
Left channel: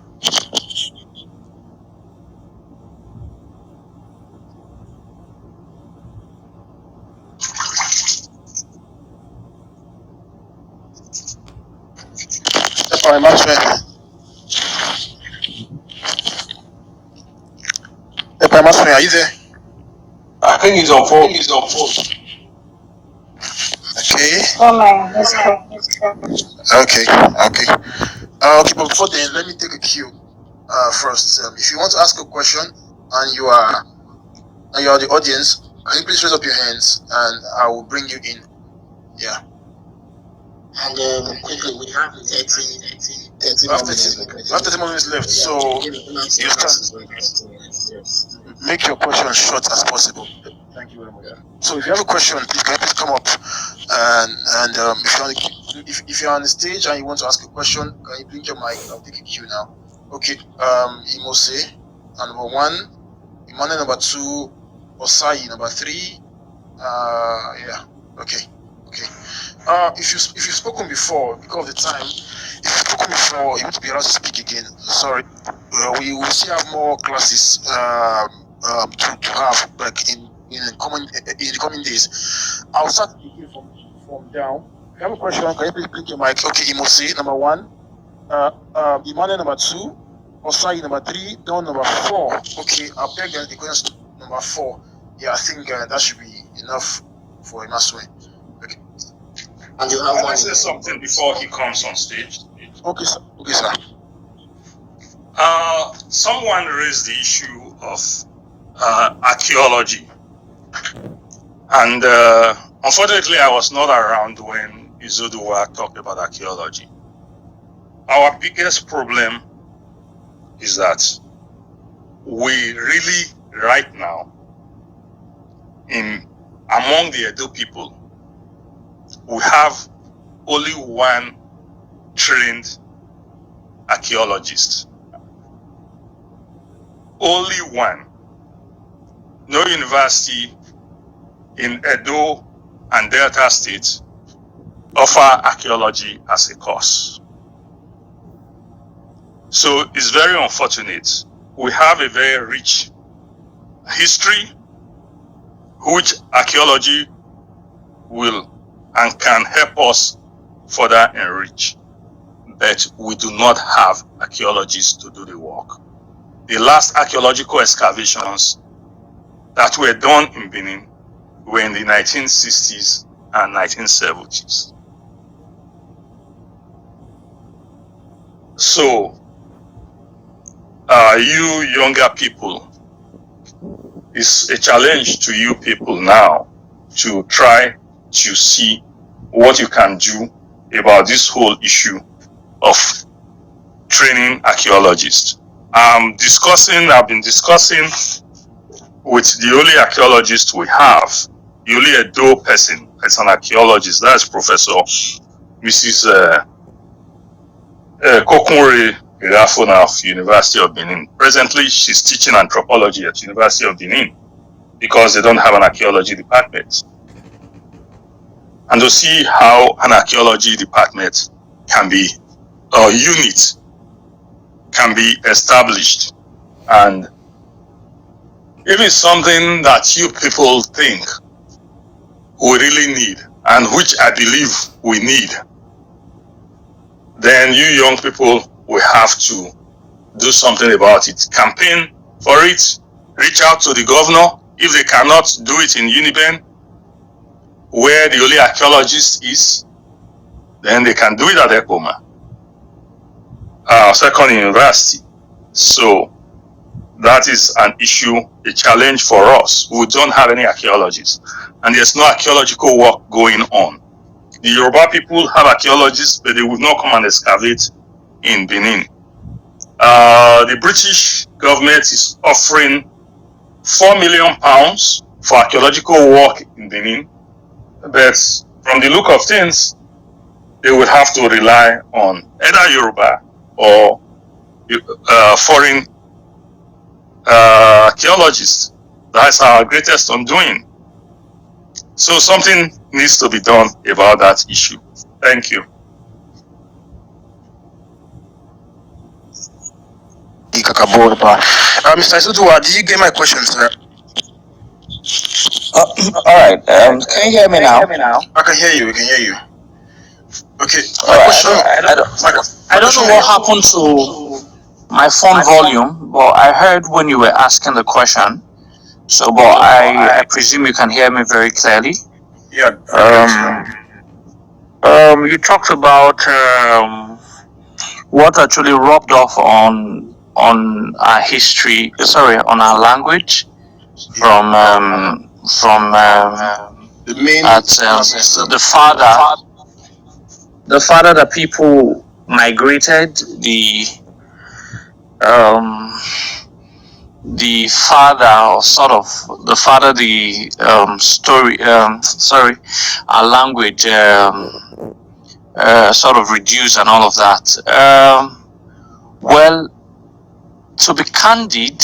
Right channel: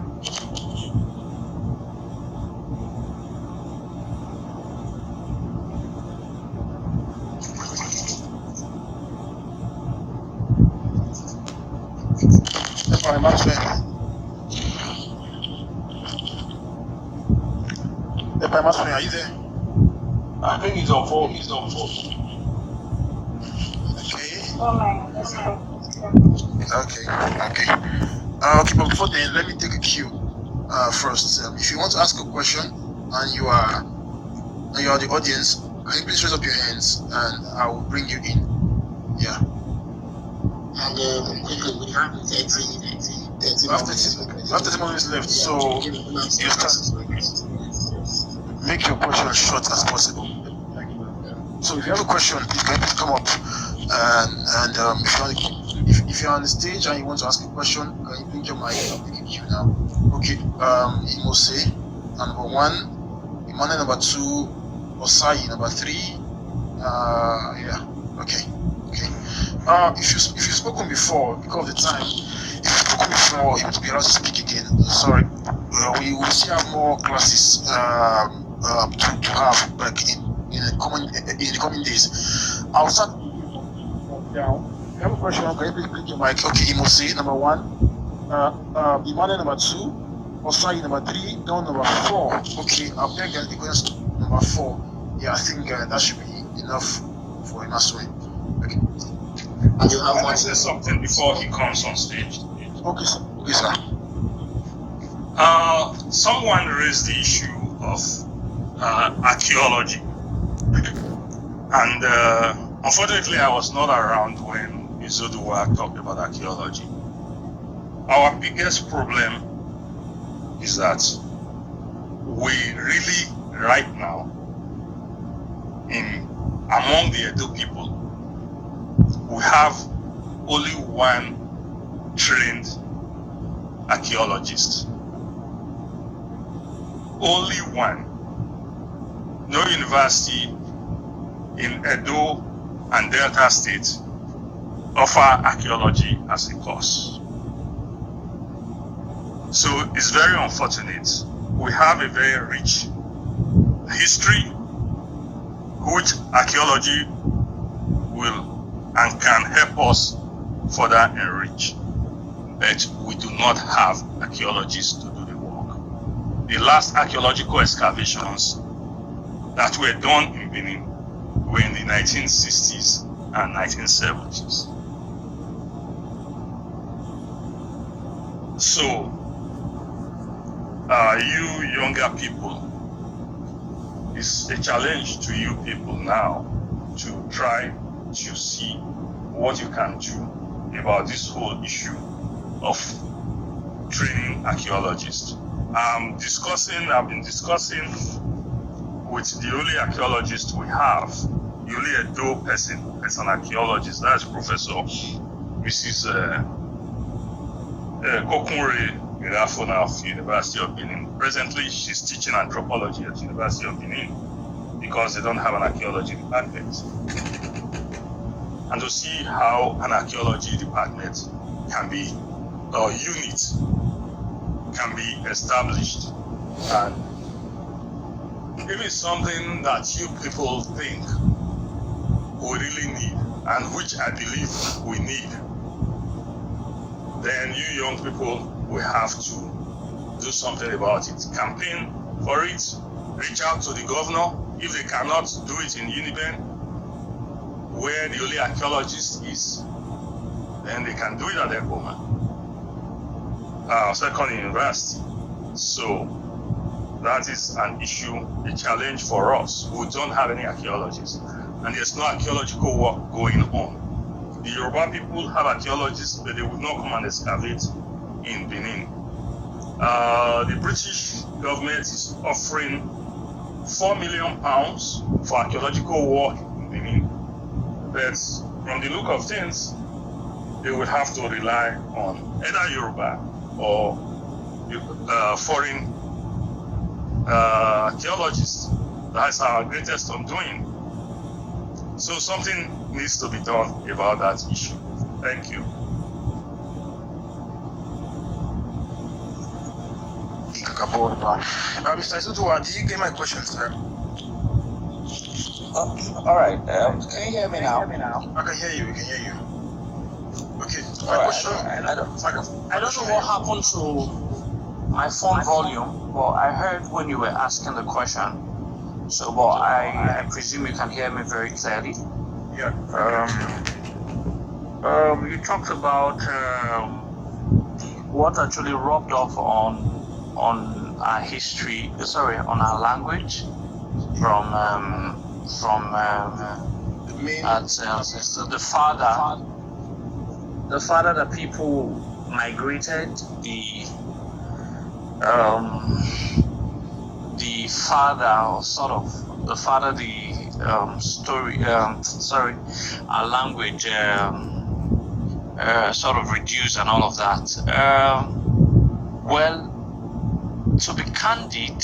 Edo Imasuen, are you there? I think he's on phone. Okay. Oh my, let's go. Okay. But before then, let me take a cue first. If you want to ask a question and you are the audience, can you please raise up your hands and I will bring you in. Yeah. And quickly, we have 30 minutes left, so you start. Make your question as short as possible. So if you have a question, please can you please come up and if you're on the stage and you want to ask a question, can you blink your mic? I'll take a cue now. Okay, Imose, number 1, Imane number 2, Osai number 3. Yeah. Okay. If you've spoken before, because of the time, if you've spoken before, you want to be allowed to speak again. Sorry, we will still have more classes to have like in the coming days. I'll start from down. If you have a question, can you please click your mic? Okay, Imose number 1, Imane number 2, Osai number 3, Don number 4. Okay, I'll beg the question number 4. Yeah, I think that should be enough for Imasuen. Okay. And you Can I say something before he comes on stage? Okay, sir. Okay, sir. Someone raised the issue of archaeology, and unfortunately, I was not around when Izoduwa talked about archaeology. Our biggest problem is that we really, right now, among the Edo people, we have only one trained archaeologist. Only one. No university in Edo and Delta State offer archaeology as a course. So it's very unfortunate. We have a very rich history which archaeology will and can help us further enrich. But we do not have archaeologists to do the work. The last archaeological excavations that were done in Benin were in the 1960s and 1970s. So, you younger people, it's a challenge to you people now to try to see what you can do about this whole issue of training archaeologists. I've been discussing with the only archaeologist we have, the only Edo person as an archaeologist, that's Professor Mrs. Kokunre Gerafona of University of Benin. Presently, she's teaching anthropology at University of Benin because they don't have an archaeology department. And to see how an archaeology department can be, or unit can be established, and if it's something that you people think we really need, and which I believe we need, then you young people will have to do something about it. Campaign for it, reach out to the governor. If they cannot do it in Uniben, where the only archaeologist is, then they can do it at Ekoma, second university. So that is an issue, a challenge for us who don't have any archaeologists, and there's no archaeological work going on. The Yoruba people have archaeologists, but they would not come and excavate in Benin. The British government is offering £4 million for archaeological work in Benin, but from the look of things, they would have to rely on either Yoruba or foreign archaeologists. That's our greatest undoing. So something needs to be done about that issue. Thank you. Mr. Izoduwa, did you get my question, sir? All right. Can you hear me now? I can hear you. We can hear you. Okay. I don't know what happened to my phone volume, but I heard when you were asking the question. So, but I presume you can hear me very clearly. Yeah. You talked about what actually rubbed off on our history. Sorry, on our language from the main the father that people migrated, the father, or sort of the father, the story, our language sort of reduced and all of that. Well, to be candid,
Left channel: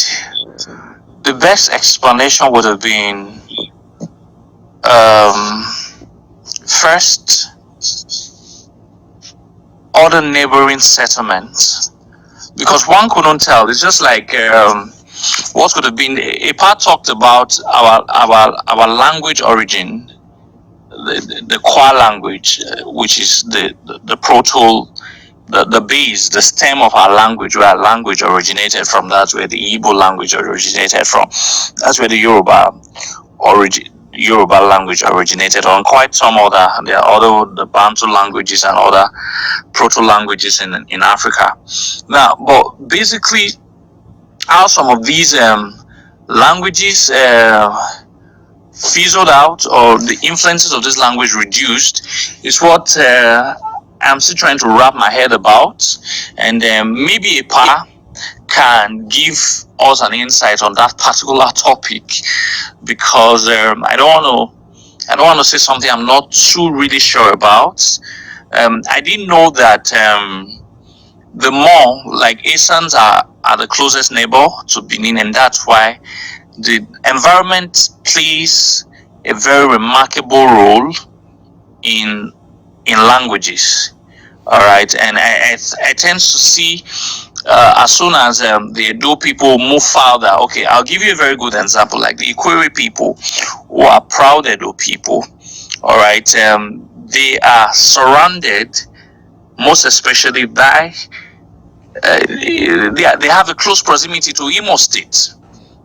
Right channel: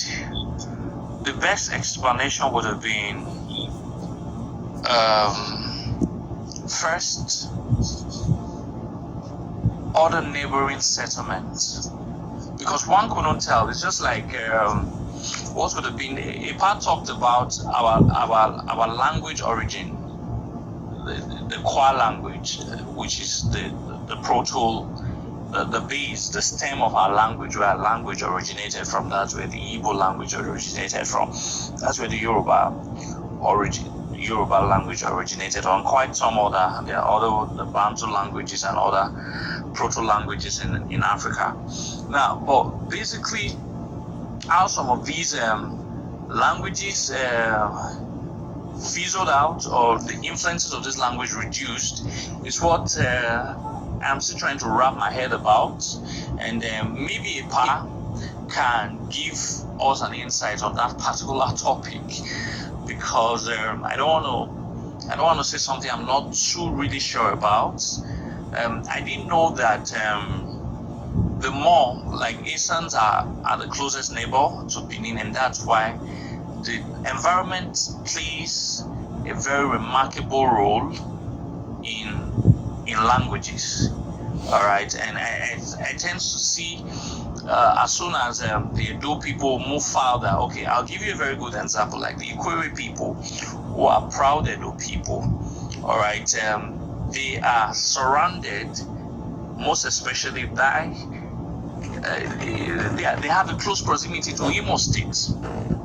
the best explanation would have been first, other neighboring settlements, because one couldn't tell. It's just like what could have been. A part talked about our language origin, the Kwa language, which is the proto, the base, the stem of our language, where our language originated from. That's where the Igbo language originated from. That's where the Yoruba Yoruba language originated, or quite some other. There are other the Bantu languages and other proto languages in Africa. Now, but basically, how some of these languages fizzled out, or the influences of this language reduced, is what I'm still trying to wrap my head about, and maybe a pa can give us an insight on that particular topic, because I don't want to say something I'm not too really sure about. I didn't know that the more, like, Asans are the closest neighbor to Benin, and that's why the environment plays a very remarkable role in languages. All right, and I tend to see as soon as the Edo people move further. Okay, I'll give you a very good example, like the Ikwere people, who are proud Edo people. All right, they are surrounded, most especially by they have a close proximity to Imo State.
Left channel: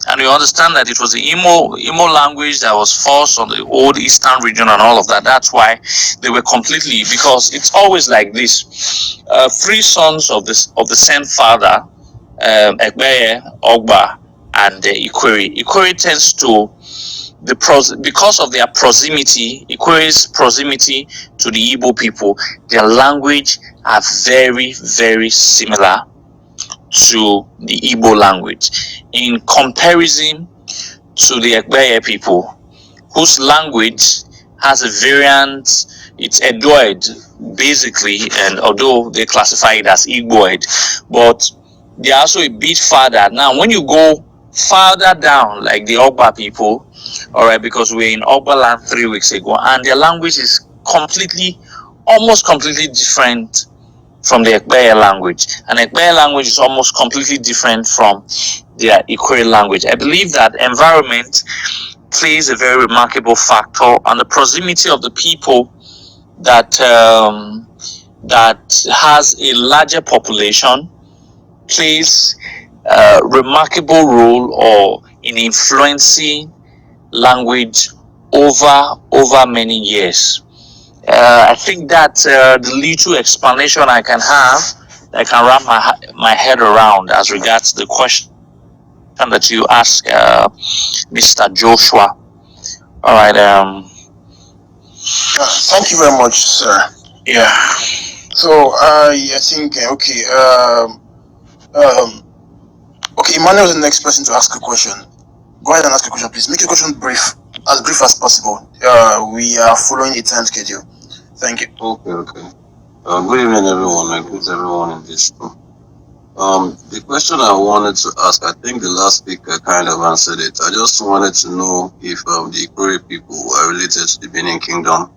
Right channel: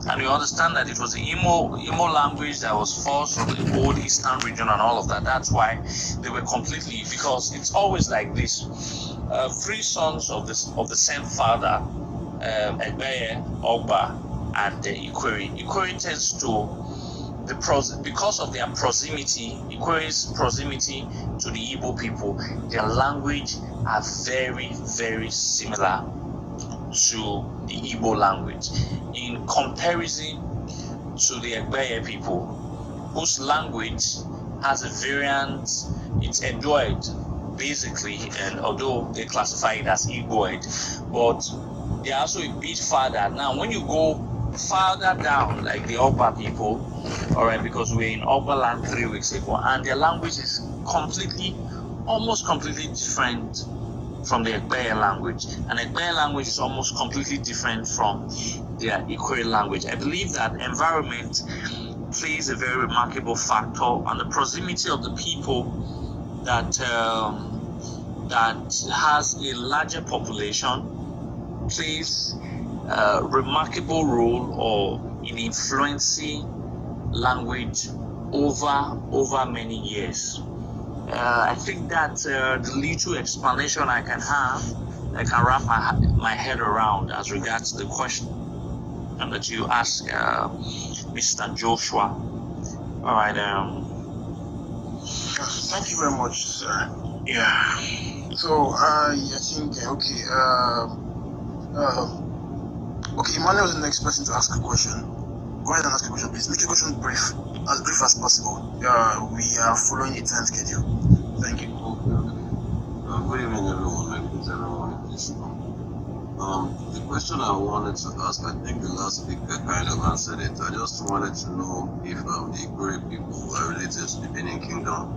And you understand that it was the Imo language that was forced on the old eastern region and all of that. That's why they were completely, because it's always like this. Three sons of the same father, Egbeye, Ogba, and Ikwere. Ikwere tends to because of their proximity, Ikwere's proximity to the Igbo people, their language are very, very similar to the Igbo language, in comparison to the Egbeye people, whose language has a variant. It's Edoid, basically, and although they classify it as Igboid, but they're also a bit farther. Now, when you go farther down, like the Ogba people, all right, because we're in Ogba land 3 weeks ago, and their language is almost completely different from the Egbeye language, and Egbeye language is almost completely different from their Ikwere language. I believe that environment plays a very remarkable factor, and the proximity of the people that that has a larger population plays a remarkable role or in influencing language over many years. I think that the little explanation I can have, I can wrap my head around as regards the question that you asked, Mr. Joshua. All right. Thank you very much, sir. Yeah. So I think okay. Okay, Emmanuel is the next person to ask a question. Go ahead and ask a question, please. Make your question brief as possible. We are following a time schedule. Thank you. Okay. Good evening, everyone. I greet everyone in this room. The question I wanted to ask, I think the last speaker kind of answered it. I just wanted to know if the Ikwere people are related to the Benin Kingdom,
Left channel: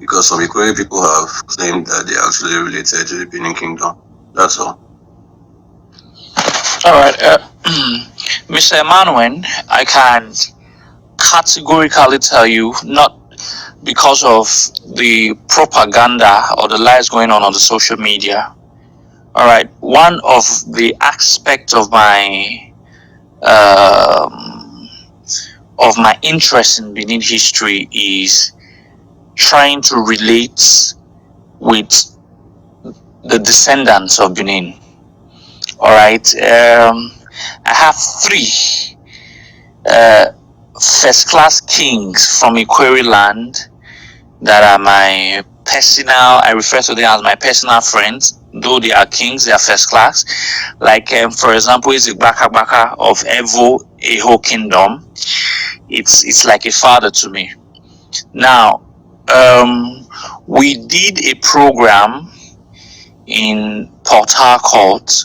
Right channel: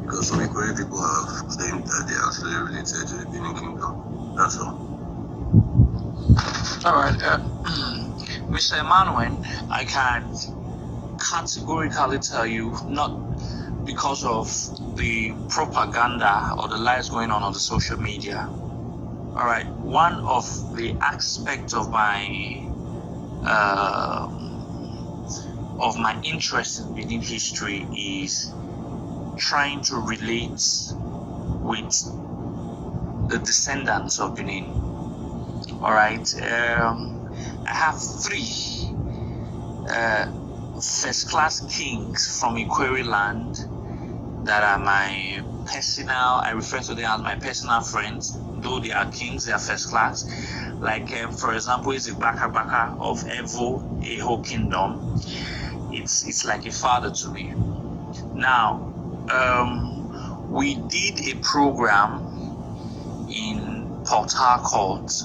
because some Ikwere people have claimed that they are actually related to the Benin Kingdom. That's all. All right, Mr. Emmanuel, I can categorically tell you, not because of the propaganda or the lies going on the social media. All right, one of the aspects of my interest in Benin history is trying to relate with the descendants of Benin. All right, I have three first-class kings from Ikwere land that are my personal, I refer to them as my personal friends. Though they are kings, they are first class. Like, for example, Izoduwa Baka of Eho Kingdom. It's like a father to me. Now, we did a program in Port Harcourt,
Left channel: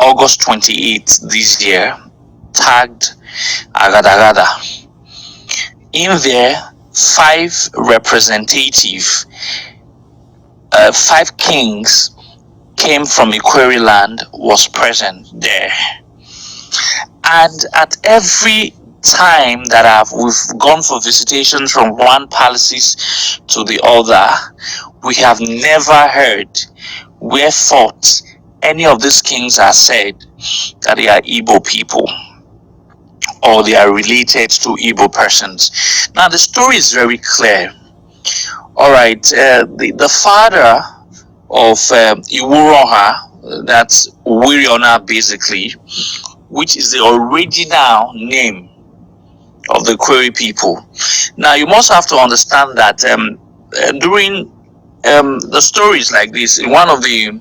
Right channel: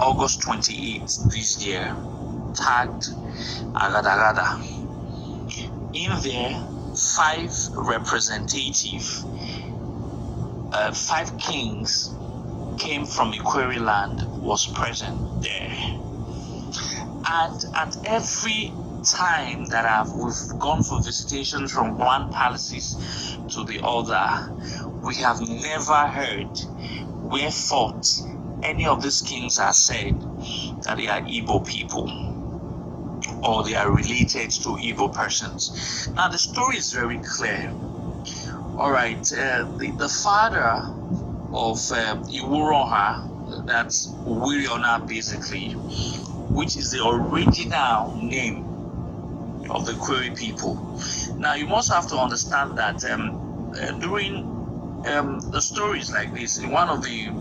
August 28th this year, tagged Agadagada. In there, 5 representative, 5 kings came from Ikwere land was present there. And at every time that we've gone for visitations from one palaces to the other, we have never heard wherefore any of these kings are said that they are Igbo people. or they are related to Igbo persons. Now the story is very clear. All right, the father of Iwuroha, that's Wiriona basically, which is the original name of the Kweri people. Now you must have to understand that during the stories like this, one of the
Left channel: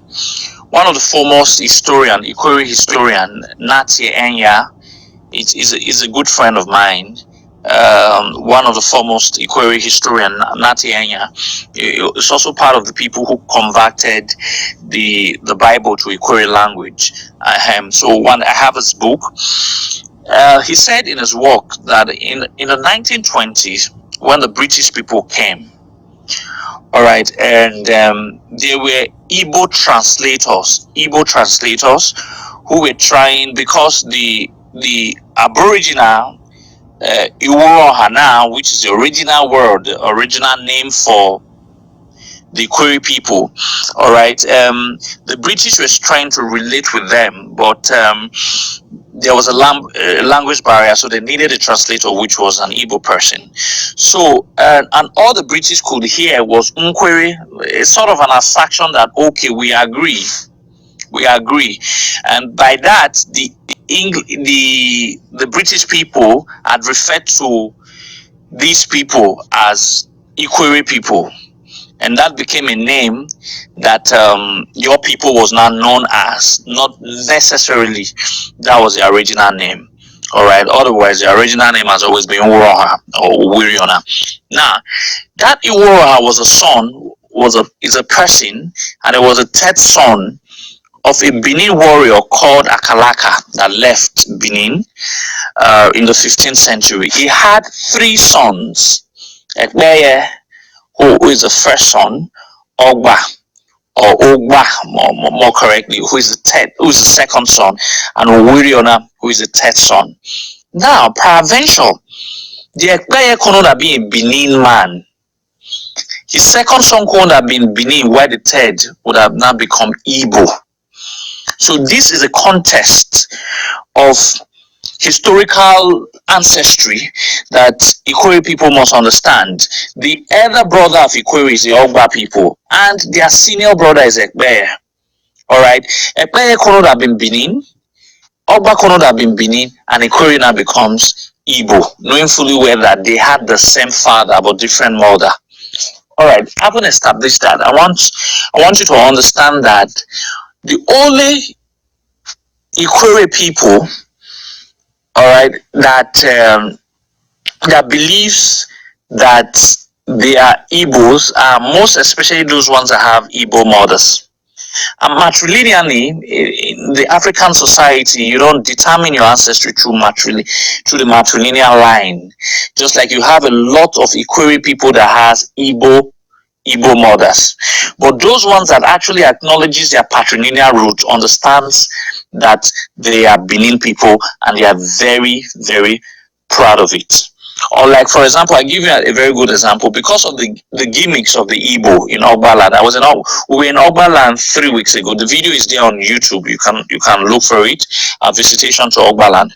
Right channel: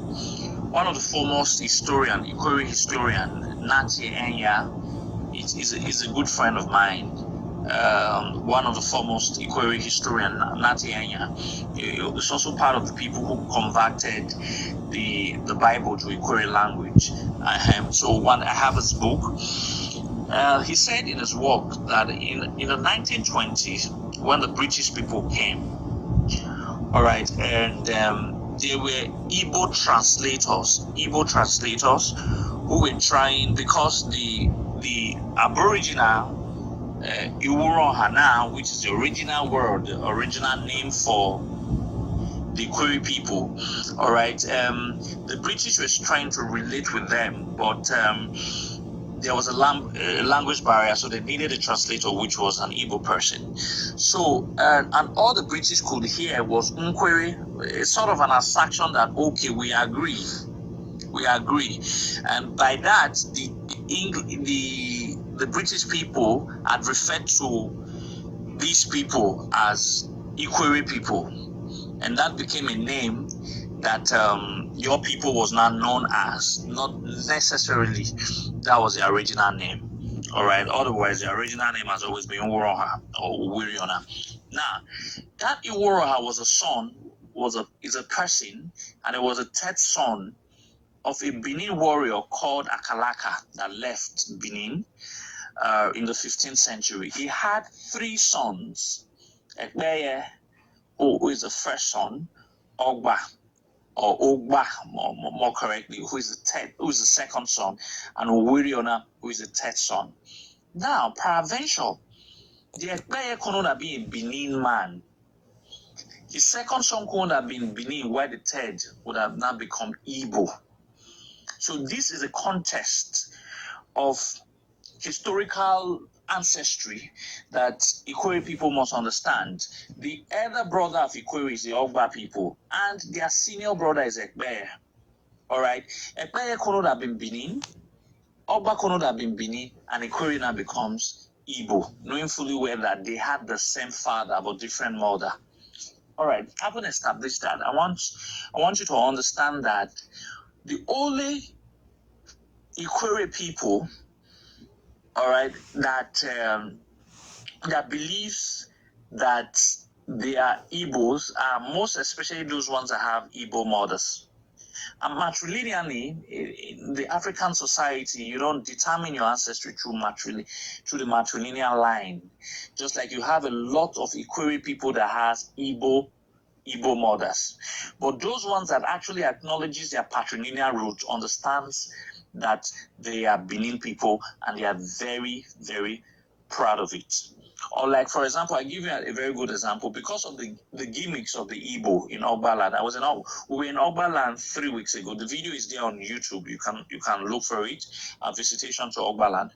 foremost historian, Ikweri historian, Nati Enya, is a good friend of mine. One of the foremost Ikweri historian, Nati Enya, is also part of the people who converted the Bible to Ikweri language. So I have his book. He said in his work that in the 1920s, when the British people came, all right, and there were Igbo translators who were trying, because the Aboriginal Iwuroha now, which is the original word, the original name for the Kweri people, all right, the British was trying to relate with them, but there was a language barrier, so they needed a translator, which was an Igbo person. So, and all the British could hear was Nkweri. It's sort of an assertion that, okay, we agree. And by that, the British people had referred to these people as Ikweri people, and that became a name that your people was now known as. Not necessarily that was the original name. All right, otherwise the original name has always been Uroha or Wiriona. Now that Iwuroha was is a person, and it was a third son of a Benin warrior called Akalaka that left Benin in the 15th century. He had 3 sons. Ekbeye, who is the first son, Ogba, or Ogba, more correctly, who is the second son, and Wiriona, who is the third son. Now, peradventure, the Ekbeye could not be a Benin man. His second son could have been Benin, where the third would have now become Igbo. So this is a contest of historical ancestry that Ikweri people must understand. The elder brother of Ikweri is the Ogba people, and their senior brother is Ekbeye. All right, Ekbeye could have been Benin, Ogba could have been Benin, and Ikweri now becomes Igbo, knowing fully well that they had the same father but different mother. All right, having established that, I want you to understand that the only Ikweri people, all right, that believes that they are Igbos are most especially those ones that have Igbo mothers. And matrilineally, in the African society, you don't determine your ancestry through the matrilineal line. Just like you have a lot of Ikweri people that has Igbo mothers. But those ones that actually acknowledges their patrilineal root understands that they are Benin people, and they are very, very proud of it. Or like, for example, I give you a very good example because of the gimmicks of the Igbo in Ogbaland. We were in Ogbaland 3 weeks ago. The video is there on YouTube. You can look for it. A visitation to Ogbaland.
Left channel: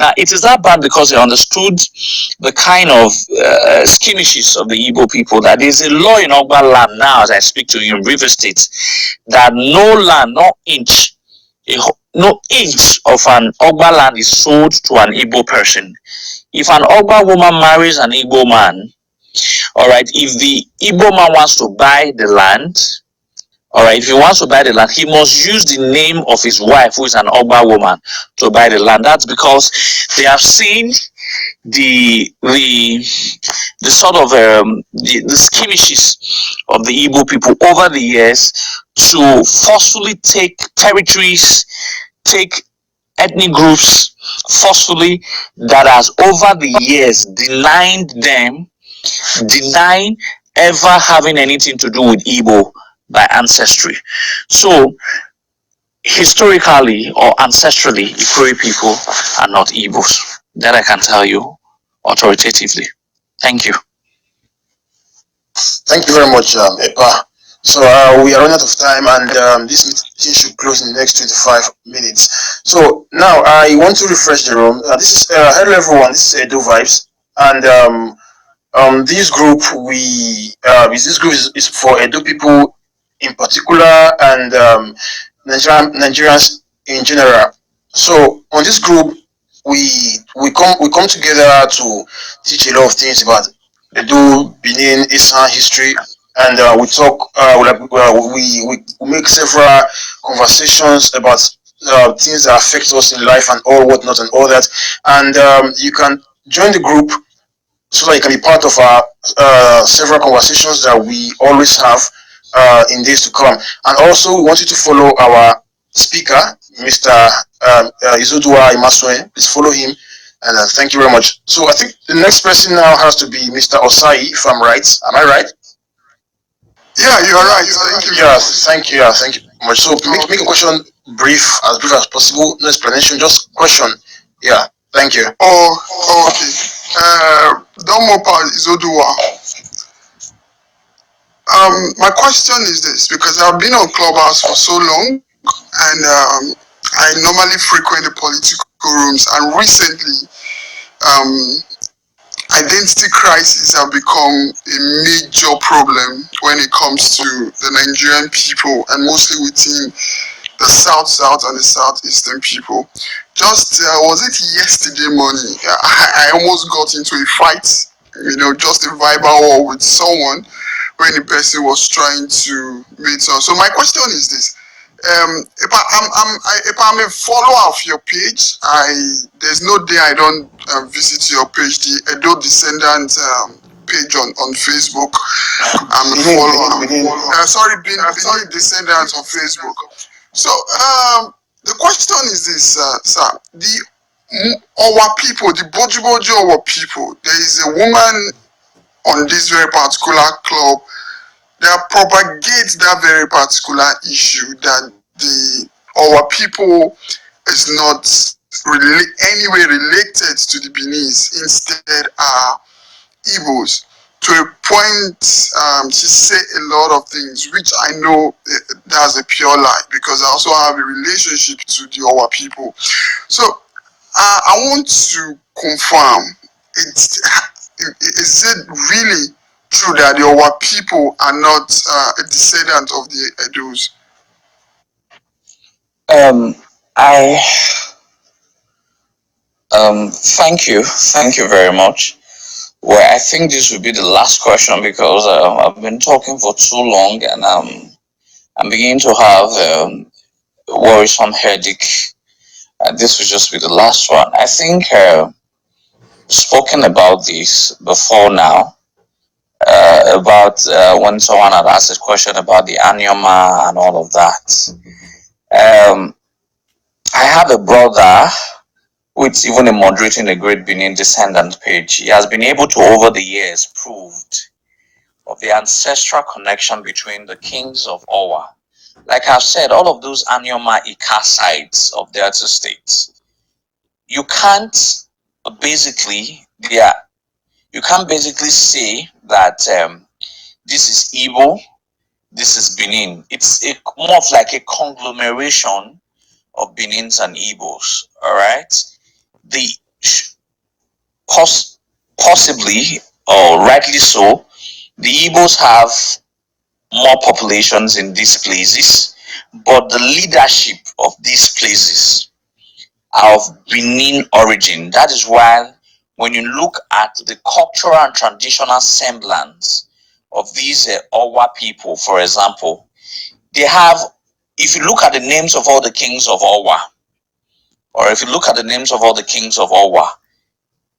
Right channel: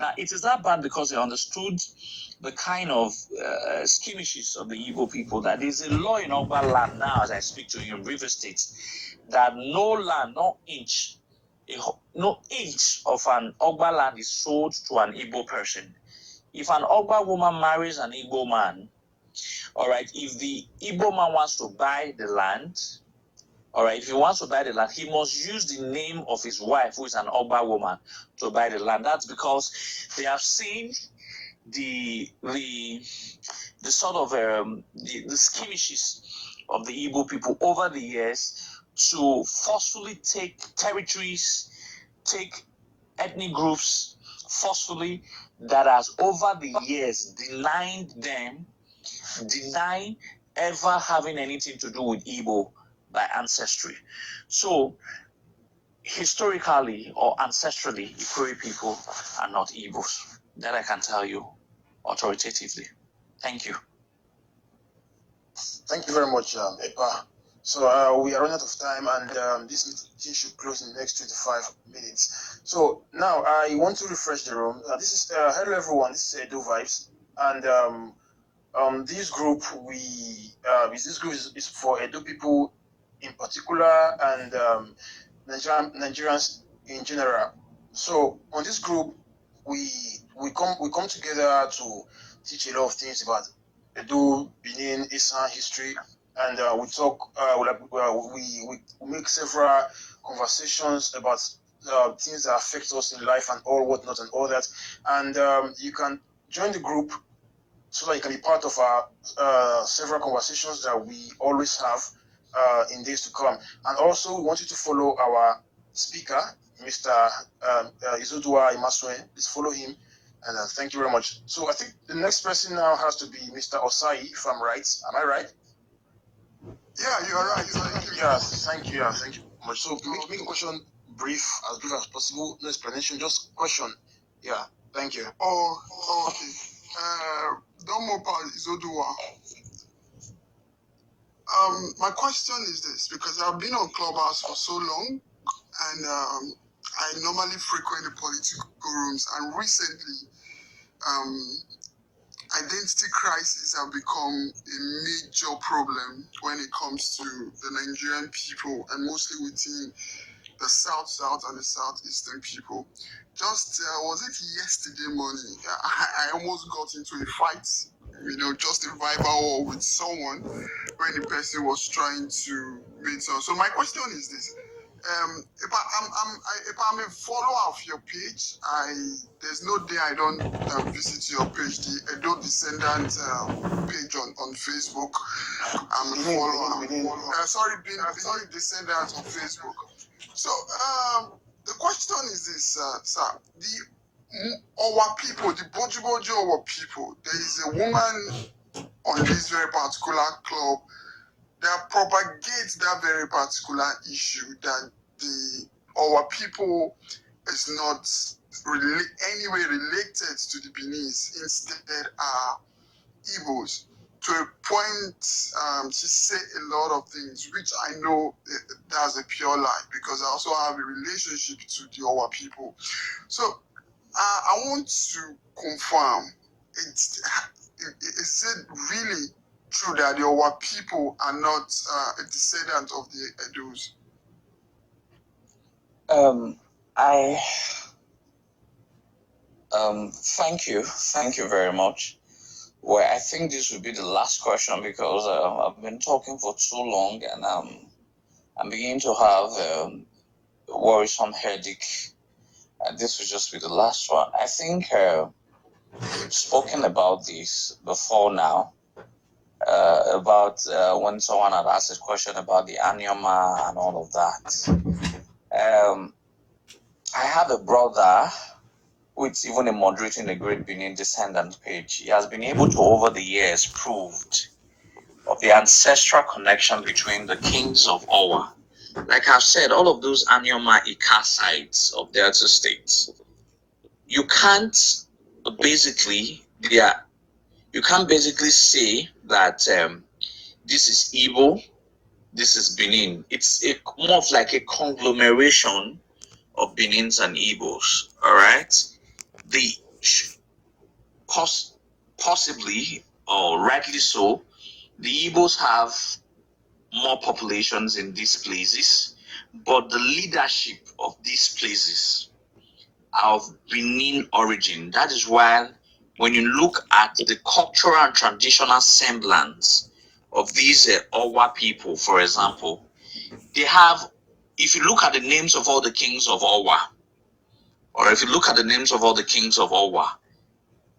Now, it is that bad because they understood the kind of skirmishes of the Igbo people. That there is a law in Ogbaland now, as I speak to you in River State, that no land, no inch of an Ogba land is sold to an Igbo person. If an Ogba woman marries an Igbo man, all right, if the Igbo man wants to buy the land, all right, if he wants to buy the land, he must use the name of his wife, who is an Ogba woman, to buy the land. That's because they have seen the sort of the skirmishes of the Igbo people over the years to forcefully take territories, take ethnic groups forcefully, that has over the years denying ever having anything to do with Igbo by ancestry. So historically or ancestrally, Ikweri people are not Igbos. That I can tell you authoritatively. Thank you. Thank you very much, Epa. So we are running out of time, and this meeting should close in the next 25 minutes. So now I want to refresh the room. This is hello everyone. This is Edo Vibes, and this group is for Edo people in particular, and Nigerians in general. So on this group, we come together to teach a lot of things about Edo, Benin, Esan history, and we talk. We make several conversations about things that affect us in life and all whatnot and all that. And you can join the group so that you can be part of our several conversations that we always have in days to come. And also, we want you to follow our speaker, Mr. Izoduwa Imasuen. Please follow him. And thank you very much. So I think the next person now has to be Mr. Osai, if I'm right. Am I right? Yeah, you are right. Thank you. Yes, thank you. Yeah, thank you very much. So make a question brief as possible. No explanation, just question. Yeah, thank you. Oh, okay. Domopa Izoduwa. My question is this, because I've been on Clubhouse for so long, and I normally frequent the political rooms, and recently, identity crises have become a major problem when it comes to the Nigerian people, and mostly within the South and the Southeastern people. Just was it yesterday morning? I almost got into a fight, just a verbal war with someone when the person was trying to meet someone. So my question is this: if I'm a follower of your page, there's no day I don't visit your page, the Edo Descendants page on Facebook. I'm a follower. Benin Descendants on Facebook. So the question is this, sir: our people, the Boji our people, there is a woman on this very particular club that propagates that very particular issue, that our people is not really anyway related to the Beninese, instead are Igbos. To a point, she say a lot of things, which I know that's a pure lie, because I also have a relationship to the Owa people. So I want to confirm, is it really true that the Owa people are not a descendant of the Edos? I thank you very much. Well, I think this will be the last question, because I've been talking for too long, and I'm beginning to have worrisome headache. This will just be the last one. I think spoken about this before now, about when someone had asked a question about the Anyama and all of that. I have a brother who is even a moderating a Great Benin Descendant page. He has been able to, over the years, proved of the ancestral connection between the kings of Owa. Like I've said, all of those Anyama Ika sides of Delta states, you can't basically say that this is Igbo, this is Benin. It's more of like a conglomeration of Benins and Igbos. All right, the possibly or rightly so, the Igbos have more populations in these places, but the leadership of these places are of Benin origin. That is why when you look at the cultural and traditional semblance of these Owa people, for example, they have, if you look at the names of all the kings of Owa, or if you look at the names of all the kings of Owa,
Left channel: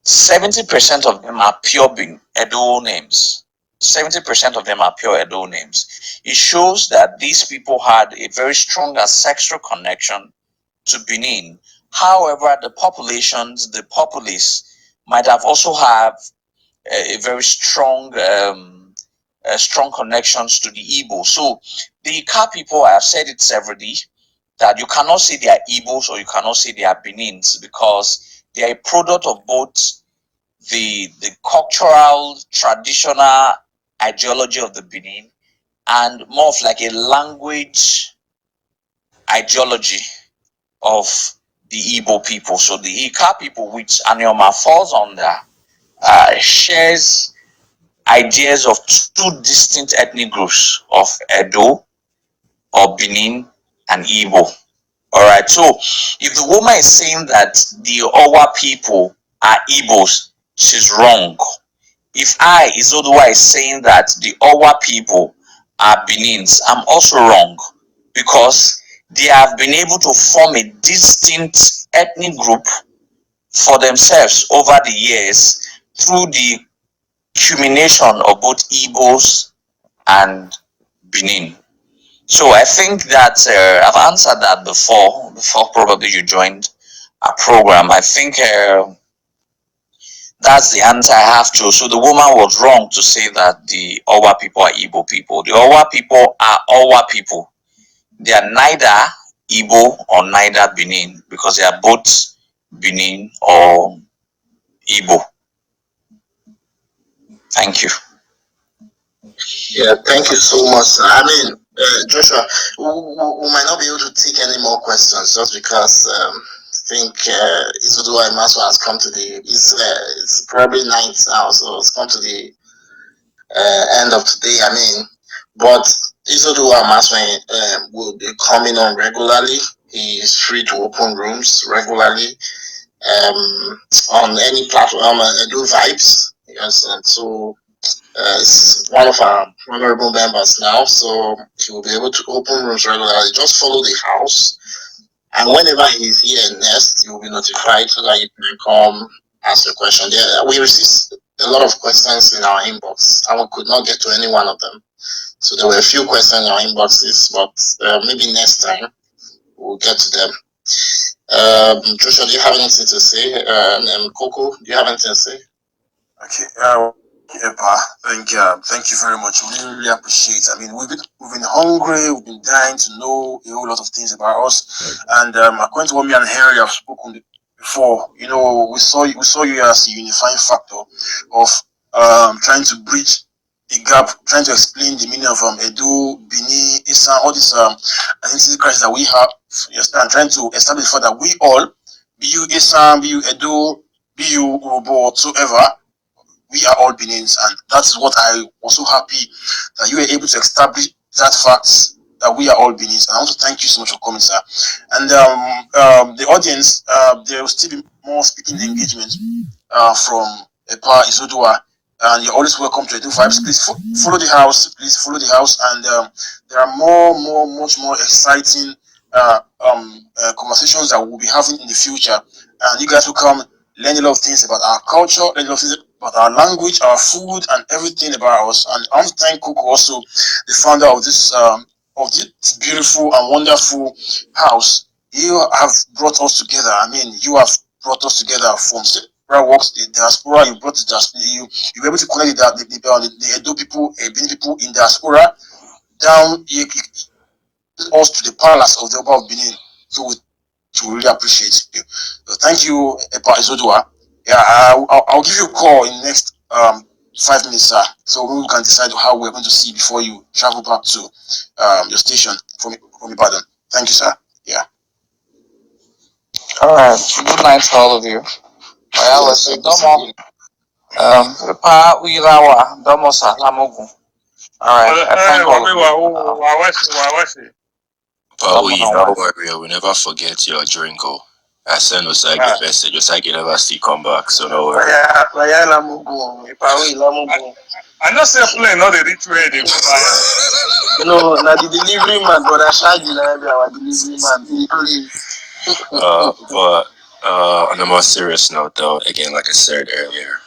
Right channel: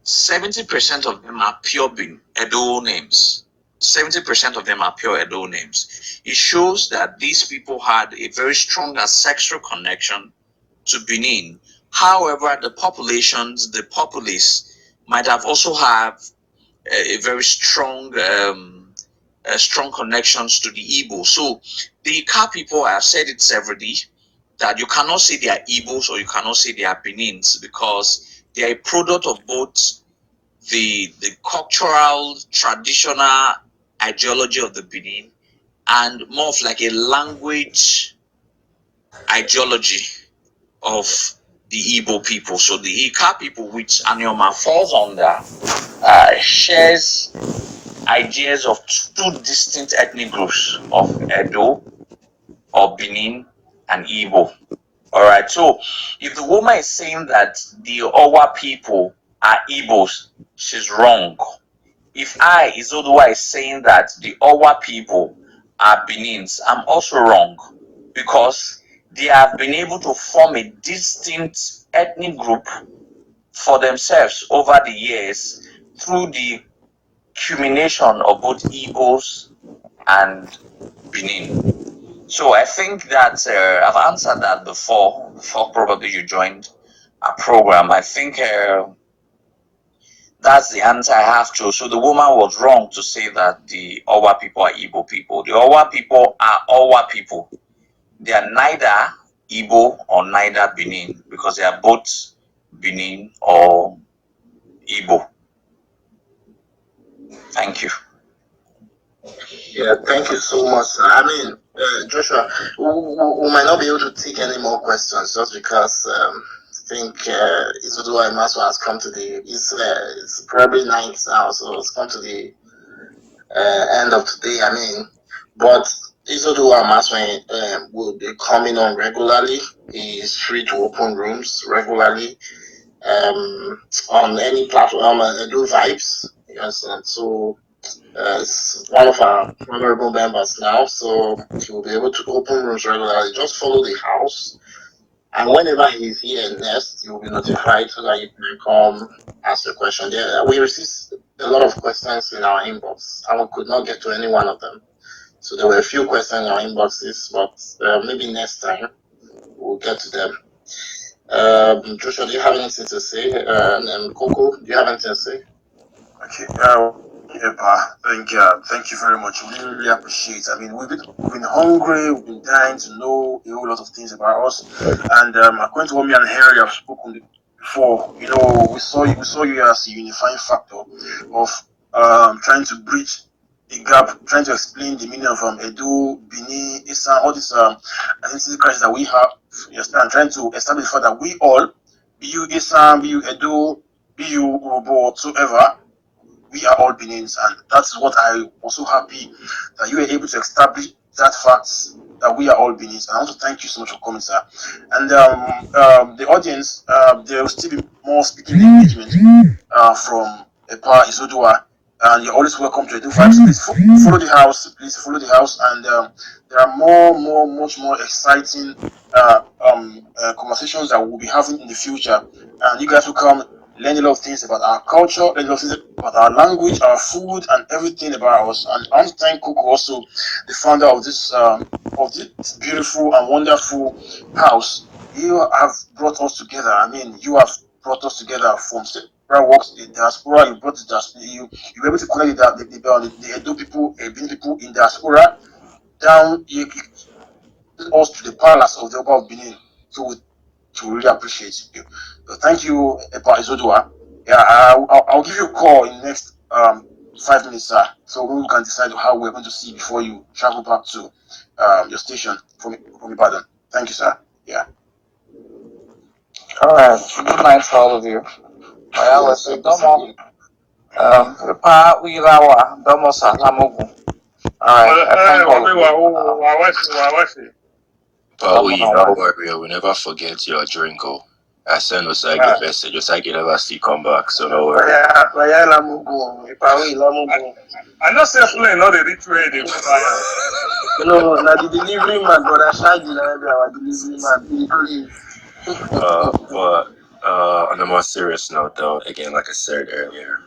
70% of them are pure Edo names. 70% of them are pure Edo names. It shows that these people had a very strong ancestral connection to Benin. However, the populace might have also have a very strong connections to the Igbo. So the Ika people, I have said it severally, that you cannot say they are Igbos or you cannot say they are Benins, because they are a product of both the cultural, traditional ideology of the Benin and more of like a language ideology of the Igbo people. So the Ika people, which Anioma falls under, shares ideas of two distinct ethnic groups of Edo or Benin and Igbo. Alright, so if the woman is saying that the Owa people are Igbos, she's wrong. If I, Izoduwa, is saying that the Owa people are Benins, I'm also wrong, because they have been able to form a distinct ethnic group for themselves over the years through the culmination of both Igbos and Benin. So I think that I've answered that before probably you joined a program. I think that's the answer I have to. So the woman was wrong to say that the Owa people are Igbo people. The Owa people are Owa people. They are neither Igbo or neither Benin, because they are both Benin or Igbo. Thank you. Yeah, thank you so much, sir. I mean, Joshua, we might not be able to take any more questions just because I think Izoduwa Imasuen has come to it's probably night now, so it's come to the end of today. I mean, but Izoduwa Imasuen will be coming on regularly. He is free to open rooms regularly on any platform, Edo Vibez. Yes, and so is one of our honorable members now, so he will be able to open rooms regularly. Just follow the house, and whenever he's here next, you'll be notified so that you can come ask your question. We received a lot of questions in our inbox, and we could not get to any one of them. So there were a few questions in our inboxes, but maybe next time we'll get to them. Joshua, do you have anything to say? And Coco, do you have anything to say? Okay. Thank you very much. We really appreciate it. I mean, we've been hungry, we've been dying to know a whole lot of things about us. And according to what me and Henry have spoken before, you know, we saw you as a unifying factor of trying to bridge the gap, trying to explain the meaning of Edo, Bini, Isan, all these identity crisis that we have. Yes, and trying to establish for that we all, be you Isan, be you Edo, be you Urobo, whatsoever, we are all Benins, and that's what I was so happy that you were able to establish that fact that we are all Benins. And I want to thank you so much for coming, sir. And the audience, there will still be more speaking engagement from Epa Izoduwa, and you're always welcome to Edo Vibez. Please follow the house. Please follow the house, and there are much more exciting conversations that we'll be having in the future, and you guys will come learn a lot of things about our culture, learn a lot of things about our language, our food, and everything about us. And I want to thank Coco, also the founder of this beautiful and wonderful house. You have brought us together. I mean, you have brought us together from several walks, the diaspora. You brought the diaspora. You were able to connect the Edo people, Benin people in diaspora down. Us to the palace of the Oba of Benin. So we really appreciate you. Thank you, Epa Izoduwa. Yeah, I'll give you a call in the next 5 minutes, sir. So we can decide how we're going to see before you travel back to your station from Ibadan. Thank you, sir. Yeah. All right. Good night to all of you. Well, let's see. Domo. Pa Uilawa. Domo Salamugu. All right. I thank all of you. But don't worry, we'll never forget your drink. I send Osage a message. Osage never still come back, so no worry. I know say play not the ritual they No, now the delivery man, but I shall deliver our delivery man. But on a more serious note, though, again, like I said earlier,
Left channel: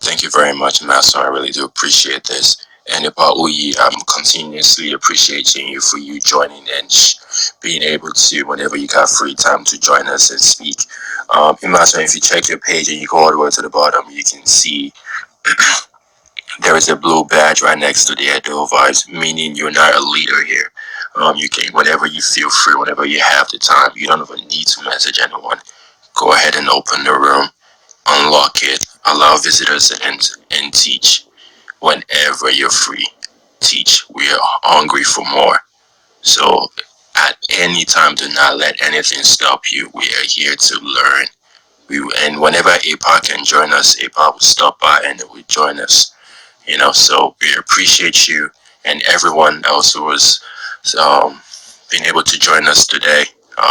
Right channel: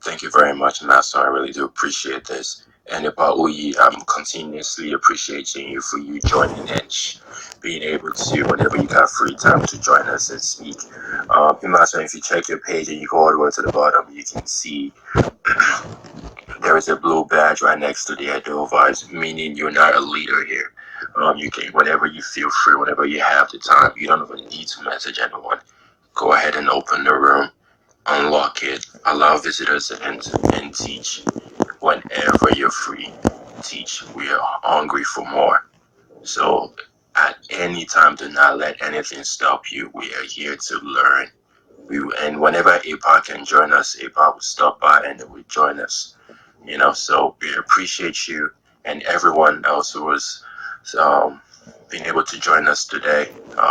thank you very much, Master. I really do appreciate this. And about Uyi, I'm continuously appreciating you for you joining and being able to, whenever you got free time, to join us and speak. Master, if you check your page and you go all the way to the bottom, you can see there is a blue badge right next to the Edo Vibez, meaning you're not a leader here. You can, whenever you feel free, whenever you have the time, you don't even need to message anyone. Go ahead and open the room, unlock it, allow visitors to enter and teach whenever you're free. teach. We are hungry for more. So at any time, do not let anything stop you. We are here to learn. And whenever APA can join us, APA will stop by and it will join us. So we appreciate you and everyone else who was being able to join us today.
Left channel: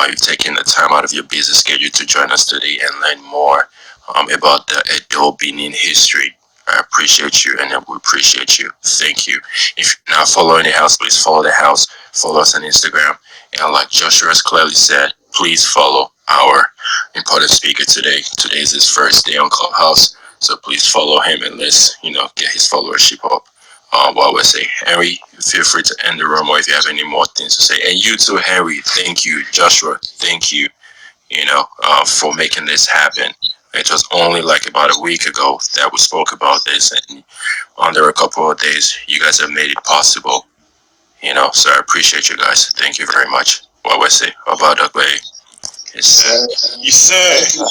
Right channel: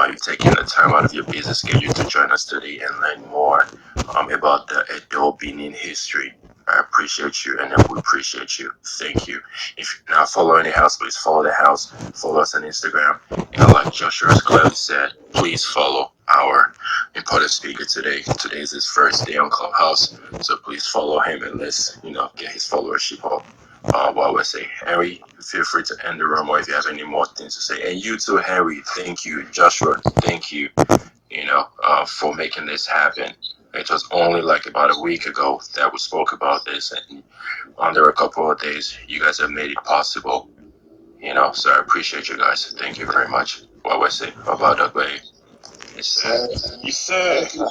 You've taken the time out of your busy schedule to join us today and learn more about the Edo Benin history. I appreciate you and we appreciate you. Thank you. If you're not following the house, please follow the house. Follow us on Instagram. And like Joshua has clearly said, please follow our important speaker today. Today is his first day on Clubhouse. So please follow him and let's, get his followership up. While we say, Henry, feel free to end the room or if you have any more things to say. And you too, Henry, thank you. Joshua, thank you, for making this happen. It was only like about a week ago that we spoke about this, and under a couple of days, you guys have made it possible. So I appreciate you guys. Thank you very much. What we say about that way? Yes, sir.